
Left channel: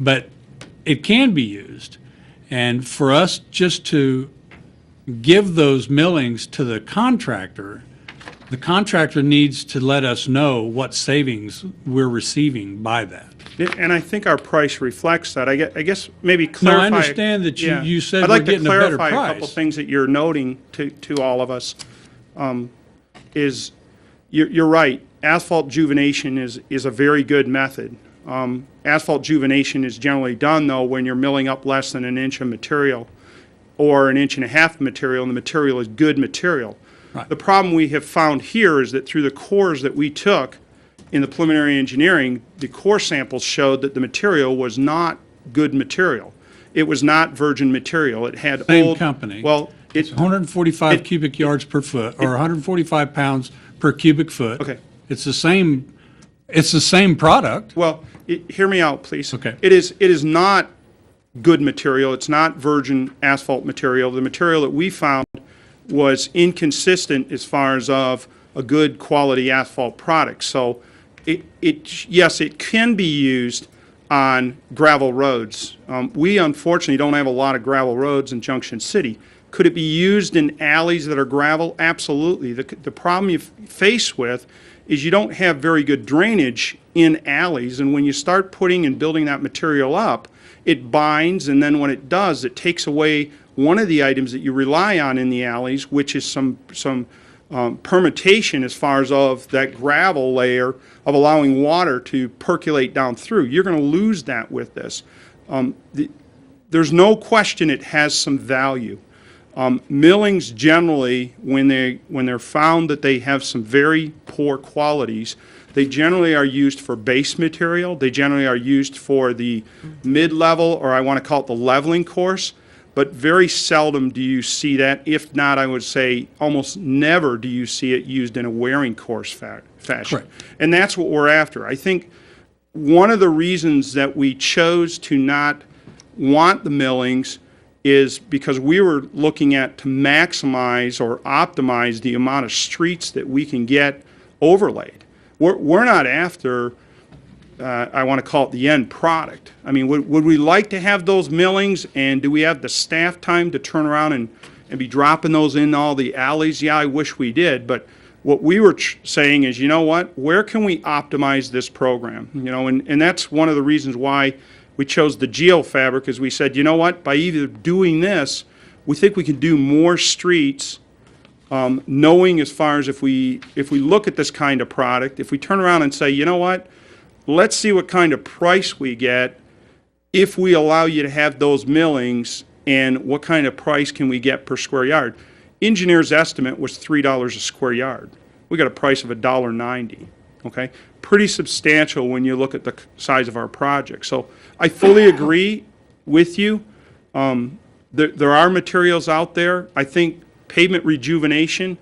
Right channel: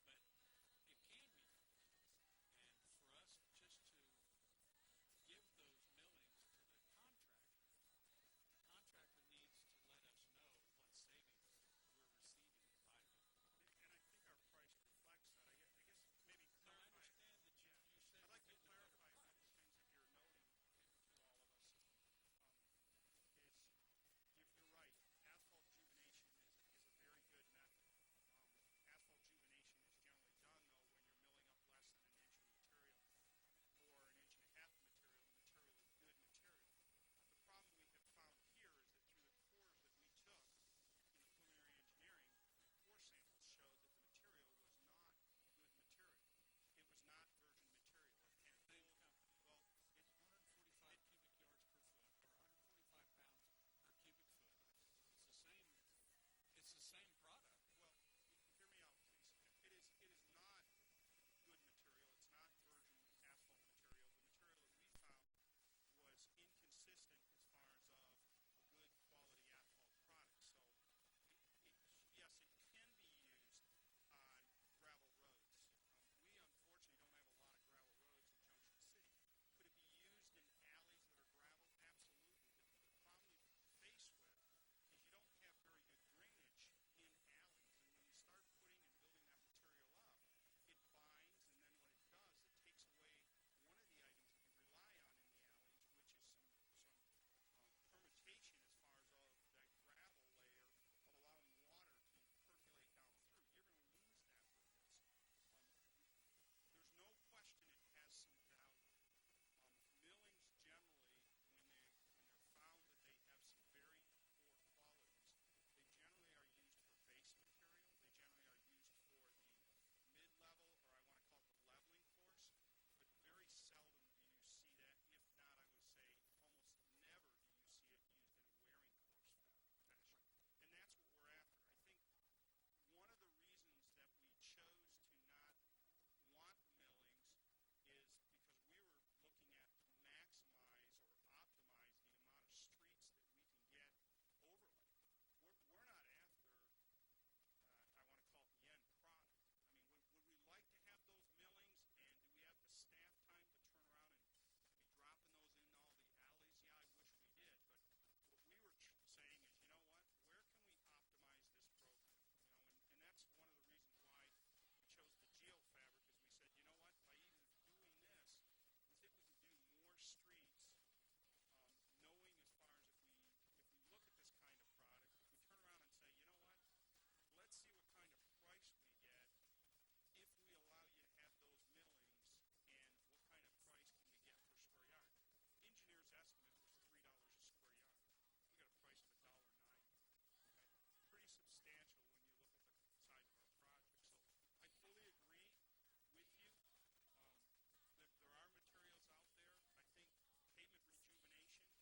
But it can be used. And for us just to give those millings to the contractor needs to let us know what savings we're receiving by that. And I think our price reflects that. I guess maybe clarify. No, I understand that you said I'd we're like getting to a better clarify a couple price. things that you're noting to all of us. You're right. Asphalt juvenation is a very good method. Asphalt juvenation is generally done, though, when you're milling up less than an inch of material or an inch and a half of material, and the material is good material. Right. The problem we have found here is that through the cores that we took in the preliminary engineering, the core samples showed that the material was not good material. It was not virgin material. It had Same old company. Well, It's 145 cubic yards per foot, or 145 pounds per cubic foot. Okay. It's the same product. Well, hear me out, please. Okay. It is not good material. It's not virgin asphalt material. The material that we found was inconsistent as far as of a good quality asphalt product. So yes, it can be used on gravel roads. We unfortunately don't have a lot of gravel roads in Junction City. Could it be used in alleys that are gravel? Absolutely. The problem you face with is you don't have very good drainage in alleys, and when you start putting and building that material up, it binds, and then when it does, it takes away one of the items that you rely on in the alleys, which is some permutation as far as of that gravel layer of allowing water to percolate down through. You're going to lose that with this. There's no question it has some value. Millings generally, when they're found that they have some very poor qualities, they generally are used for base material. They generally are used for the mid-level, or I want to call it the leveling course. But very seldom do you see that. If not, I would say almost never do you see it used in a wearing course fashion. Correct. And that's what we're after. I think one of the reasons that we chose to not want the millings is because we were looking at to maximize or optimize the amount of streets that we can get overlaid. We're not after, I want to call it the end product. I mean, would we like to have those millings, and do we have the staff time to turn around and be dropping those in all the alleys? Yeah, I wish we did, but what we were saying is, you know what, where can we optimize this program? You know, and that's one of the reasons why we chose the geofabric, is we said, you know what, by either doing this, we think we can do more streets, knowing as far as if we look at this kind of product, if we turn around and say, you know what, let's see what kind of price we get, if we allow you to have those millings, and what kind of price can we get per square yard? Engineer's estimate was $3 a square yard. We got a price of $1.90, okay? Pretty substantial when you look at the size of our project. So I fully agree with you. There are materials out there. I think pavement rejuvenation,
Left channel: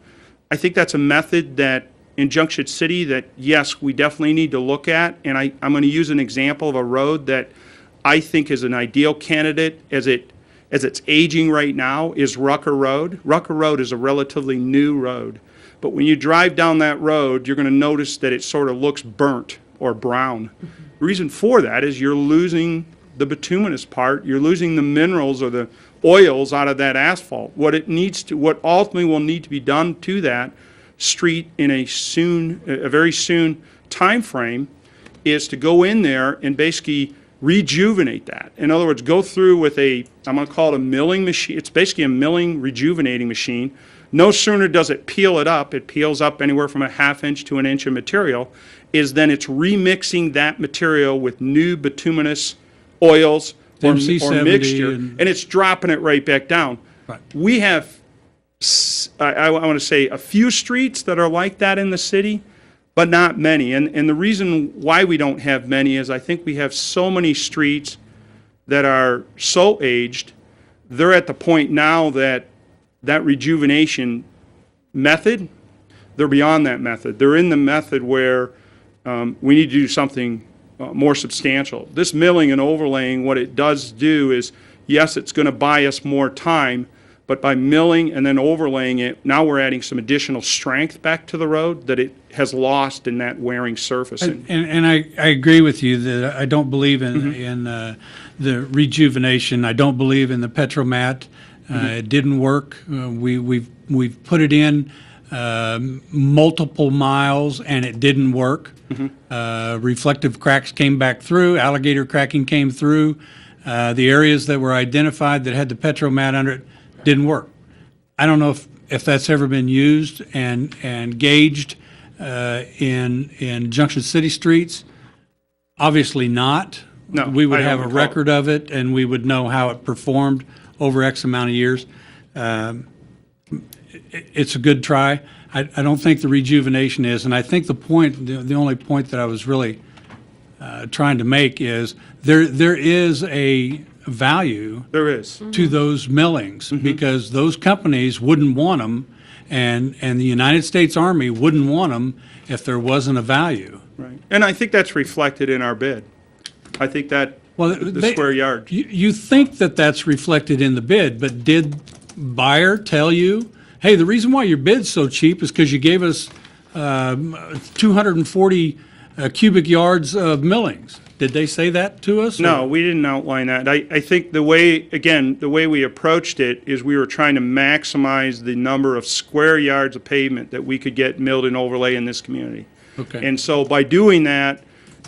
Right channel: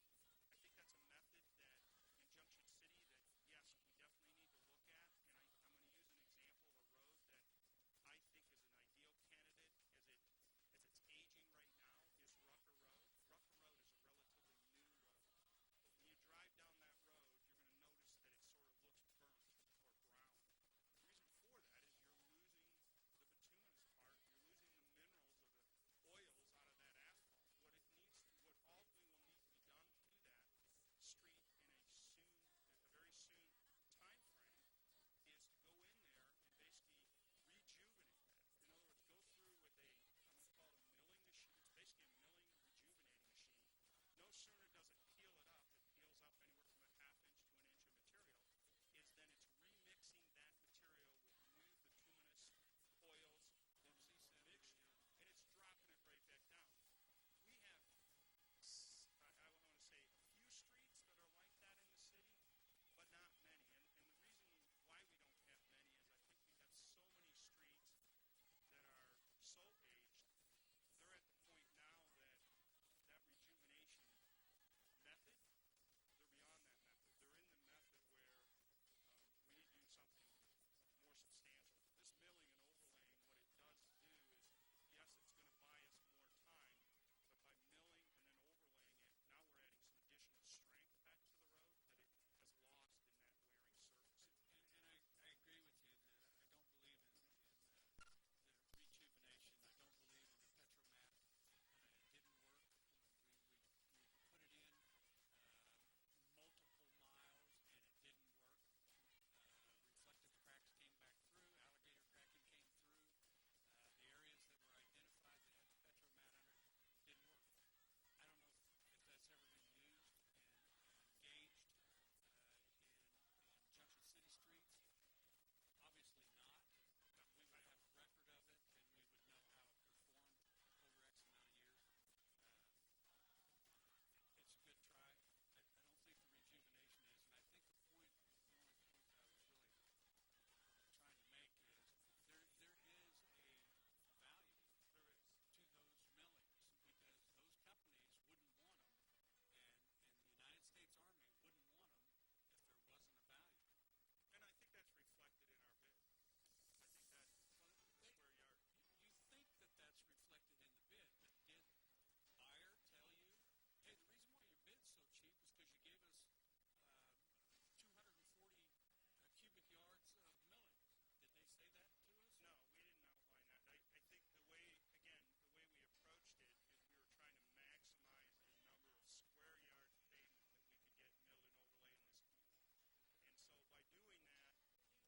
I think that's a method that in Junction City that, yes, we definitely need to look at. And I'm going to use an example of a road that I think is an ideal candidate as it's aging right now is Rucker Road. Rucker Road is a relatively new road. But when you drive down that road, you're going to notice that it sort of looks burnt or brown. The reason for that is you're losing the bituminous part. You're losing the minerals or the oils out of that asphalt. What ultimately will need to be done to that street in a very soon time frame is to go in there and basically rejuvenate that. In other words, go through with I'm going to call it a milling machine. It's basically a milling rejuvenating machine. No sooner does it peel it up, it peels up anywhere from a ½ inch to an inch of material, then it's remixing that material with new bituminous oils or mixture, and it's dropping it right back down. Right. We have, I want to say, a few streets that are like that in the city, but not many. And the reason why we don't have many is I think we have so many streets that are so aged, they're at the point now that rejuvenation method, they're beyond that method. They're in the method where we need to do something more substantial. This milling and overlaying, what it does do is, yes, it's going to buy us more time, but by milling and then overlaying it, now we're adding some additional strength back to the road that it has lost in that wearing surface. And I agree with you that I don't believe in the rejuvenation. I don't believe in the Petromat. It didn't work. We've put it in multiple miles and it didn't work. Reflective cracks came back through. Alligator cracking came through. The areas that were identified that had the Petromat under it didn't work. I don't know if that's ever been used and gauged in Junction City streets. Obviously not. No, we would I don't have a recall. record of it and we would know how it performed over X amount of years. It's a good try. I don't think the rejuvenation is, and I think the only point that I was really trying to make is there is a value to those millings because those companies wouldn't want them, and the United States Army wouldn't want them if there wasn't a value. Right. And I think that's reflected in our bid. I think that the square yard. You think that that's reflected in the bid, but did buyer tell you, hey, the reason why your bid's so cheap is because you gave us 240 cubic yards of millings? Did they say that to us? No, we didn't outline that. I think the way we approached it is we were trying to maximize the number of square yards of pavement that we could get milled and overlay in this community. Okay. And so by doing that,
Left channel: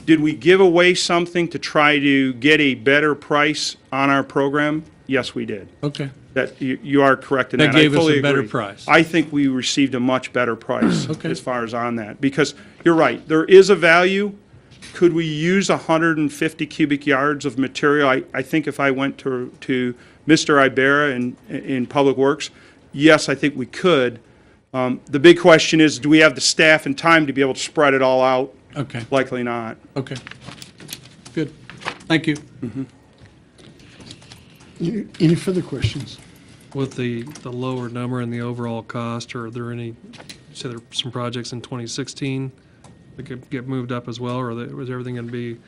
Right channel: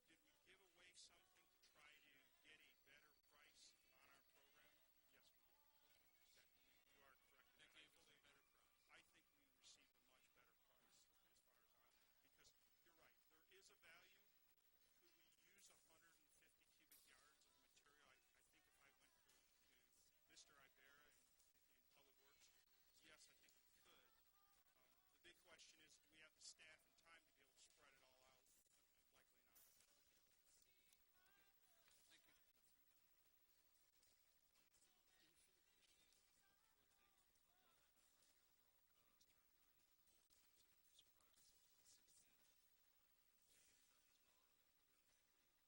did we give away something to try to get a better price on our program? Yes, we did. Okay. That you are correct in that. That gave I fully us a better agree. price. I think we received a much better price Okay. as far as on that. Because you're right, there is a value. Could we use 150 cubic yards of material? I think if I went to Mr. Ibarra in Public Works, yes, I think we could. The big question is, do we have the staff and time to be able to spread it all out? Okay. Likely not. Okay. Good. Thank you. Any further questions? With the lower number and the overall cost, are there any, say there are some projects in 2016 that could get moved up as well, or was everything going to be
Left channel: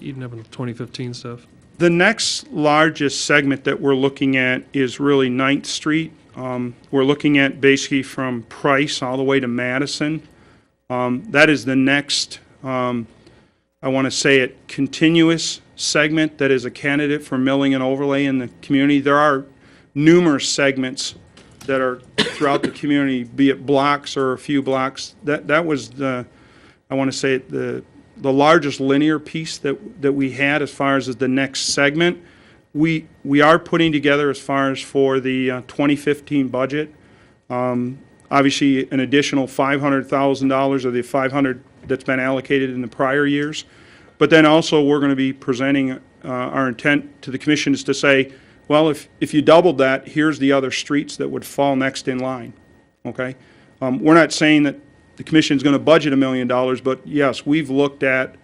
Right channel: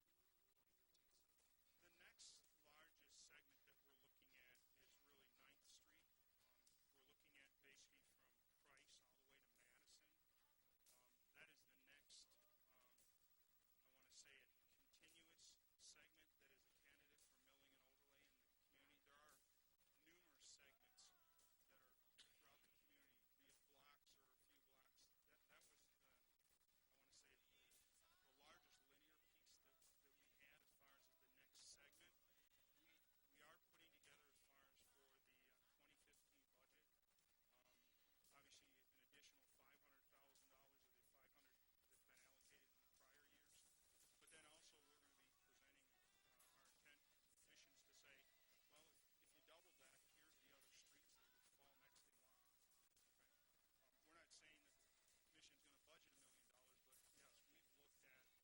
eaten up in 2015 stuff? The next largest segment that we're looking at is really 9th Street. We're looking at basically from Price all the way to Madison. That is the next, I want to say it, continuous segment that is a candidate for milling and overlay in the community. There are numerous segments that are throughout the community, be it blocks or a few blocks. That was I want to say the largest linear piece that we had as far as the next segment. We are putting together as far as for the 2015 budget, obviously an additional $500,000 of the $500 that's been allocated in the prior years. But then also we're going to be presenting our intent to the commission is to say, well, if you doubled that, here's the other streets that would fall next in line, okay? We're not saying that the commission's going to budget $1 million, but yes, we've looked at,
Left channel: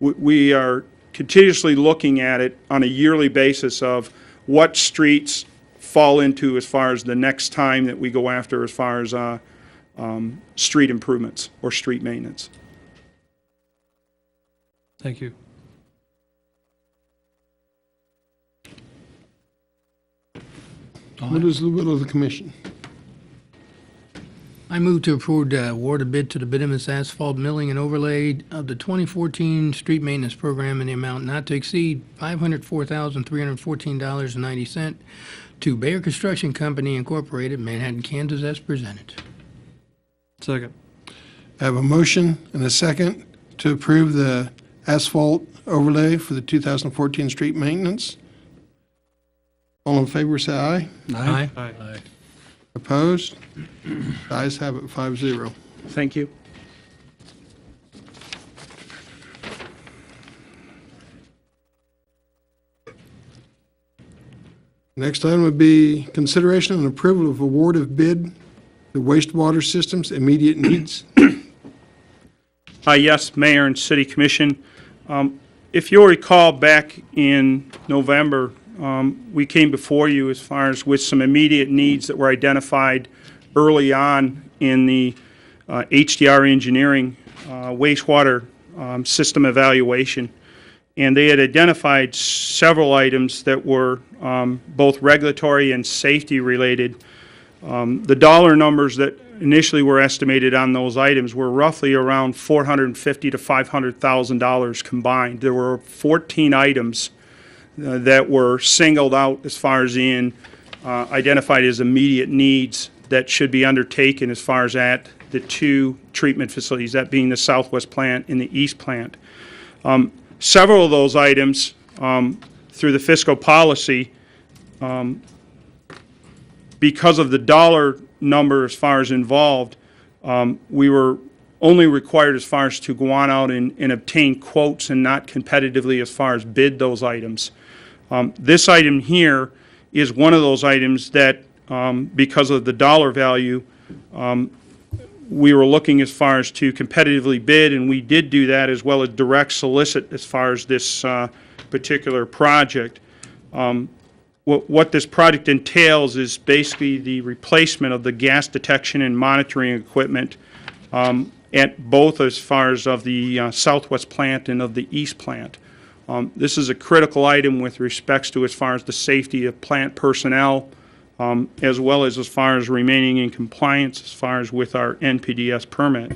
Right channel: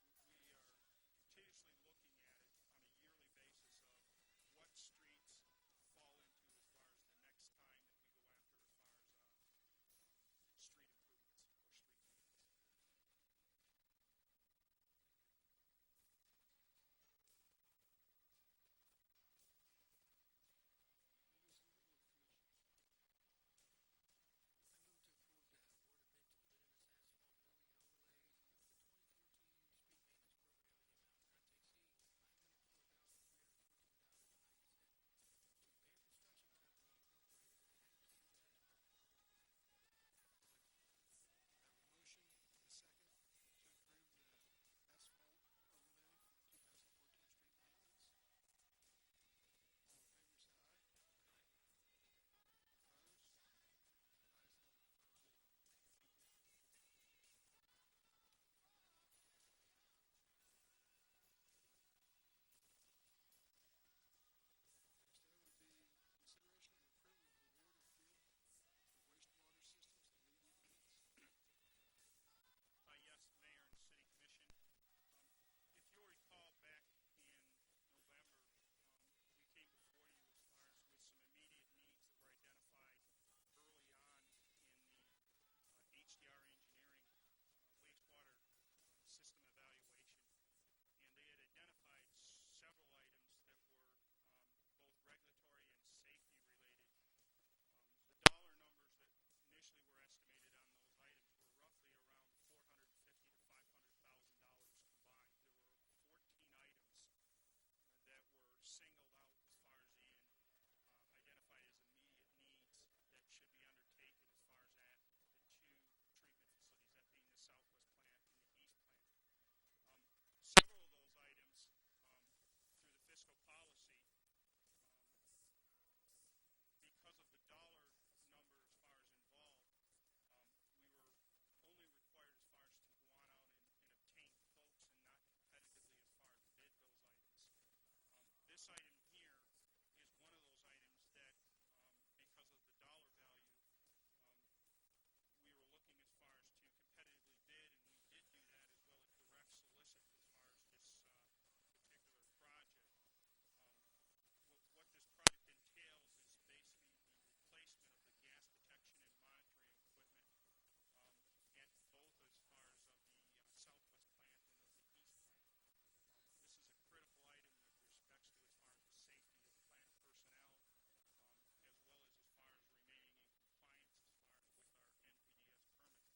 we are continuously looking at it on a yearly basis of what streets fall into as far as the next time that we go after as far as street improvements or street maintenance. Thank you. What is the will of the commission? I move to approve the award a bid to the bituminous asphalt milling and overlay of the 2014 street maintenance program in the amount not to exceed $504,314.90 to Bayer Construction Company Incorporated, Manhattan, Kansas, as presented. Second. I have a motion and a second to approve the asphalt overlay for the 2014 street maintenance. All in favor, say aye. Aye. Aye. Opposed? The ayes have it, 5-0. Thank you. Next item would be consideration and approval of award of bid to wastewater systems immediate needs. Yes, Mayor and City Commission. If you'll recall, back in November, we came before you as far as with some immediate needs that were identified early on in the HDR engineering wastewater system evaluation. And they had identified several items that were both regulatory and safety related. The dollar numbers that initially were estimated on those items were roughly around $450,000 to $500,000 combined. There were 14 items that were singled out as far as in identified as immediate needs that should be undertaken as far as at the two treatment facilities, that being the southwest plant and the east plant. Several of those items, through the fiscal policy, because of the dollar number as far as involved, we were only required as far as to go on out and obtain quotes and not competitively as far as bid those items. This item here is one of those items that, because of the dollar value, we were looking as far as to competitively bid, and we did do that as well as direct solicit as far as this particular project. What this project entails is basically the replacement of the gas detection and monitoring equipment at both as far as of the southwest plant and of the east plant. This is a critical item with respects to as far as the safety of plant personnel, as well as far as remaining in compliance as far as with our NPDES permit.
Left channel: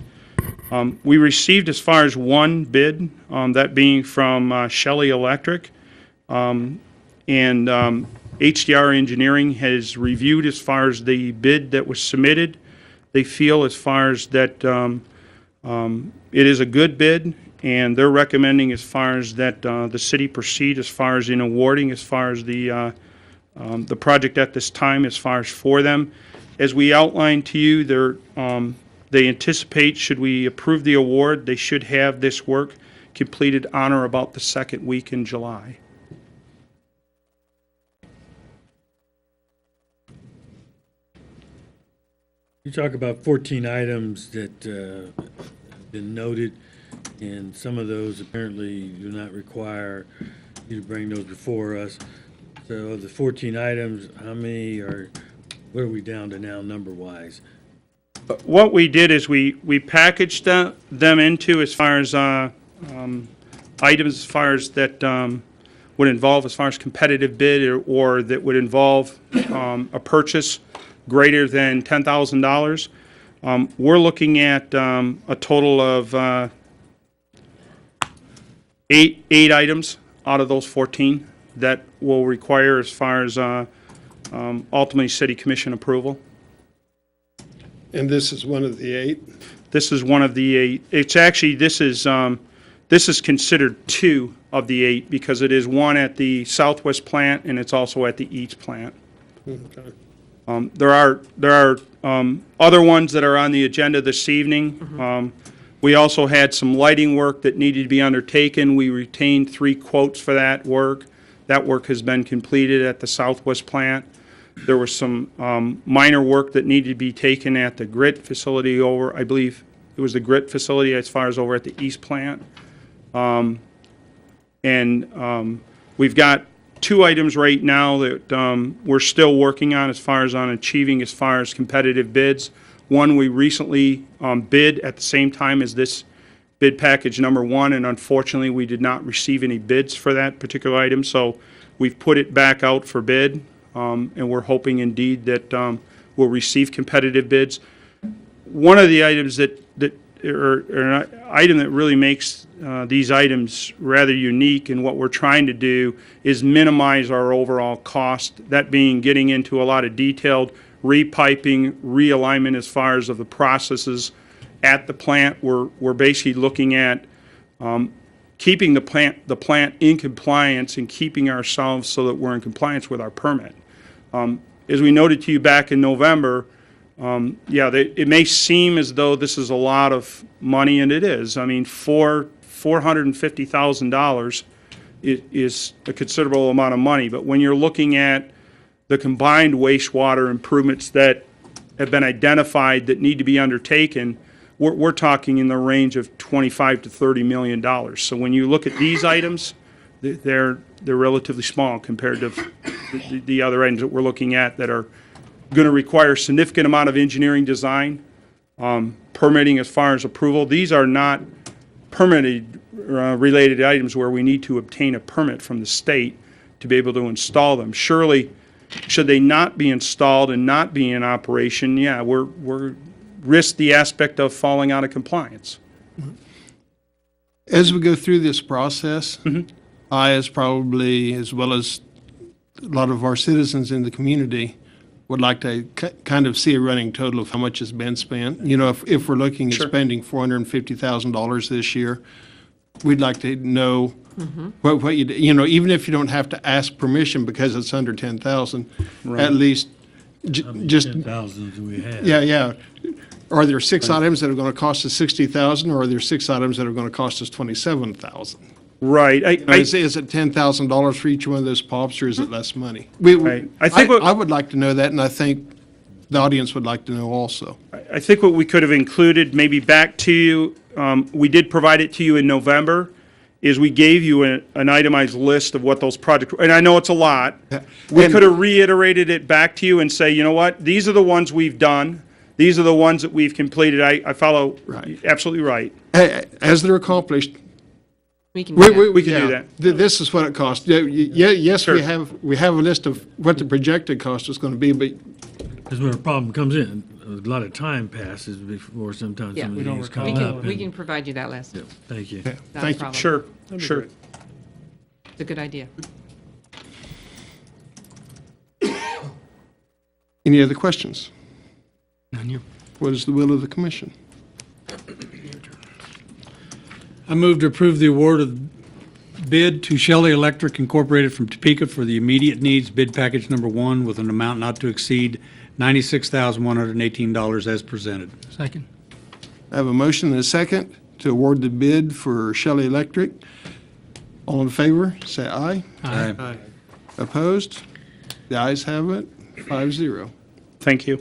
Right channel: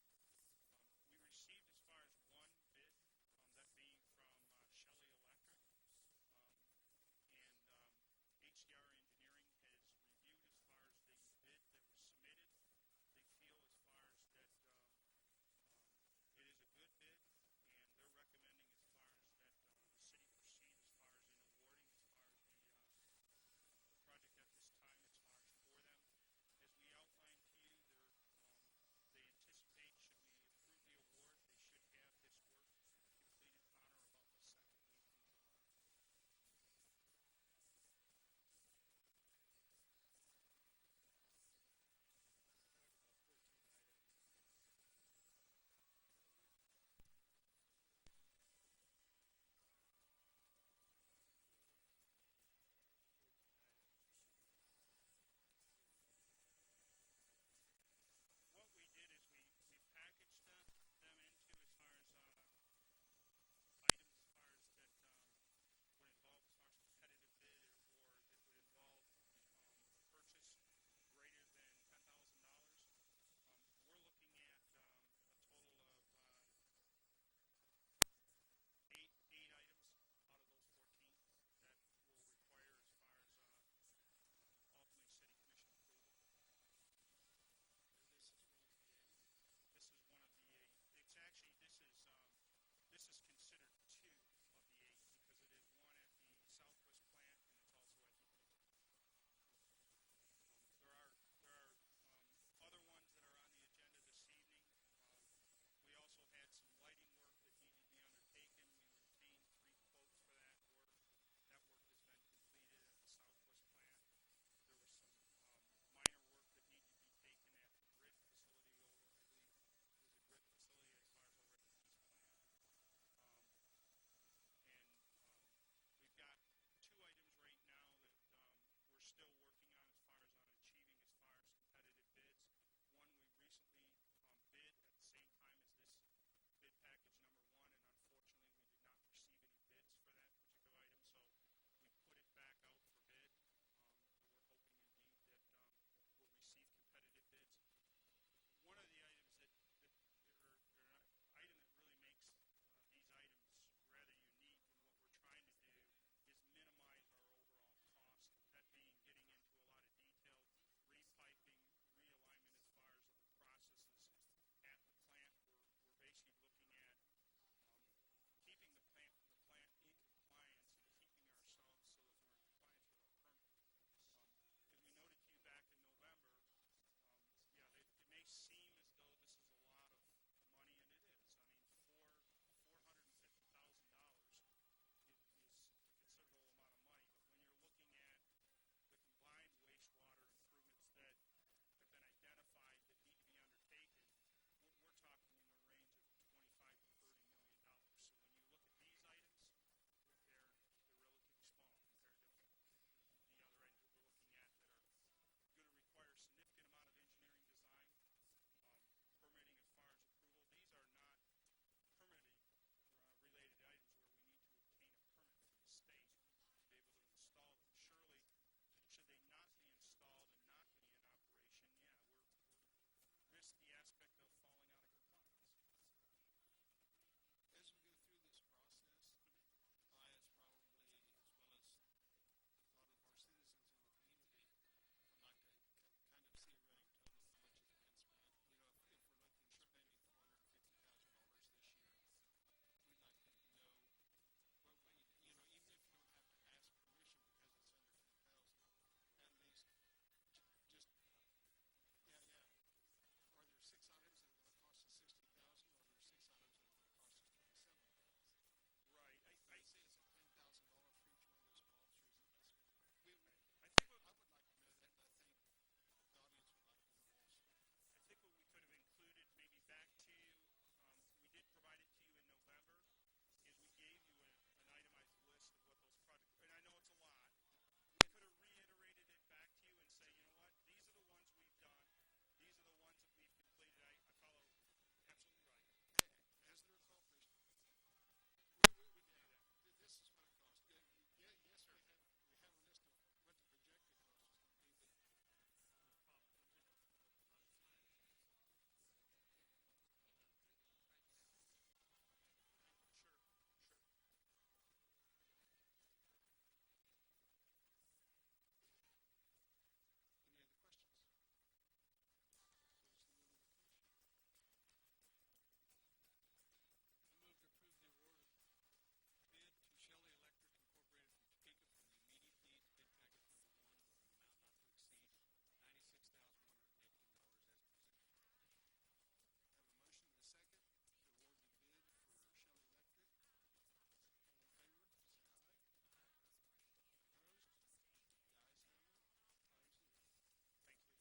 We received as far as one bid, that being from Shelley Electric, and HDR Engineering has reviewed as far as the bid that was submitted. They feel as far as that it is a good bid, and they're recommending as far as that the city proceed as far as in awarding as far as the project at this time as far as for them. As we outlined to you, they anticipate, should we approve the award, they should have this work completed on or about the second week in July. You talk about 14 items that have been noted, and some of those apparently do not require you to bring those before us. So of the 14 items, how many what are we down to now number-wise? What we did is we packaged them into as far as items as far as that would involve as far as competitive bid or that would involve a purchase greater than $10,000. We're looking at a total of eight items out of those 14 that will require as far as ultimately city commission approval. And this is one of the 8? This is one of the 8. It's actually, this is considered 2 of the 8 because it is one at the southwest plant and it's also at the east plant. Okay. There are other ones that are on the agenda this evening. We also had some lighting work that needed to be undertaken. We retained 3 quotes for that work. That work has been completed at the southwest plant. There was some minor work that needed to be taken at the grit facility over, I believe it was the grit facility as far as over at the east plant. We've got 2 items right now that we're still working on as far as achieving as far as competitive bids. One, we recently bid at the same time as this bid package number 1, and unfortunately we did not receive any bids for that particular item, so we've put it back out for bid, and we're hoping indeed that we'll receive competitive bids. One of the items or an item that really makes these items rather unique, and what we're trying to do is minimize our overall cost, that being getting into a lot of detailed repiping, realignment as far as of the processes at the plant. We're basically looking at keeping the plant in compliance and keeping ourselves so that we're in compliance with our permit. As we noted to you back in November, it may seem as though this is a lot of money, and it is. I mean, $450,000 is a considerable amount of money, but when you're looking at the combined wastewater improvements that have been identified that need to be undertaken, we're talking in the range of $25 to $30 million. So when you look at these items, they're relatively small compared to the other items that we're looking at that are going to require a significant amount of engineering design, permitting as far as approval. These are not permitted related items where we need to obtain a permit from the state to be able to install them. Surely, should they not be installed and not be in operation, we're risk the aspect of falling out of compliance. As we go through this process, I, as well as a lot of our citizens in the community, would like to kind of see a running total of how much has been spent. You know, if we're looking at spending $450,000 this year, we'd like to know what you know, even if you don't have to ask permission because it's under 10,000, at least just 10,000 we have. Yeah. Are there 6 items that are going to cost us $60,000, or are there 6 items that are going to cost us $27,000? Right. Is it $10,000 for each one of those pops, or is it less money? I would like to know that, and I think the audience would like to know also. I think what we could have included, maybe back to you, we did provide it to you in November, is we gave you an itemized list of what those projects were. And I know it's a lot. We could have reiterated it back to you and say, you know what, these are the ones we've done. These are the ones that we've completed. I follow absolutely right. As they're accomplished, we can do that. This is what it costs. Yes, Sure. we have a list of what the projected cost is going to be, but Because when a problem comes in, a lot of time passes before sometimes some of these come up. We can provide you that list. Thank you. Not a Thank you. problem. Sure. It's a good idea. any other questions? None here. What is the will of the commission? I move to approve the award of bid to Shelley Electric Incorporated from Topeka for the immediate needs bid package number 1 with an amount not to exceed $96,118 as presented. Second. I have a motion and a second to award the bid for Shelley Electric. All in favor, say aye. Aye. Opposed? The ayes have it, 5-0. Thank you.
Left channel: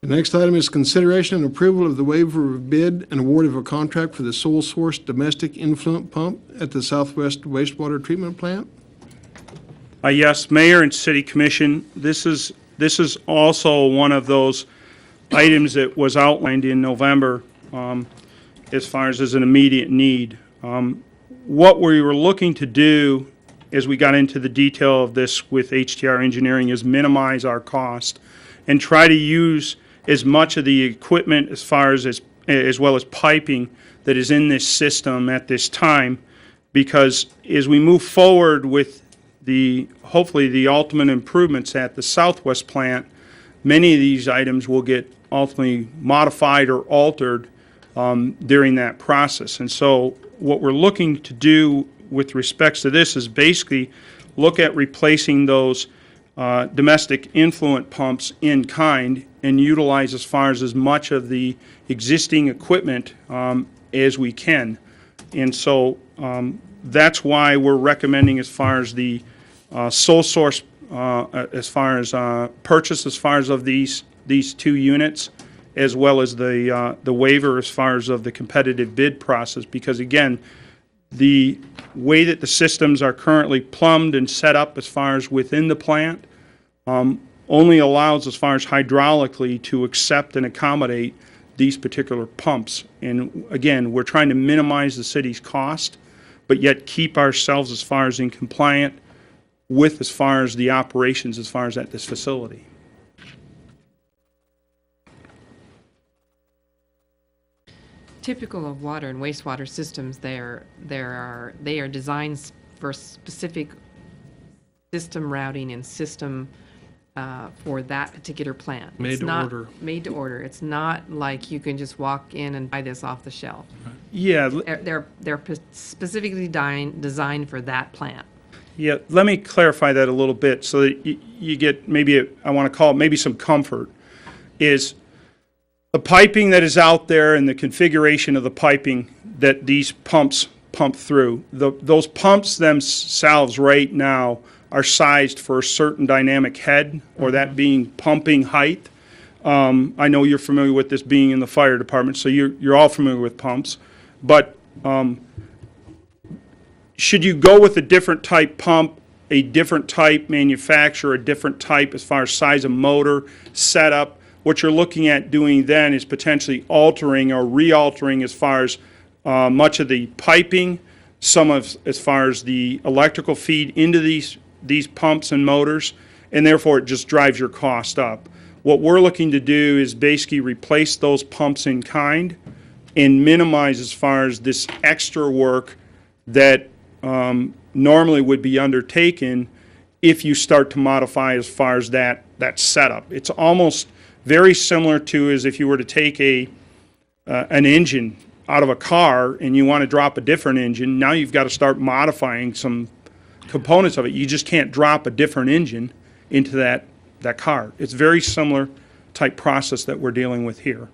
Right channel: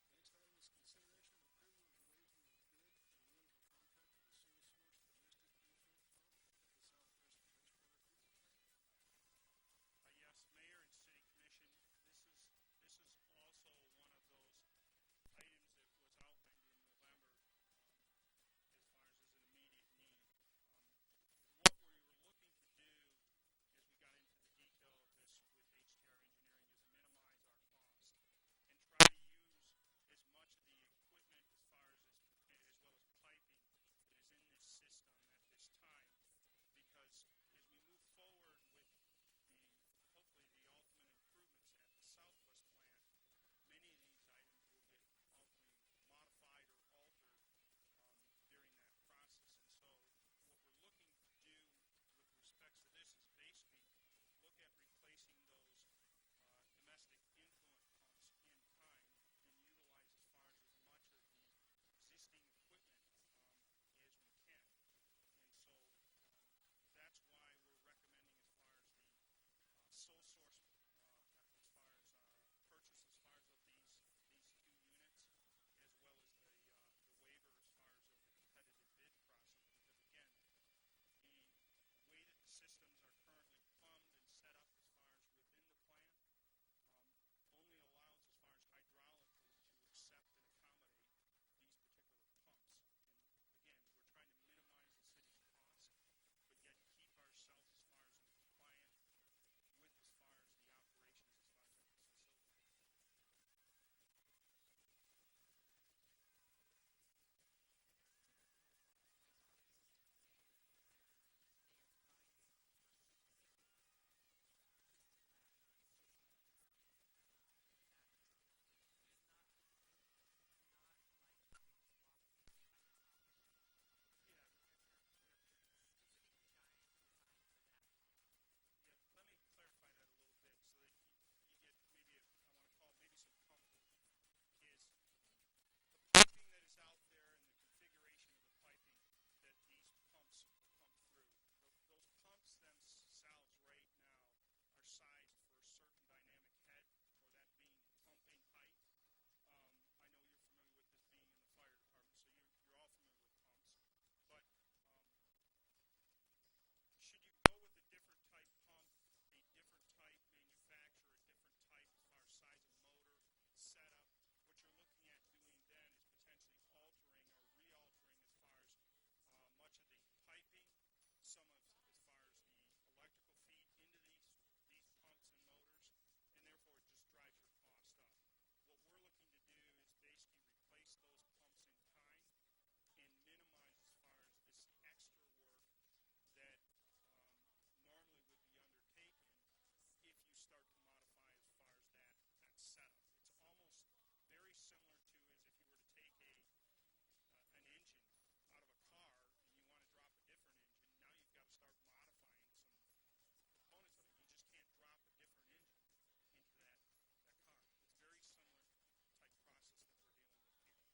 The next item is consideration and approval of the waiver of bid and award of a contract for the sole source domestic influent pump at the Southwest Wastewater Treatment Plant. Yes, Mayor and City Commission, this is also one of those items that was outlined in November as far as an immediate need. What we were looking to do as we got into the detail of this with HTR Engineering is minimize our cost and try to use as much of the equipment as well as piping that is in this system at this time, because as we move forward with hopefully the ultimate improvements at the Southwest plant, many of these items will get ultimately modified or altered during that process. And so what we're looking to do with respects to this is basically look at replacing those domestic influent pumps in kind and utilize as far as much of the existing equipment as we can. And so that's why we're recommending as far as the sole source, as far as purchase, as far as of these 2 units, as well as the waiver as far as of the competitive bid process. Because again, the way that the systems are currently plumbed and set up as far as within the plant only allows as far as hydraulically to accept and accommodate these particular pumps. And again, we're trying to minimize the city's cost, but yet keep ourselves as far as in compliant with as far as the operations as far as at this facility. Typical of water and wastewater systems, they are designed for specific system routing and system for that particular plant. Made to order. Made to order. It's not like you can just walk in and buy this off the shelf. Yeah. They're specifically designed for that plant. Yeah, let me clarify that a little bit so that you get maybe, I want to call it maybe some comfort, is the piping that is out there and the configuration of the piping that these pumps pump through. Those pumps themselves right now are sized for a certain dynamic head, or that being pumping height. I know you're familiar with this being in the fire department, so you're all familiar with pumps. But should you go with a different type pump, a different type manufacturer, a different type as far as size of motor, setup, what you're looking at doing then is potentially altering or re-altering as far as much of the piping, some of as far as the electrical feed into these pumps and motors, and therefore it just drives your cost up. What we're looking to do is basically replace those pumps in kind and minimize as far as this extra work that normally would be undertaken if you start to modify as far as that setup. It's almost very similar to as if you were to take an engine out of a car and you want to drop a different engine. Now you've got to start modifying some components of it. You just can't drop a different engine into that car. It's very similar type process that we're dealing with here.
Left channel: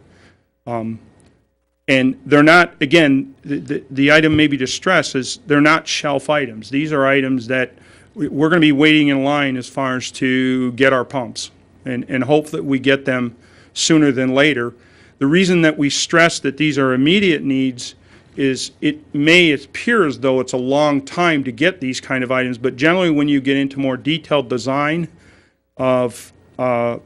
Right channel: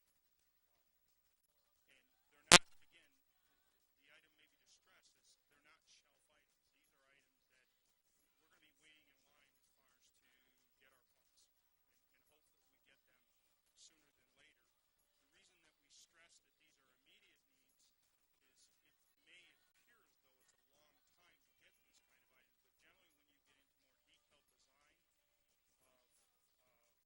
And they're not, again, the item maybe to stress is they're not shelf items. These are items that we're going to be waiting in line as far as to get our pumps and hope that we get them sooner than later. The reason that we stress that these are immediate needs is it may appear as though it's a long time to get these kind of items, but generally when you get into more detailed design of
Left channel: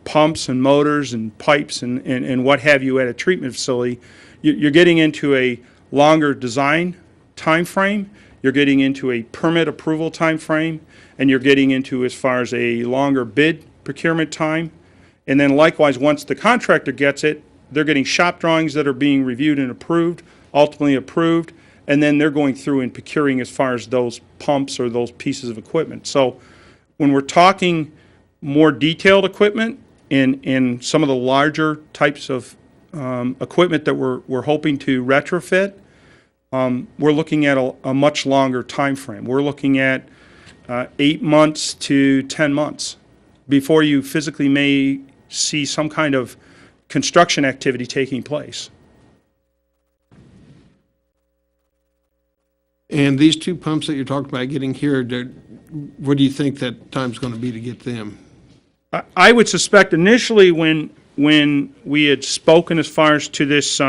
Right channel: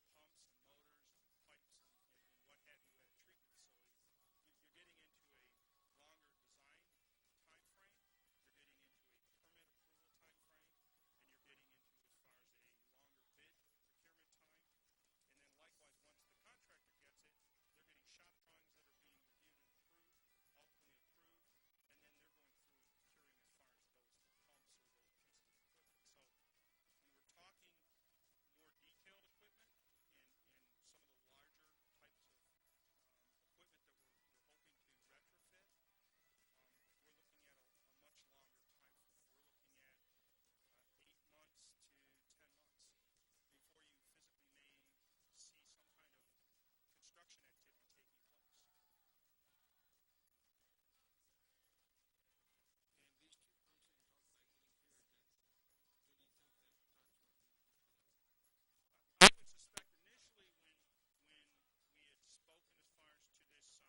pumps and motors and pipes and what have you at a treatment facility, you're getting into a longer design time frame, you're getting into a permit approval time frame, and you're getting into as far as a longer bid procurement time. And then likewise, once the contractor gets it, they're getting shop drawings that are being reviewed and approved, ultimately approved, and then they're going through and procuring as far as those pumps or those pieces of equipment. So when we're talking more detailed equipment in some of the larger types of equipment that we're hoping to retrofit, we're looking at a much longer time frame. We're looking at 8 months to 10 months before you physically may see some kind of construction activity taking place. And these 2 pumps that you're talking about getting here, what do you think that time's going to be to get them? I would suspect initially when we had spoken as far as to this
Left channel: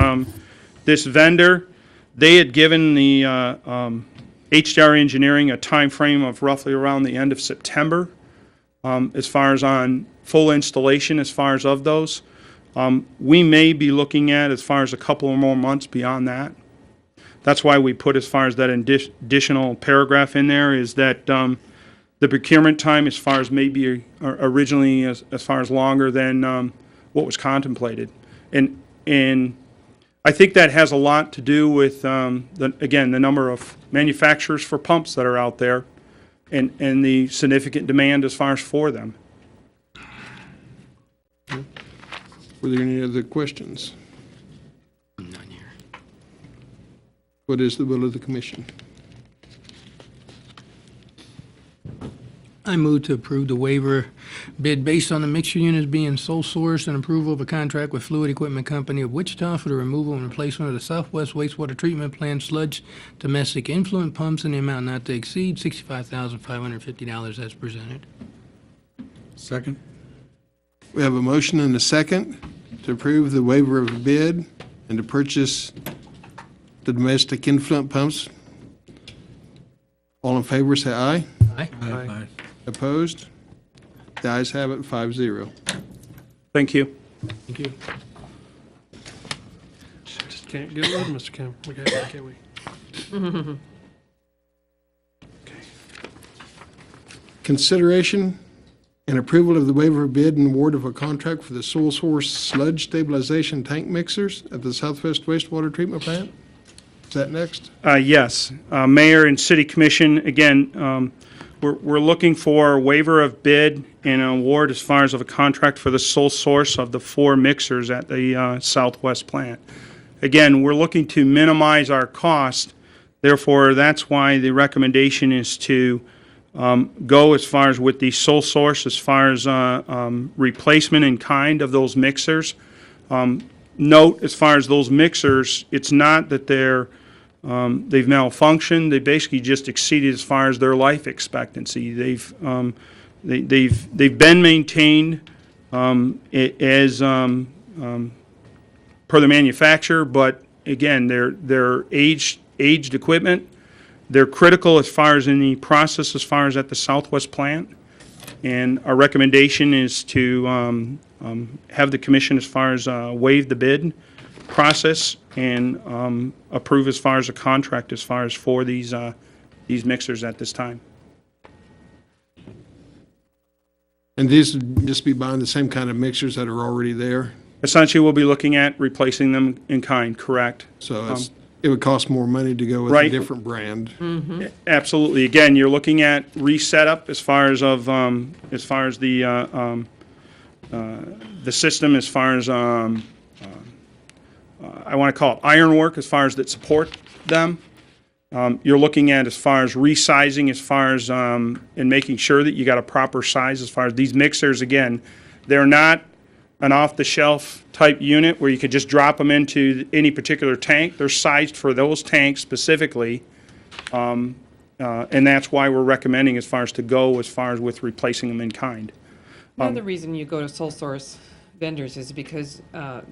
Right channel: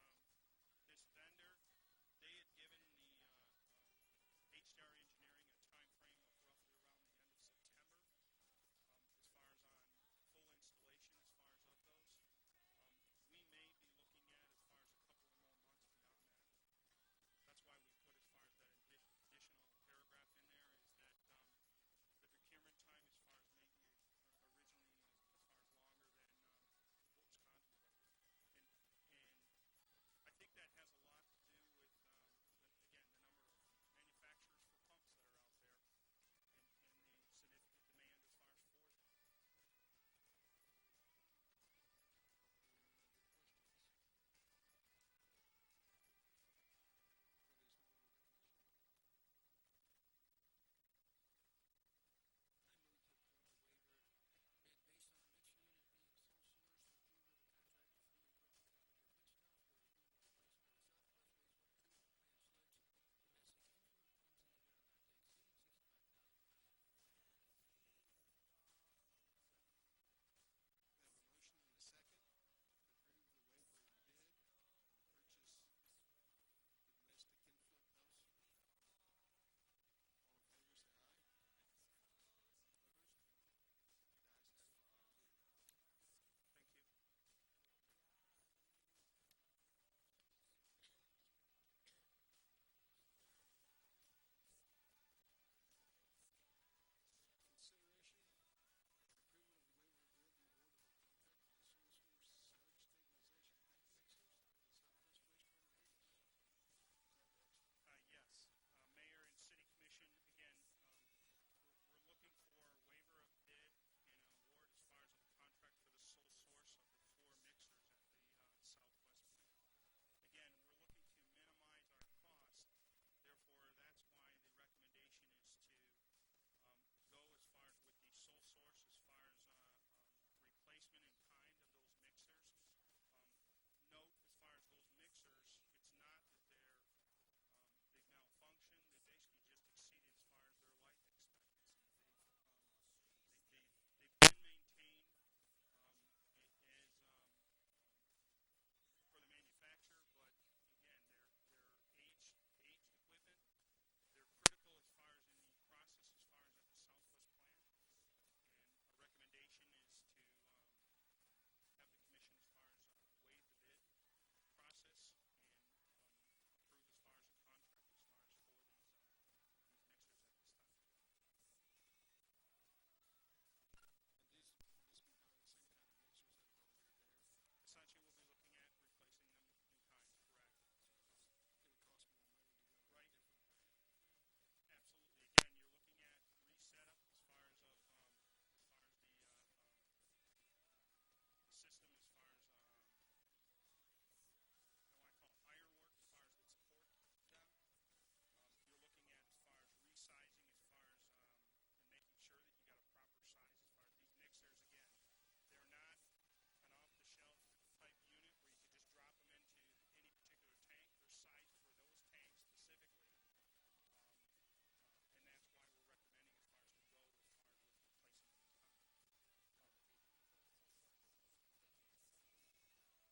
this vendor, they had given the HDR Engineering a time frame of roughly around the end of September as far as on full installation as far as of those. We may be looking at as far as a couple or more months beyond that. That's why we put as far as that additional paragraph in there is that the procurement time as far as maybe originally as far as longer than what was contemplated. And I think that has a lot to do with, again, the number of manufacturers for pumps that are out there and the significant demand as far as for them. Were there any other questions? None here. What is the will of the commission? I move to approve the waiver bid based on the mixture units being sole sourced and approval of a contract with Fluid Equipment Company of Wichita for the removal and replacement of the Southwest Wastewater Treatment Plant sludge domestic influent pumps in the amount not to exceed $65,550 as presented. Second? We have a motion and a second to approve the waiver of bid and to purchase the domestic influent pumps. All in favor, say aye. Aye. Aye. Opposed? The ayes have it, 5-0. Thank you. Thank you. Just can't get rid of Mr. Kim. Okay, can we? Consideration and approval of the waiver of bid and award of a contract for the sole source sludge stabilization tank mixers at the Southwest Wastewater Treatment Plant. Is that next? Yes. Mayor and City Commission, again, we're looking for a waiver of bid and an award as far as of a contract for the sole source of the 4 mixers at the Southwest plant. Again, we're looking to minimize our cost. Therefore, that's why the recommendation is to go as far as with the sole source, as far as replacement in kind of those mixers. Note, as far as those mixers, it's not that they've malfunctioned. They basically just exceeded as far as their life expectancy. They've been maintained as per the manufacturer, but again, they're aged equipment. They're critical as far as in the process, as far as at the Southwest plant. And our recommendation is to have the commission as far as waive the bid process and approve as far as a contract as far as for these mixers at this time. And these would just be buying the same kind of mixers that are already there? Essentially, we'll be looking at replacing them in kind, correct? So it would cost more money to go with a Right. different brand. Absolutely. Again, you're looking at reset up as far as the system, as far as I want to call it ironwork, as far as that support them. You're looking at as far as resizing, as far as and making sure that you got a proper size. As far as these mixers, again, they're not an off-the-shelf type unit where you could just drop them into any particular tank. They're sized for those tanks specifically, and that's why we're recommending as far as to go as far as with replacing them in kind. Another reason you go to sole source vendors is because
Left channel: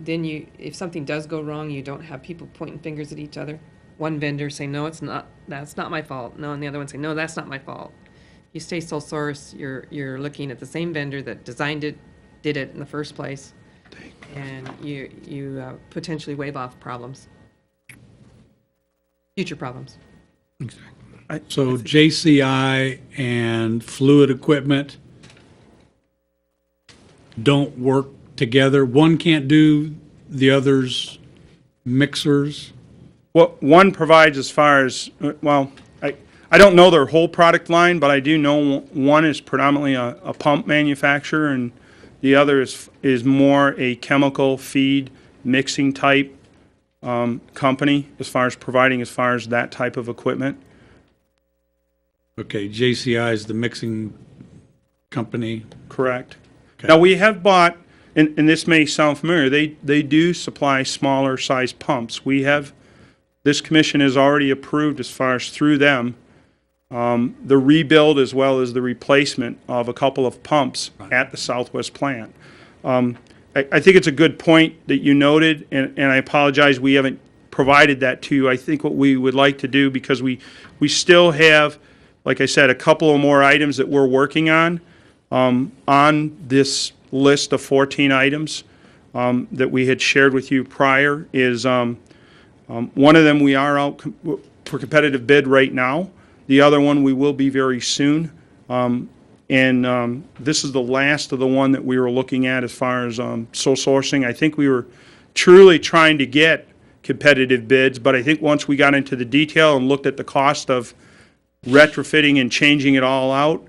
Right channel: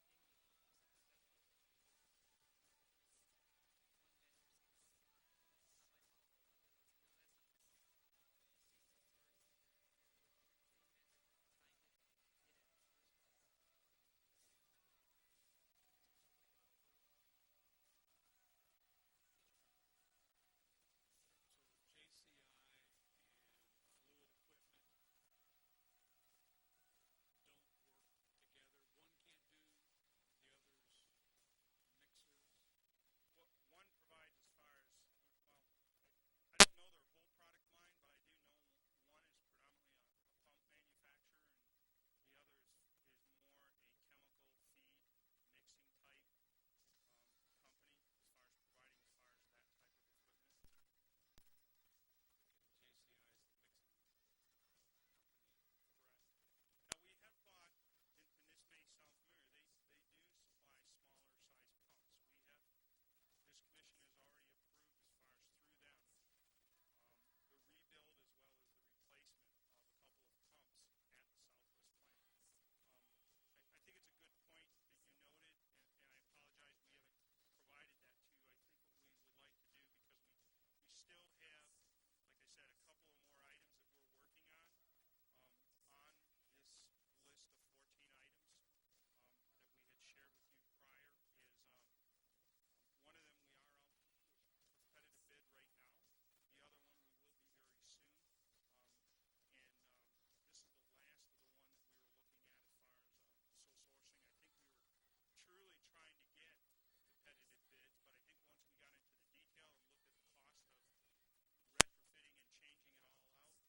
then if something does go wrong, you don't have people pointing fingers at each other. One vendor say, no, it's not, that's not my fault. No, and the other one say, no, that's not my fault. You stay sole source, you're looking at the same vendor that designed it, did it in the first place, and you potentially waive off problems, future problems. So JCI and Fluid Equipment don't work together? One can't do the other's mixers? Well, one provides as far as, well, I don't know their whole product line, but I do know one is predominantly a pump manufacturer, and the other is more a chemical feed mixing type company as far as providing as far as that type of equipment. Okay, JCI is the mixing company. Correct. Okay. Now, we have bought, and this may sound familiar, they do supply smaller size pumps. This commission has already approved as far as through them, the rebuild as well as the replacement of a couple of pumps at the Southwest plant. I think it's a good point that you noted, and I apologize we haven't provided that to you. I think what we would like to do, because we still have, like I said, a couple of more items that we're working on this list of 14 items that we had shared with you prior, is one of them we are out for competitive bid right now. The other one we will be very soon. And this is the last of the one that we were looking at as far as sole sourcing. I think we were truly trying to get competitive bids, but I think once we got into the detail and looked at the cost of retrofitting and changing it all out,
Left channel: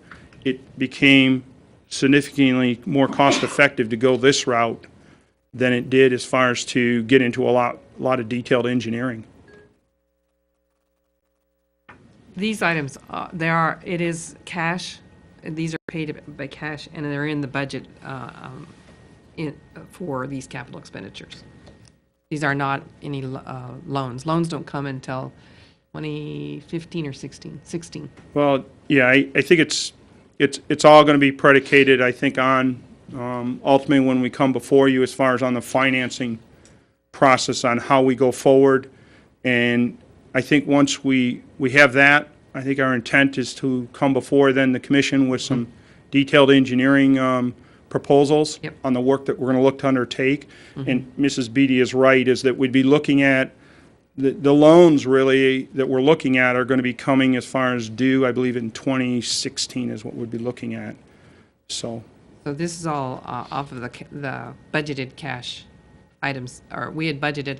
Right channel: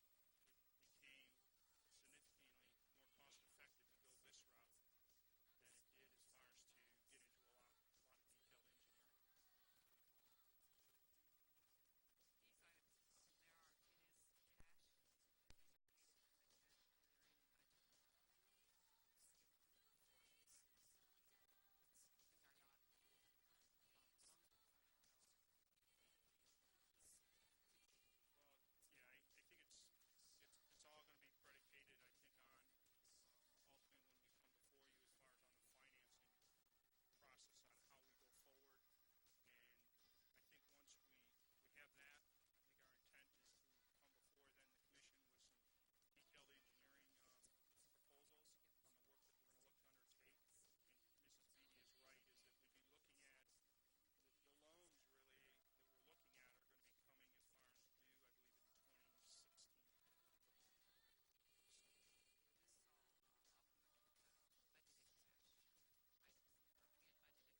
it became significantly more cost effective to go this route than it did as far as to get into a lot of detailed engineering. These items, it is cash. These are paid by cash, and they're in the budget for these capital expenditures. These are not any loans. Loans don't come until 2015 or 16. Well, yeah, I think it's all going to be predicated, I think, on ultimately when we come before you as far as on the financing process on how we go forward. And I think once we have that, I think our intent is to come before then the commission with some detailed engineering proposals on the work that we're going to look to undertake. And Mrs. Beatty is right, is that we'd be looking at the loans really that we're looking at are going to be coming as far as due, I believe in 2016 is what we'd be looking at. So this is all off of the budgeted cash items, or we had budgeted,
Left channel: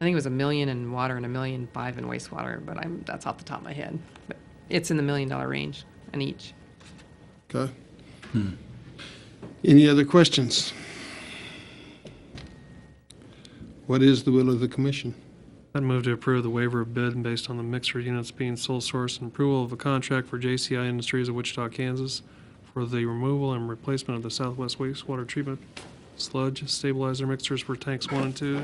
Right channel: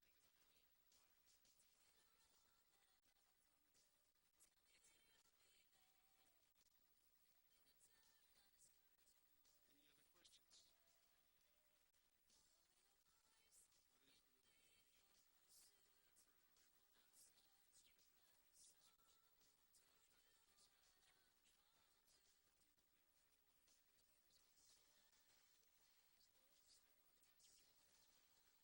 I think it was $1 million in water and $1.5 million in wastewater, but that's off the top of my head. But it's in the $1 million range in each. Okay. Any other questions? What is the will of the commission? I'd move to approve the waiver of bid based on the mixer units being sole source and approval of a contract for JCI Industries of Wichita, Kansas for the removal and replacement of the Southwest wastewater treatment sludge stabilizer mixers for tanks 1 and 2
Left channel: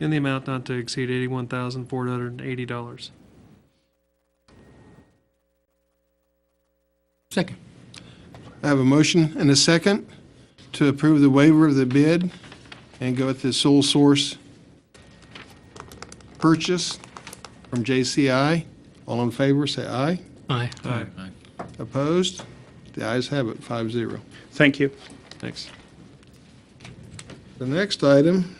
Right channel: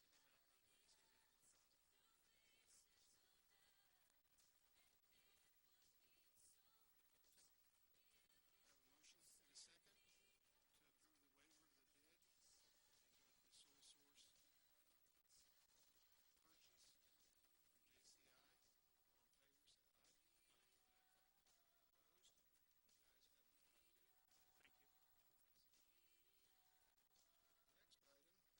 in the amount not to exceed $81,480. Second. I have a motion and a second to approve the waiver of the bid and go with the sole source purchase from JCI. All in favor, say aye. Aye. Aye. Opposed? The ayes have it, 5-0. thank you. Thanks. The next item,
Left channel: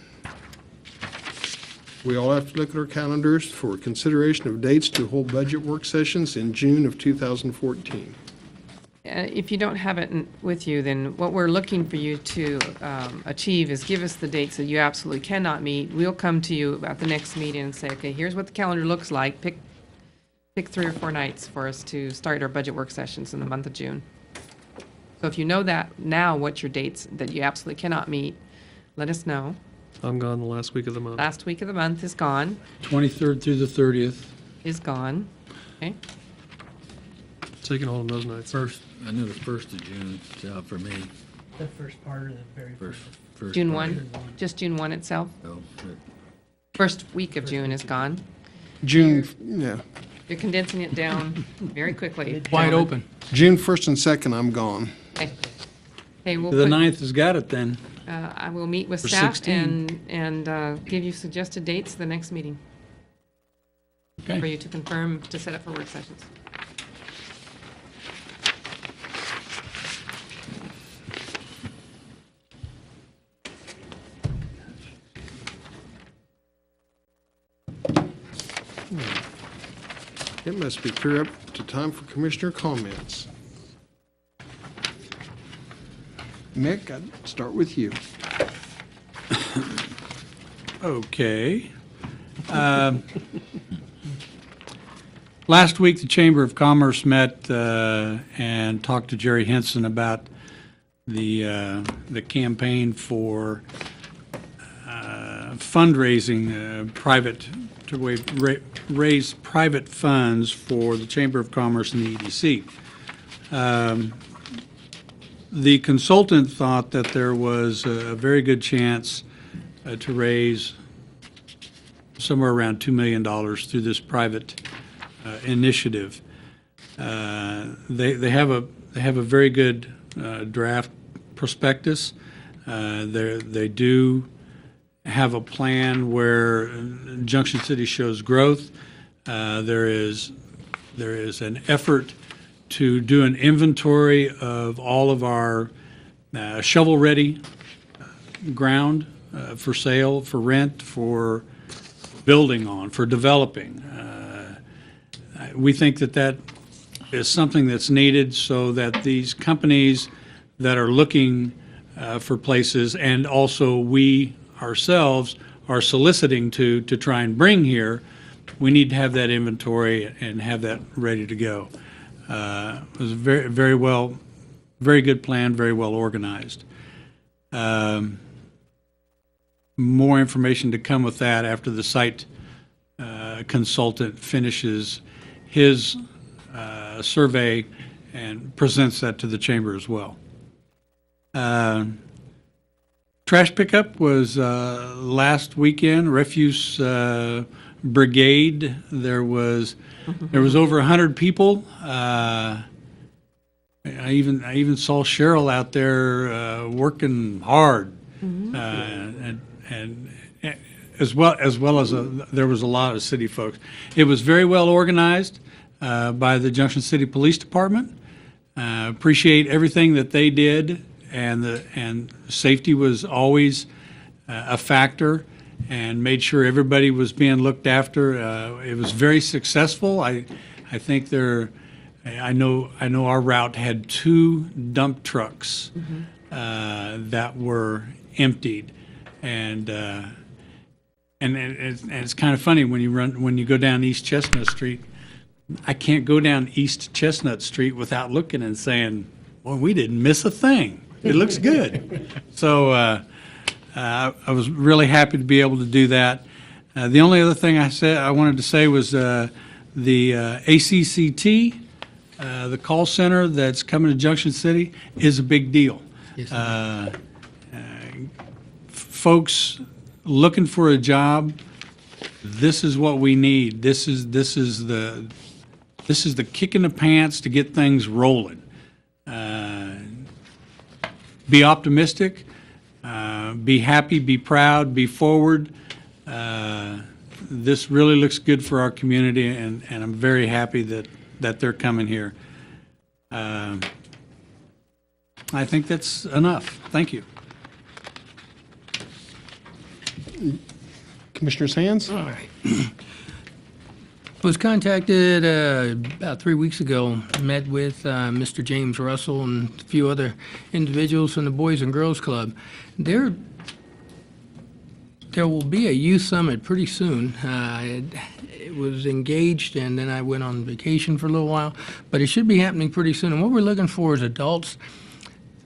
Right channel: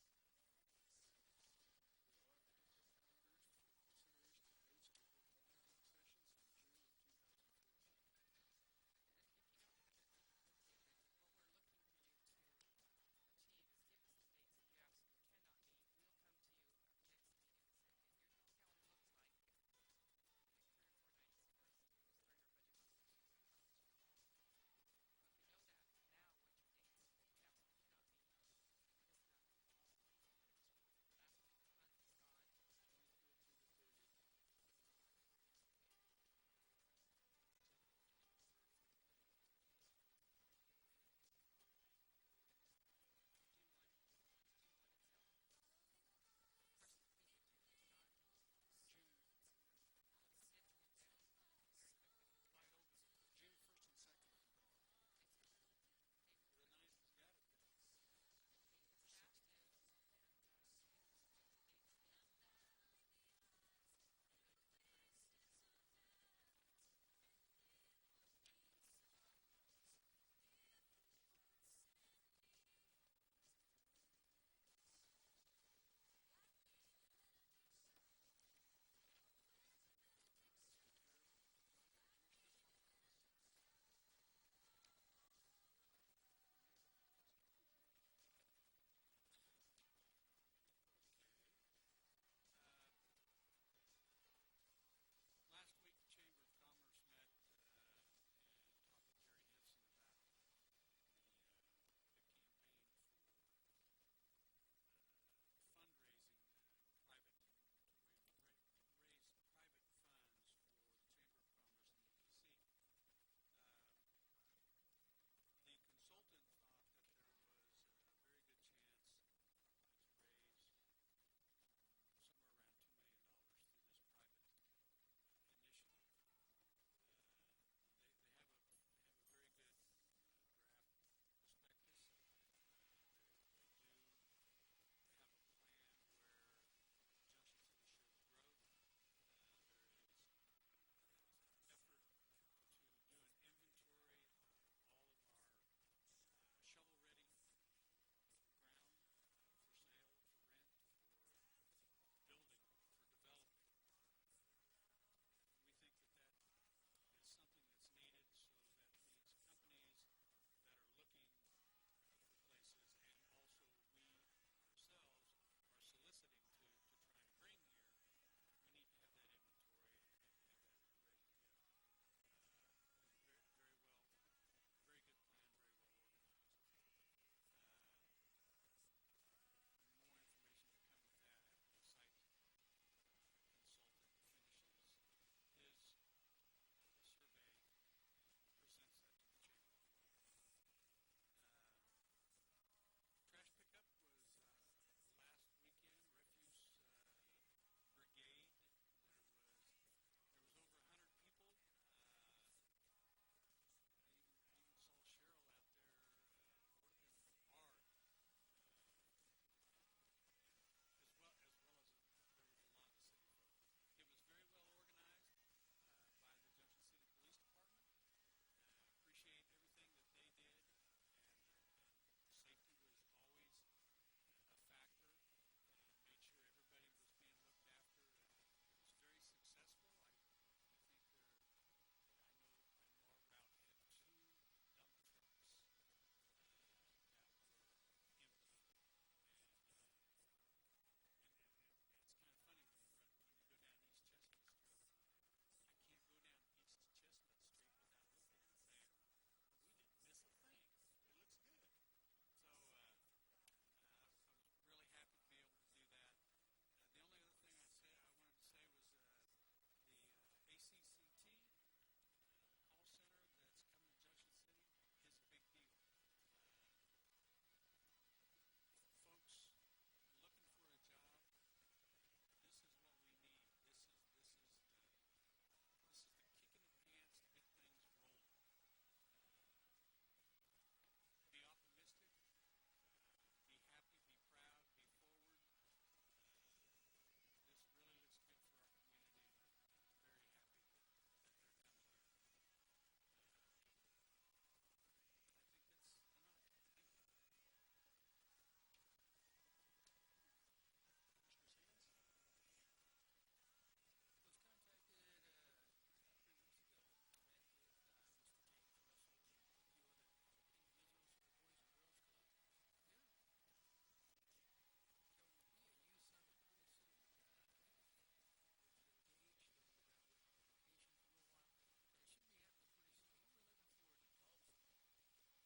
we all have to look at our calendars for consideration of dates to hold budget work sessions in June of 2014. If you don't have it with you, then what we're looking for you to achieve is give us the dates that you absolutely cannot meet. We'll come to you at the next meeting and say, okay, here's what the calendar looks like. Pick 3 or 4 nights for us to start our budget work sessions in the month of June. So if you know that now, what your dates that you absolutely cannot meet, let us know. I'm gone the last week of the month. Last week of the month is gone. 23rd through the 30th. Is gone. Okay. So you can hold them those nights. I know the 1st of June is out for me. The first part or the very first? First June part. 1, just June 1 itself. Oh, but First week of June is gone. June, yeah, You're condensing it down very quickly. Wide open. June 1st and 2nd, I'm gone. Okay. Okay, we'll The put, 9th has got it then. I will meet with For staff 16. and give you suggested dates the next meeting for Okay. you to confirm to set up for work sessions. It must be clear up to time for commissioner comments. Mick, I'd start with you. Okay. Last week, the Chamber of Commerce met and talked to Jerry Henson about the campaign for fundraising, to raise private funds for the Chamber of Commerce and the EDC. The consultant thought that there was a very good chance to raise somewhere around $2 million through this private initiative. They have a very good draft prospectus. They do have a plan where Junction City shows growth. There is an effort to do an inventory of all of our shovel-ready ground for sale, for rent, for building on, for developing. We think that is something that's needed so that these companies that are looking for places, and also we ourselves are soliciting to try and bring here, we need to have that inventory and have that ready to go. It was a very good plan, very well organized. More information to come with that after the site consultant finishes his survey and presents that to the chamber as well. Trash pickup was last weekend. Refuse brigade. There was over 100 people. I even saw Cheryl out there working hard, and as well as there was a lot of city folks. It was very well organized by the Junction City Police Department. Appreciate everything that they did, and safety was always a factor, and made sure everybody was being looked after. It was very successful. I think I know our route had 2 dump trucks that were emptied, and it's kind of funny when you go down East Chestnut Street. I can't go down East Chestnut Street without looking and saying, "Well, we didn't miss a thing. It looks good." So I was really happy to be able to do that. The only other thing I wanted to say was the ACCT, the call center that's coming to Junction City, is a big deal. Yes, Folks looking for a job, this is what we need. This is the kick in the pants to get things rolling. Be optimistic, be happy, be proud, be forward. This really looks good for our community, and I'm very happy that they're coming here. I think that's enough. Thank you. Commissioner Sands? All right. Was contacted about 3 weeks ago, met with Mr. James Russell and a few other individuals from the Boys and Girls Club. There will be a youth summit pretty soon. It was engaged, and then I went on vacation for a little while, but it should be happening pretty soon. And what we're looking for is adults,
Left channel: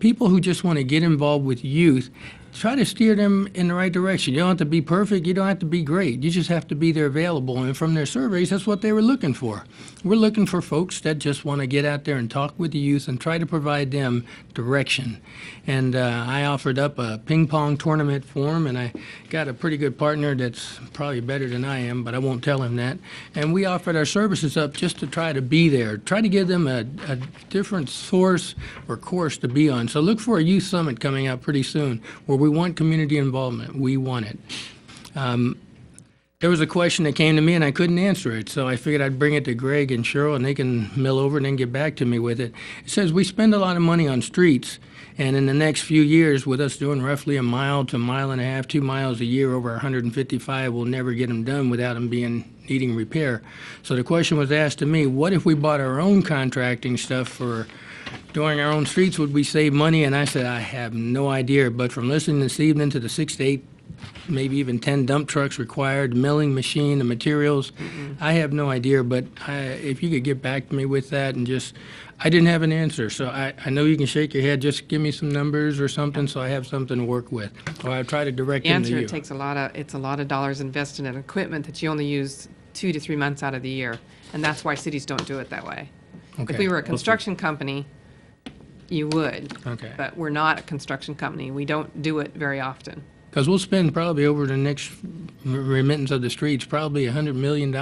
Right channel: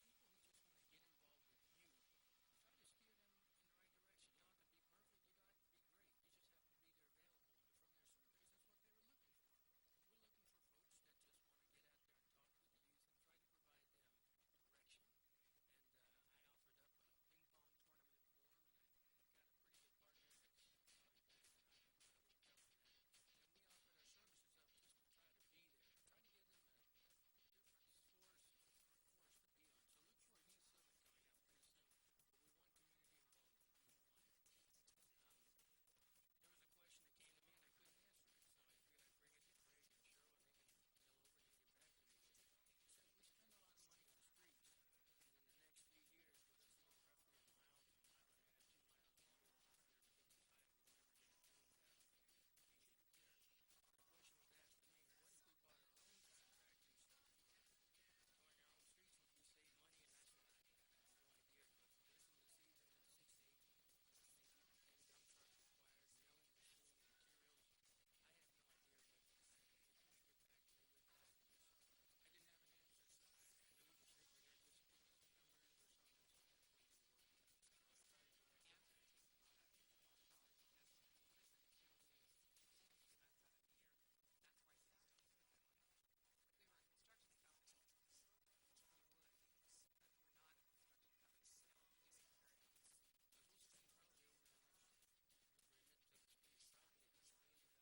people who just want to get involved with youth. Try to steer them in the right direction. You don't have to be perfect. You don't have to be great. You just have to be there available. And from their surveys, that's what they were looking for. We're looking for folks that just want to get out there and talk with the youth and try to provide them direction. And I offered up a ping pong tournament for them, and I got a pretty good partner that's probably better than I am, but I won't tell him that. And we offered our services up just to try to be there, try to give them a different source or course to be on. So look for a youth summit coming out pretty soon where we want community involvement. We want it. There was a question that came to me and I couldn't answer it, so I figured I'd bring it to Greg and Cheryl and they can mill over and then get back to me with it. It says we spend a lot of money on streets, and in the next few years, with us doing roughly 1 mile to 1.5 miles, 2 miles a year over 155, we'll never get them done without them needing repair. So the question was asked to me, what if we bought our own contracting stuff for doing our own streets, would we save money? And I said, I have no idea, but from listening this evening to the 6 to 8, maybe even 10 dump trucks required, milling machine, the materials, I have no idea, but if you could get back to me with that and just, I didn't have an answer, so I know you can shake your head, just give me some numbers or something so I have something to work with, or I'll try to direct The them to answer, you. it takes a lot of dollars invested in equipment that you only use 2 to 3 months out of the year, and that's why cities don't do it that way. If Okay. we were a construction company, you would. Okay. But we're not a construction company. We don't do it very often. Because we'll spend probably over the next remittance of the streets, probably $100 million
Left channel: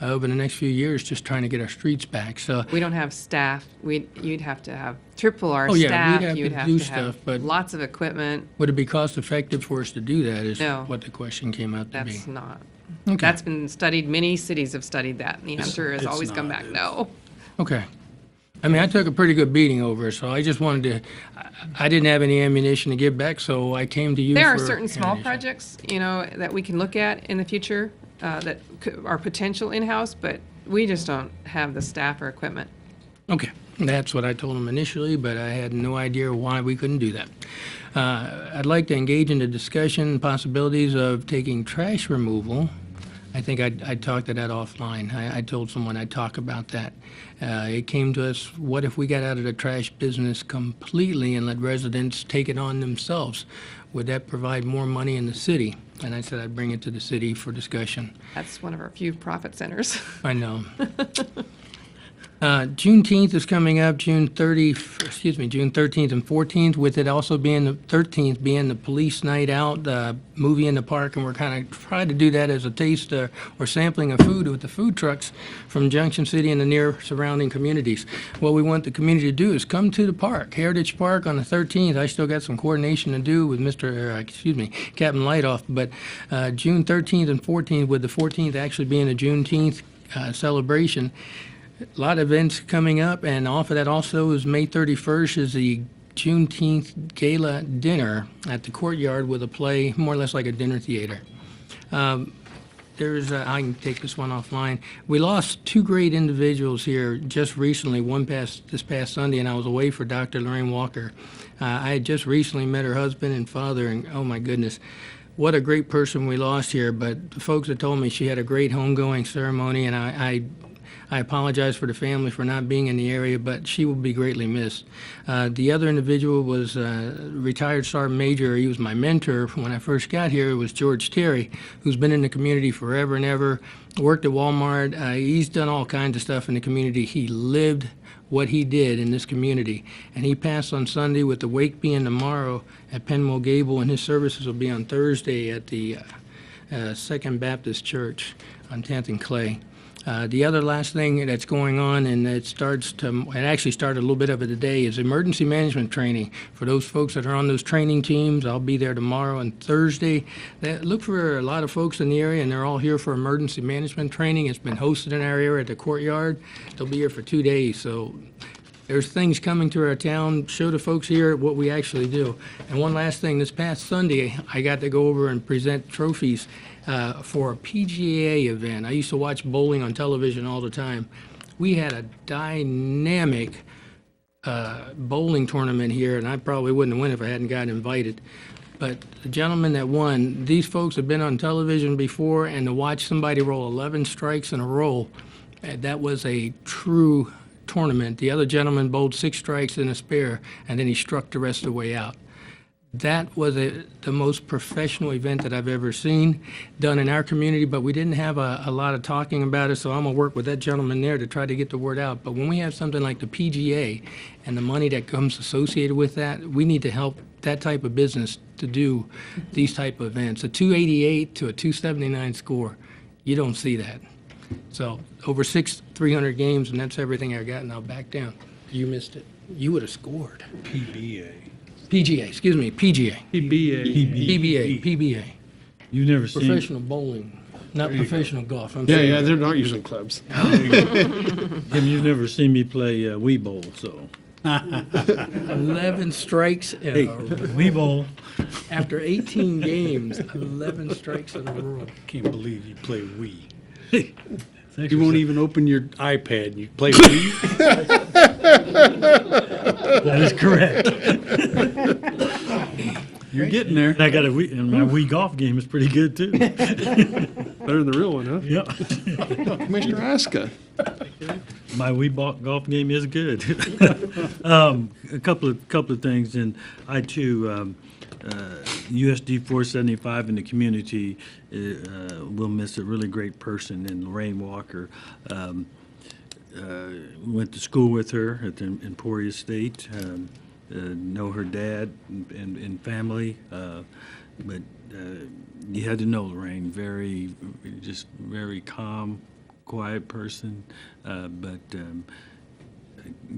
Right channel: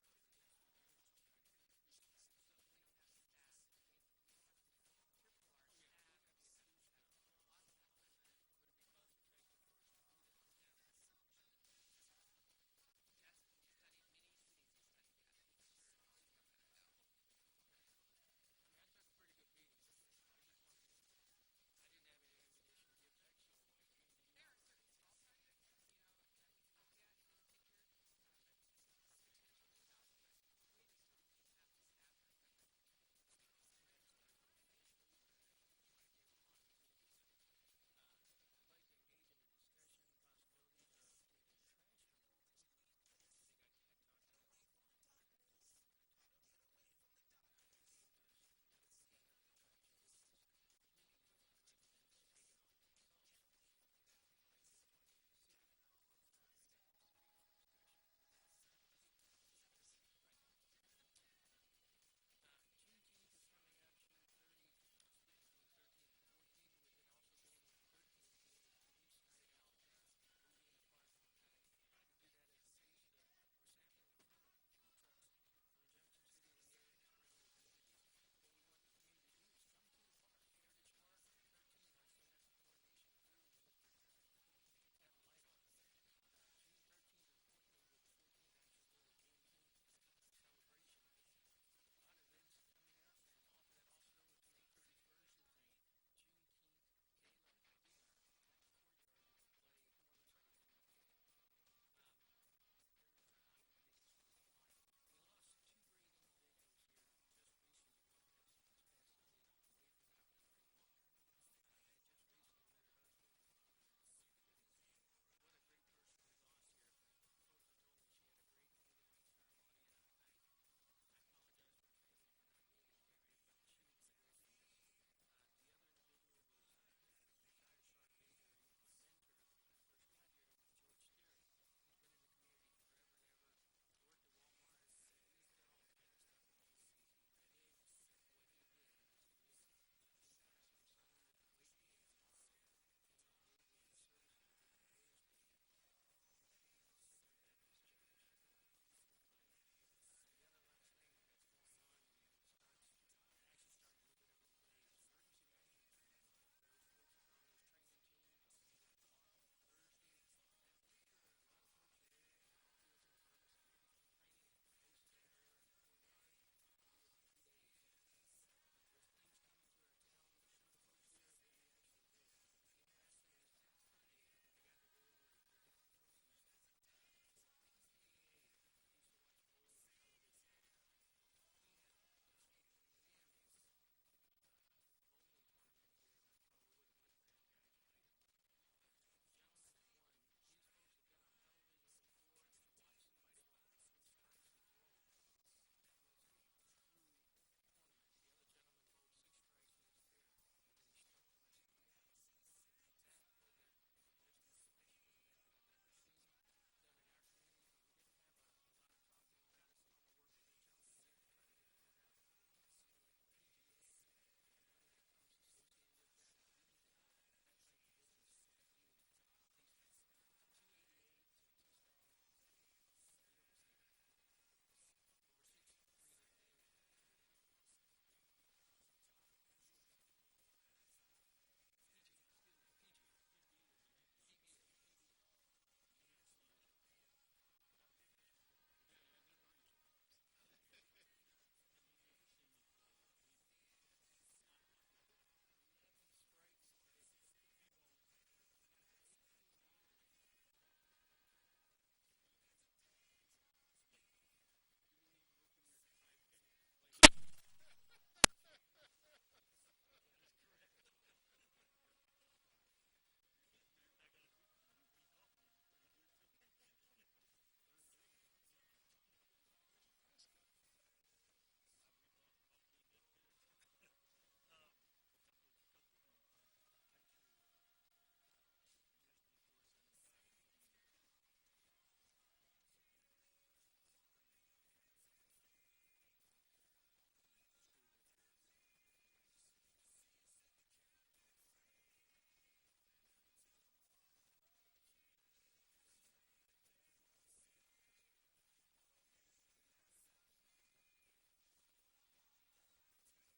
over the next few years just trying to get our streets back. So We don't have staff. You'd have to have triple our Oh, yeah, staff. we'd have You'd to have do to have stuff, but- lots of equipment. would it be cost effective for us to do that is No. what the question came out to be. That's not. Okay. That's been studied. Many cities have studied that. And the answer has it's always come not. back, no. Okay. I mean, I took a pretty good beating over it, so I just wanted to, I didn't have any ammunition to give back, so I came to you There are for certain small ammunition. projects, that we can look at in the future that are potential in-house, but we just don't have the staff or equipment. Okay, that's what I told them initially, but I had no idea why we couldn't do that. I'd like to engage in the discussion possibilities of taking trash removal. I think I talked to that offline. I told someone I'd talk about that. It came to us, what if we got out of the trash business completely and let residents take it on themselves? Would that provide more money in the city? And I said I'd bring it to the city for discussion. That's one of our few profit centers. I know. Juneteenth is coming up, June 13th and 14th, with it also being the 13th being the police night out, movie in the park, and we're kind of trying to do that as a taste or sampling of food with the food trucks from Junction City and the near surrounding communities. What we want the community to do is come to the park, Heritage Park on the 13th. I still got some coordination to do with Captain Lightoff, but June 13th and 14th, with the 14th actually being a Juneteenth celebration. A lot of events coming up, and off of that also is May 31st is the Juneteenth Gala Dinner at the Courtyard with a play, more or less like a dinner theater. I can take this one offline. We lost two great individuals here just recently, this past Sunday, and I was away for Dr. Lorraine Walker. I had just recently met her husband and father, and oh my goodness, what a great person we lost here. But the folks had told me she had a great homegoing ceremony, and I apologize for the family for not being in the area, but she will be greatly missed. The other individual was retired Sergeant Major. He was my mentor when I first got here. It was George Terry, who's been in the community forever and ever, worked at Walmart. He's done all kinds of stuff in the community. He lived what he did in this community. And he passed on Sunday, with the wake being tomorrow at Penwell Gable, and his services will be on Thursday at the Second Baptist Church on 10th and Clay. The other last thing that's going on, and it actually started a little bit of it today, is emergency management training. For those folks that are on those training teams, I'll be there tomorrow and Thursday. Look for a lot of folks in the area, and they're all here for emergency management training. It's been hosted in our area at the Courtyard. They'll be here for 2 days, so there's things coming to our town. Show the folks here what we actually do. And one last thing, this past Sunday, I got to go over and present trophies for a PGA event. I used to watch bowling on television all the time. We had a dynamic bowling tournament here, and I probably wouldn't have won if I hadn't gotten invited. But the gentleman that won, these folks have been on television before, and to watch somebody roll 11 strikes in a row, that was a true tournament. The other gentleman bowled 6 strikes in a spare, and then he struck the rest of the way out. That was the most professional event that I've ever seen done in our community, but we didn't have a lot of talking about it, so I'm going to work with that gentleman there to try to get the word out. But when we have something like the PGA and the money that comes associated with that, we need to help that type of business to do these type of events. A 288 to a 279 score, you don't see that. So over 300 games, and that's everything I got, and I'll back down. You missed it. You would have scored. PGA. PBA. You've never seen Professional bowling, not professional golf. Yeah, they're not using clubs. You've never seen me play Wii Bowl, so 11 strikes in a row. Wii Bowl. After 18 games, 11 strikes in a row. Can't believe you play Wii. You won't even open your iPad. You play Wii? That is correct. You're getting there. I got a Wii, and my Wii golf game is pretty good too. Better than the real one, huh? Yep. Commissioner Aska. My Wii golf game is good. A couple of things, and I too, USD 475 in the community will miss a really great person in Lorraine Walker. Went to school with her at the Emporia State. Know her dad and family, but you had to know Lorraine. Very calm, quiet person, but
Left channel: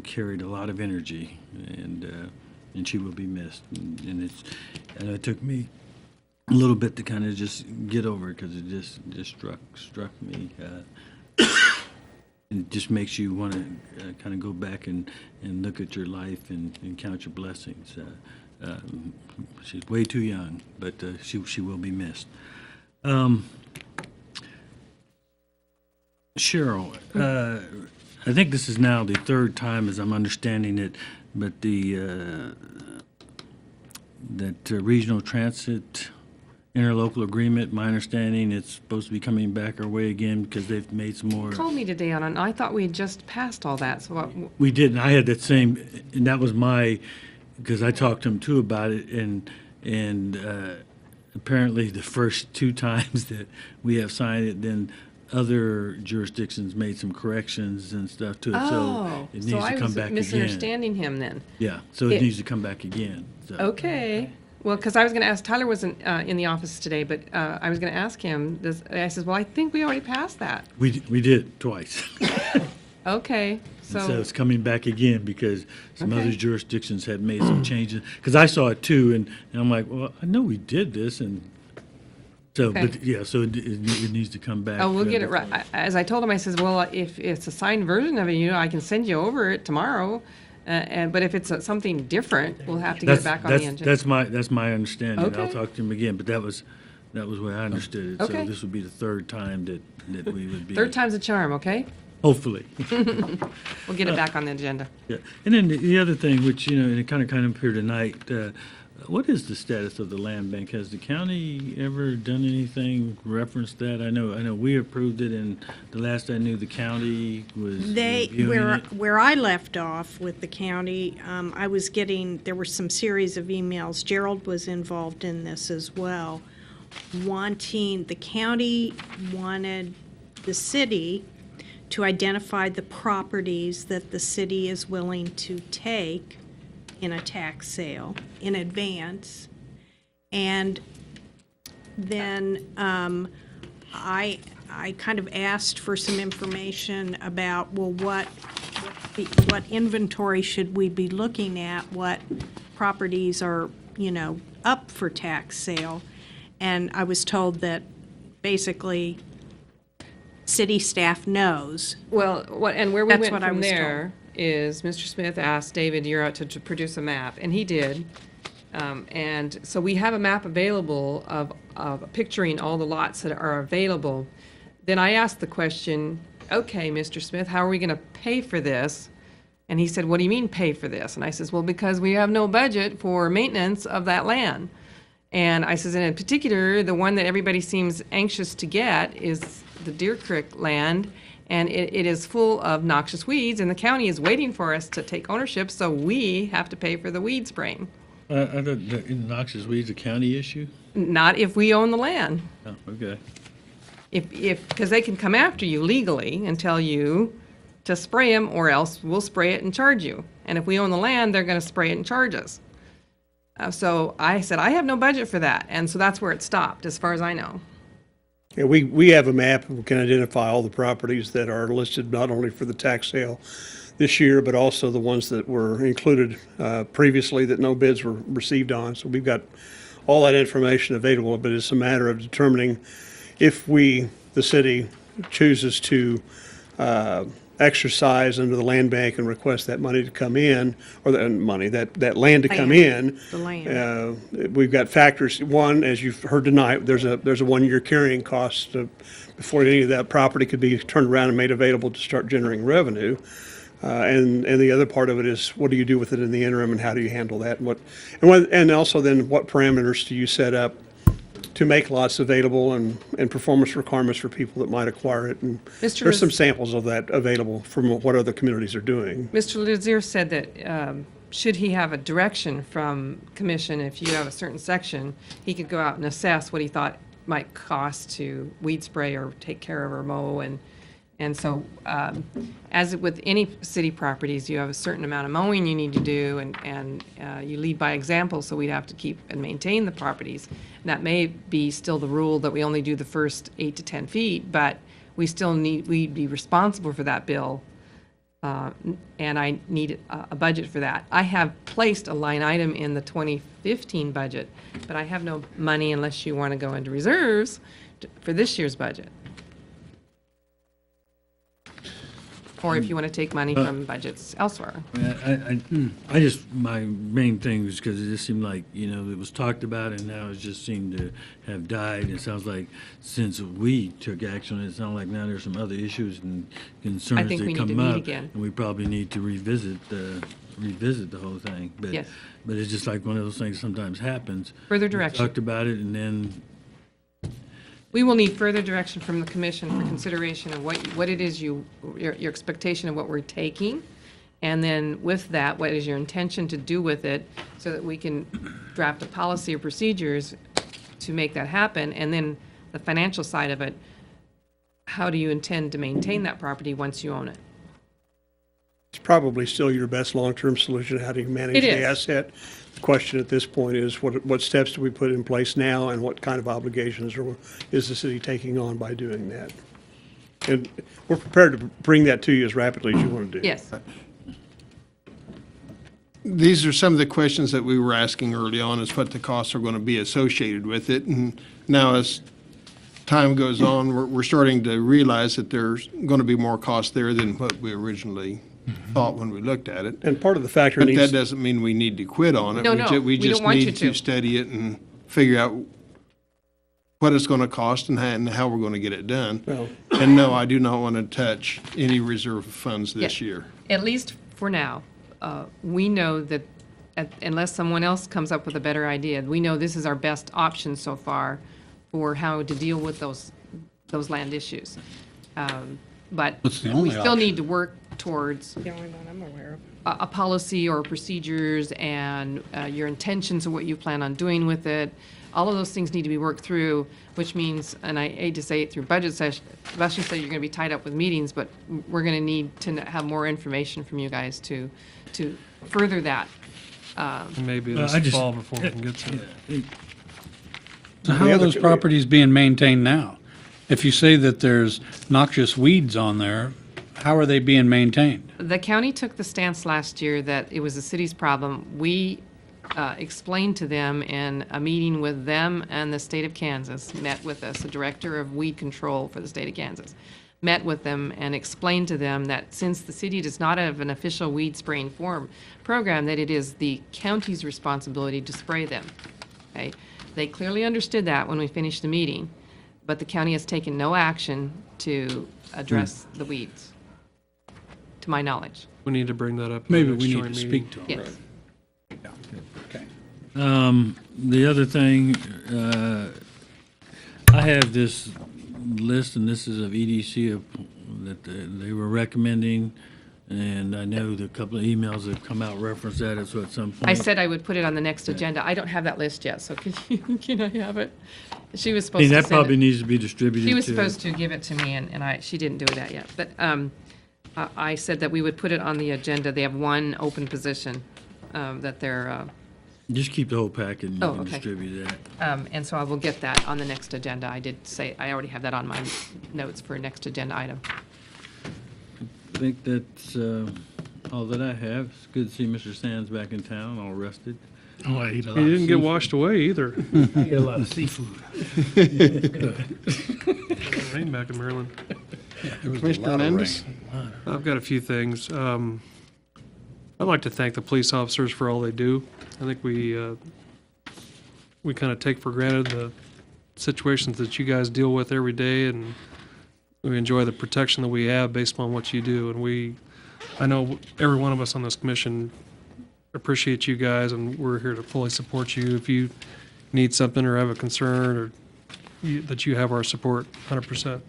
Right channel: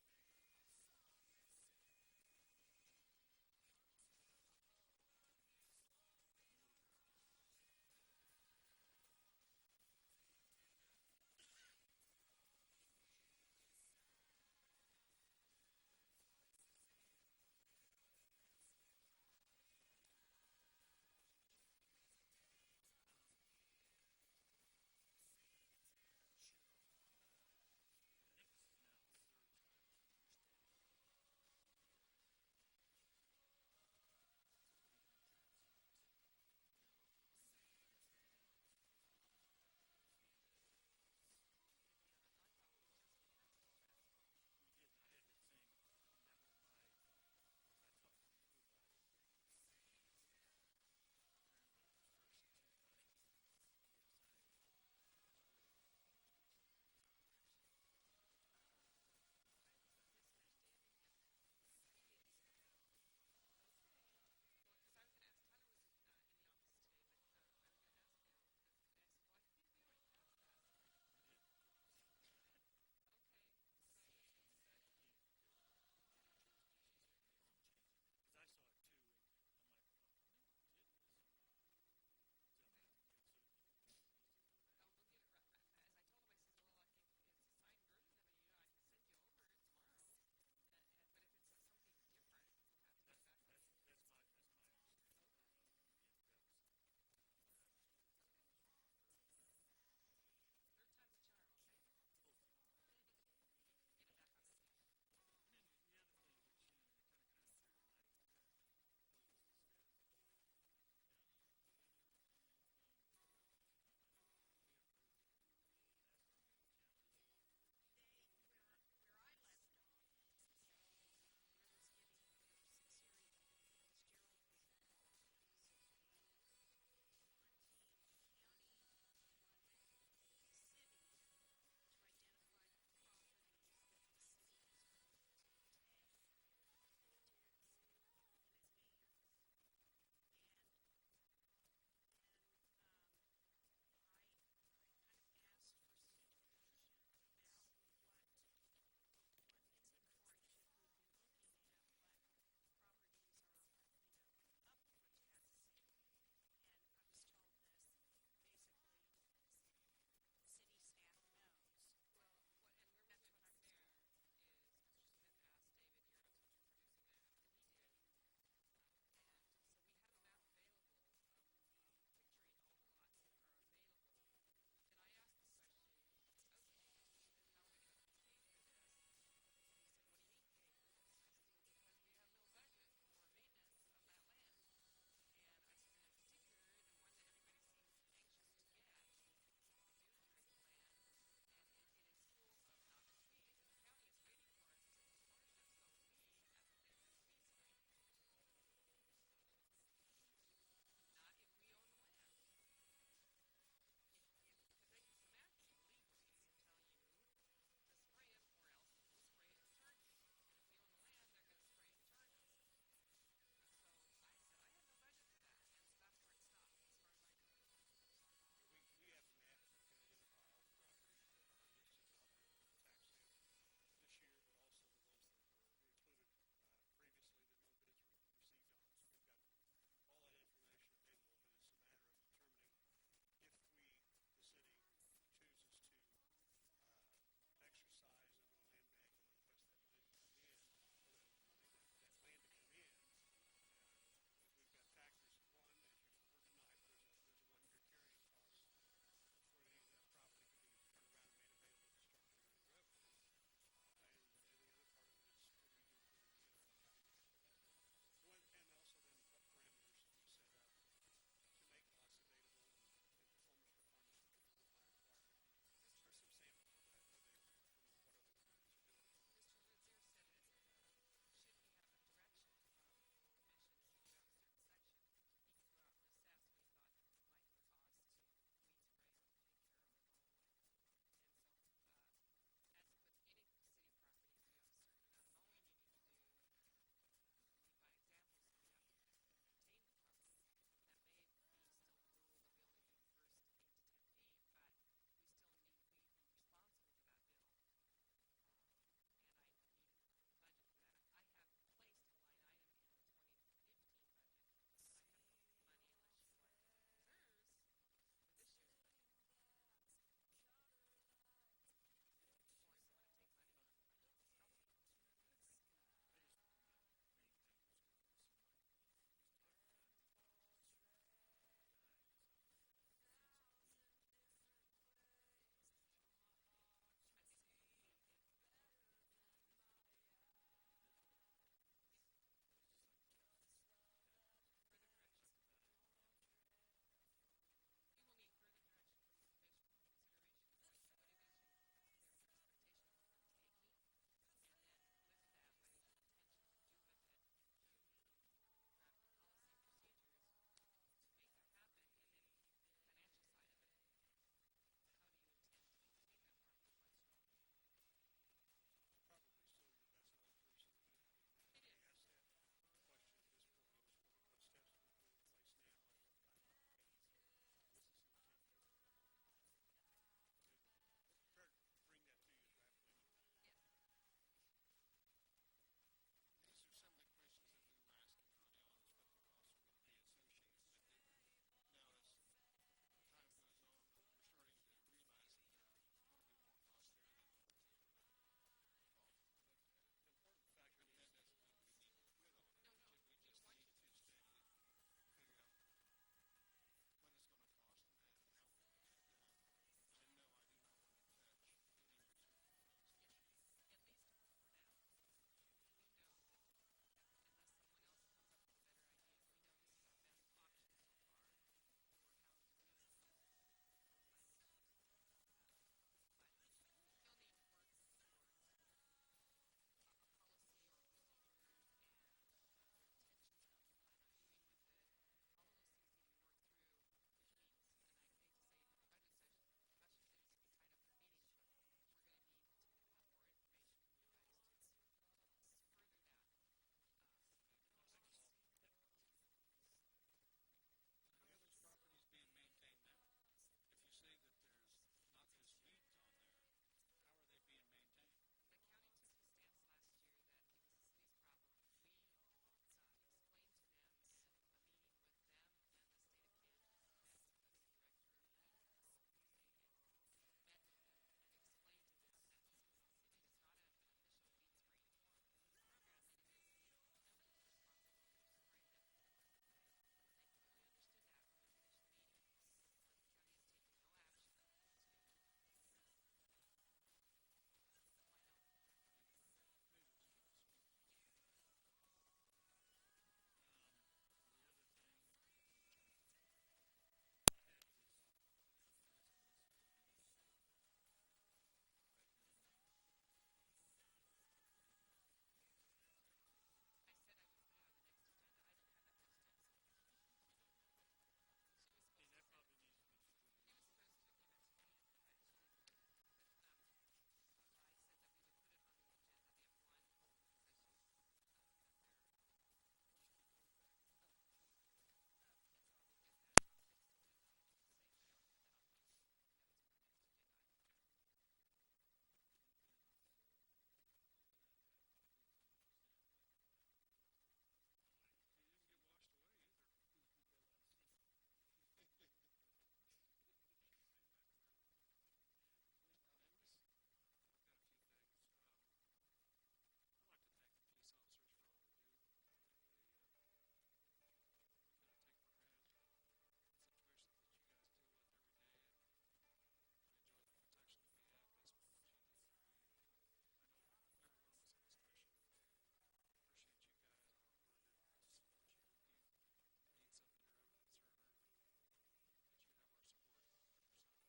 carried a lot of energy, and she will be missed. And it took me a little bit to kind of just get over it, because it just struck me. And it just makes you want to kind of go back and look at your life and count your blessings. She's way too young, but she will be missed. Cheryl, I think this is now the third time, as I'm understanding it, but that regional transit interlocal agreement, my understanding, it's supposed to be coming back our way again because they've made some more. Called me today on it, and I thought we had just passed all that, so We did, and I had that same, and that was because I talked to him too about it, and apparently the first 2 times that we have signed it, then other jurisdictions made some corrections and stuff to it, so Oh, it so needs I to come was back again. misunderstanding him then. Yeah, so it It- needs to come back again, so. Okay. Well, because I was going to ask, Tyler wasn't in the office today, but I was going to ask him, I said, well, I think we already passed that. We did twice. Okay, And so so, it's coming back again because some Okay. other jurisdictions had made some changes. Because I saw it too, and I'm like, well, I know we did this, and so, Okay. but yeah, so it needs to come back. oh, we'll get it right. As I told him, I says, well, if it's a signed version of it, I can send you over it tomorrow. But if it's something different, we'll have to get it back on the engine. That's my understanding. I'll Okay. talk to him again, but that was where I understood it. So Okay. this would be the third time that we would be. Third time's a charm, okay? Hopefully. We'll get it back on the agenda. Yeah, and then the other thing, which, and it kind of came up here tonight, what is the status of the land bank? Has the county ever done anything reference that? I know we approved it, and the last I knew, the county was reviewing it. Where I left off with the county, I was getting, there were some series of emails, Gerald was involved in this as well, the county wanted the city to identify the properties that the city is willing to take in a tax sale in advance. And then I kind of asked for some information about, well, what inventory should we be looking at? What properties are, up for tax sale? And I was told that basically city staff knows. Well, where we That's went what I from was told. there is Mr. Smith asked David Ura to produce a map, and he did. And so we have a map available of picturing all the lots that are available. Then I asked the question, okay, Mr. Smith, how are we going to pay for this? And he said, what do you mean pay for this? And I says, well, because we have no budget for maintenance of that land. And I says, and in particular, the one that everybody seems anxious to get is the Deer Creek land, and it is full of noxious weeds, and the county is waiting for us to take ownership, so we have to pay for the weed spraying. I thought the noxious weeds a county issue? Not if we own the land. Oh, okay. Because they can come after you legally and tell you to spray them, or else we'll spray it and charge you. And if we own the land, they're going to spray it and charge us. So I said, I have no budget for that, and so that's where it stopped, as far as I know. Yeah, we have a map, and we can identify all the properties that are listed not only for the tax sale this year, but also the ones that were included previously that no bids were received on. So we've got all that information available, but it's a matter of determining if the city, chooses to exercise under the land bank and request that money to come in, or that land to come in. The land. We've got factors. One, as you've heard tonight, there's a 1-year carrying cost before any of that property could be turned around and made available to start generating revenue. And the other part of it is, what do you do with it in the interim, and how do you handle that? And also then, what parameters do you set up to make lots available, and performance requirements for people that might acquire it? And Mr. there's some samples of that available from what other communities are doing. Mr. Lazier said that should he have a direction from commission, if you have a certain section, he could go out and assess what he thought might cost to weed spray or take care of or mow. And so as with any city properties, you have a certain amount of mowing you need to do, and you lead by example, so we'd have to keep and maintain the properties. And that may be still the rule that we only do the first 8 to 10 feet, but we'd be responsible for that bill, and I need a budget for that. I have placed a line item in the 2015 budget, but I have no money unless you want to go into reserves for this year's budget. Or if you want to take money from budgets elsewhere. My main thing was because it just seemed like, it was talked about, and now it just seemed to have died. It sounds like since we took action, it sounds like now there's some other issues and concerns that come up. I think we need to meet again. And we probably need to revisit the whole thing. But, Yes. But it's just like one of those things sometimes happens. Further We direction. talked about it, and then We will need further direction from the commission for consideration of what it is your expectation of what we're taking. And then with that, what is your intention to do with it, so that we can draft a policy or procedures to make that happen. And then the financial side of it, how do you intend to maintain that property once you own it? It's probably still your best long-term solution. How do you manage It the is. asset? The question at this point is what steps do we put in place now and what kind of obligations is the city taking on by doing that? And we're prepared to bring that to you as rapidly as you want to do. Yes. These are some of the questions that we were asking early on, is what the costs are going to be associated with it. And now as time goes on, we're starting to realize that there's going to be more cost there than what we originally thought when we looked at it. And part of the factor But needs. that doesn't mean we need to quit on it. No, no, We we don't just want you need to. to study it and figure out what it's going to cost and how we're going to get it done. Well- And no, I do not want to touch any reserve funds this Yeah. year. At least for now, we know that unless someone else comes up with a better idea, we know this is our best option so far for how to deal with those land issues. But What's the we only still option? need to work towards The only one I'm aware of. a policy or procedures and your intentions of what you plan on doing with it. All of those things need to be worked through, which means, and I hate to say it through budget session, especially say you're going to be tied up with meetings, but we're going to need to have more information from you guys to further that. And maybe Well, this I just- fall before we can get to it. So how are those properties being maintained now? If you say that there's noxious weeds on there, how are they being maintained? The county took the stance last year that it was the city's problem. We explained to them in a meeting with them and the state of Kansas, met with us, the director of weed control for the state of Kansas, met with them and explained to them that since the city does not have an official weed spraying program, that it is the county's responsibility to spray them. Okay? They clearly understood that when we finished the meeting, but the county has taken no action to address the weeds, to my knowledge. We need to bring that up. in Maybe the next we need joint to meeting. speak to them. Yes. The other thing, I have this list, and this is of EDC that they were recommending, and I know the couple of emails that have come out reference that, so at some point. I said I would put it on the next agenda. I don't have that list yet, so can I have it? She was I supposed mean, to that send probably it. needs to be distributed to. She was supposed to give it to me, and she didn't do that yet. But I said that we would put it on the agenda. They have one open position that they're, Just keep the whole packet and you Oh, can okay. distribute that. and so I will get that on the next agenda. I did say, I already have that on my notes for next agenda item. I think that's all that I have. It's good to see Mr. Sands back in town, all rested. Oh, I eat a lot He of didn't get seafood. washed away either. I eat a lot of seafood. Rain back in Maryland. Commissioner Hernandez? I've got a few things. I'd like to thank the police officers for all they do. I think we kind of take for granted the situations that you guys deal with every day, and we enjoy the protection that we have based on what you do. And I know every one of us on this commission appreciate you guys, and we're here to fully support you. If you need something or have a concern, or that you have our support 100%.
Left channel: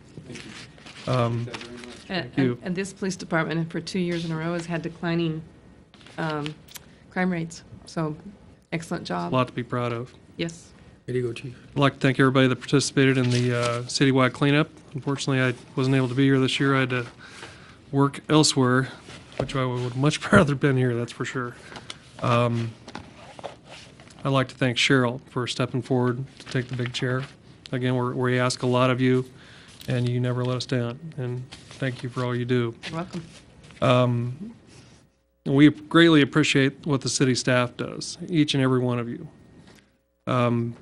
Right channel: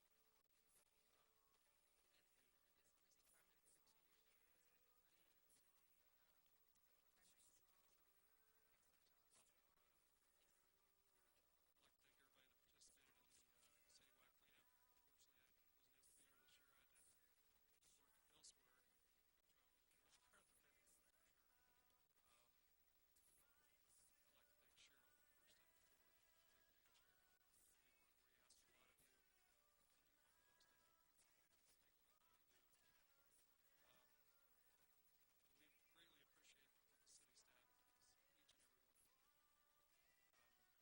you. And this police department, for 2 years in a row, has had declining crime rates. So, excellent A job. lot to be proud of. Yes. Way to go, Chief. I'd like to thank everybody that participated in the citywide cleanup. Unfortunately, I wasn't able to be here this year. I had to work elsewhere, which I would much rather been here, that's for sure. I'd like to thank Cheryl for stepping forward to take the big chair. Again, we ask a lot of you, and you never let us down. And thank you for all you do. You're welcome. We greatly appreciate what the city staff does, each and every one of you. From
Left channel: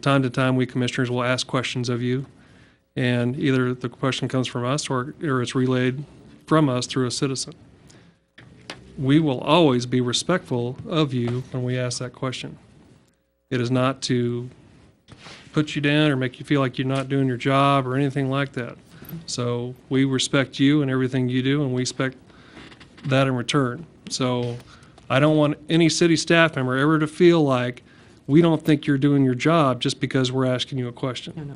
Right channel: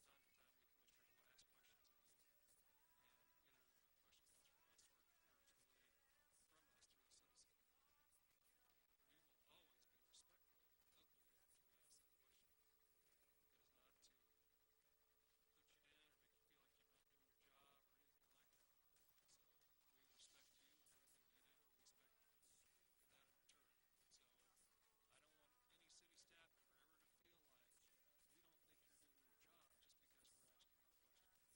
time to time, we commissioners will ask questions of you, and either the question comes from us or it's relayed from us through a citizen. We will always be respectful of you when we ask that question. It is not to put you down or make you feel like you're not doing your job or anything like that. So we respect you and everything you do, and we expect that in return. So I don't want any city staff member ever to feel like we don't think you're doing your job just because we're asking you a question. No, no.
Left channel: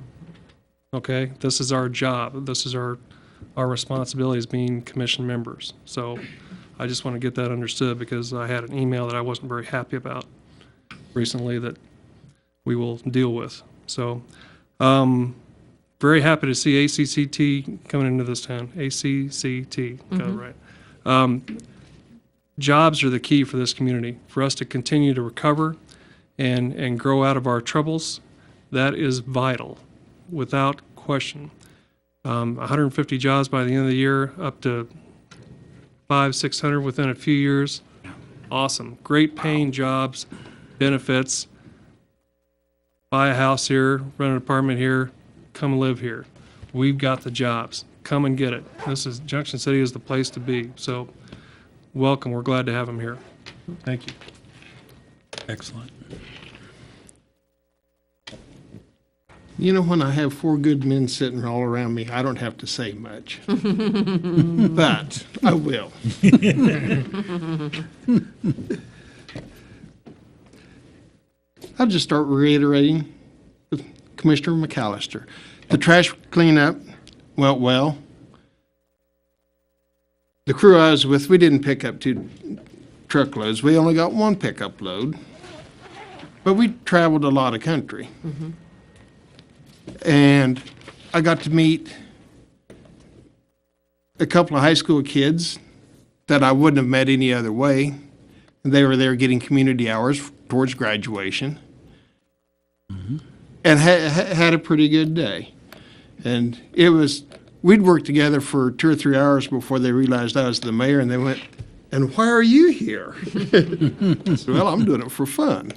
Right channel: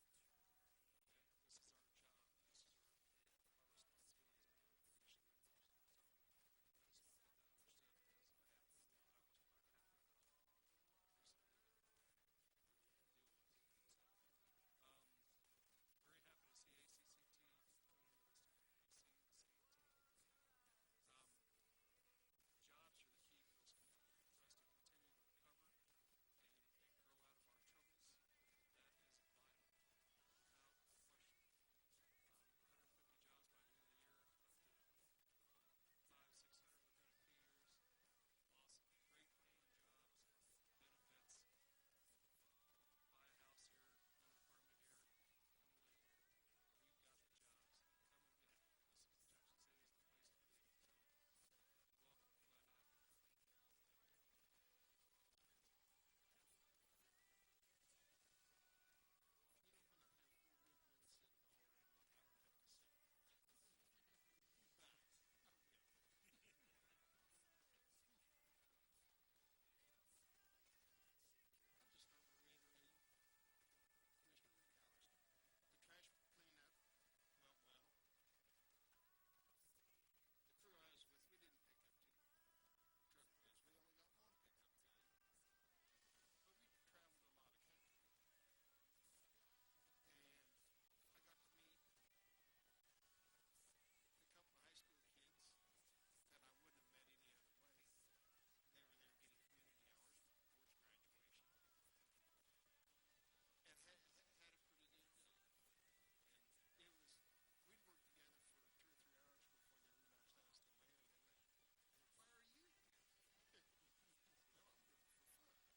Okay? This is our job. This is our responsibility as being commission members. So I just want to get that understood, because I had an email that I wasn't very happy about recently that we will deal with. So very happy to see ACCT coming into this town. ACCT, got it right. Jobs are the key for this community. For us to continue to recover and grow out of our troubles, that is vital, without question. 150 jobs by the end of the year, up to 500-600 within a few years. Awesome. Great paying jobs, benefits. Buy a house here, rent an apartment here, come live here. We've got the jobs. Come and get it. Junction City is the place to be. So welcome. We're glad to have them here. Thank you. Excellent. You know, when I have four good men sitting all around me, I don't have to say much. But I will. I'll just start reiterating with Commissioner McAllister. The trash cleanup went well. The crew I was with, we didn't pick up 2 truckloads. We only got 1 pickup load. But we traveled a lot of country. And I got to meet a couple of high school kids that I wouldn't have met any other way. And they were there getting community hours towards graduation. And had a pretty good day. And we'd worked together for 2 or 3 hours before they realized I was the mayor, and they went, "And why are you here?" I said, "Well, I'm doing it for fun."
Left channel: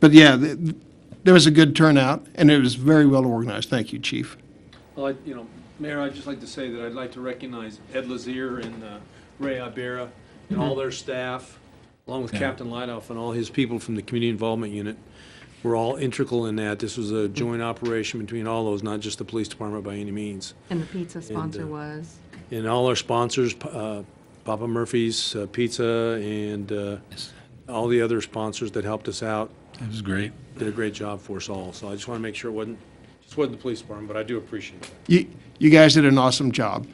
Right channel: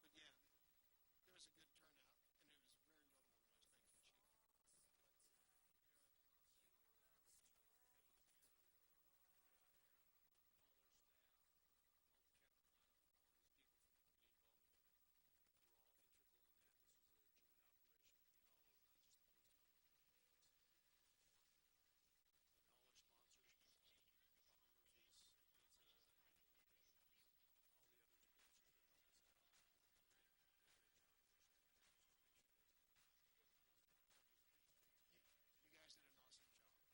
But yeah, there was a good turnout, and it was very well organized. Thank you, Chief. Well, Mayor, I'd just like to say that I'd like to recognize Ed Lazier and Ray Ibera and all their staff, along with Captain Lightoff and all his people from the Community Involvement Unit. We're all integral in that. This was a joint operation between all those, not just the police department by any means. And the pizza sponsor was? And all our sponsors, Papa Murphy's Pizza, and all the other sponsors that helped us out. That was great. Did a great job for us all. So I just want to make sure it wasn't the police department, but I do appreciate it. You guys did an awesome job.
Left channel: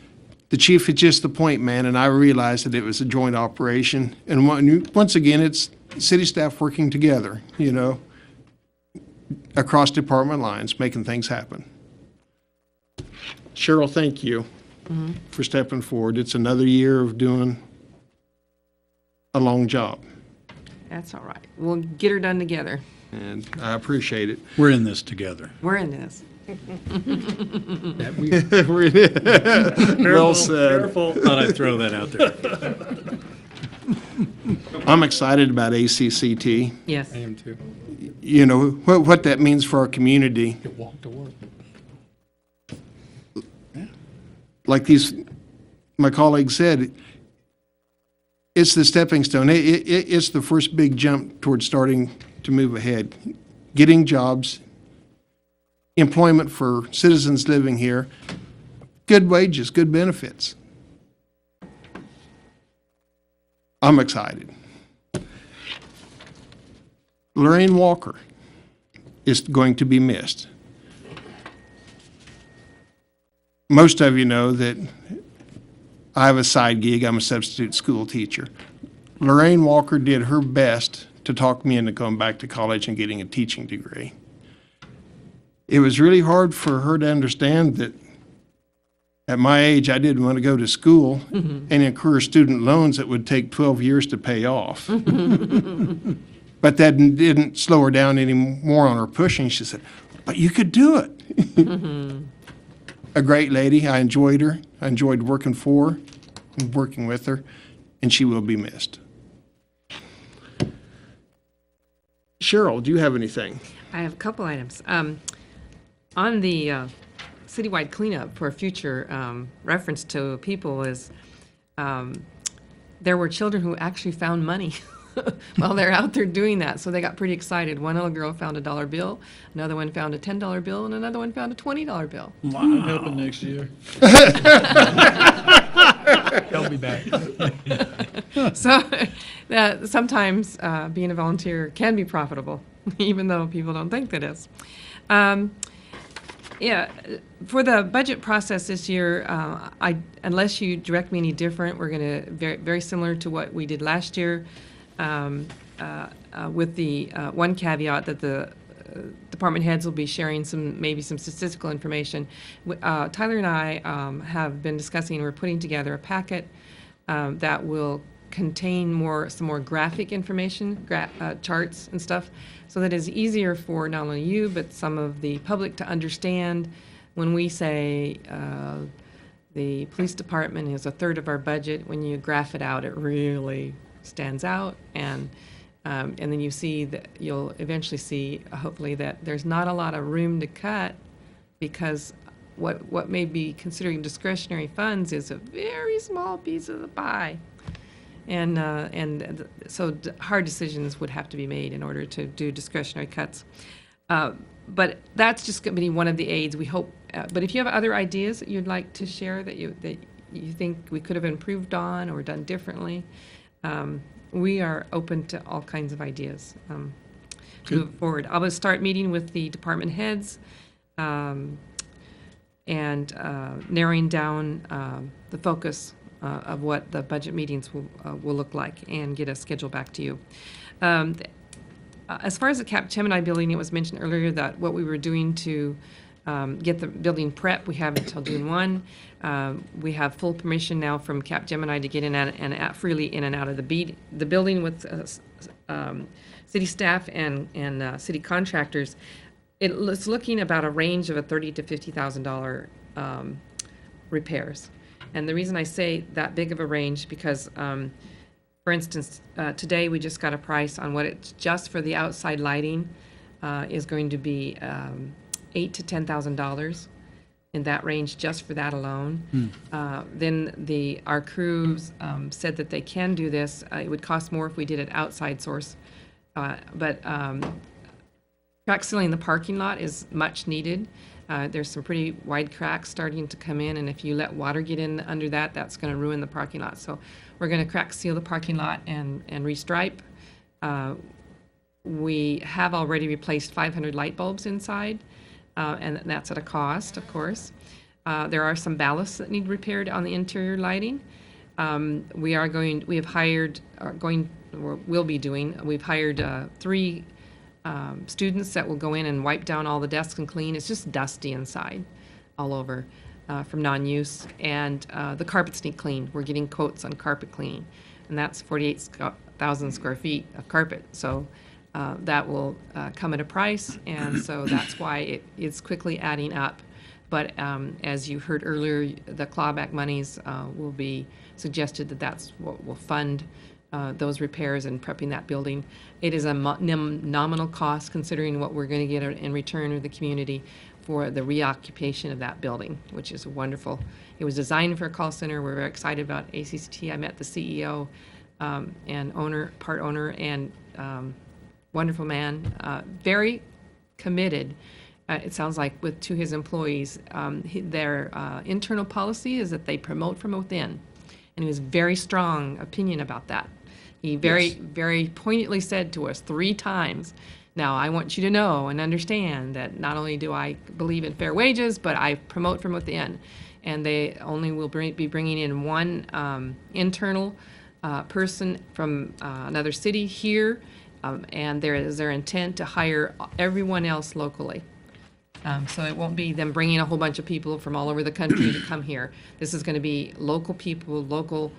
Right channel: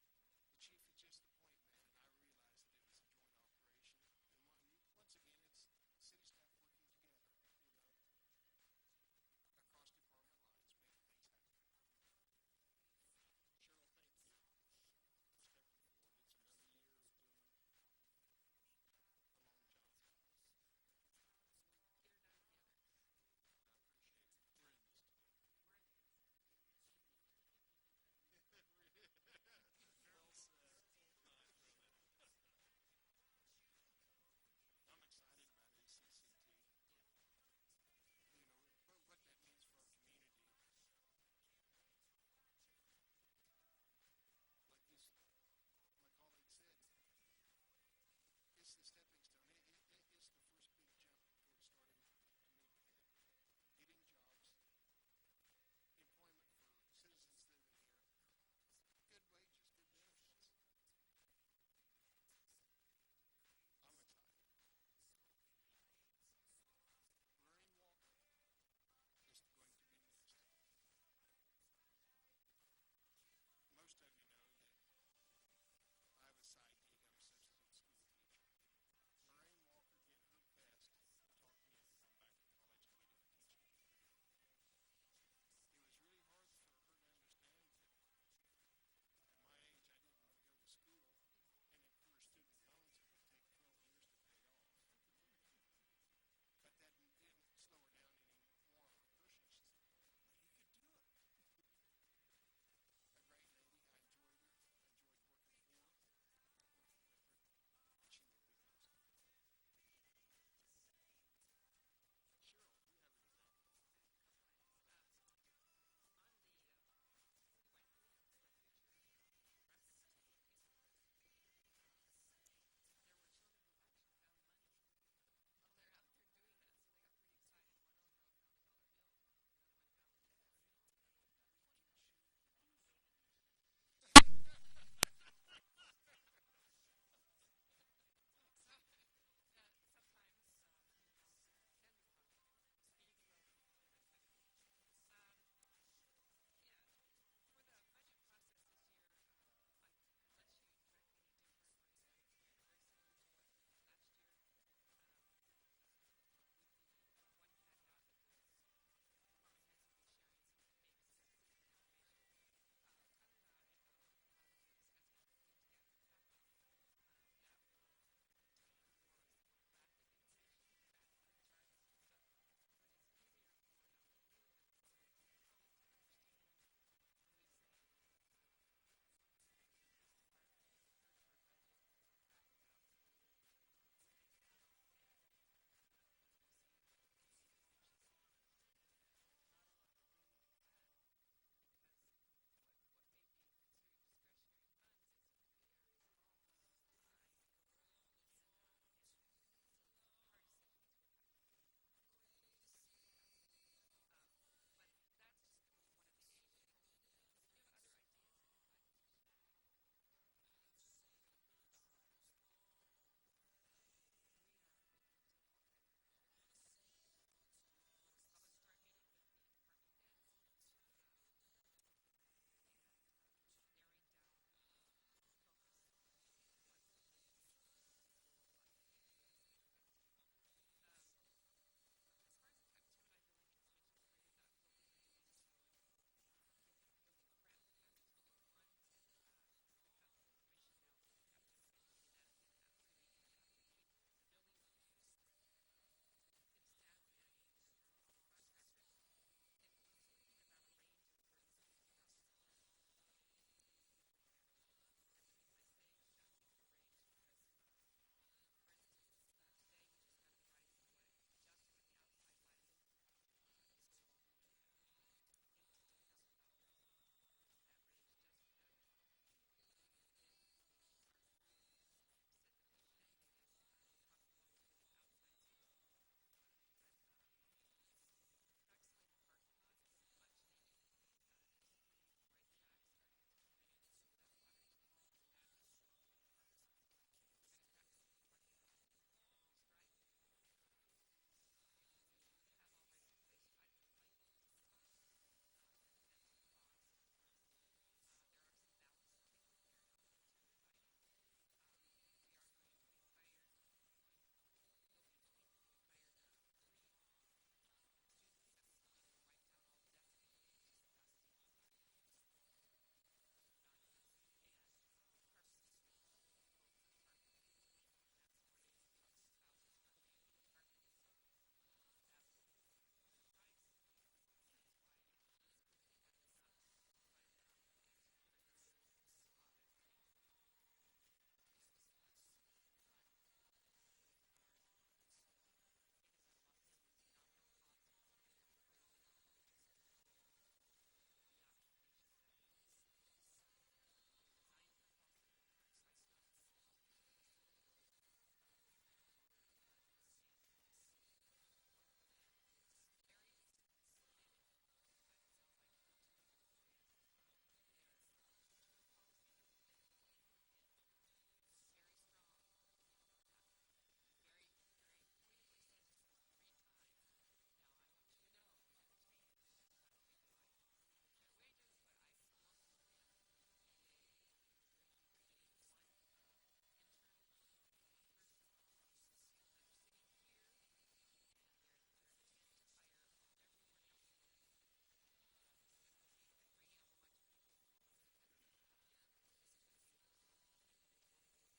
The chief is just the point man, and I realized that it was a joint operation. And once again, it's city staff working together, across department lines, making things happen. Cheryl, thank you for stepping forward. It's another year of doing a long job. That's all right. We'll get her done together. And I appreciate it. We're in this together. We're in this. We're in it. Well said. Careful. Thought I'd throw that out there. I'm excited about ACCT. Yes. I am too. What that means for our community. Walk to work. Like my colleague said, it's the stepping stone. It's the first big jump towards starting to move ahead. Getting jobs, employment for citizens living here, good wages, good benefits. I'm excited. Lorraine Walker is going to be missed. Most of you know that I have a side gig. I'm a substitute school teacher. Lorraine Walker did her best to talk me into going back to college and getting a teaching degree. It was really hard for her to understand that at my age, I didn't want to go to school and incur student loans that would take 12 years to pay off. But that didn't slow her down any more on her pushing. She said, "But you could do it." A great lady. I enjoyed her. I enjoyed working for her and working with her, and she will be missed. Cheryl, do you have anything? I have a couple items. On the citywide cleanup for future reference to people is there were children who actually found money while they're out there doing that. So they got pretty excited. One little girl found a $1 bill, another one found a $10 bill, and another one found a $20 bill. Wow. I'm helping next year. Help me back. So sometimes being a volunteer can be profitable, even though people don't think that is. Yeah, for the budget process this year, unless you direct me any different, we're going to very similar to what we did last year, with the one caveat that the department heads will be sharing maybe some statistical information. Tyler and I have been discussing, we're putting together a packet that will contain some more graphic information, charts and stuff, so that it's easier for not only you, but some of the public to understand when we say the police department is a third of our budget. When you graph it out, it really stands out, and then you see that you'll eventually see, hopefully, that there's not a lot of room to cut, because what may be considering discretionary funds is a very small piece of the pie. So hard decisions would have to be made in order to do discretionary cuts. But that's just going to be one of the aids, we hope. But if you have other ideas that you'd like to share that you think we could have improved on or done differently, we are open to all kinds of ideas to move forward. I will start meeting with the department heads and narrowing down the focus of what the budget meetings will look like, and get a schedule back to you. As far as the Capgemini building, it was mentioned earlier that what we were doing to get the building prep, we have until June 1. We have full permission now from Capgemini to get in and out freely in and out of the building with city staff and city contractors. It's looking about a range of a $30,000 to $50,000 repairs. And the reason I say that big of a range, because, for instance, today we just got a price on what it's just for the outside lighting is going to be $8,000 to $10,000 in that range just for that alone. Then our crews said that they can do this. It would cost more if we did it outside source, but crack sealing the parking lot is much needed. There's some pretty wide cracks starting to come in, and if you let water get in under that, that's going to ruin the parking lot. So we're going to crack seal the parking lot and restripe. We have already replaced 500 light bulbs inside, and that's at a cost, of course. There are some ballasts that need repaired on the interior lighting. We've hired 3 students that will go in and wipe down all the desks and clean. It's just dusty inside all over from non-use. And the carpets need cleaned. We're getting quotes on carpet cleaning, and that's 48,000 square feet of carpet. So that will come at a price, and so that's why it is quickly adding up. But as you heard earlier, the clawback monies will be suggested that's what will fund those repairs and prepping that building. It is a nominal cost considering what we're going to get in return of the community for the reoccupation of that building, which is wonderful. It was designed for a call center. We're very excited about ACCT. I met the CEO and part owner, and wonderful man, very committed. It sounds like to his employees. Their internal policy is that they promote from within, and he was very strong opinion about that. He very poignantly said to us 3 times, now I want you to know and understand that not only do I believe in fair wages, but I promote from within. And they only will be bringing in 1 internal person from another city here, and there is their intent to hire everyone else locally. So it won't be them bringing a whole bunch of people from all over the country to come here. This is going to be local people, local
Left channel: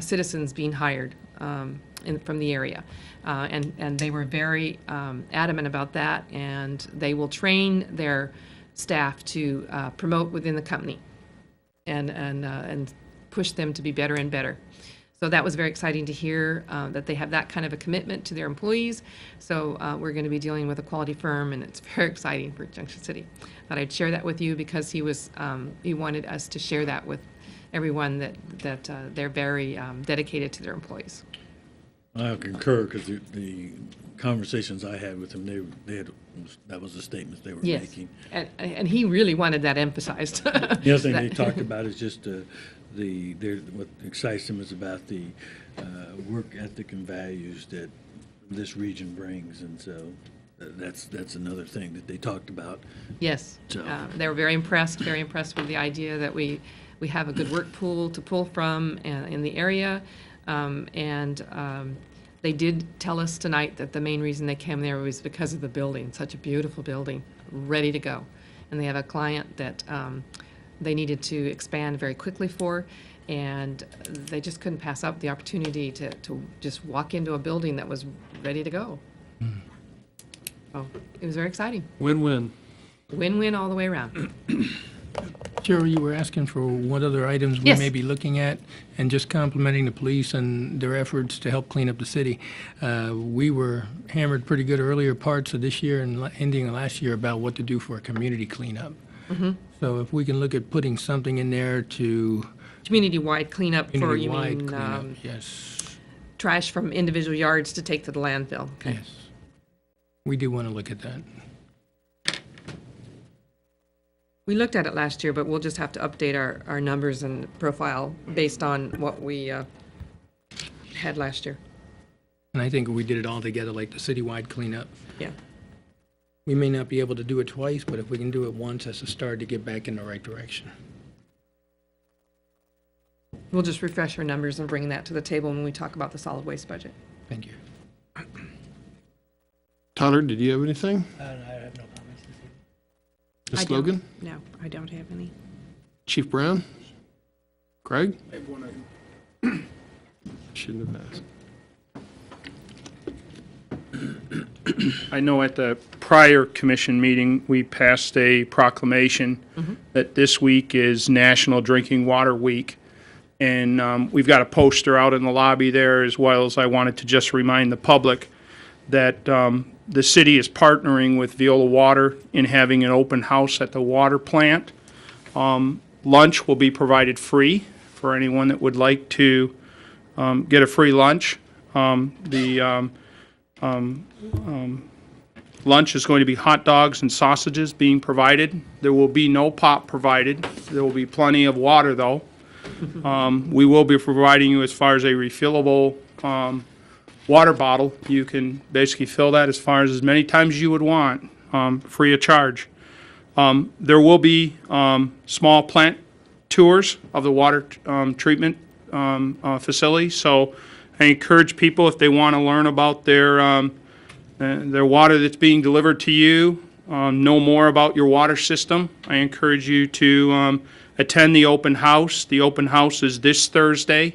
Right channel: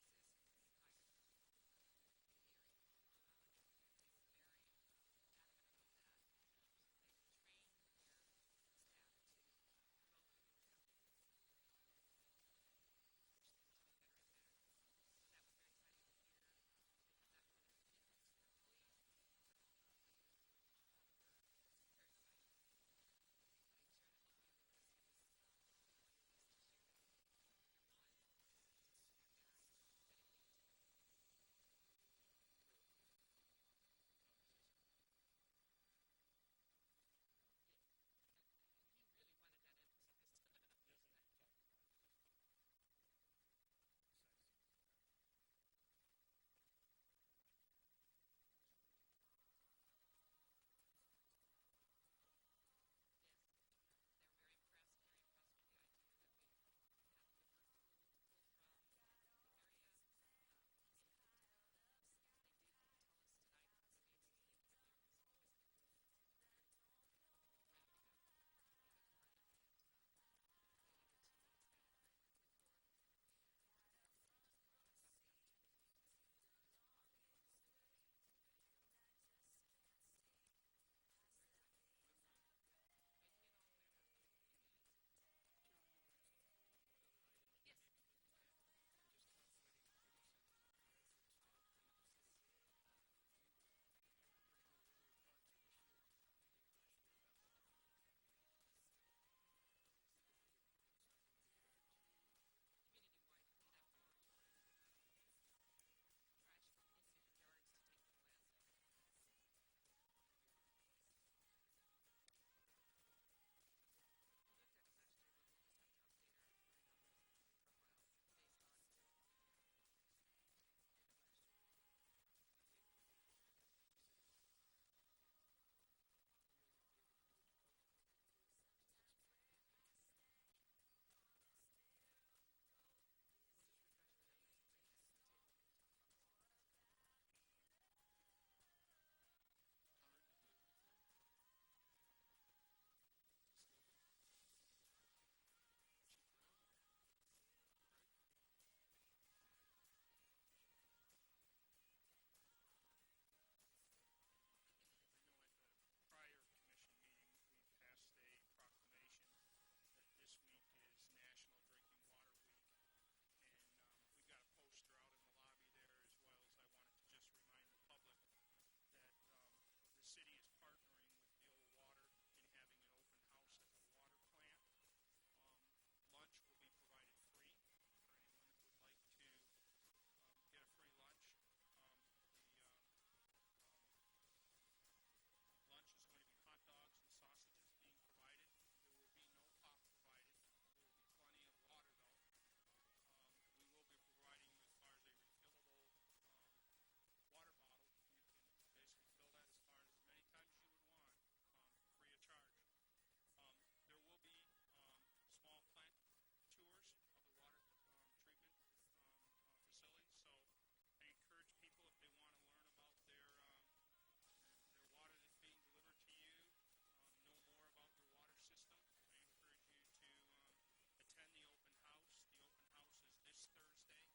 citizens being hired from the area. And they were very adamant about that, and they will train their staff to promote within the company and push them to be better and better. So that was very exciting to hear that they have that kind of a commitment to their employees. So we're going to be dealing with a quality firm, and it's very exciting for Junction City. Thought I'd share that with you because he wanted us to share that with everyone, that they're very dedicated to their employees. I concur, because the conversations I had with them, that was the statement they were making. And he really wanted that emphasized. The other thing they talked about is just what excites them is about the work ethic and values that this region brings, and so that's another thing that they talked about. Yes, so. They were very impressed with the idea that we have a good work pool to pull from in the area, and They did tell us tonight that the main reason they came there was because of the building, such a beautiful building, ready to go. And they have a client that they needed to expand very quickly for, and they just couldn't pass up the opportunity to just walk into a building that was ready to go. So it was very exciting. Win-win. Win-win all the way around. Cheryl, you were asking for what other items we Yes. may be looking at, and just complimenting the police and their efforts to help clean up the city. We were hammered pretty good earlier parts of this year and ending of last year about what to do for a community cleanup. Mhm. So if we can look at putting something in there to Community-wide cleanup for, you community-wide mean, cleanup, yes, trash from individual yards to take to the landfill? Okay. yes. We do want to look at that. We looked at it last year, but we'll just have to update our numbers and profile based on what we had last year. And I think if we did it all together, like the citywide cleanup, Yeah. we may not be able to do it twice, but if we can do it once, that's a start to get back in the right direction. We'll just refresh our numbers and bring that to the table when we talk about the solid waste budget. Thank you. Tyler, did you have anything? I have no comments. I Ms. don't. Logan? No, I don't have any. Chief Brown? Craig? I have one item. Shouldn't have asked. I know at the prior commission meeting, we passed a proclamation that this week is National Drinking Water Week. And we've got a poster out in the lobby there, as well as I wanted to just remind the public that the city is partnering with Viola Water in having an open house at the water plant. Lunch will be provided free for anyone that would like to get a free lunch. Lunch is going to be hot dogs and sausages being provided. There will be no pop provided. There will be plenty of water, though. We will be providing you, as far as a refillable water bottle. You can basically fill that as far as many times as you would want, free of charge. There will be small plant tours of the water treatment facility. So I encourage people, if they want to learn about their water that's being delivered to you, know more about your water system, I encourage you to attend the open house. The open house is this Thursday.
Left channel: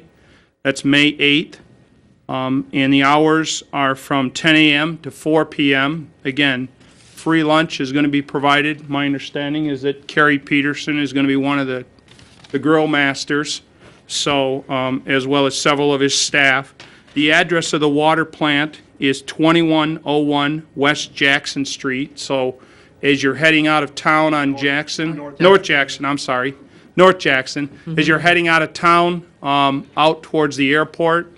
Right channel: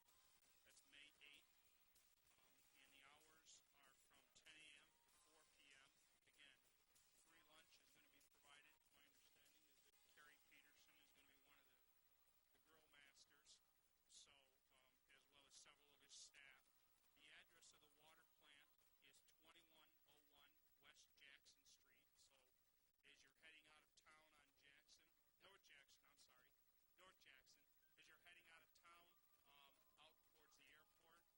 That's May 8th. And the hours are from 10 a.m. to 4 p.m. Again, free lunch is going to be provided. My understanding is that Carrie Peterson is going to be one of the grill masters, so as well as several of his staff. The address of the water plant is 2101 West Jackson Street. So as you're heading out of town on North Jackson, as you're heading out of town out towards the airport,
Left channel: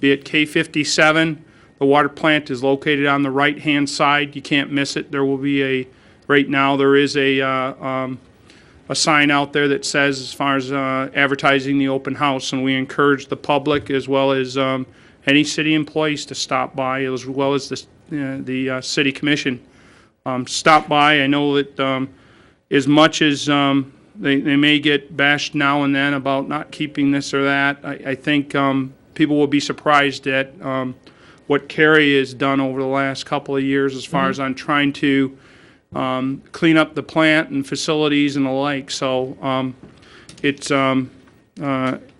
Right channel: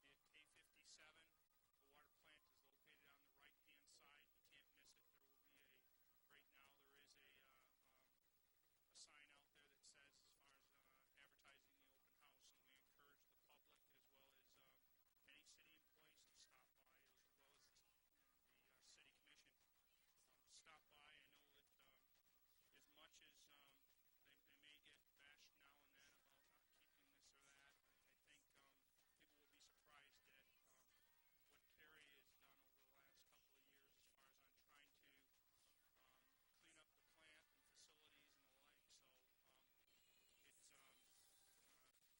be it K57, the water plant is located on the right-hand side. You can't miss it. There will be right now there is a sign out there that says, as far as advertising the open house, and we encourage the public as well as any city employees to stop by, as well as the city commission. Stop by. I know that as much as they may get bashed now and then about not keeping this or that, I think people will be surprised at what Carrie has done over the last couple of years as far as on trying to clean up the plant and facilities and the like. So it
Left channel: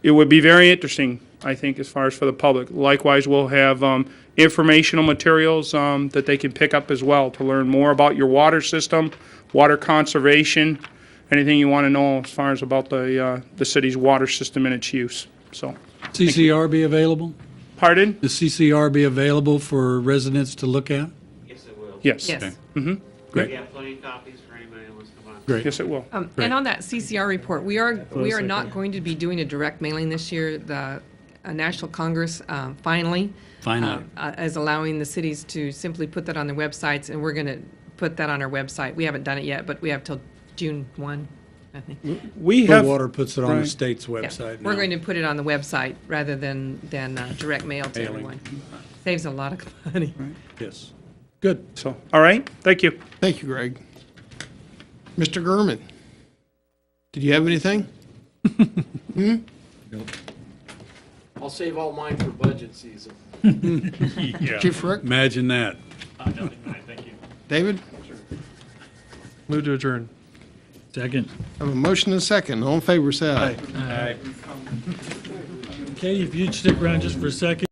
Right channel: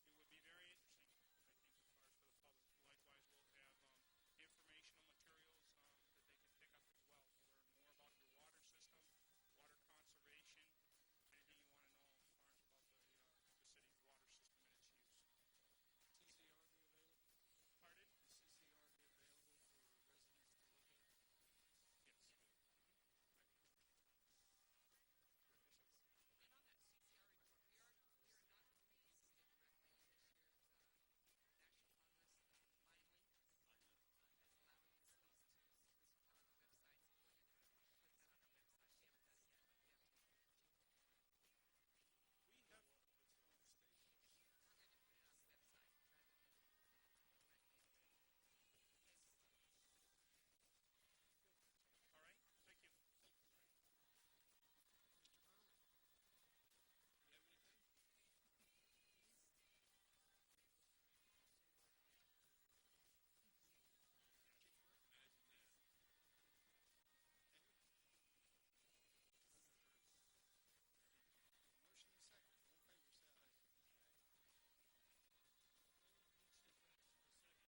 would be very interesting, I think, as far as for the public. Likewise, we'll have informational materials that they can pick up as well to learn more about your water system, water conservation, anything you want to know as far as about the city's water system and its use. So, CCR be available? Pardon? The CCR be available for residents to look at? Yes, it will. Yes. Yes. Mm-hmm. Great. We have plenty of copies for anybody who wants to come on. Great. Yes, it will. Great. And on that CCR report, we are not going to be doing a direct mailing this year. The National Congress finally is allowing the cities to simply put that on their websites, and we're going to put that on our website. We haven't done it yet, but we have till June 1, I think. We have Water puts it on the right. state's Yeah, website we're now. going to put it on the website rather than direct mail to Mailing. everyone. Saves a lot of money. Yes. Good. So, all right. Thank you. Thank you, Greg. Mr. Gurman, did you have anything? I'll save all mine for budget season. Chief Rick? Imagine that. Nothing tonight, thank you. David? Move to adjourn. Second. I have a motion and a second. All in favor, say aye. Katie, if you'd stick around just for a second.